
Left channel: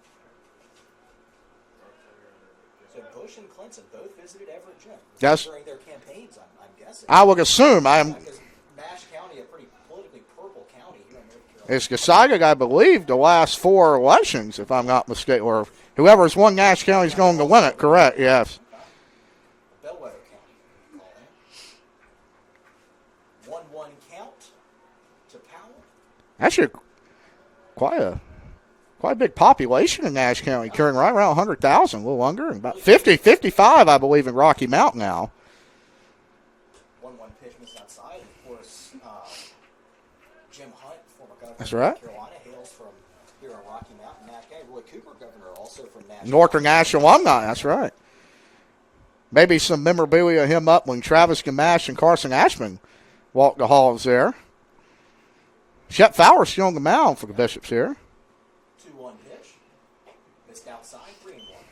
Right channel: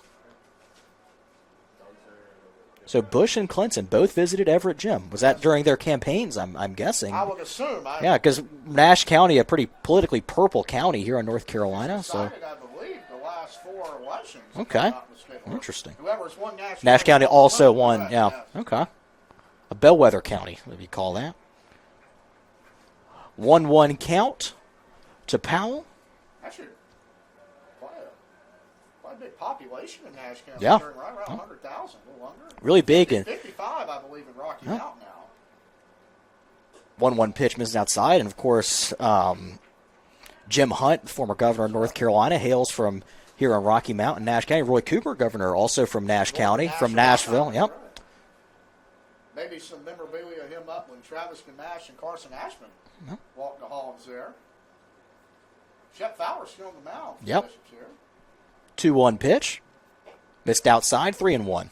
So Bush and Clinton both visited Everett Gym. Was that during their campaigns, I'm guessing? I would assume. Because Nash County, a pretty politically purple county here in North Carolina. It's decided, I believe, the last 4 elections, if I'm not mistaken. Or interesting. Whoever's won Nash County also won. Correct, yes. Okay. A bellwether county, what do you call that? 1-1 count to Powell. Actually, quite a big population in Nash County, right around 100,000, a little under. About really 55, I believe, in Rocky Mount now. 1-1 pitch misses outside, and of course, Jim Hunt, former governor of North Carolina, hails from here in Rocky Mount in Nash County. Roy Cooper, governor, also from Nash County. Northern Nash alumni, that's right. Maybe some memorabilia of him up when Travis Gamache and Carson Ashman walked the halls there. Shep Fowler still on the mound for the Bishops here. 2-1 pitch. Missed outside, 3-1.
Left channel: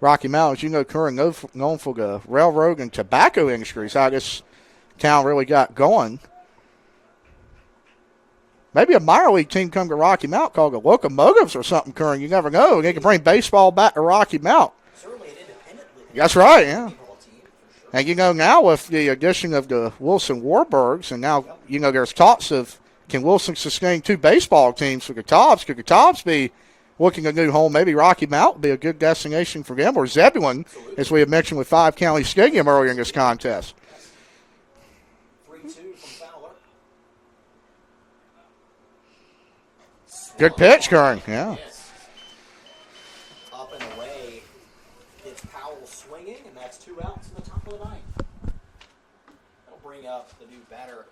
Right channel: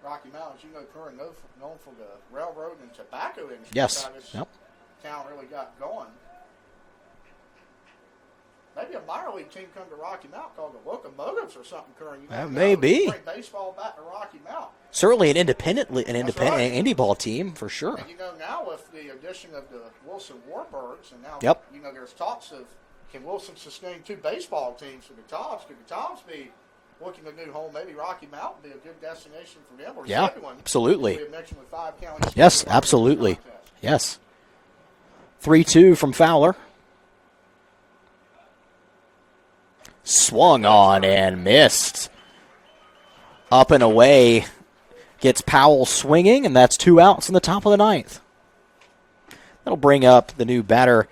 Rocky Mount, as you know, Curran, known for the railroad and tobacco industry. That's how this town really got going. Maybe a minor league team come to Rocky Mount called the Locomotives or something, Curran. You never know. They can bring baseball back to Rocky Mount. Certainly an independent indie ball team, for sure. And, now, with the addition of the Wilson Warburgs, and now, there's talks of can Wilson sustain 2 baseball teams for the Tobbs? Could the Tobbs be looking a new home? Maybe Rocky Mount would be a good destination for them, or Zebulon, as we have mentioned with 5 County Stadium earlier in this contest. Yes. 3-2 from Fowler. Swung Good pitch, on Kern, and yeah. missed. Up and away. Gets Powell swinging, and that's 2 outs in the top of the 9th. That'll bring up the new batter,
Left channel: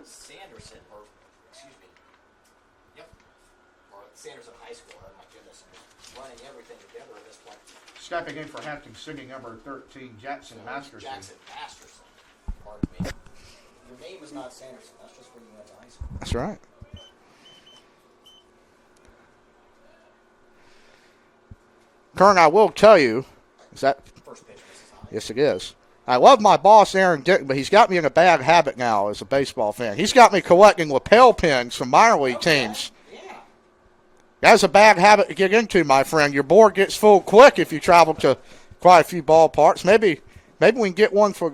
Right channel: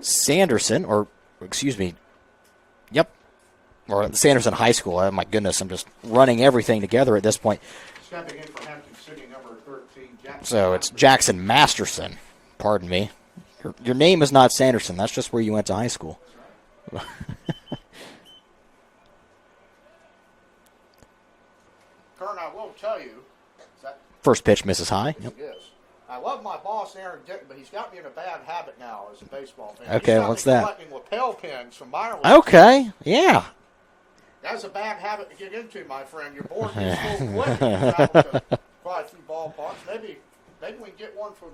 Sanderson, or, excuse me, yep, or Sanderson High School. Oh, my goodness, I'm just running everything together at this point. Stepping in for Hampton, singing number 13, Jackson. So it's Jackson Masterson. Pardon me. Your name is not Sanderson. That's just where you went to high school. That's right. Kern, I will tell you, is that First pitch misses high. yes, it is. I love my boss, Aaron Dick, but he's got me in a bad habit now as a baseball fan. He's Okay, got me what's that? collecting lapel pins from minor league Okay, teams. yeah. That's a bad habit to get into, my friend. Your board gets full quick if you travel to quite a few ballparks. Maybe we can get one for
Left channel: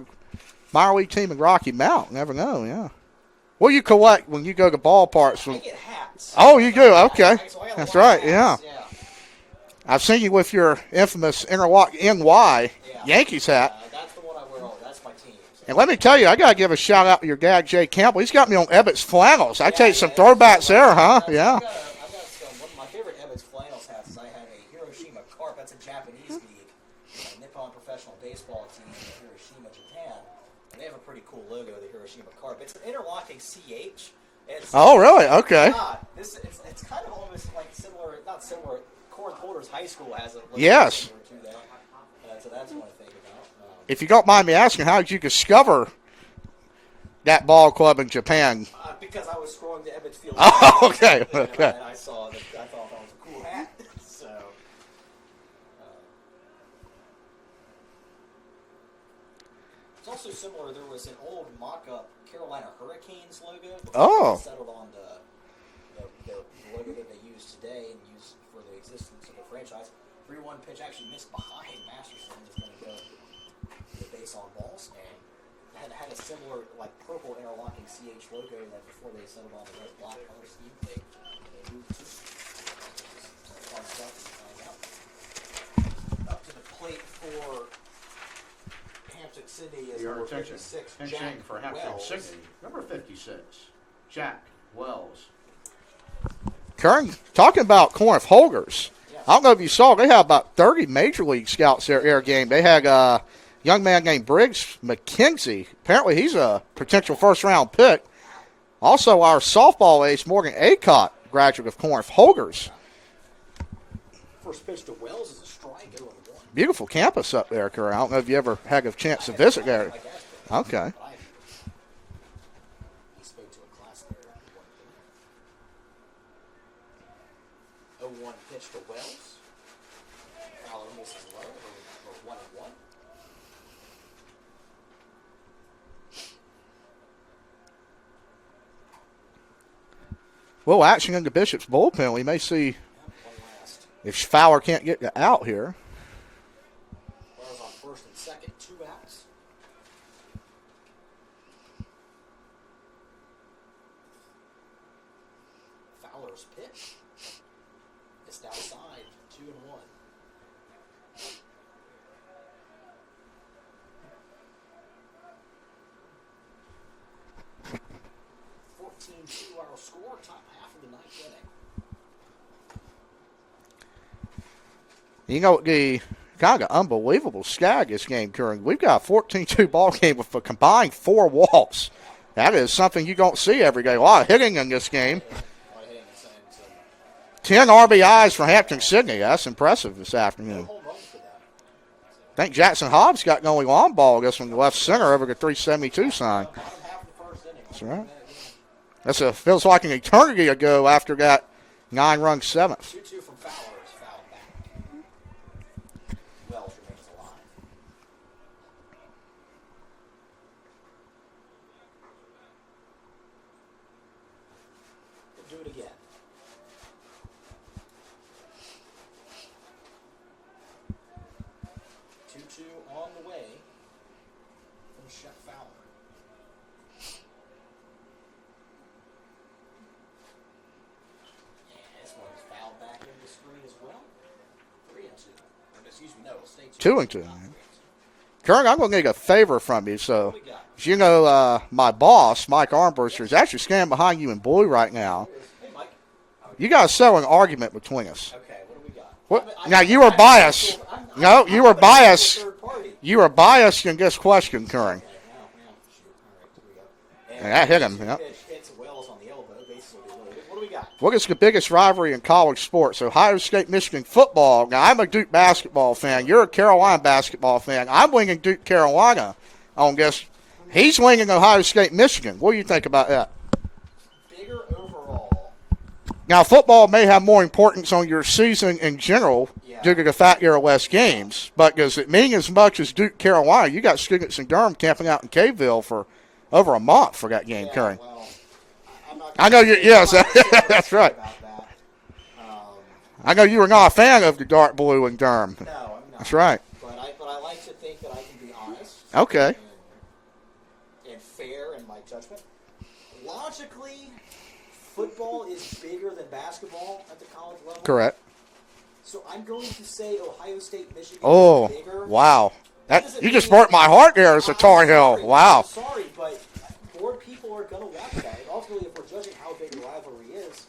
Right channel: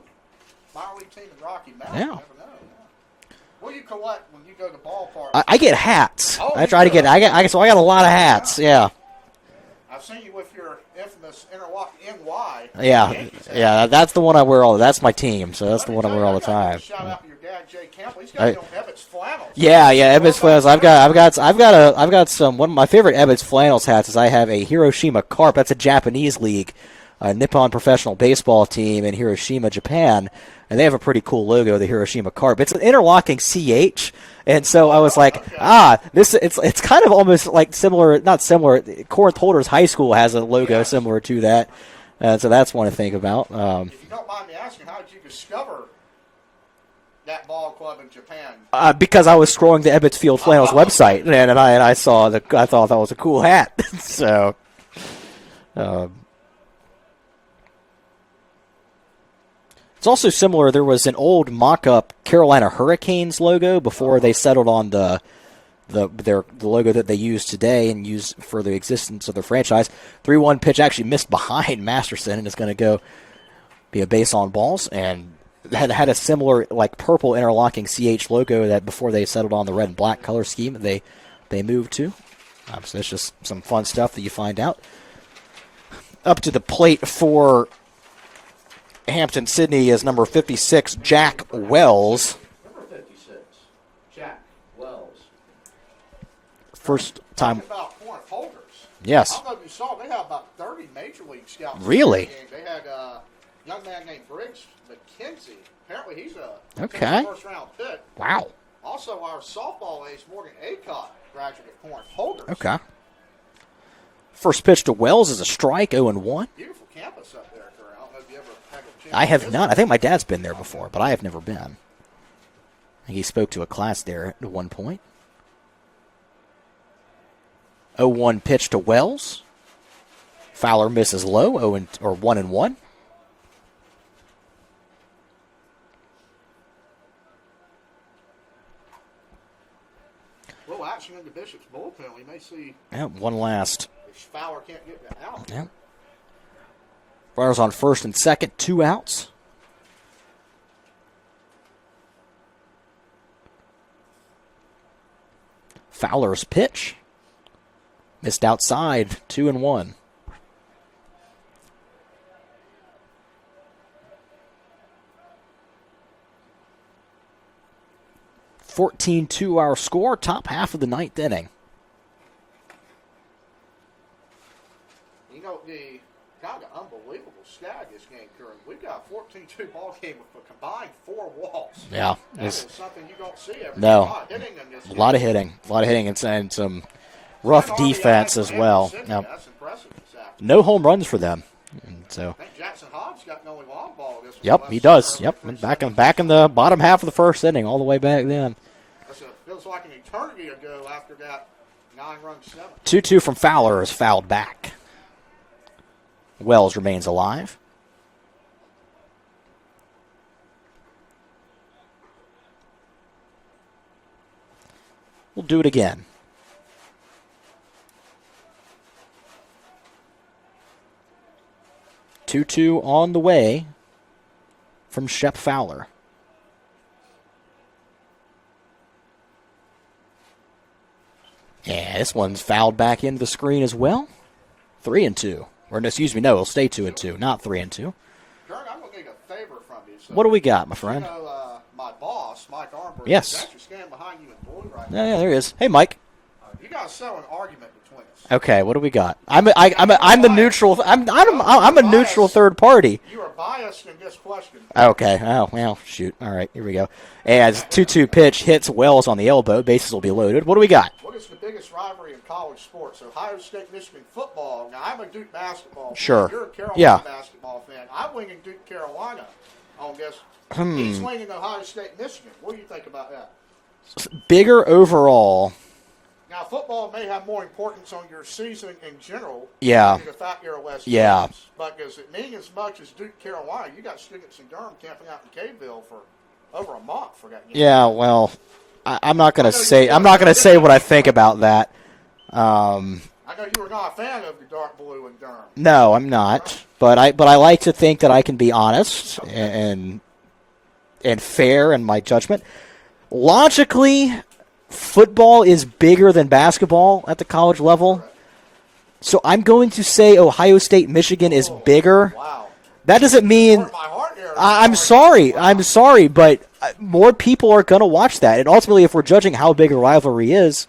minor league team in Rocky Mount. Yeah. Never know, yeah. What do you collect when you go to ballparks? I get hats. Oh, you That's what I do? get. Okay. So I got a That's lot right, of hats. Yeah. I've seen you with your infamous interlock NY Yeah. Yankees hat. Yeah, that's the one I wear all. That's my team. So And that's let the me one tell you, wear I all the got to give time. a shout out to your dad, Jay Campbell. He's got me on Ebbett's flannels. I Yeah, tell you, yeah, some Ebbets flannels. throwbacks there, huh? I've got some. One of my favorite Ebbets flannels hats is I have a Hiroshima Carp. That's a Japanese league, a Nippon professional baseball team in Hiroshima, Japan, and they have a pretty cool logo, the Hiroshima Carp. It's an interlocking CH. And so I was really? like, Okay. it's kind of almost like similar, not similar. Corinth Holders High School has a logo Yes. similar to that. So that's one to think about. If you don't mind me asking, how did you discover that ball club in Japan? Because I was scrolling the Ebbets Field Flannels okay. website, and I saw that. I thought that was a cool hat. So, it's also similar. There was an old mock-up Carolina Hurricanes logo before they settled on the logo that they use today and use for the existence of the franchise. 3-1 pitch actually missed behind Masterson, and it's going to go be a base on balls, and had a similar like purple interlocking CH logo that before they settled on the red and black color scheme they moved to. So it's just some fun stuff that you find out. Up to the plate for Hampton Sydney is number 56, Jack Wells. Number 56, Jack Wells. Kern, First talking time. about Corinth Holders. Yes. I don't know if you saw, they have about 30 major league scouts in their Really? game. They had a young man named Briggs McKenzie. Apparently he's a potential Okay. first-round pick. Wow. Also, our softball ace, Morgan Acott, graduate of Corinth Holders. Okay. First pitch to Wells is a strike, 0-1. Beautiful campus up there, Kern. I don't know if you ever had a chance I to have visit not. I there. think my dad's been there Okay. before, but I have never been. I think he spoke to a class there at one point. 0-1 pitch to Wells. Fowler misses low, 1-1. Well, action in the Bishop's bullpen. We may see Yeah, one last. if Fowler can't get out here. Runners on first and second, 2 outs. Fowler's pitch. Missed outside, 2-1. $14-2 score, top half of the 9th inning. You know, the kind of unbelievable skag this game, Kern. We've got a 14-2 ball game with a combined 4 walks. Yeah. That is something you don't see every day. No. A lot of hitting in this game. A lot of hitting, and some 10 rough RBIs defense for as Hampton well. Sydney. Yeah. That's impressive this afternoon. No home runs for them. So I think Jackson Hobbs got going long ball, I guess, from the yep, left he center does. over Yep. the 372 Back in the bottom half of the first inning, all the way back then. Feels like an eternity ago after that 9-run seventh. 2-2 from Fowler is fouled back. Wells remains alive. We'll do it again. Two on the way from Shep Fowler. Yeah, this one's fouled back into the screen as well. 3-2. Or no, excuse me, no, it'll stay 2-2, not 3-2. Kern, I'm going to need a favor from you. So What do we got, my friend? You know, my boss, Mike Armbrust, Yes. is actually standing behind you in blue right now. Yeah, there he is. Hey, Mike. You guys settle an argument between us. Okay, what do we got? Now, I'm a biased. neutral. I'm No, a neutral third party. You are biased in this question, Kern. Okay. Oh, well, shoot. All right, here we go. And Yeah, hit 2-2 him. pitch hits Wells on the elbow. Bases will be loaded. What do we got? What is the biggest rivalry in college sports? Ohio State, Michigan football. Now, I'm a Duke basketball fan. Sure. You're a Carolina Yeah. basketball fan. I'm winging Duke, Carolina on this. He's winging Ohio State, Michigan. What do you think about that? Bigger overall. Now, football may have more importance on your season in general Yeah. due to the fact there are less Yeah. games. But does it mean as much as Duke, Carolina? You got students in Durham camping out in Caveville for over a month for that game. Yeah, Kern. well, I'm not going I know to say. yeah, I'm not so- going to say what I think Right. about that. I know you were not a fan of the dark blue in Durham. No, I'm not. That's right. But I like to think that I can be honest. Okay. And fair in my judgment. Logically, football is bigger than basketball at the college level. Correct. So I'm going to say Ohio State, Michigan is bigger. Wow. That doesn't you mean just hurt my heart there. As a I'm Tar Heel. sorry. Wow. I'm sorry, but more people are going to watch that. And ultimately, if we're judging how big a rivalry is,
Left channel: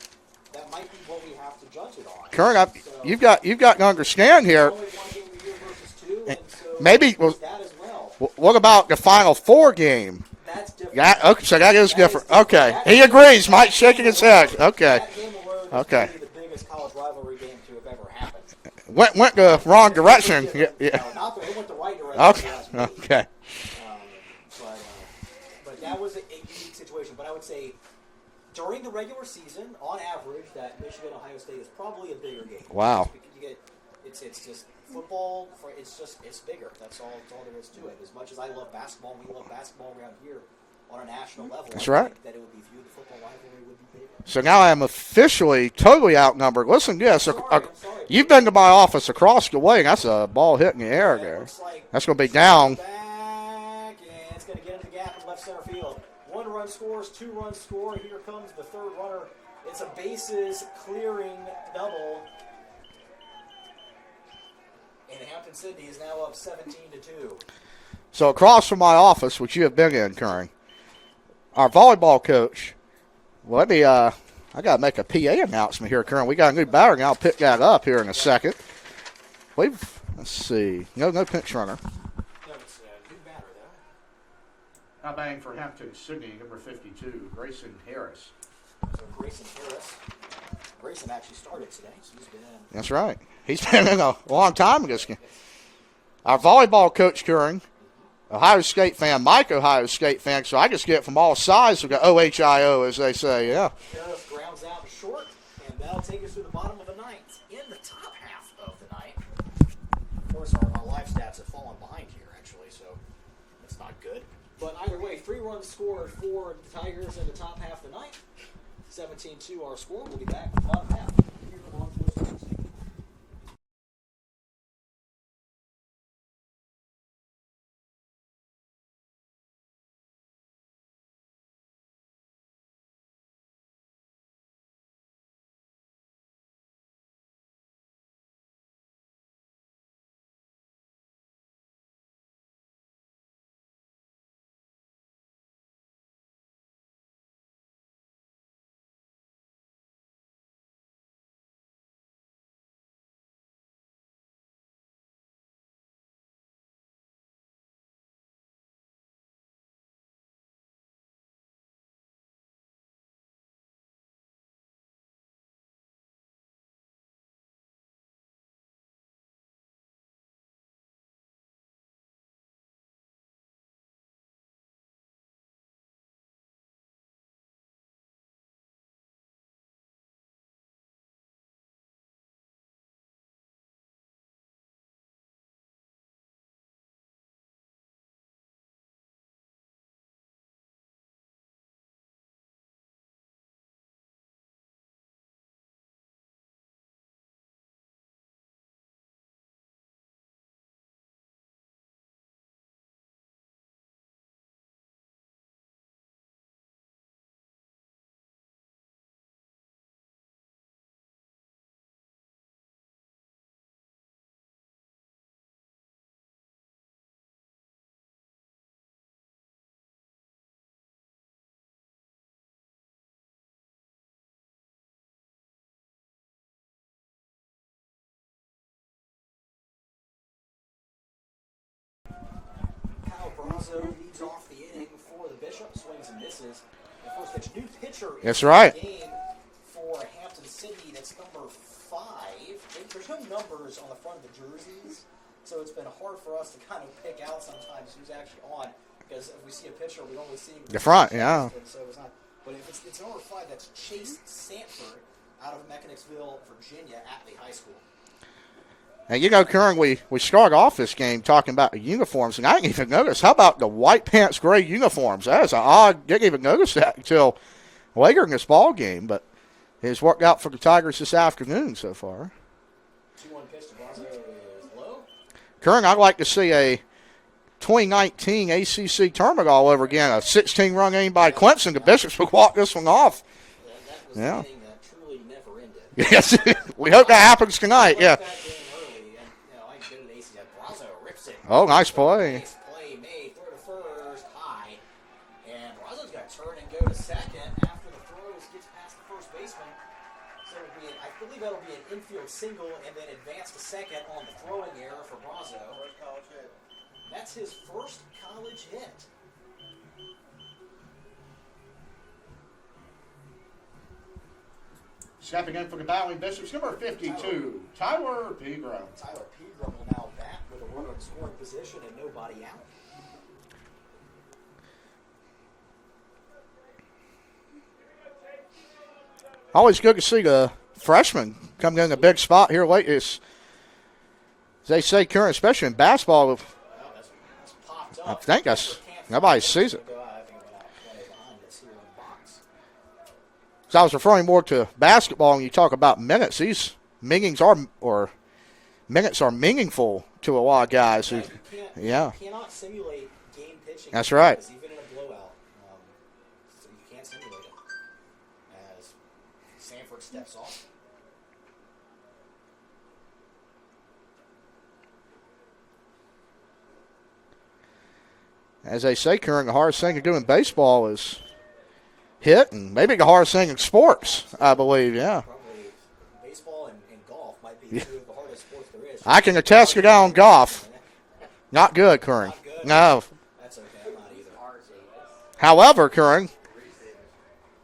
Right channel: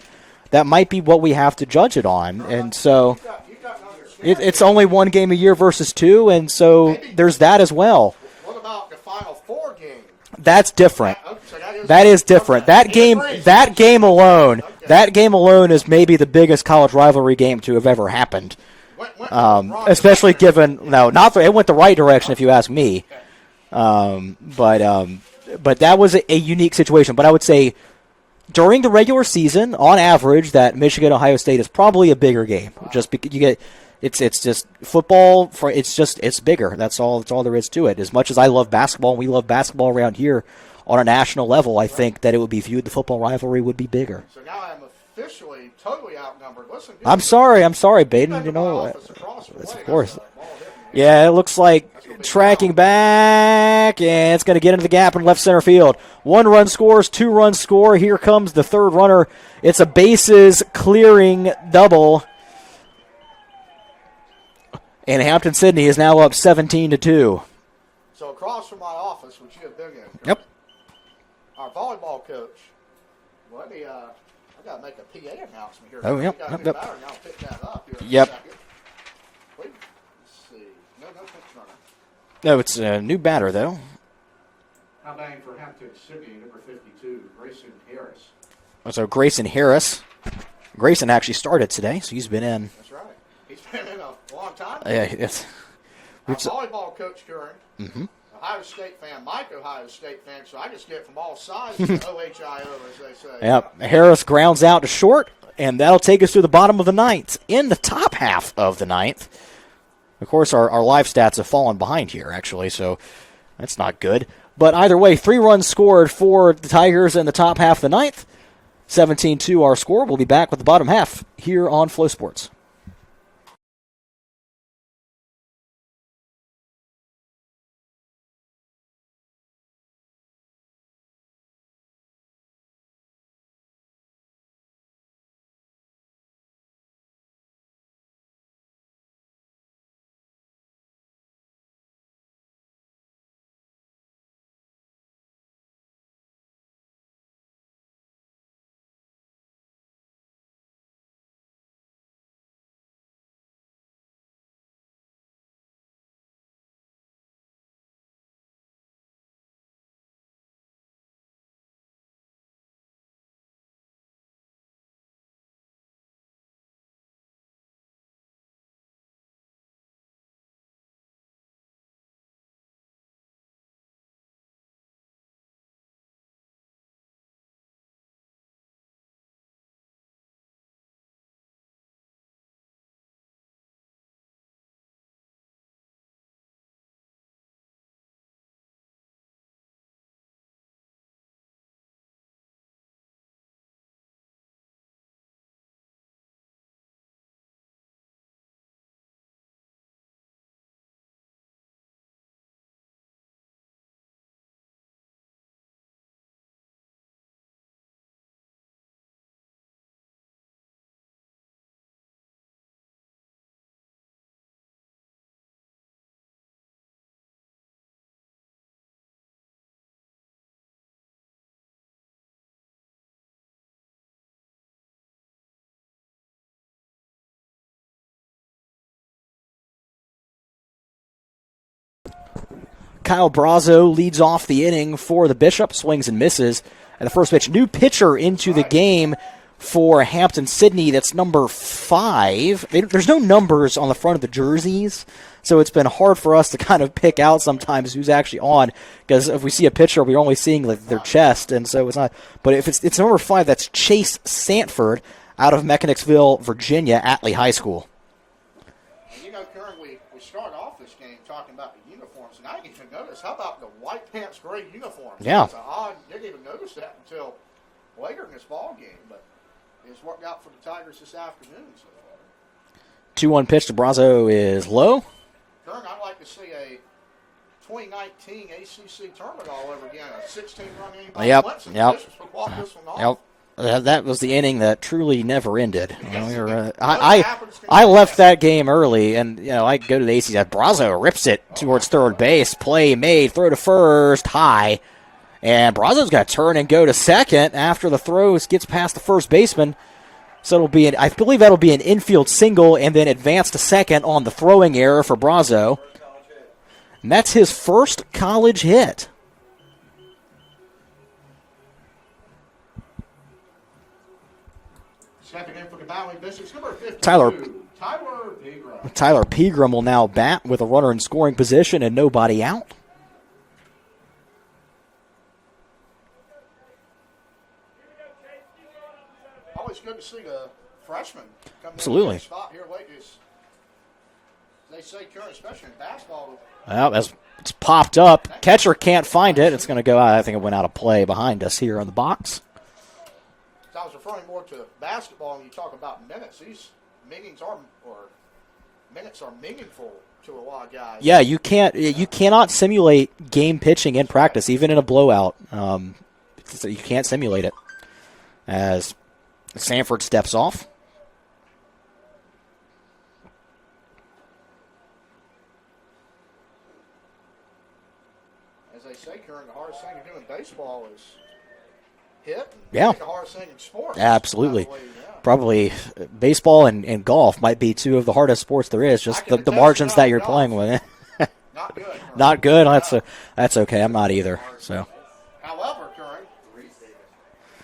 that might be what we have to judge it on. Kurt, and so you've got to understand it's here. only one game a year versus two, and so Maybe there's that as well. What about the Final Four game? That's different. So that is different. Okay. That He game, agrees. that Mike game shaking his alone, head. Okay. that game alone is Okay. maybe the biggest college rivalry game to have ever happened. Went the wrong Especially direction. given it went the right direction if you ask me. Okay. But that was a unique situation. But I would say during the regular season, on average, that Michigan Ohio State is probably a bigger game. Wow. Just because you get it's just football it's bigger. That's all there is to it. As much as I love basketball and we love basketball around here on a national level, I think that it would be viewed the football rivalry would be bigger. So now I am officially totally outnumbered. Listen, I'm sorry, Baden. You've been to my You know office across the way. That's course. a ball hitting the air. Yeah, it looks like That's gonna be tracking down. back, and it's going to get into the gap in left center field. 1 run scores, 2 runs score. Here comes the third runner. It's a bases clearing double. And Hampton Sydney is now up 17-2. So across from my office, which you have been in, Kern, our volleyball coach. Well, I got to make a PA announcement here, Kern. We got a new batter, I'll pick that up here in a second. Let's see. No pinch runner. No, it's a new batter, though. Now batting for Hampton Sydney, number 52, Grayson Harris. So Grayson Harris. Grayson actually started today, so he's been in. That's right. He's been in a long time. Yeah, Our volleyball coach, Kern, Ohio State fan, Mike Ohio State fan, so I just get from all sides of the OHIO, as they say. Yep. Harris grounds out to short, and that'll take us to the bottom of the ninth. In the top half of the ninth, of course, our live stats have fallen behind here, actually, so that's not good. But either way, 3 runs scored for the Tigers in the top half of the ninth. 17-2 our score. We'll be back with the bottom half here on Flow Sports. Kyle Brazo leads off the inning for the Bishop, swings and misses. And the first pitch, new pitcher into the game for Hampden Sydney. That's number 5. There's no numbers on the front of the jerseys, so it's been hard for us to kind of pick out sometimes who's actually on, because if we see a pitcher, we're only seeing like the chest, and so it's not. But if it's number 5, that's Chase Sanford out of Mechanicsville, Virginia, Atlee High School. And, Karen, we started off this game talking about the uniforms, and I didn't even notice. How about the white pants, gray uniforms? Yeah. That was odd. Didn't even notice that until later in this ball game, but it's worked out for the Tigers this afternoon so far. 2-1 pitch to Brazo is low. Karen, I'd like to see a 2019 ACC tournament all over again. A 16-run game by Clemson. The Bishops would walk this one off. That was the inning that truly never ended. Yes, I happens tonight. I left that game early, and I go to the ACC. Brazo rips it towards third base. Play made, throw to first, high, and Brazo's got to turn and go to second after the throw gets past the first baseman. So it'll be I believe that'll be an infield single, and then advance to second on the throwing error for Brazo. And that's his first college hit. Stepping in for the Battling Bishops, number 52, Tyler Pegram. Tyler Pegram will now bat with a runner in scoring position and nobody out. Always good to see the freshman coming in the big spot here late. As they say, Karen, especially in basketball. Well, it's popped up. Catcher can't find it. It's going to go out. I think it went out of play behind us here on the box. So I was referring more to basketball when you talk about minutes. These minutes are meaningful to a lot of guys. Yeah, you cannot simulate game pitching in practice, even in a blowout. You can't simulate it. As Sanford steps off. As they say, Karen, the hardest thing to do in baseball is hit, and maybe the hardest thing in sports. Absolutely. I believe, yeah. Probably baseball and golf might be 2 of the hardest sports there is. Just I can the attest margins you that that you're golf. playing with. Not good, Karen. Not good? No. That's okay. I'm not either. So, however, Karen,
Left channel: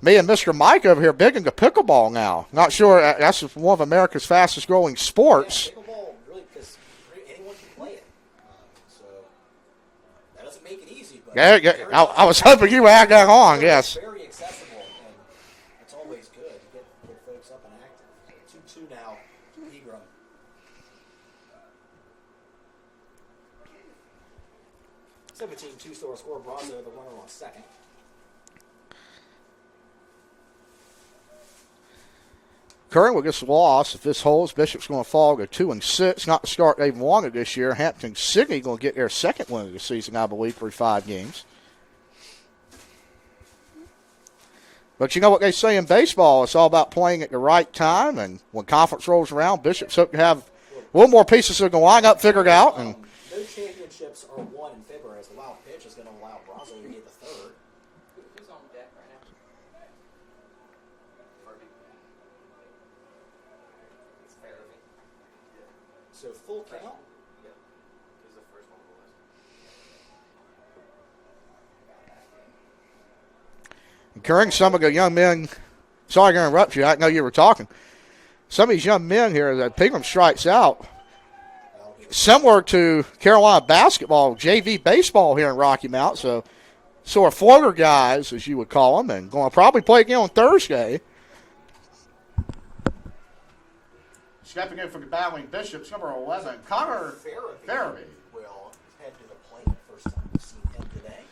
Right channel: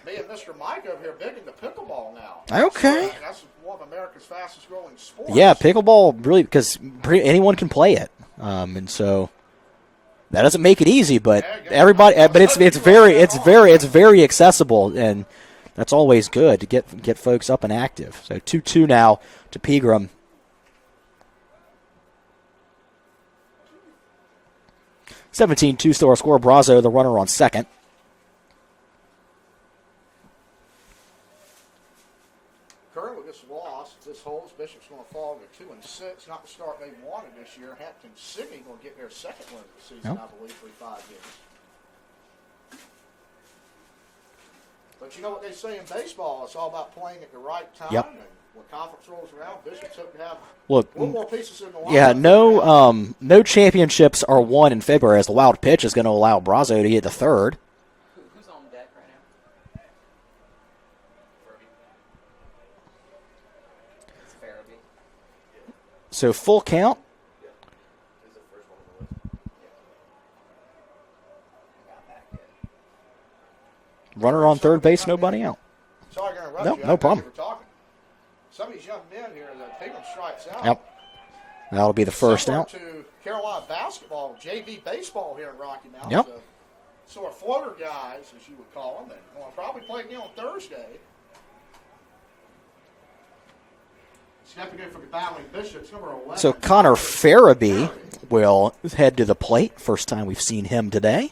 me and Mr. Mike over here big into pickleball now. I'm sure that's one of America's fastest growing sports. Yeah, pickleball really, because anyone can play it. And so that doesn't make it easy, but everybody. It's very accessible, and that's always good to get folks up and active. So 2-2 now to Pegram. 17-2 still our score. Brazo, the runner on second. Current with this loss, if this holds, Bishop's going to fall to 2-6. Not the start they've wanted this year. Hampton Sydney going to get their second win of the season, I believe, through 5 games. But you know what they say in baseball? It's all about playing at the right time, and when conference rolls around, Bishop's hope to have a little more pieces of the lineup figured out. No championships are won in February, as the wild pitch is going to allow Brazo to get to third. Who's on deck right now? So full count. Karen, some of the young men. Sorry to interrupt you. I know you were talking. Some of these young men here that Pegram strikes out. Yep. That'll be the first. Similar to Carolina basketball, JV baseball here in Rocky Mount. Yep. So sort of floater guys, as you would call them, and going to probably play again on Thursday. Stepping in for the Battling Bishops, number 11. So Connor Farabee will head to the plate. First time we've seen him today.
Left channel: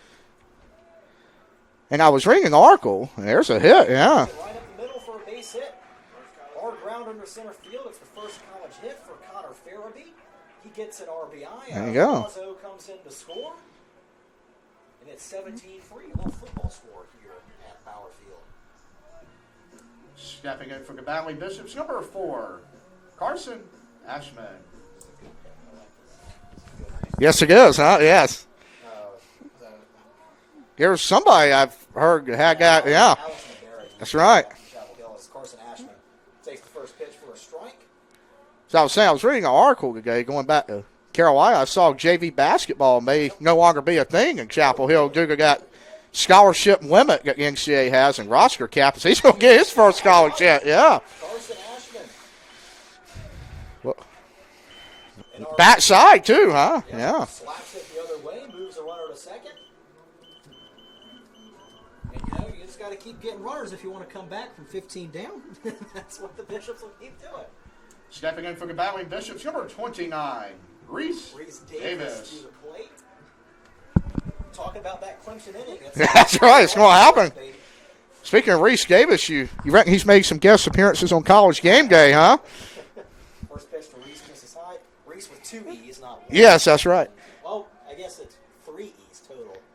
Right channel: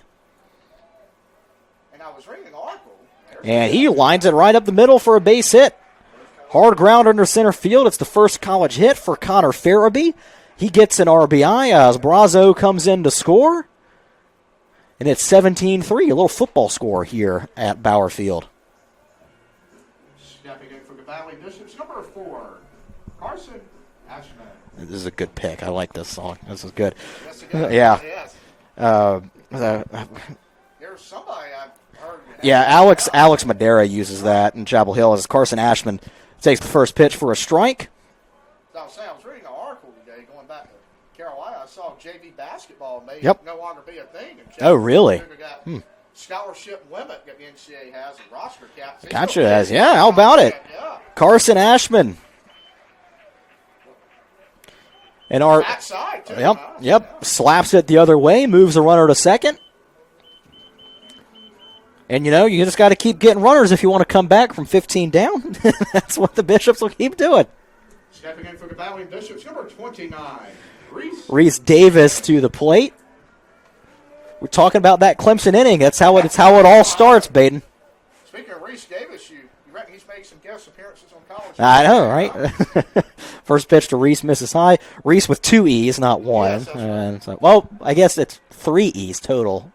And I was reading an article, and there's a hit. He lines it right up the middle for a base hit. Hard ground under center field. It's the first college hit for Connor Farabee. He gets an RBI as Brazo comes in to score. And it's 17-3, a little football score here at Bauer Field. Stepping in for the Battling Bishops, number 4, Carson Ashman. This is a good pick. I like this song. This is good. Yes, it is. Yeah. Yes. There's somebody I've heard have that. Alex Madera uses that in Chapel Hill as Carson Ashman takes the first pitch for a strike. So I was saying, I was reading an article today going back to Carolina, I saw JV basketball may no longer be a thing in Chapel Hill. Really? Duke got scholarship limit that the NCAA has and roster cap. He's Gotcha. going to get his Yeah, first how about scholarship. it? Yeah. Carson Ashman. And our backside, too, Yep, huh? Yep. Yeah. Slaps it the other way, moves the runner to second. And, you just got to keep getting runners if you want to come back from 15 down. That's what the Bishops will keep doing. Stepping in for the Battling Bishops, number 29, Reese Davis to the plate. We're talking about that Clemson inning. That's how it right. all What starts, happened? Baden. Speaking of Reese Davis, you reckon he's made some guest appearances on College Game I know, Day, right? huh? First pitch to Reese misses high. Reese with 2 E's, not 1. Yes, that's right. So, well, I guess it's 3 E's total.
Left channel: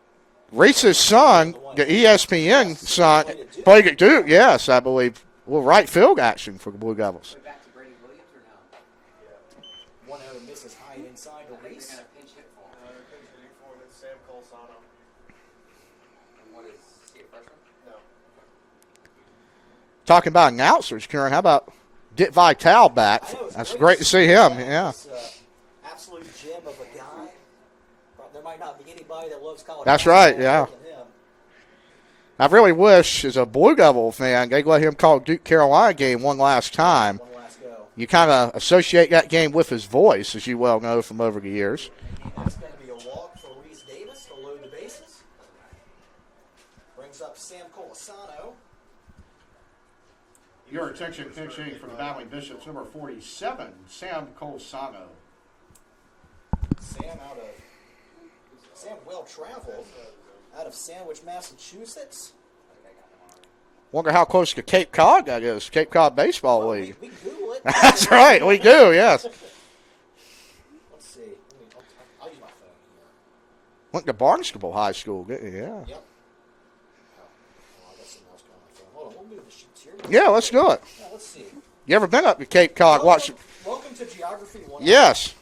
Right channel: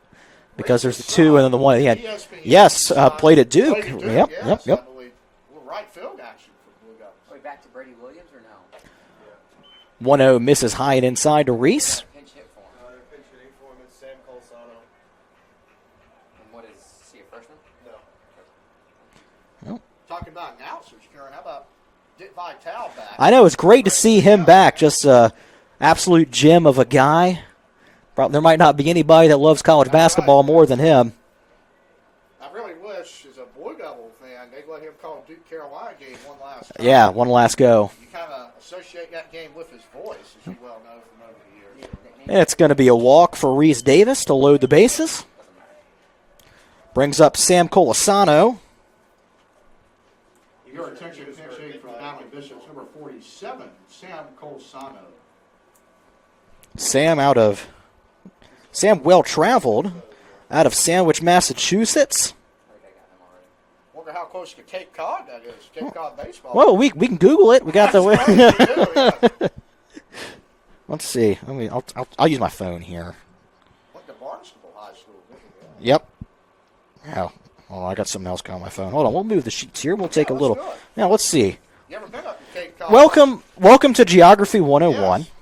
Reese's There's 2 son, and the one. the Yeah. ESPN Yes, son, played at Duke. Played at Duke, Yep, yes, yep. I believe. Well, right field action for the Blue Devils. Way back to Brady Williams or no? 1-0 misses high and inside to Reese. Pinch hit for him. Pinch hitting for him and Sam Colsano. And what is he, a freshman? No. Talking about announcers, Karen, how about Dick Vitale back? I know, it's That's great to see him back. yeah. Just an absolute gem of a guy. There might not be anybody that loves college That's basketball right, yeah. more than him. I really wish, as a Blue Devil fan, they let him call Duke Carolina game one last time. Yeah, one last go. You kind of associate that game with his voice, as you well know from over the years. And it's going to be a walk for Reese Davis to load the bases. Brings up Sam Colasano. Your attention, pitching for the Battling Bishops, number 47, Sam Colsano. Sam well-traveled out of Sandwich, Massachusetts. Wonder how close to Cape Cod that is. Cape Cod baseball. Well, league. we can Google it. We got That's the right, we do, yes. Let's see. I'll use my phone here. Went to Barnstable High School, yeah. Yep. Oh, well, I got something else going on my phone. Hold on, we'll move the sheets here. We'll take Yeah, a let's little. do it. Yeah, let's see. You ever been up to Cape Cod? Welcome to Geography 101. Yes.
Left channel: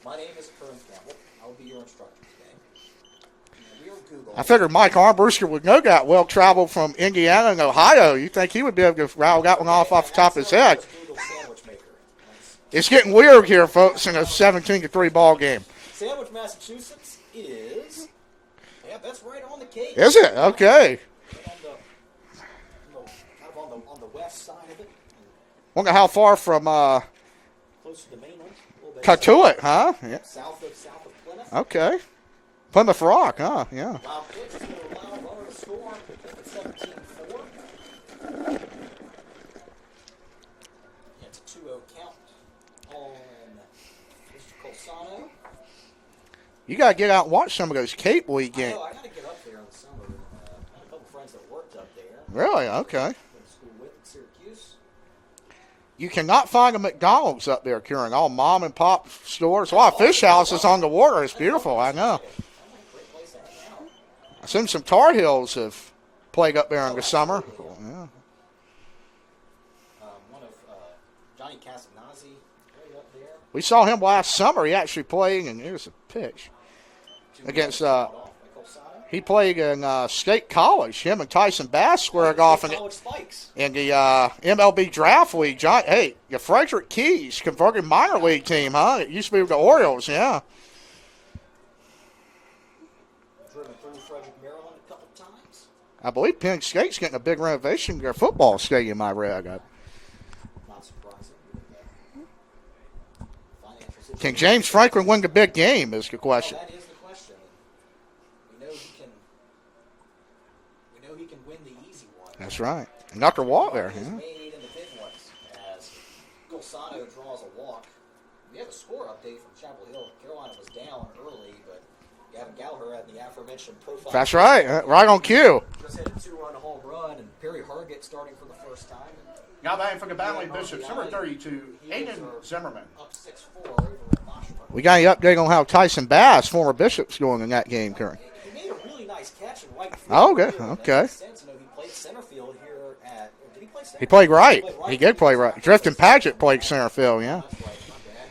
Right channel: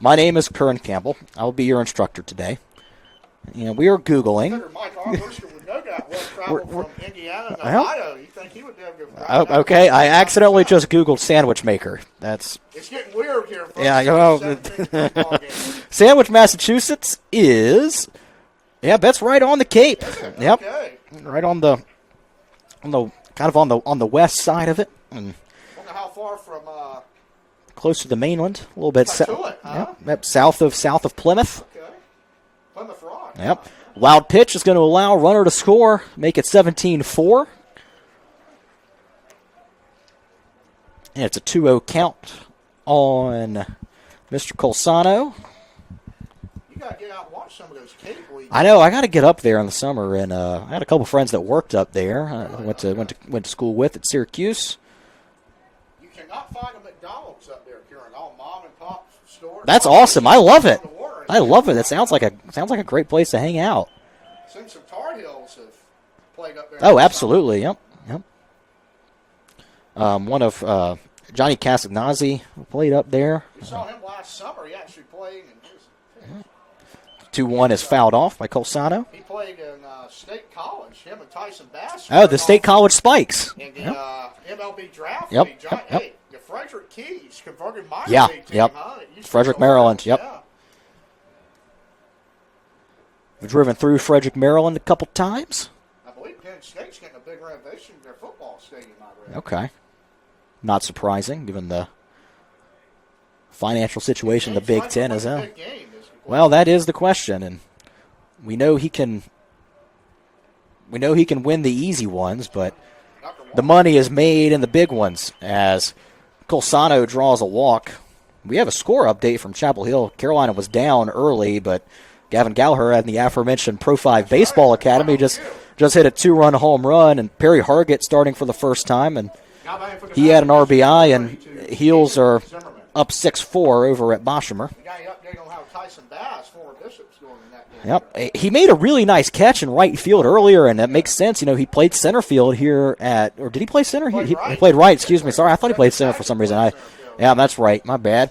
My name is Curran Campbell. I'll be your instructor today. And we are Googling. I figured Mike Armbruster would know that well-traveled from Indiana and Ohio. You think he would be able to route that one Okay, off I the top of his accidentally head. just Googled sandwich maker. That's It's getting weird here, folks. Yeah, in a 17-3 ball game. Sandwich, Massachusetts is. Yeah, that's right on the Cape. Is it? Yep. Okay. Right on the kind of on the west side of it, and Wonder how far from close to the mainland, a little bit. Katuitt, huh? Yep, south of Plymouth. Okay. Plymouth Rock, Yep. huh? Yeah. Wild pitch is going to allow runner to score, make it 17-4. And it's a 2-0 count on Mr. Colsano. You got to get out and watch some of those Cape weekends. I know. I got to get up there in the summer, and I had a couple friends that worked up there. Really? I went to school with at Syracuse. You cannot find a McDonald's up there, Kieran. All mom and pop stores. That's A lot of awesome. fish I love houses it. On the water. It's I love it. beautiful. It sounds like a great place to hang out. I assume some Tar Heels have played up there. in Oh, the absolutely. Summer. Yep. Yep. One of Johnny Castagnazzi played up there. We saw him last summer. He actually played, and here's a pitch. 2-1 is fouled off by Colsano. He played in State College. Him and Tyson Bass. Oh, the squared State off College Spikes. in the MLB draft Yep. league. John, hey, the Frederick Keys converted minor Yeah, league team, yep. huh? It used to Frederick, be the Maryland, Orioles, yep. yeah. We've driven through Frederick, Maryland a couple times. I believe Penn State's getting a big renovation to their football stadium, I read. Okay. Not surprising, given the financial Can situation. James the Big Franklin Ten win is the in. big game is the question. Well, that is the question, and we know he can. We know he can win the easy ones, That's but right. Knock her the water. money is made in the big ones. As Colsano draws a walk, we have a score update from Chapel Hill. Carolina was down early, but Gavin Gallagher at the aforementioned Pro 5 That's Baseball right. Academy Right on cue. just hit a 2-run home run, and Perry Hargett starting for the first time, and he had an RBI, and Heels are up 6-4 over at Boshemer. We got any update on how Tyson Bass, former Bishop's, going in that game? Yep. He made a really nice catch in right field Oh, okay. earlier, and that Okay. makes sense. You know, he played center field here or did he play center? He played right. He played right. He did Excuse me. play Sorry, I right. thought he played Justin center for some Paget reason. played center field, Yeah, yeah. that's right. My bad.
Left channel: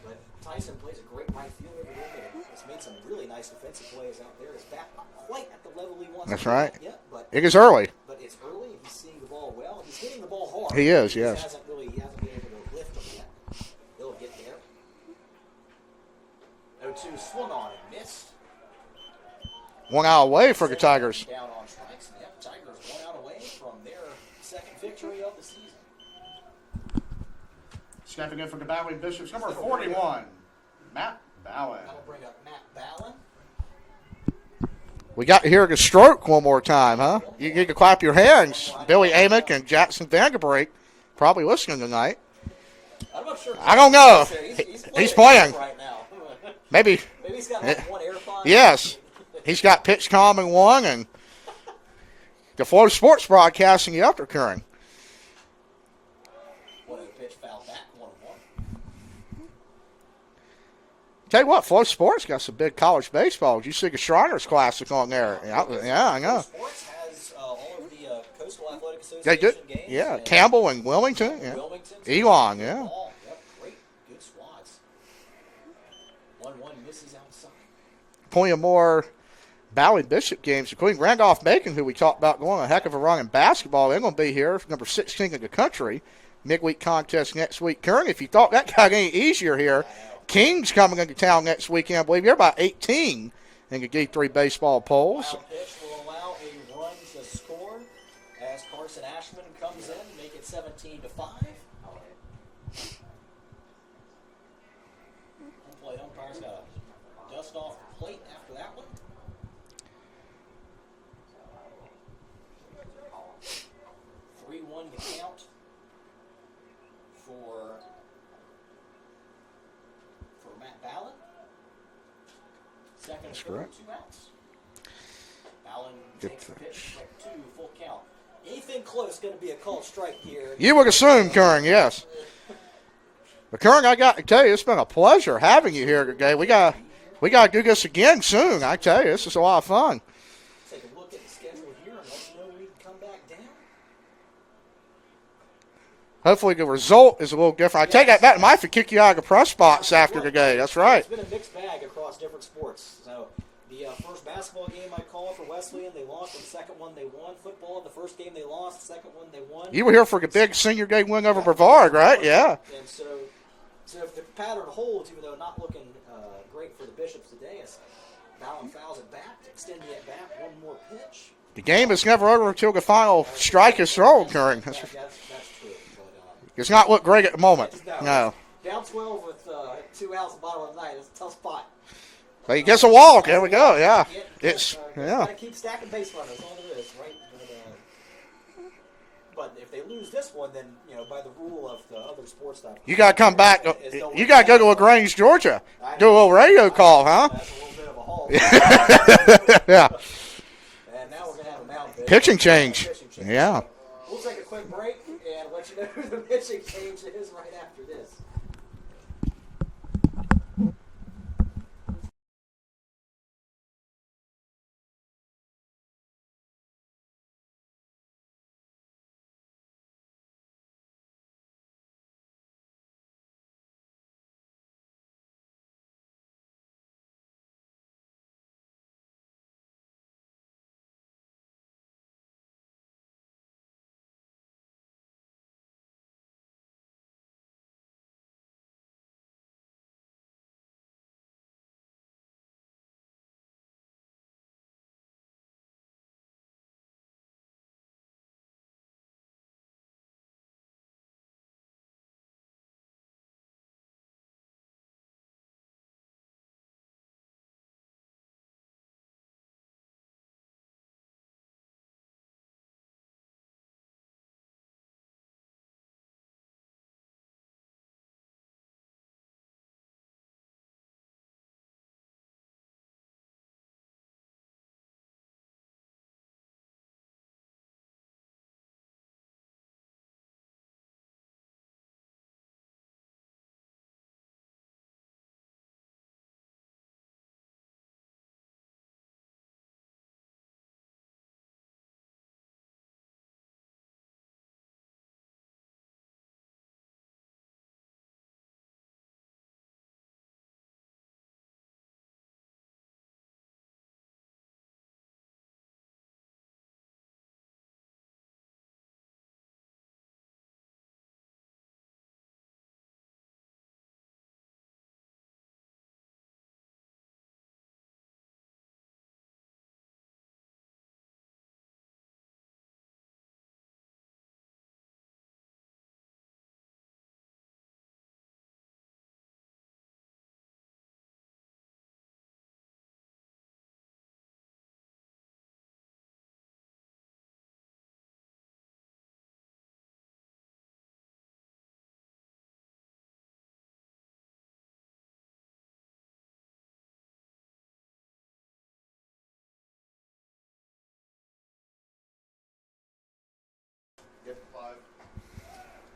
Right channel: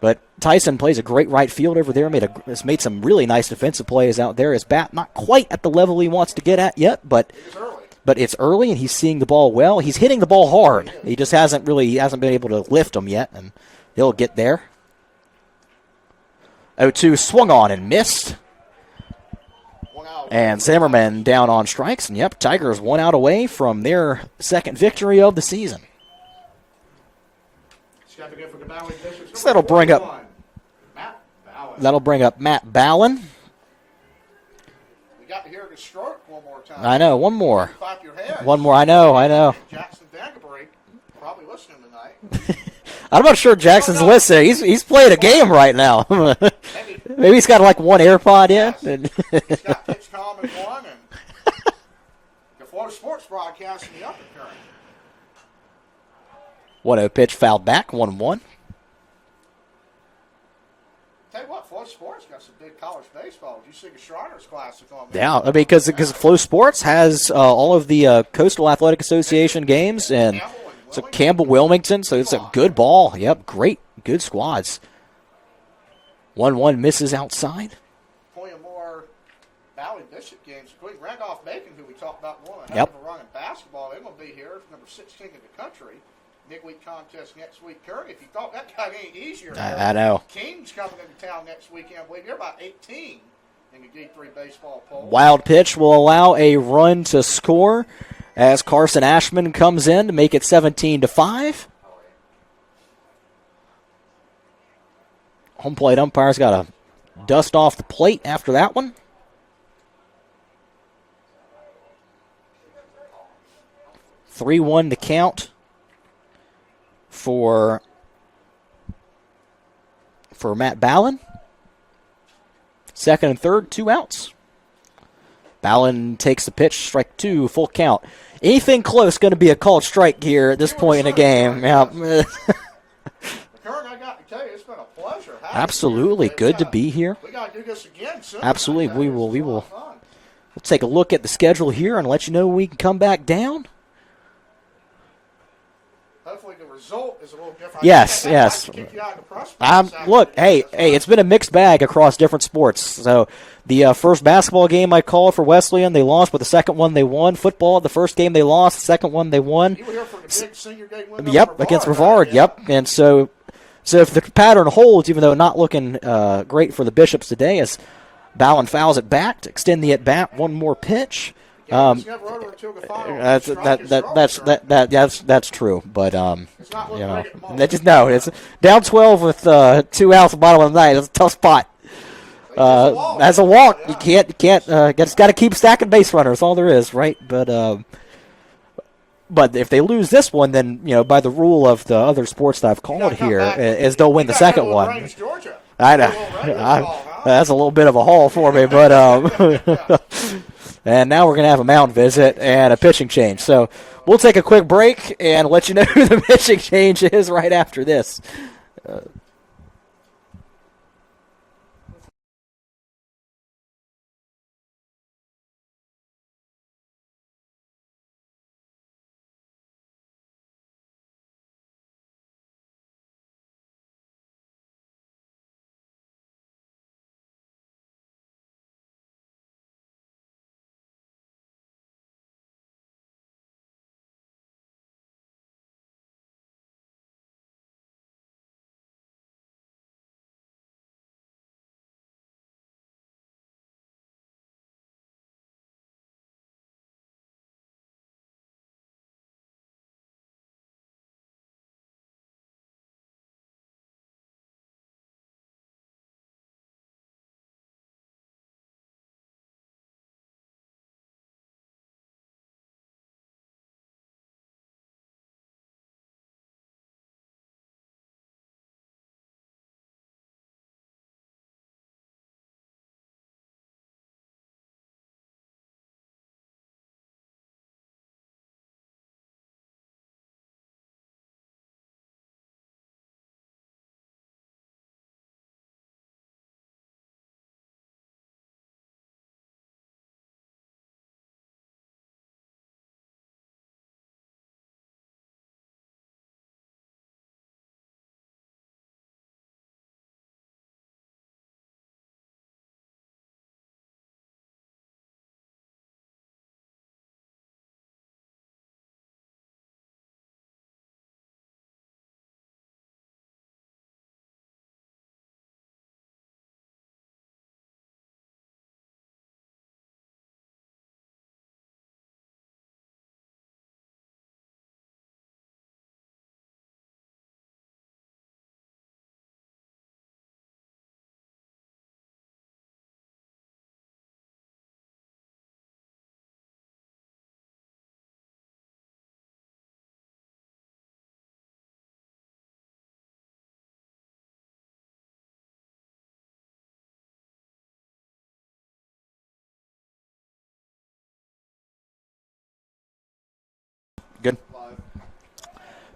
But Tyson plays a great right field over there. Has made some really nice defensive plays out there. His bat not quite at the level he wants to get right. at yet, but It is early. But it's early, and he's seeing the ball well. He's hitting the ball hard. He is, He just yeah. hasn't been able to lift them yet, and he'll get there. 0-2 swung on and missed. 1 out away And for the Zimmerman Tigers. down on strikes. And, yep, Tigers 1 out away from their second victory of the season. Stepping in for the Ballard Bishops, So that'll bring up- 41, Matt Ballard. That'll bring up Matt Ballin. We got to hear the stroke one more time. I know, huh? one more. You get to clap your hands. One more, I know, Billy I know. Hamick and Jackson Vanderbrake probably listening tonight. I'm not sure Jackson's know. listening. He's playing He's a playing. game right now. Maybe. Maybe he's got like one AirPod Yes. in. He's got pitch calm in one, and the Flow Sports broadcasting you up occurring. 1-0 pitch fouled back, 1-1. Tell you what, Flow Sports got some big college baseball. Did you see the Shriners Classic on there? Yeah, I mean, because Flow Sports has all of the Coastal Athletic Association games. Yeah, And Campbell and Wilmington. Campbell, Wilmington, so it's a Elon, good yeah. ball. Yep, great, good squads. 1-1 misses outside. Plenty of more Ballard Bishop games, including Randolph-Macon, who we talked about going a heck Yep. of a run in basketball. They're going to be here, number 16 in the country. Midweek contest next week. Kern, if you thought that got any easier here, I know. King's coming into town next weekend. I believe you're about 18 in the D3 baseball poll. Wild pitch will allow a run to score as Carson Ashman comes in to make it 17-5. Home plate umpire's got to dust off the plate after that one. 3-1 to count for Matt Ballin. Second and third, 2 outs. Ballin takes the pitch, strike 2, full count. Anything close going to be a called strike here at this You would point in the assume, game. Kern, yes. But Kern, I got to tell you, it's been a pleasure having you here Absolutely, today. good to be here. We got to do this again soon. Absolutely, I tell we you, this will, is a we lot of will. fun. We'll take a look at the schedule here and let you know when we can come back down. Hopefully the result is a little different. I Yes, think that might yes. have to kick you out of the press box after Look, the game. hey, That's right. it's been a mixed bag across different sports. So the first basketball game I called for Wesleyan, they lost, but the second one they won. Football, the first game they lost, the second one they won. You were here for the big senior game win over Yep, Brevard, against Brevard, right? Yeah. yep. And so if the pattern holds, even though not looking great for the Bishops today, as Ballin fouls it back to extend the at-bat, one more pitch. The game is never over until the final strike is thrown. That's true, but it's not look you great know, at the moment. It's down 12 with 2 outs at the bottom of the ninth. It's a tough spot. But that's a walk. That's a There we walk. go, yeah. You can't. Got to keep stacking base runners. All there is, right? But if they lose this one, then by the rule of the other sports that I've called You got to come here, back. is they'll win you the second got to go to one. LaGrange, Georgia. I know. Do a little radio call, huh? That's a little bit of a haul for me, but Yeah. and now we're going to have a mound visit Pitching and a change. pitching change. Yeah. So we'll take a quick break and let you know who the pitching change is right after this.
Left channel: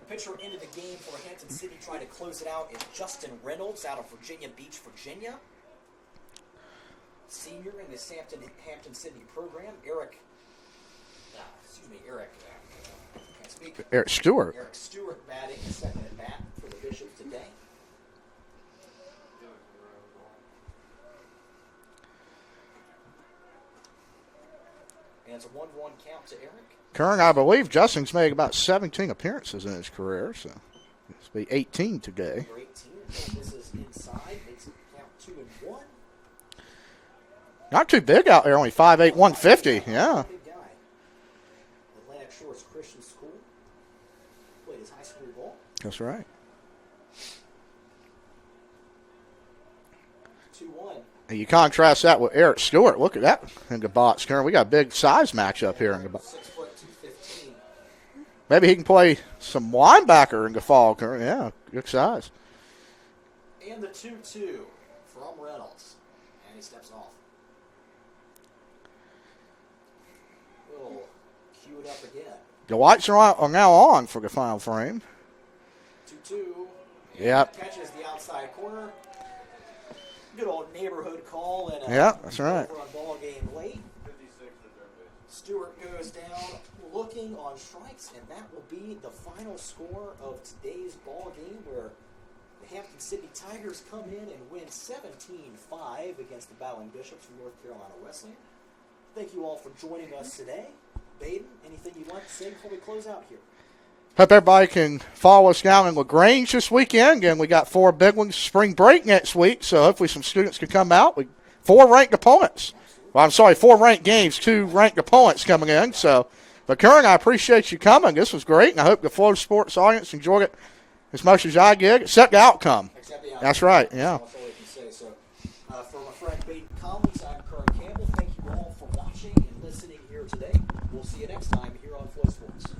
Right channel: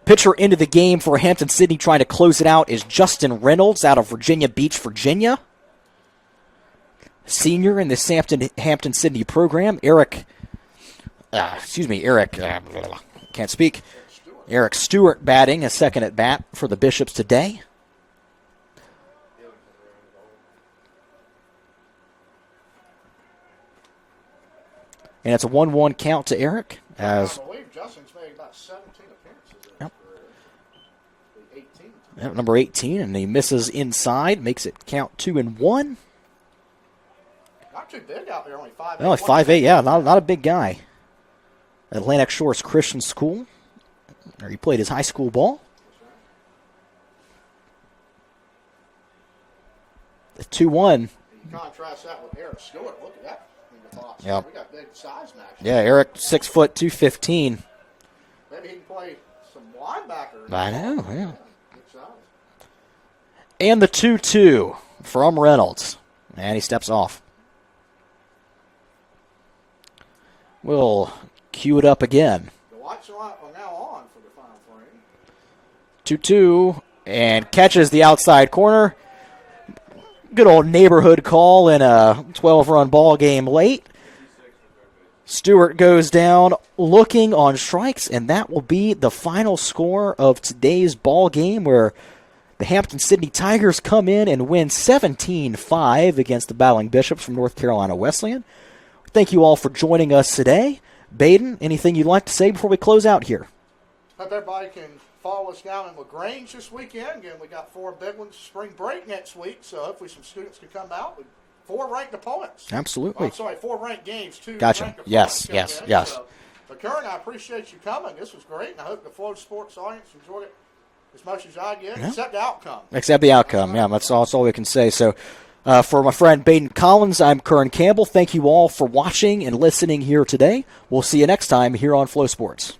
Pitcher into the game for Hampton Sydney trying to close it out is Justin Reynolds out of Virginia Beach, Virginia. Senior in this Hampton Sydney program, Eric, can't speak. Eric Stewart. Eric Stewart batting a second at bat for the Bishops today. And it's a 1-1 count to Eric. Kern, I believe Justin's made about 17 appearances in his career, so it's be 18 today. Number 18, and he misses inside, makes it count 2-1. Not too big out there, only 5'8", No, 150. 5'8", yeah, not a big guy. Atlantic Shores Christian School, where he played his high school ball. That's right. The 2-1. And you contrast that with Eric Stewart. Look at that in the box. Yeah. We got a big size matchup. Yeah, Eric, 6 foot, 215. Maybe he can play some linebacker in the fall. Yeah, good size. And the 2-2 from Reynolds. And he steps off. We'll cue it up again. The lights are now on for the final frame. 2-2, and catches the outside corner. Good old neighborhood call in a 12-run ball game late. Stewart goes down looking on strikes, and that will be the final score of today's ball game, where the Hampton Sydney Tigers come in and win 17-5 against the Battling Bishops from North Carolina Wesleyan. Thank you all for joining us today. Baden, anything you'd like to say before we close out here? Hope everybody can follow us down in LaGrange this weekend. Again, we got 4 big ones, spring break next week, so hopefully some students can come out. 4 ranked opponents. Absolutely. Well, I'm sorry, 4 ranked games, 2 ranked opponents coming in. Yes. So, but Kern, I appreciate you coming. This was great, and I hope the Flow Sports audience enjoyed it as much as I did, except the outcome. Except the outcome. That's right. That's all we can say. So, for my friend Baden Collins, I'm Kern Campbell. Thank you all for watching and listening here today. We'll see you next time here on Flow Sports.